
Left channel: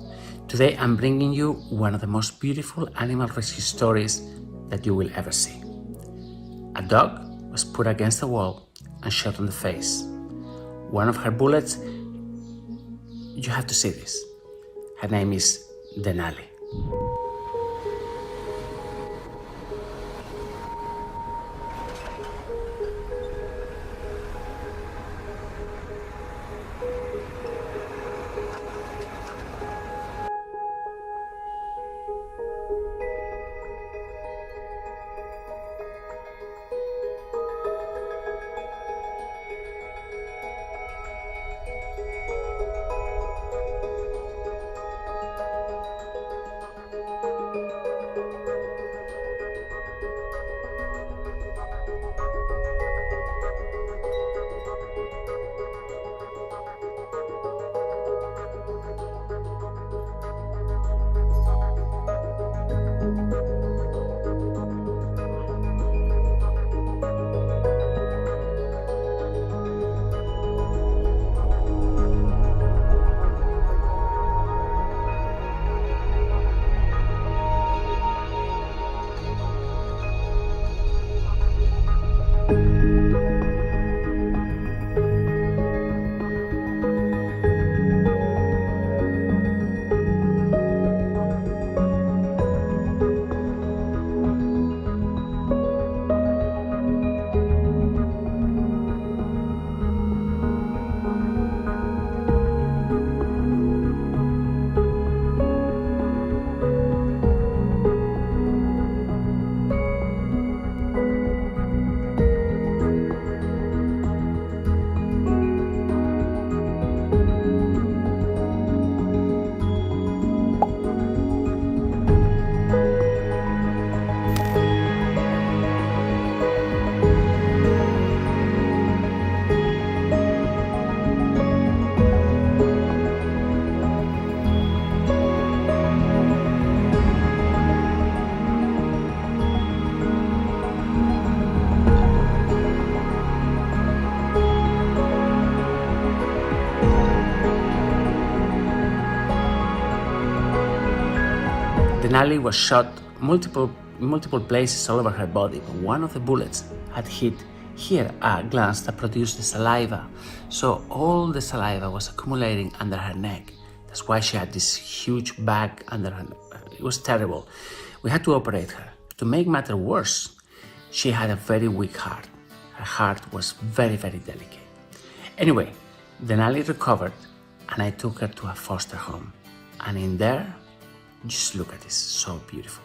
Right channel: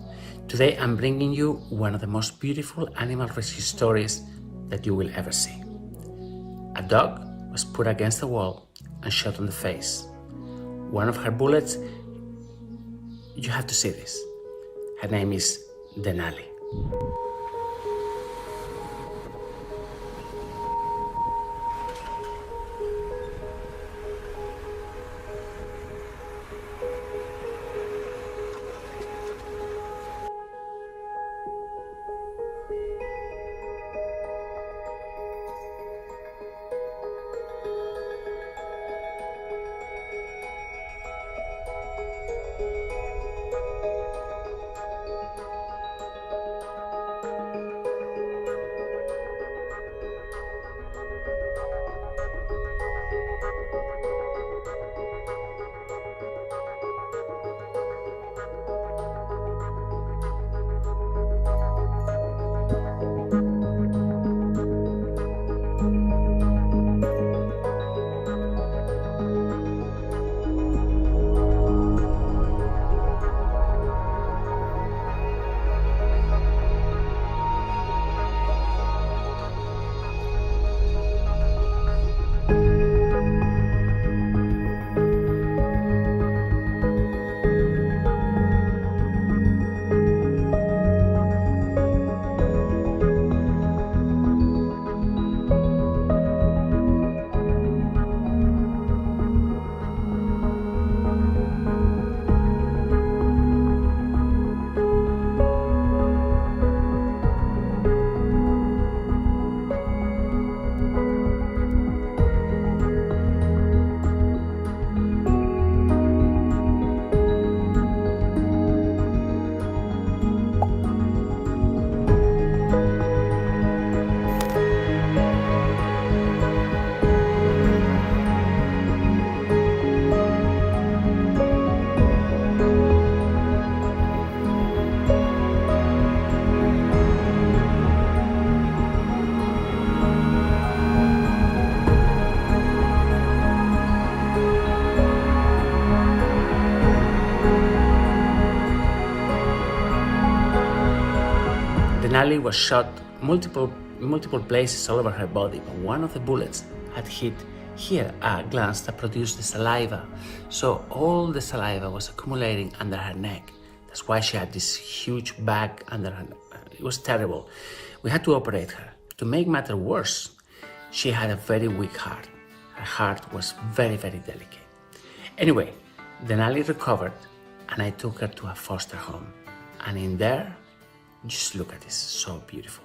Today I'm bringing you one of the most beautiful animal rescue stories that you will ever see. A dog was put against a wall and shot on the face. One of her bullets, you have to see this. Her name is Denali. Denali was shot multiple places all over her body, but one of the bullets had hit here a gland that produced the saliva. So all the saliva was accumulating under her neck. That's why she had this huge bag under her neck. It was terrible. We had to operate her. To make matters worse, she had a very weak heart. Her heart was very, very delicate. Anyway, Denali recovered and I took her to a foster home. And in there, just look at this, so beautiful.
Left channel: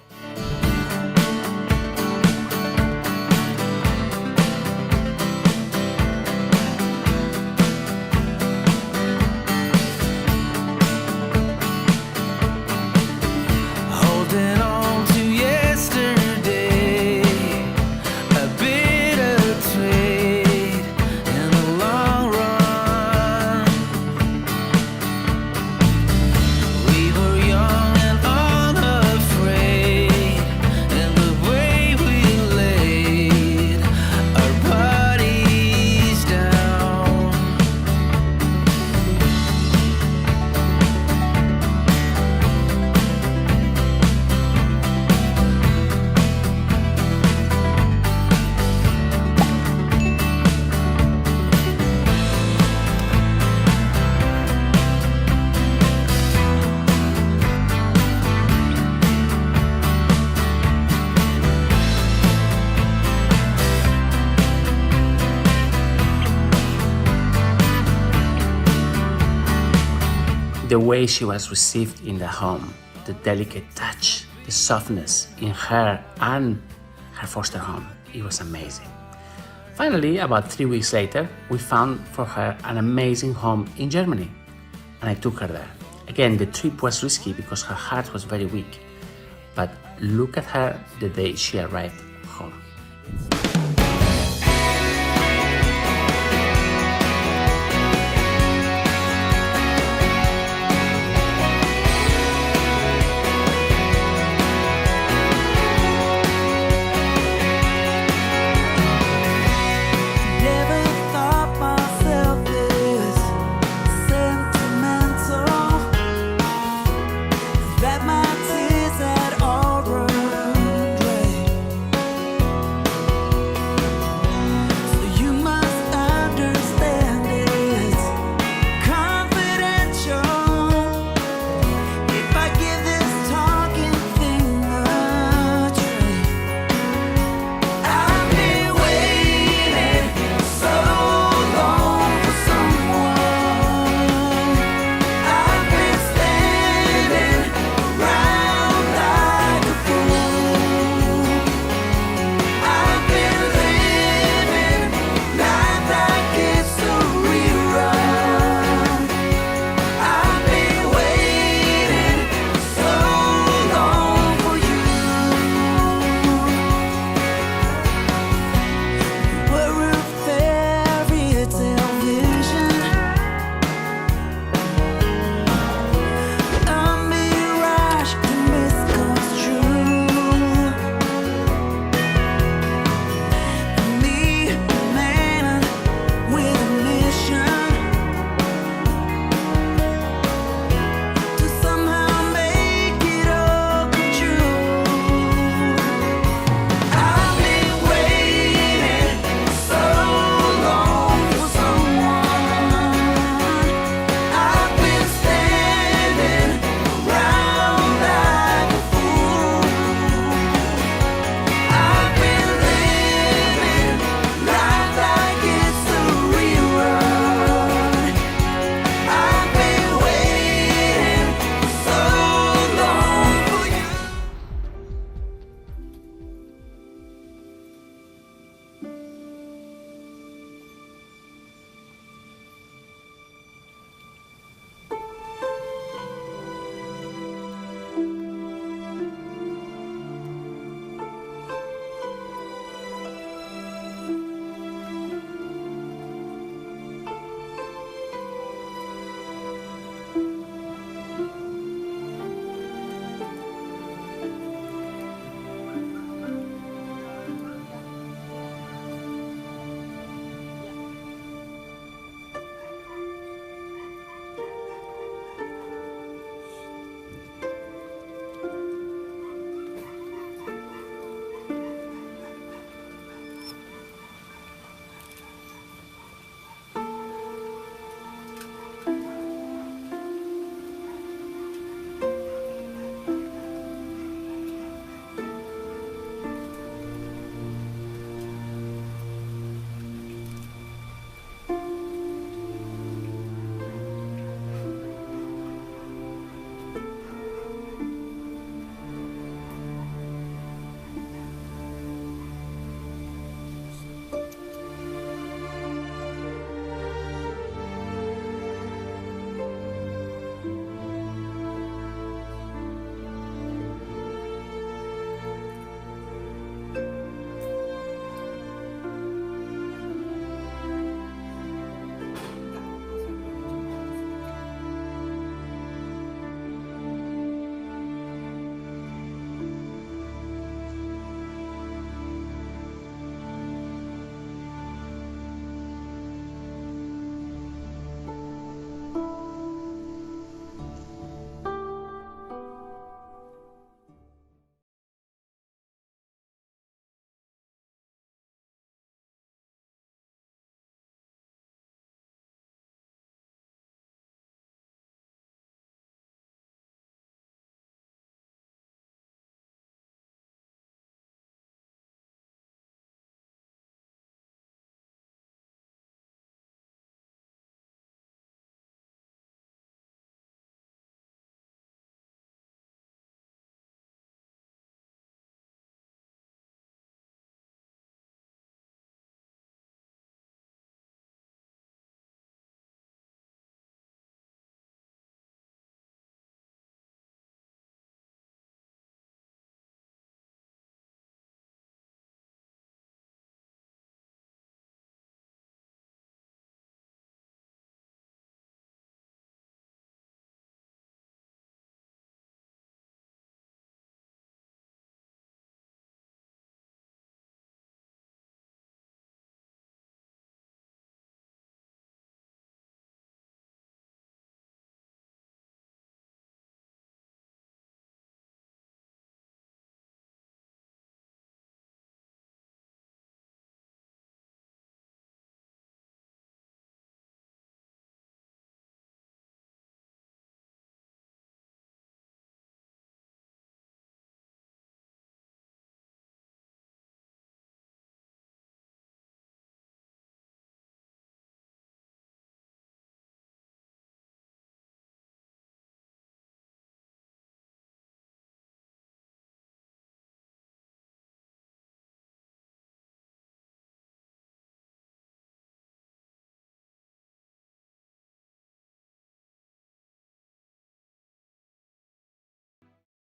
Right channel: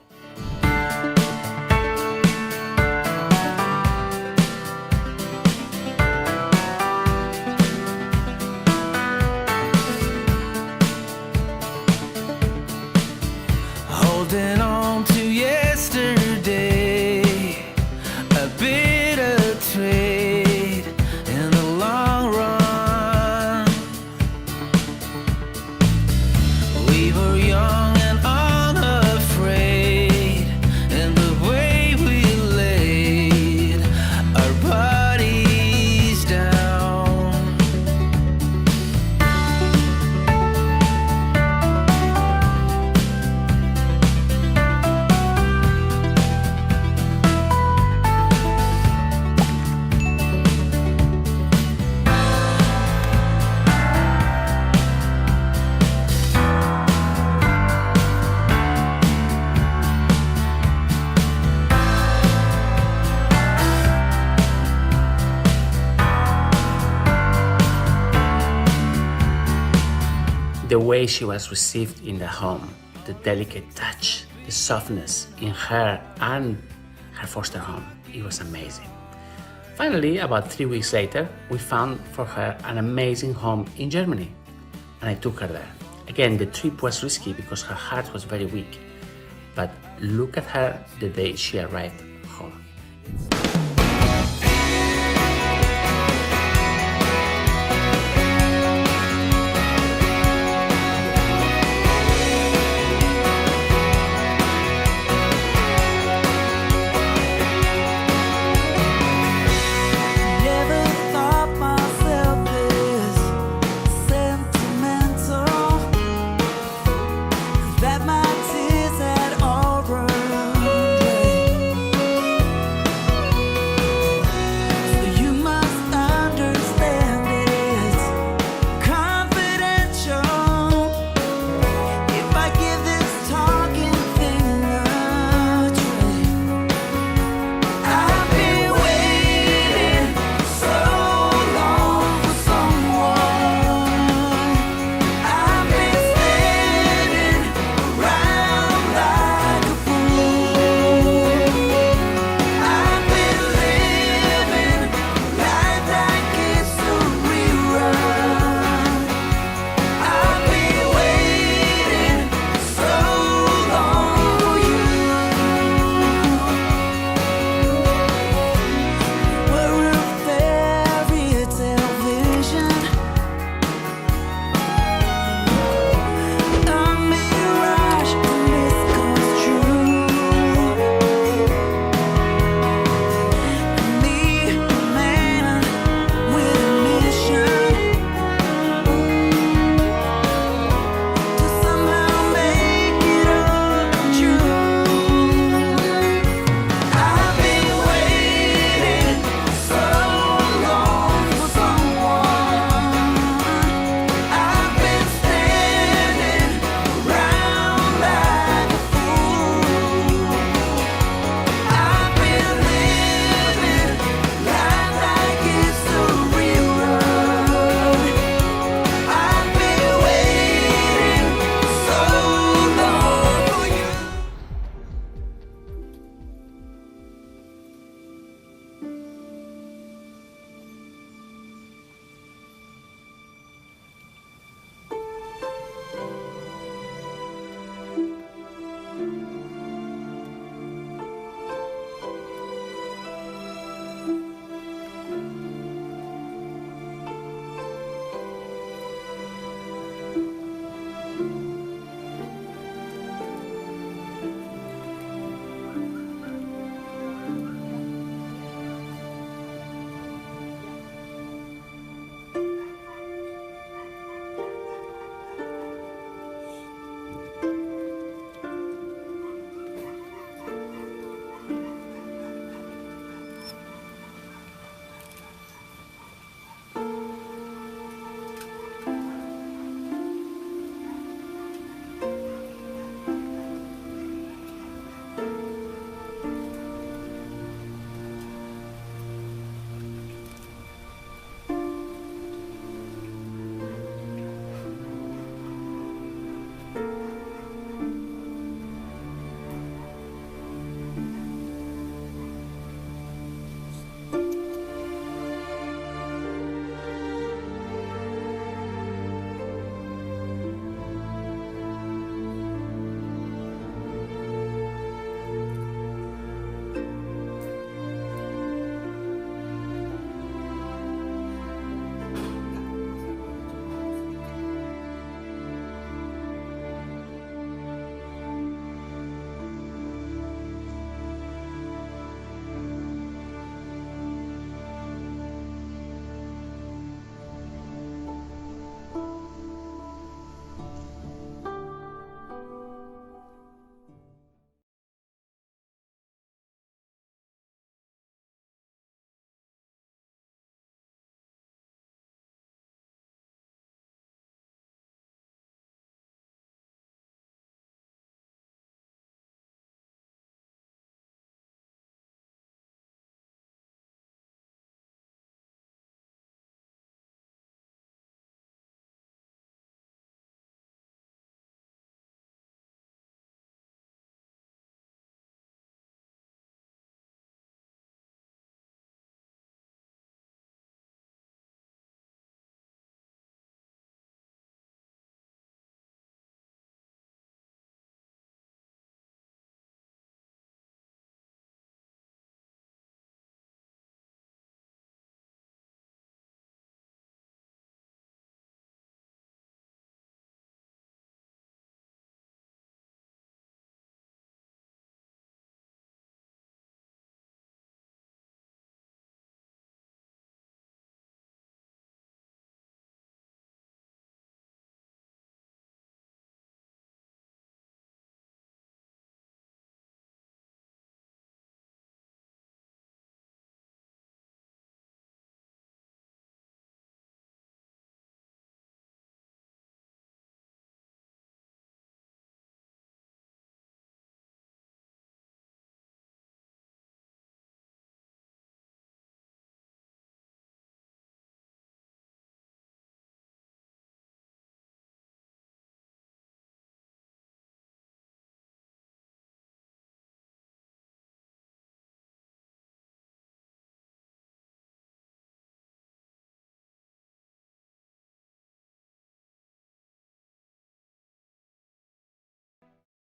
Holding on to yesterday, a bitter trade in the long run. We were young and unafraid, and the way we laid our bodies down. The way she was received in the home, the delicate touch, the softness in her and her foster home, it was amazing. Finally, about 3 weeks later, we found for her an amazing home in Germany, and I took her there. Again, the trip was risky because her heart was very weak, but look at her the day she arrived home. Never thought myself this sentimental.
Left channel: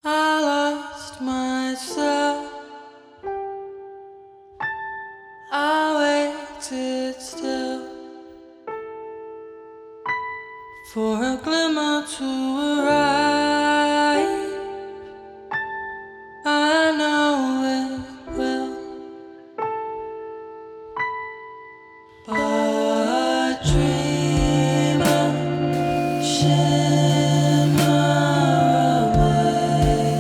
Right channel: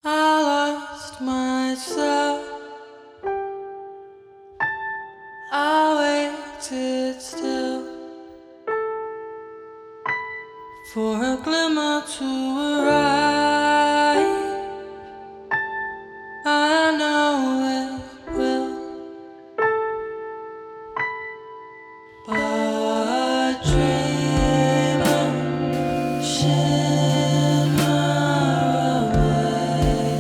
I lost myself. I waited still for a glimmer to arrive. I know it will, but dreamer, shimmer away.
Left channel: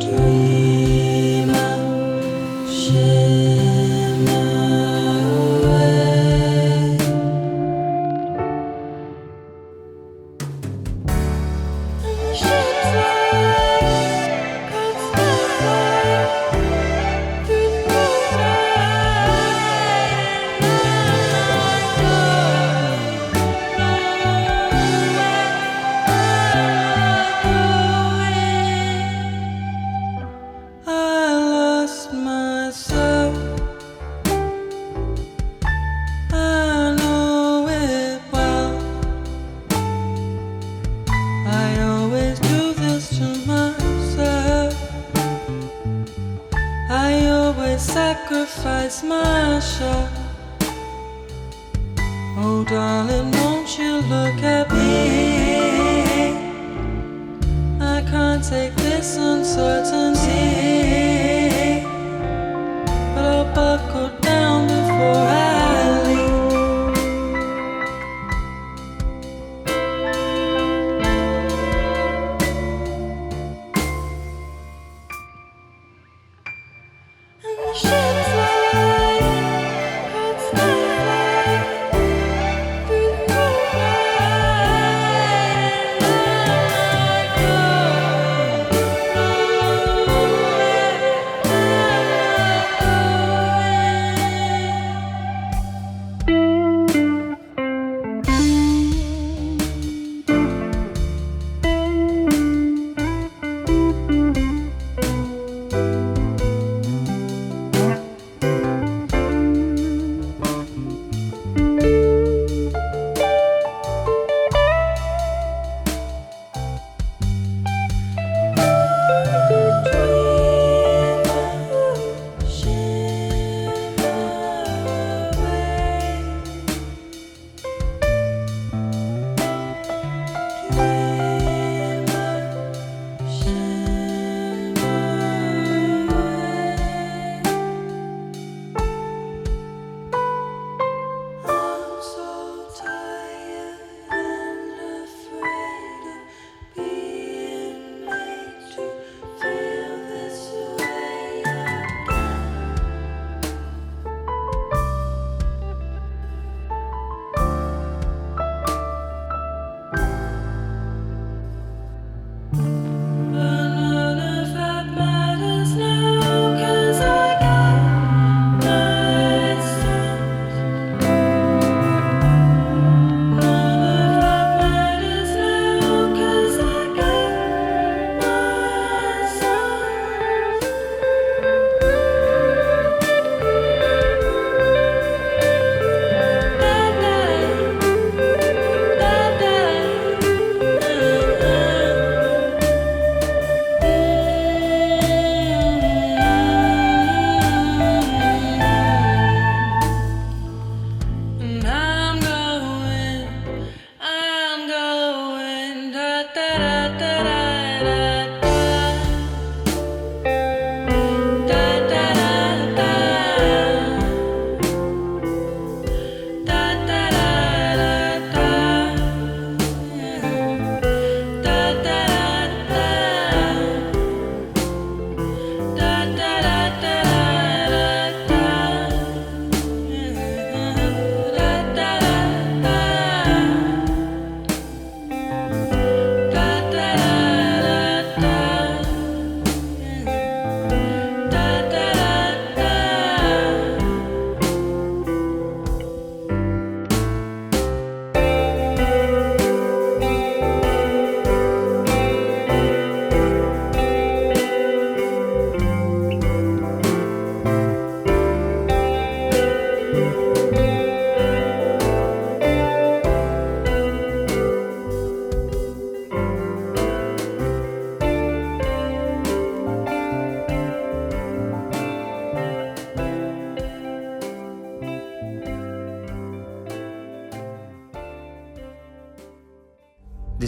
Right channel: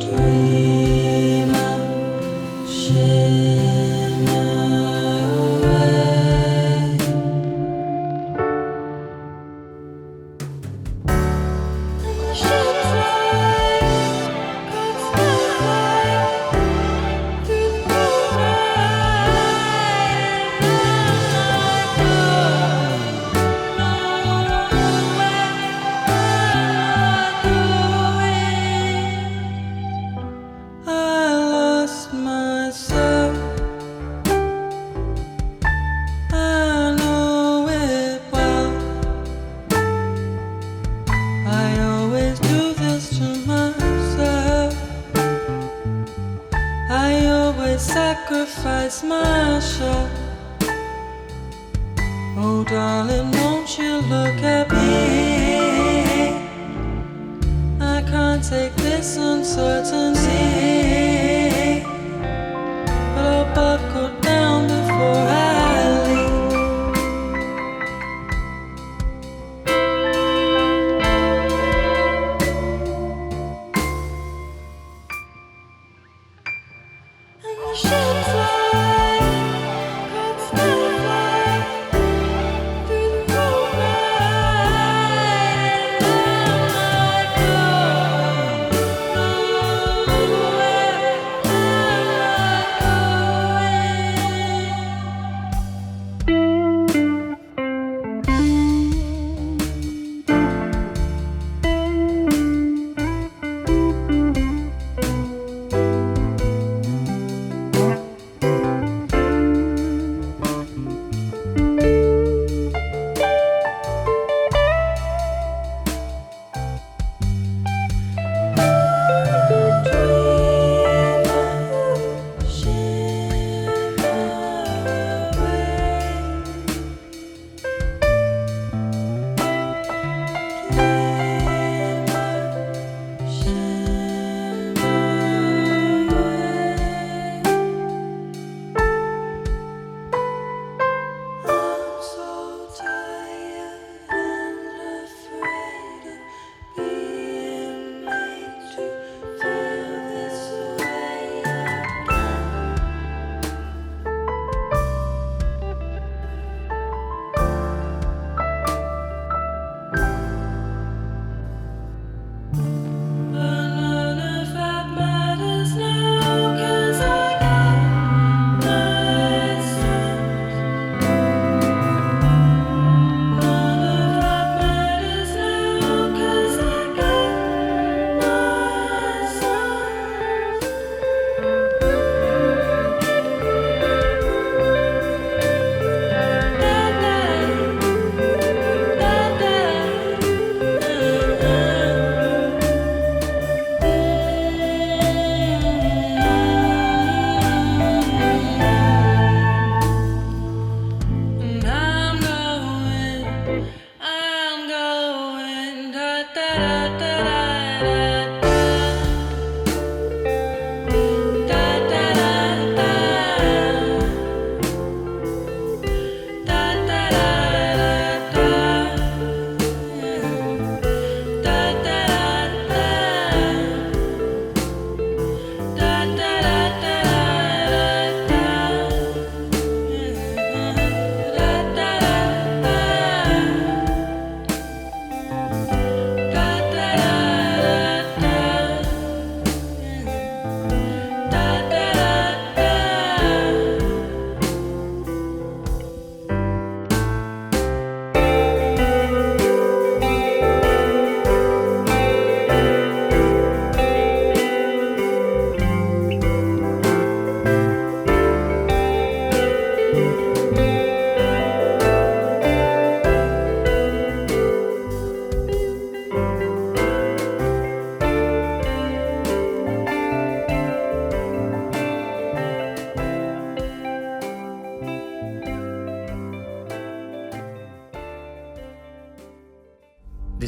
Dreamer, shimmer away. And the ship flies, God's still flying through the moonlight, and I'm not going nowhere. I'm not going. I lost myself. I know it well. I always do this to myself. I always sacrifice myself. Oh darling, won't you look at me? I can't take this uncertainty, but I'll buckle down before I leave. And the ship flies, God's still flying through the moonlight, and I'm not going nowhere. I'm not going.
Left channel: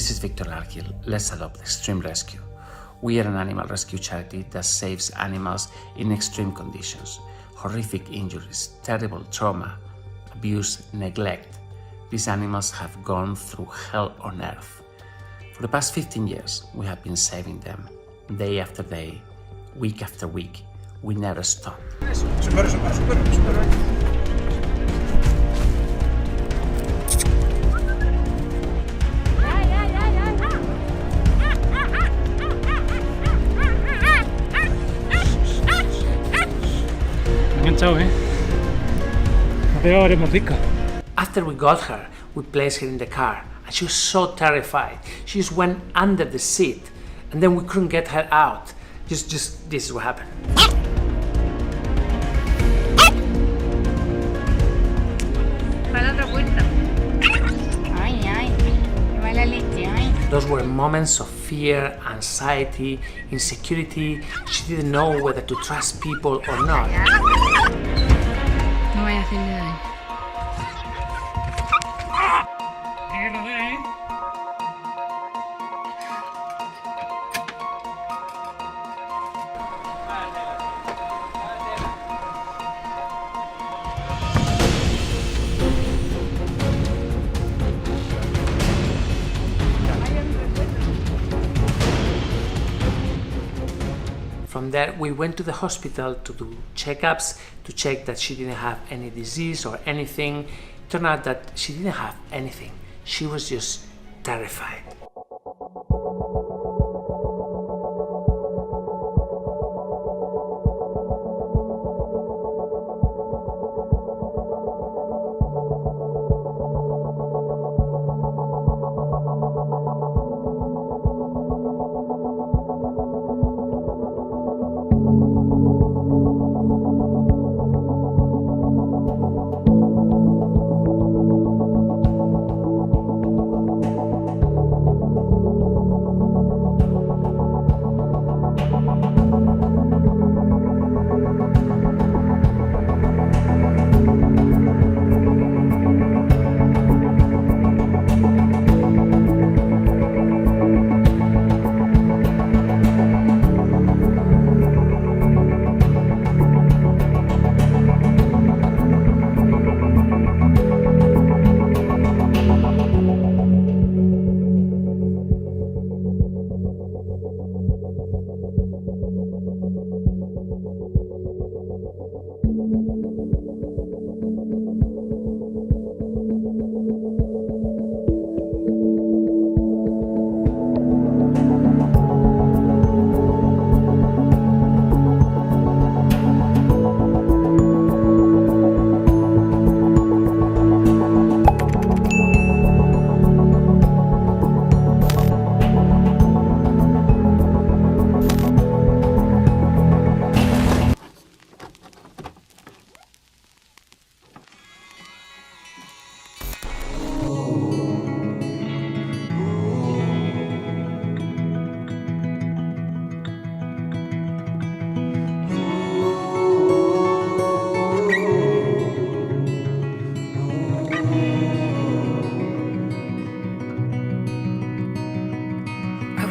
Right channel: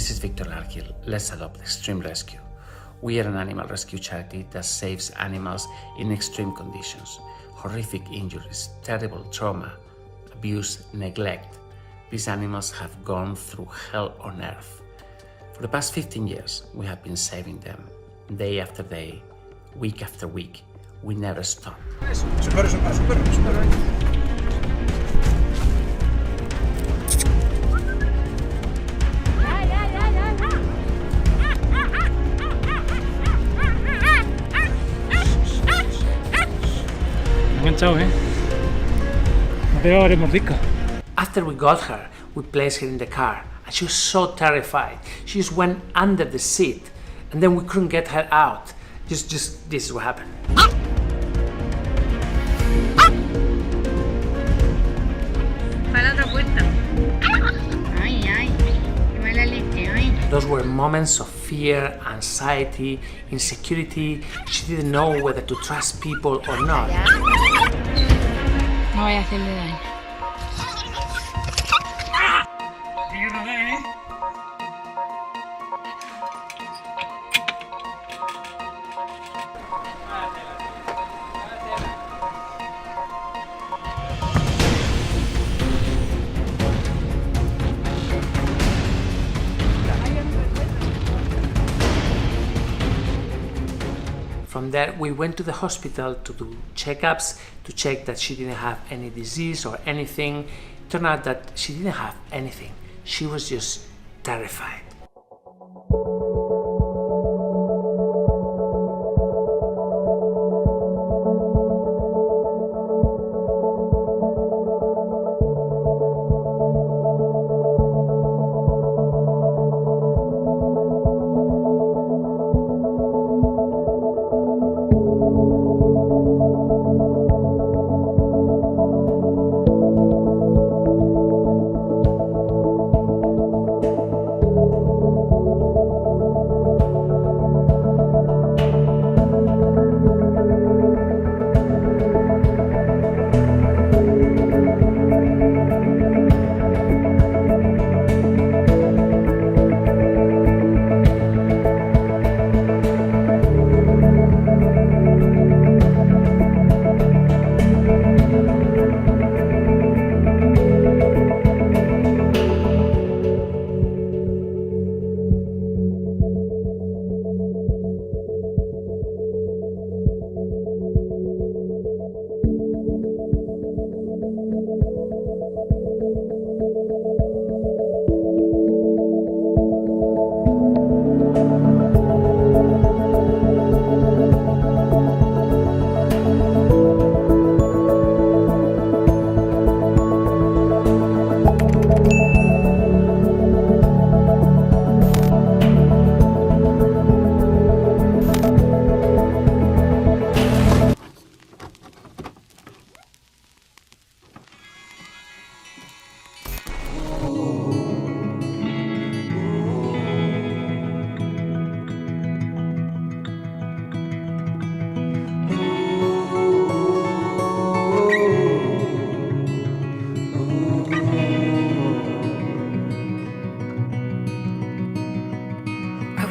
this is Viktor Larkhill. Let's Adopt Extreme Rescue. We are an animal rescue charity that saves animals in extreme conditions, horrific injuries, terrible trauma, abuse, neglect. These animals have gone through hell on earth. For the past 15 years, we have been saving them, day after day, week after week. We never stop. Super. After we got her, we placed her in the car, and she was so terrified. She just went under the seat, and then we couldn't get her out. Just this is what happened. Those were moments of fear, anxiety, insecurity. She didn't know whether to trust people or not. No voy a hacerle daño. From there, we went to the hospital to do checkups to check that she didn't have any disease or anything. It turned out that she didn't have anything. She was just terrified.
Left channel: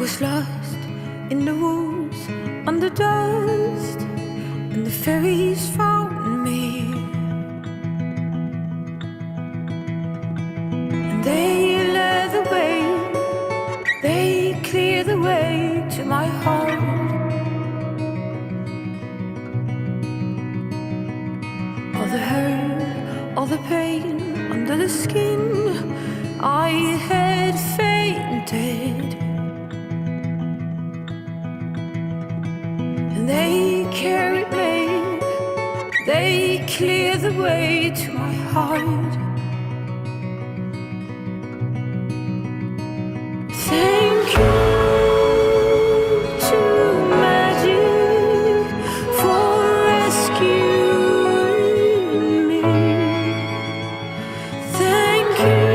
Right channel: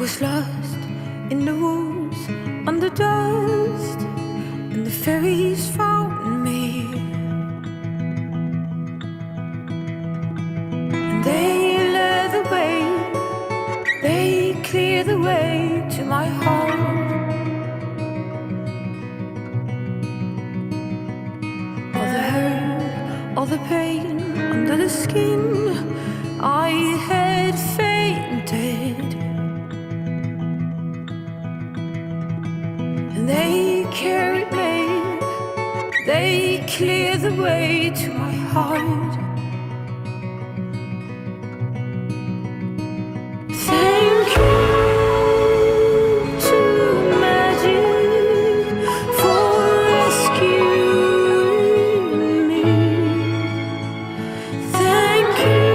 was lost in the woods under dust, and the fairies found me. And they led the way, they cleared the way to my heart. All the hurt, all the pain under the skin, I had fainted. And they carried me, they cleared the way to my heart. Thank you to magic for rescuing me. Thank you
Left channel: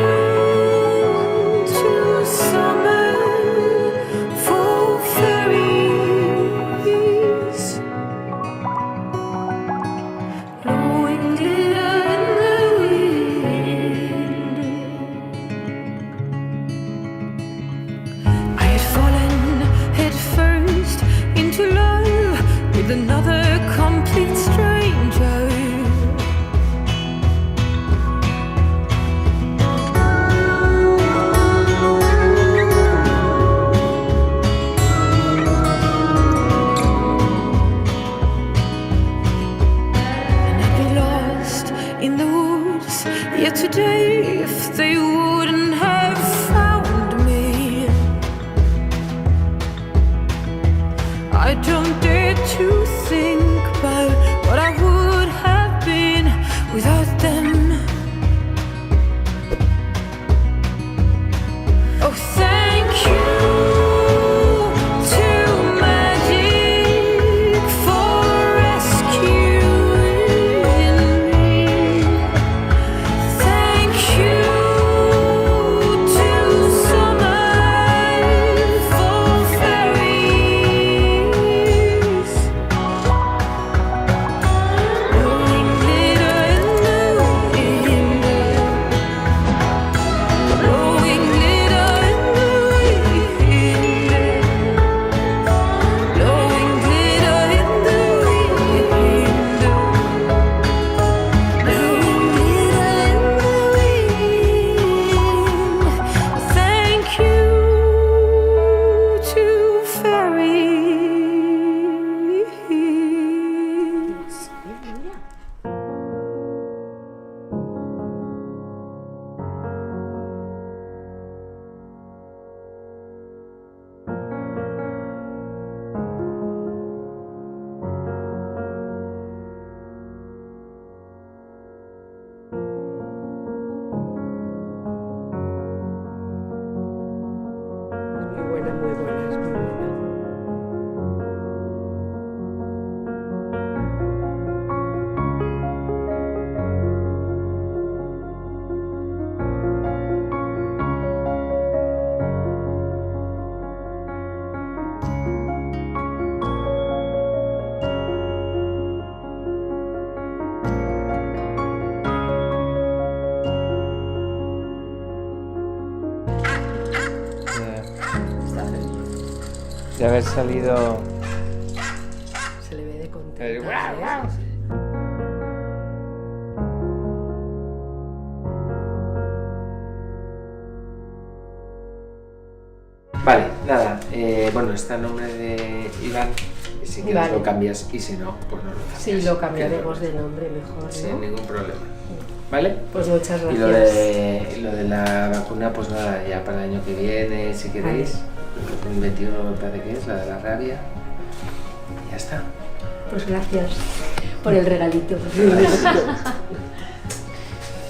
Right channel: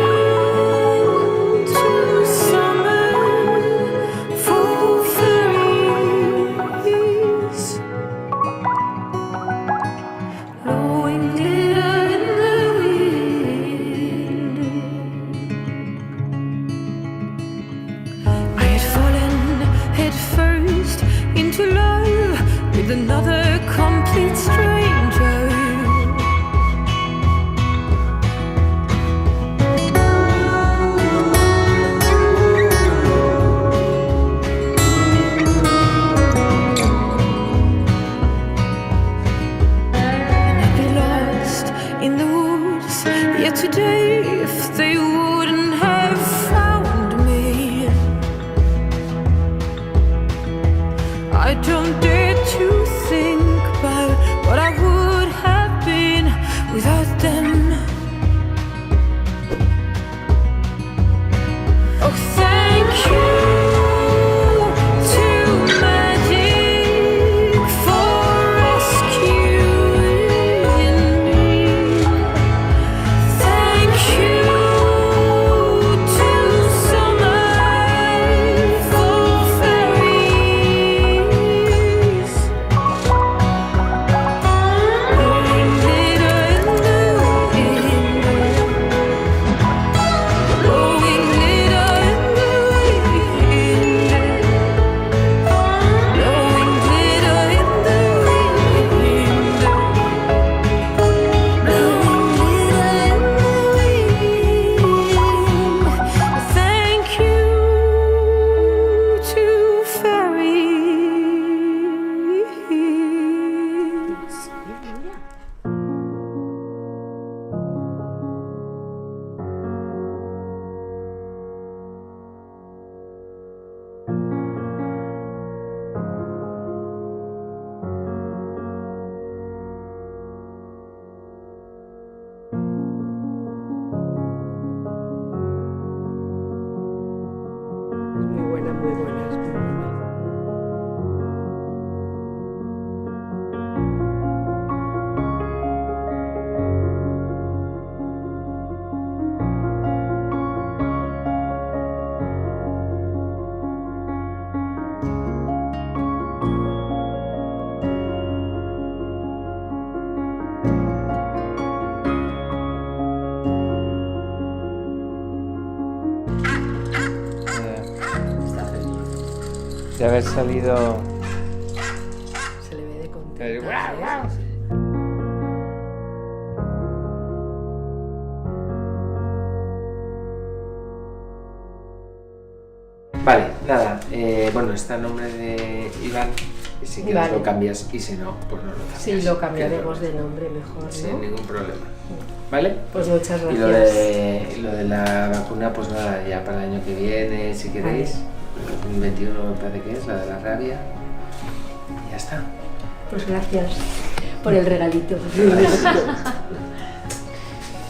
to summer for fairies, blowing glitter in the wind. today if they wouldn't have found me. I don't dare to think about what I would have been without them. Oh, thank you. Muy buena, es muy buena. De haber salido. Se le ve de contento. Vale, nada. Bueno, está el nombre de Iván. Y si quieres lo cambias y si no, pues no lo cambias. Sí, lo cambiaremos de nombre mejor, ¿no? Sin ningún problema. ¿Vale? Pues muchas gracias. Y lo de la vacuna, pues nada, ya para el año que viene, si queréis. El 21 me parece que es, la de la rabia. Y ya está. Pues gracias por el regalito.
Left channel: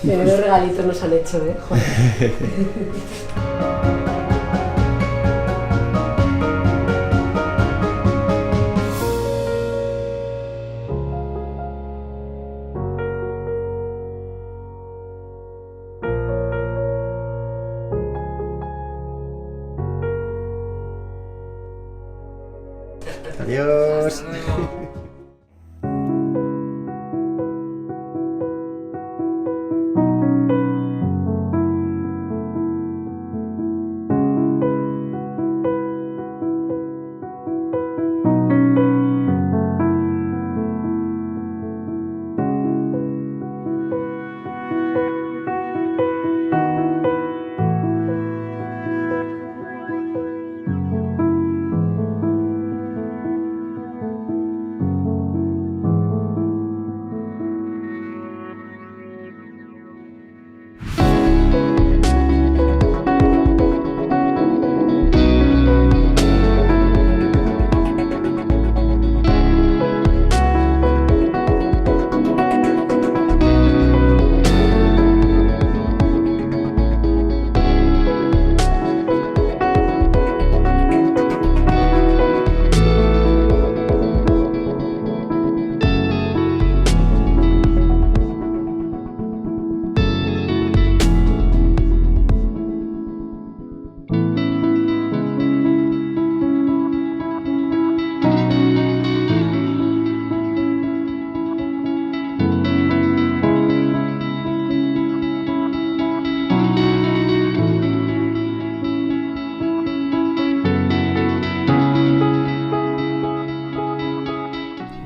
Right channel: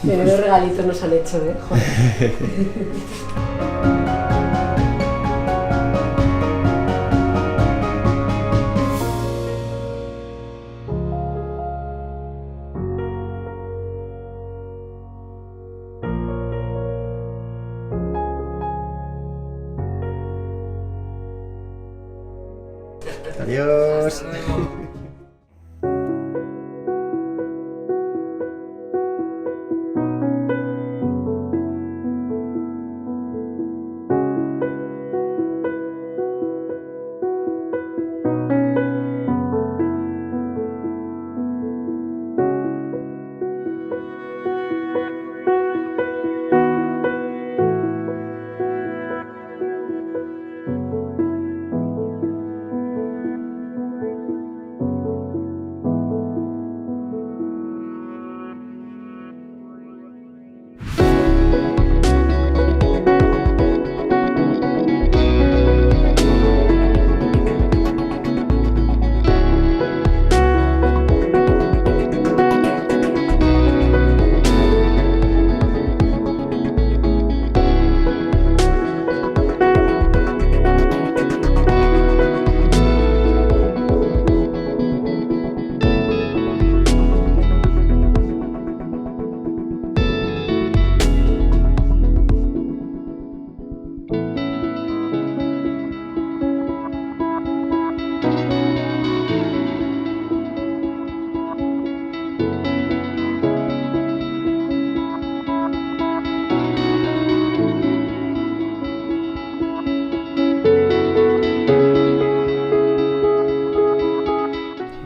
Menudo regalitos nos han hecho, ¿eh? Joder. Adiós.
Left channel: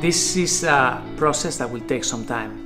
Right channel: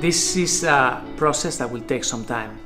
This is a process that will take some time.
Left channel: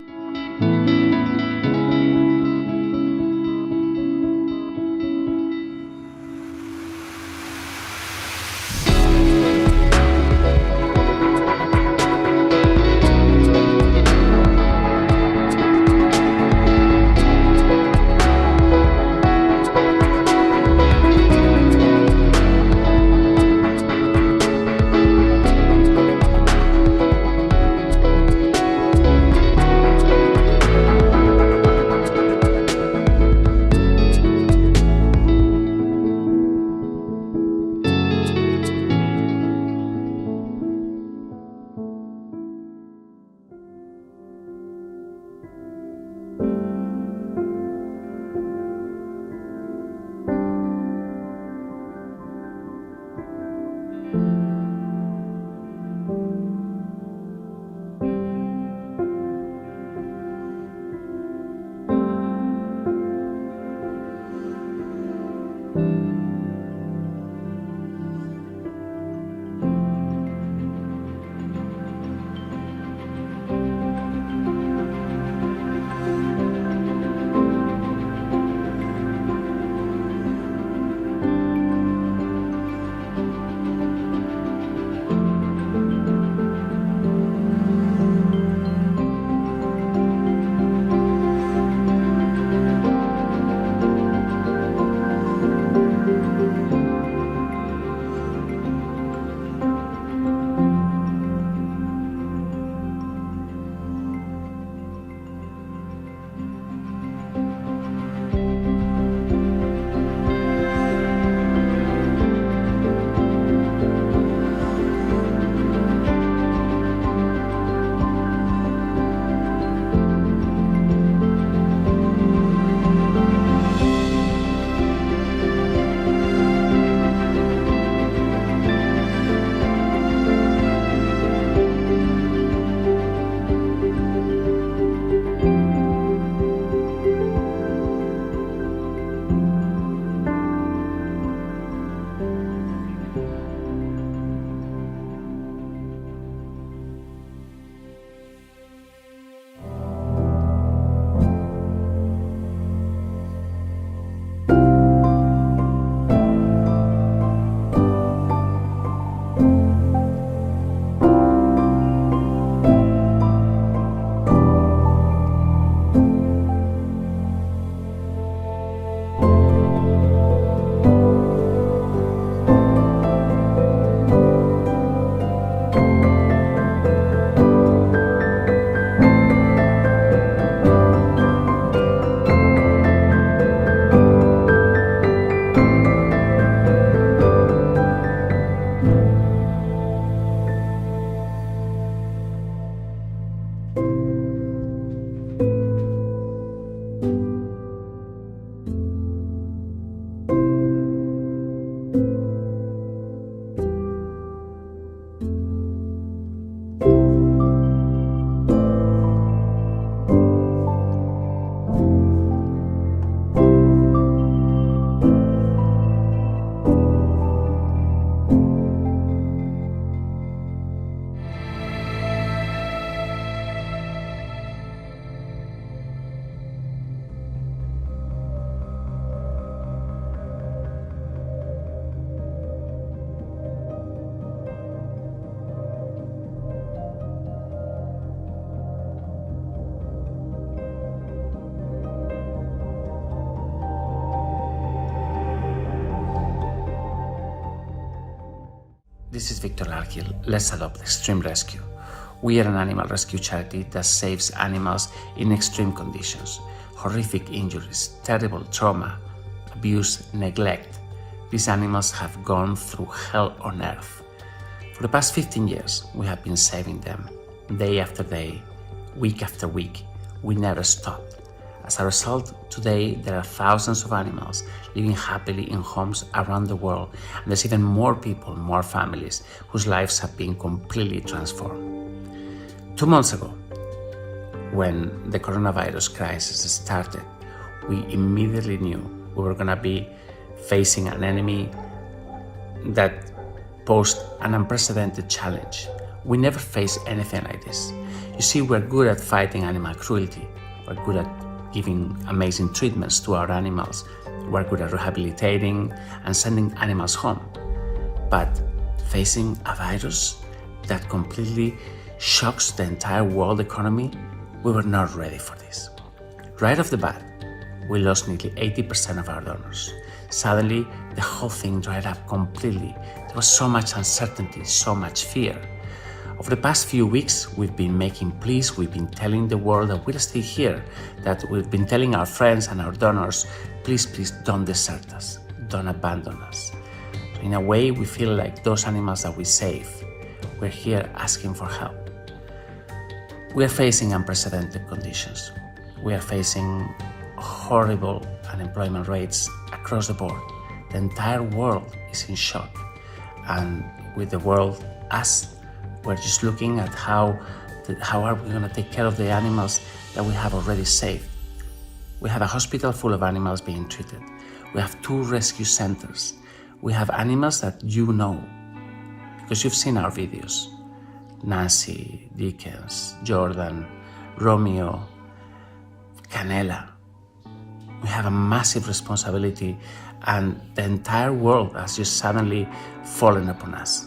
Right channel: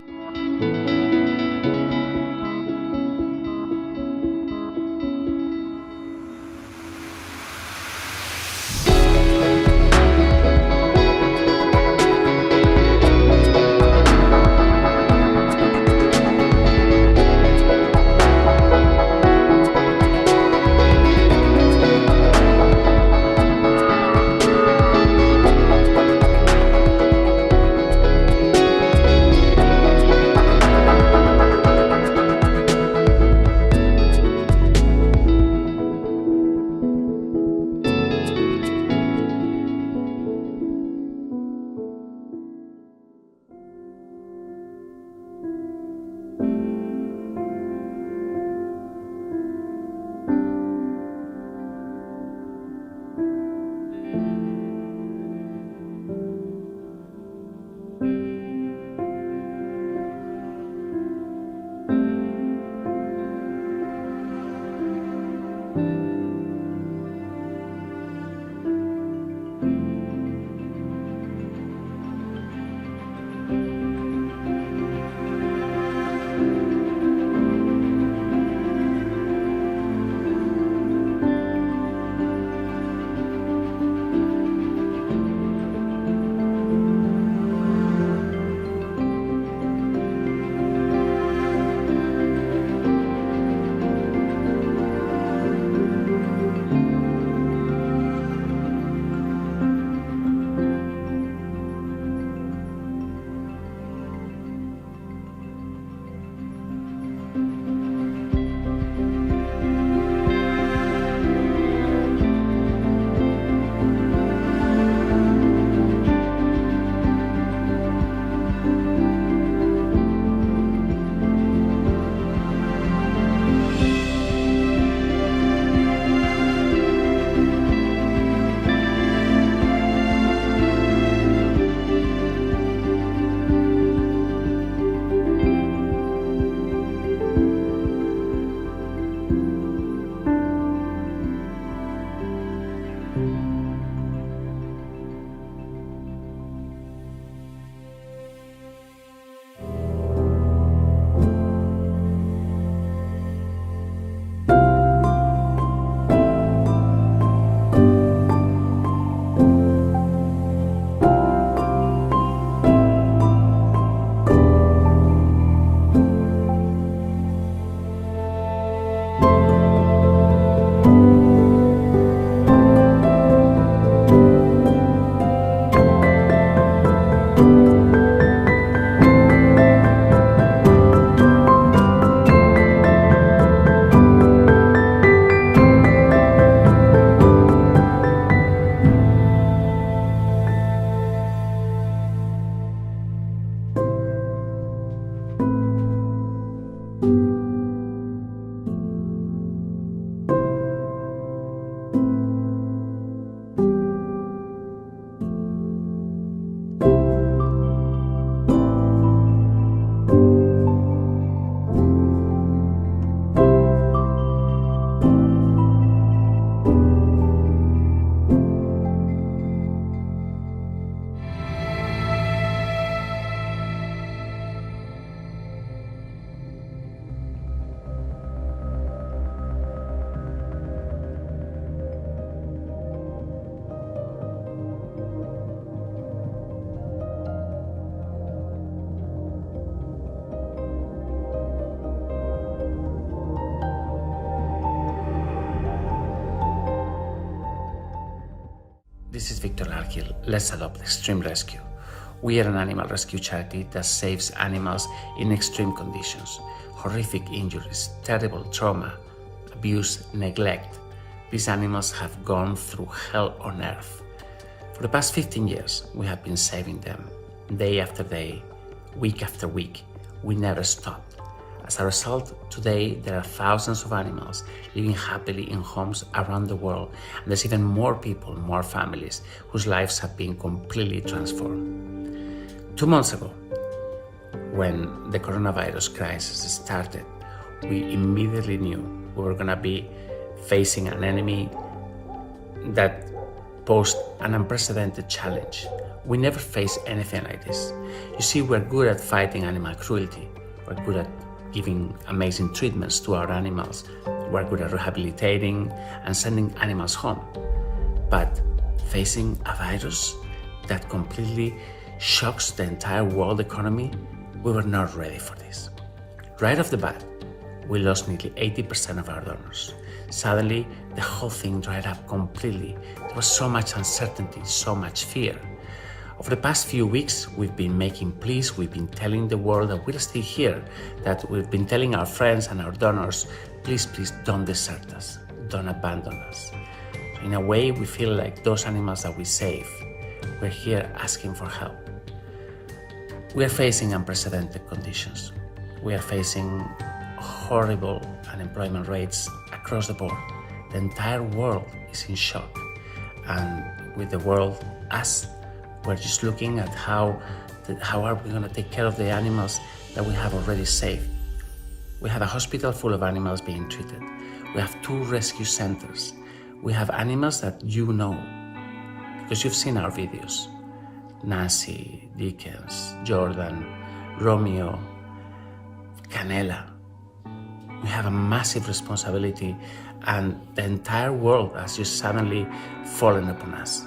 This is Viktor Larkhill. Let's Adopt Extreme Rescue. We are an animal rescue charity that saves animals in extreme conditions. Horrific injuries, terrible trauma, abuse, neglect. These animals have gone through hell on earth. For the past 15 years, we have been saving them. Day after day, week after week, we never stopped. As a result, today there are thousands of animals living happily in homes around the world, and there's even more people, more families, whose lives have been completely transformed. 2 months ago, when the coronavirus crisis started, we immediately knew we were going to be facing an enemy that posed an unprecedented challenge. We never faced anything like this. You see, we're good at fighting animal cruelty. We're good at giving amazing treatments to our animals. We're good at rehabilitating and sending animals home. But facing a virus that completely shocks the entire world economy, we were not ready for this. Right off the bat, we lost nearly 80% of our donors. Suddenly, the whole thing dried up completely. There was so much uncertainty, so much fear. Over the past few weeks, we've been making pleas, we've been telling the world that we're still here, that we've been telling our friends and our donors, please, please don't desert us, don't abandon us. In a way, we feel like those animals that we save, we're here asking for help. We are facing unprecedented conditions. We are facing horrible unemployment rates across the board. The entire world is in shock. And with the world, us, we're just looking at how are we going to take care of the animals that we have already saved. We have a hospital full of animals being treated. We have 2 rescue centers. We have animals that you know, because you've seen our videos. Nancy, Dickens, Jordan, Romeo, Canela. We have a massive responsibility, and the entire world has just suddenly fallen upon us.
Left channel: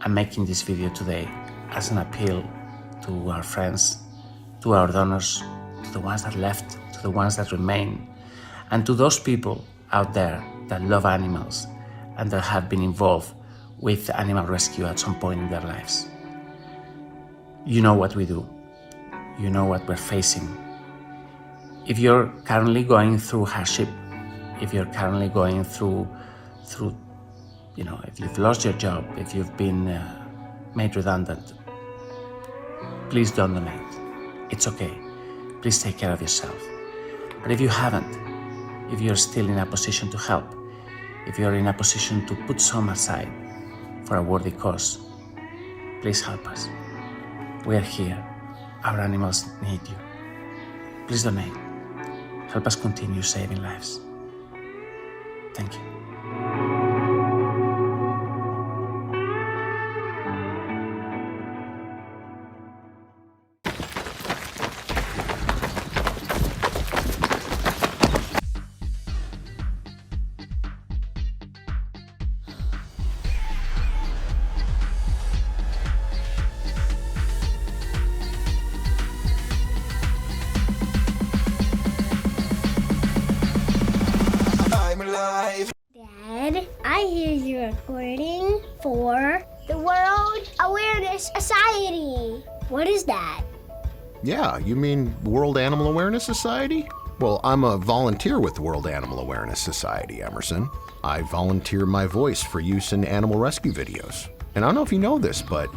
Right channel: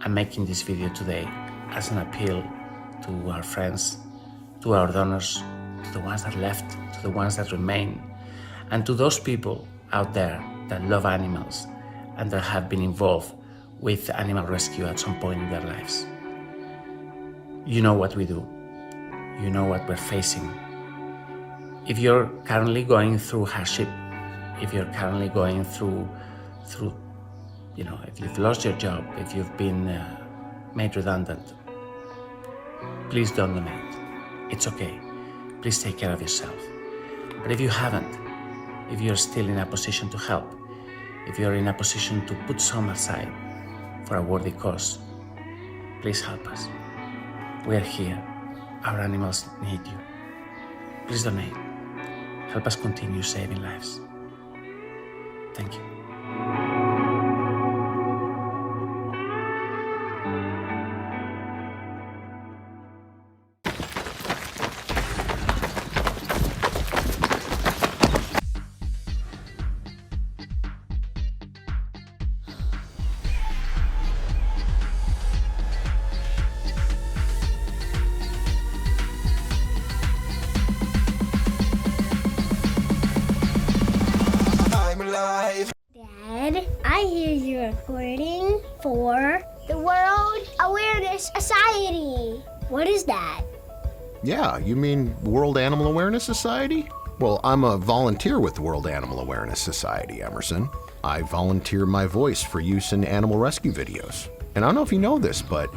I'm making this video today as an appeal to our friends, to our donors, to the ones that left, to the ones that remain, and to those people out there that love animals and that have been involved with animal rescue at some point in their lives. You know what we do. You know what we're facing. If you're currently going through hardship, if you're currently going through if you've lost your job, if you've been made redundant, please don't donate. It's okay. Please take care of yourself. But if you haven't, if you're still in a position to help, if you're in a position to put some aside for a worthy cause, please help us. We are here. Our animals need you. Please donate. Help us continue saving lives. Thank you. Dad, I hear you're recording for the World Awareness Society. What is that? Yeah, you mean World Animal Awareness Society? Well, I'm a volunteer with the World Animal Awareness Society, Emerson. I volunteer my voice for use in animal rescue videos. And I don't know if you know this, but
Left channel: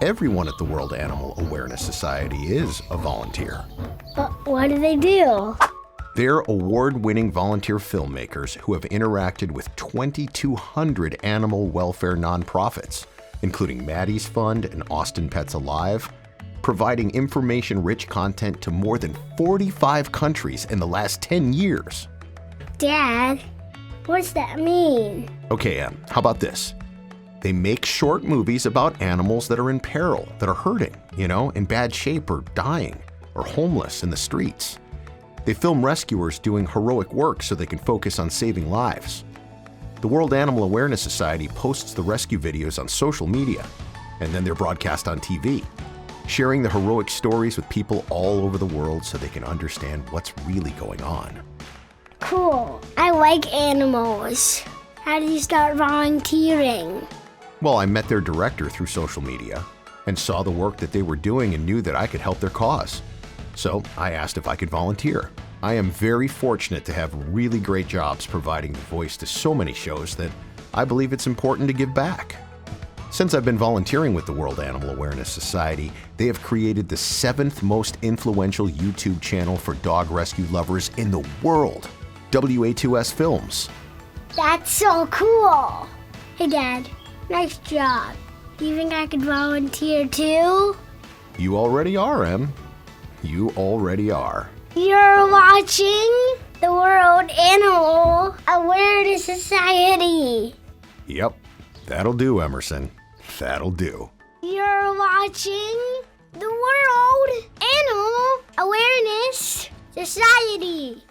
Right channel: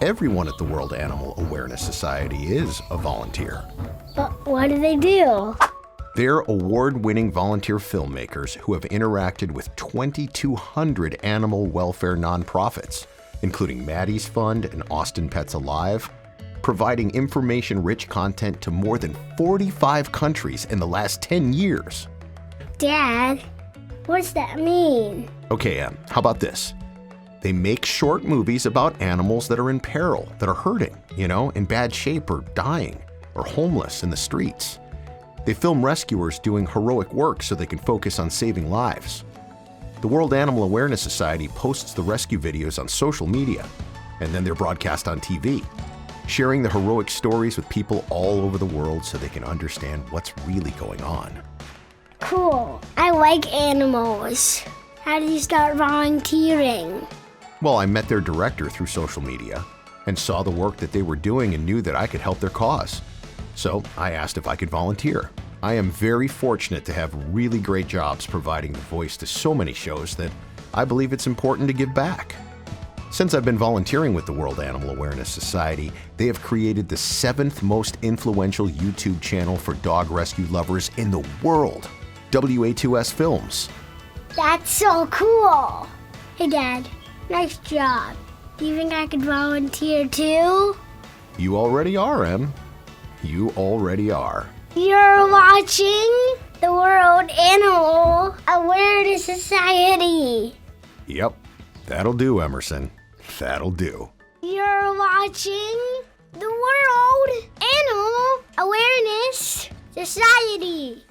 everyone at the World Animal Awareness Society is a volunteer. But what do they do? They're award-winning volunteer filmmakers who have interacted with 2,200 animal welfare nonprofits, including Maddie's Fund and Austin Pets Alive, providing information-rich content to more than 45 countries in the last 10 years. Dad, what does that mean? Okay, how about this? They make short movies about animals that are in peril, that are hurting, in bad shape or dying, or homeless in the streets. They film rescuers doing heroic work so they can focus on saving lives. The World Animal Awareness Society posts the rescue videos on social media, and then they're broadcast on TV, sharing the heroic stories with people all over the world so they can understand what's really going on. Cool. I like animals. How do you start volunteering? Well, I met their director through social media and saw the work that they were doing and knew that I could help their cause. So I asked if I could volunteer. I am very fortunate to have really great jobs providing the voice to so many shows that I believe it's important to give back. Since I've been volunteering with the World Animal Awareness Society, they have created the 7th most influential YouTube channel for dog rescue lovers in the world, WA2S Films. That's so cool. Hey, Dad, nice job. Do you think I could volunteer too? You already are, Em. You already are. You're watching the World Animal Awareness Society. Yep, that'll do, Emerson. That'll do. You're watching the World Animal Awareness Society.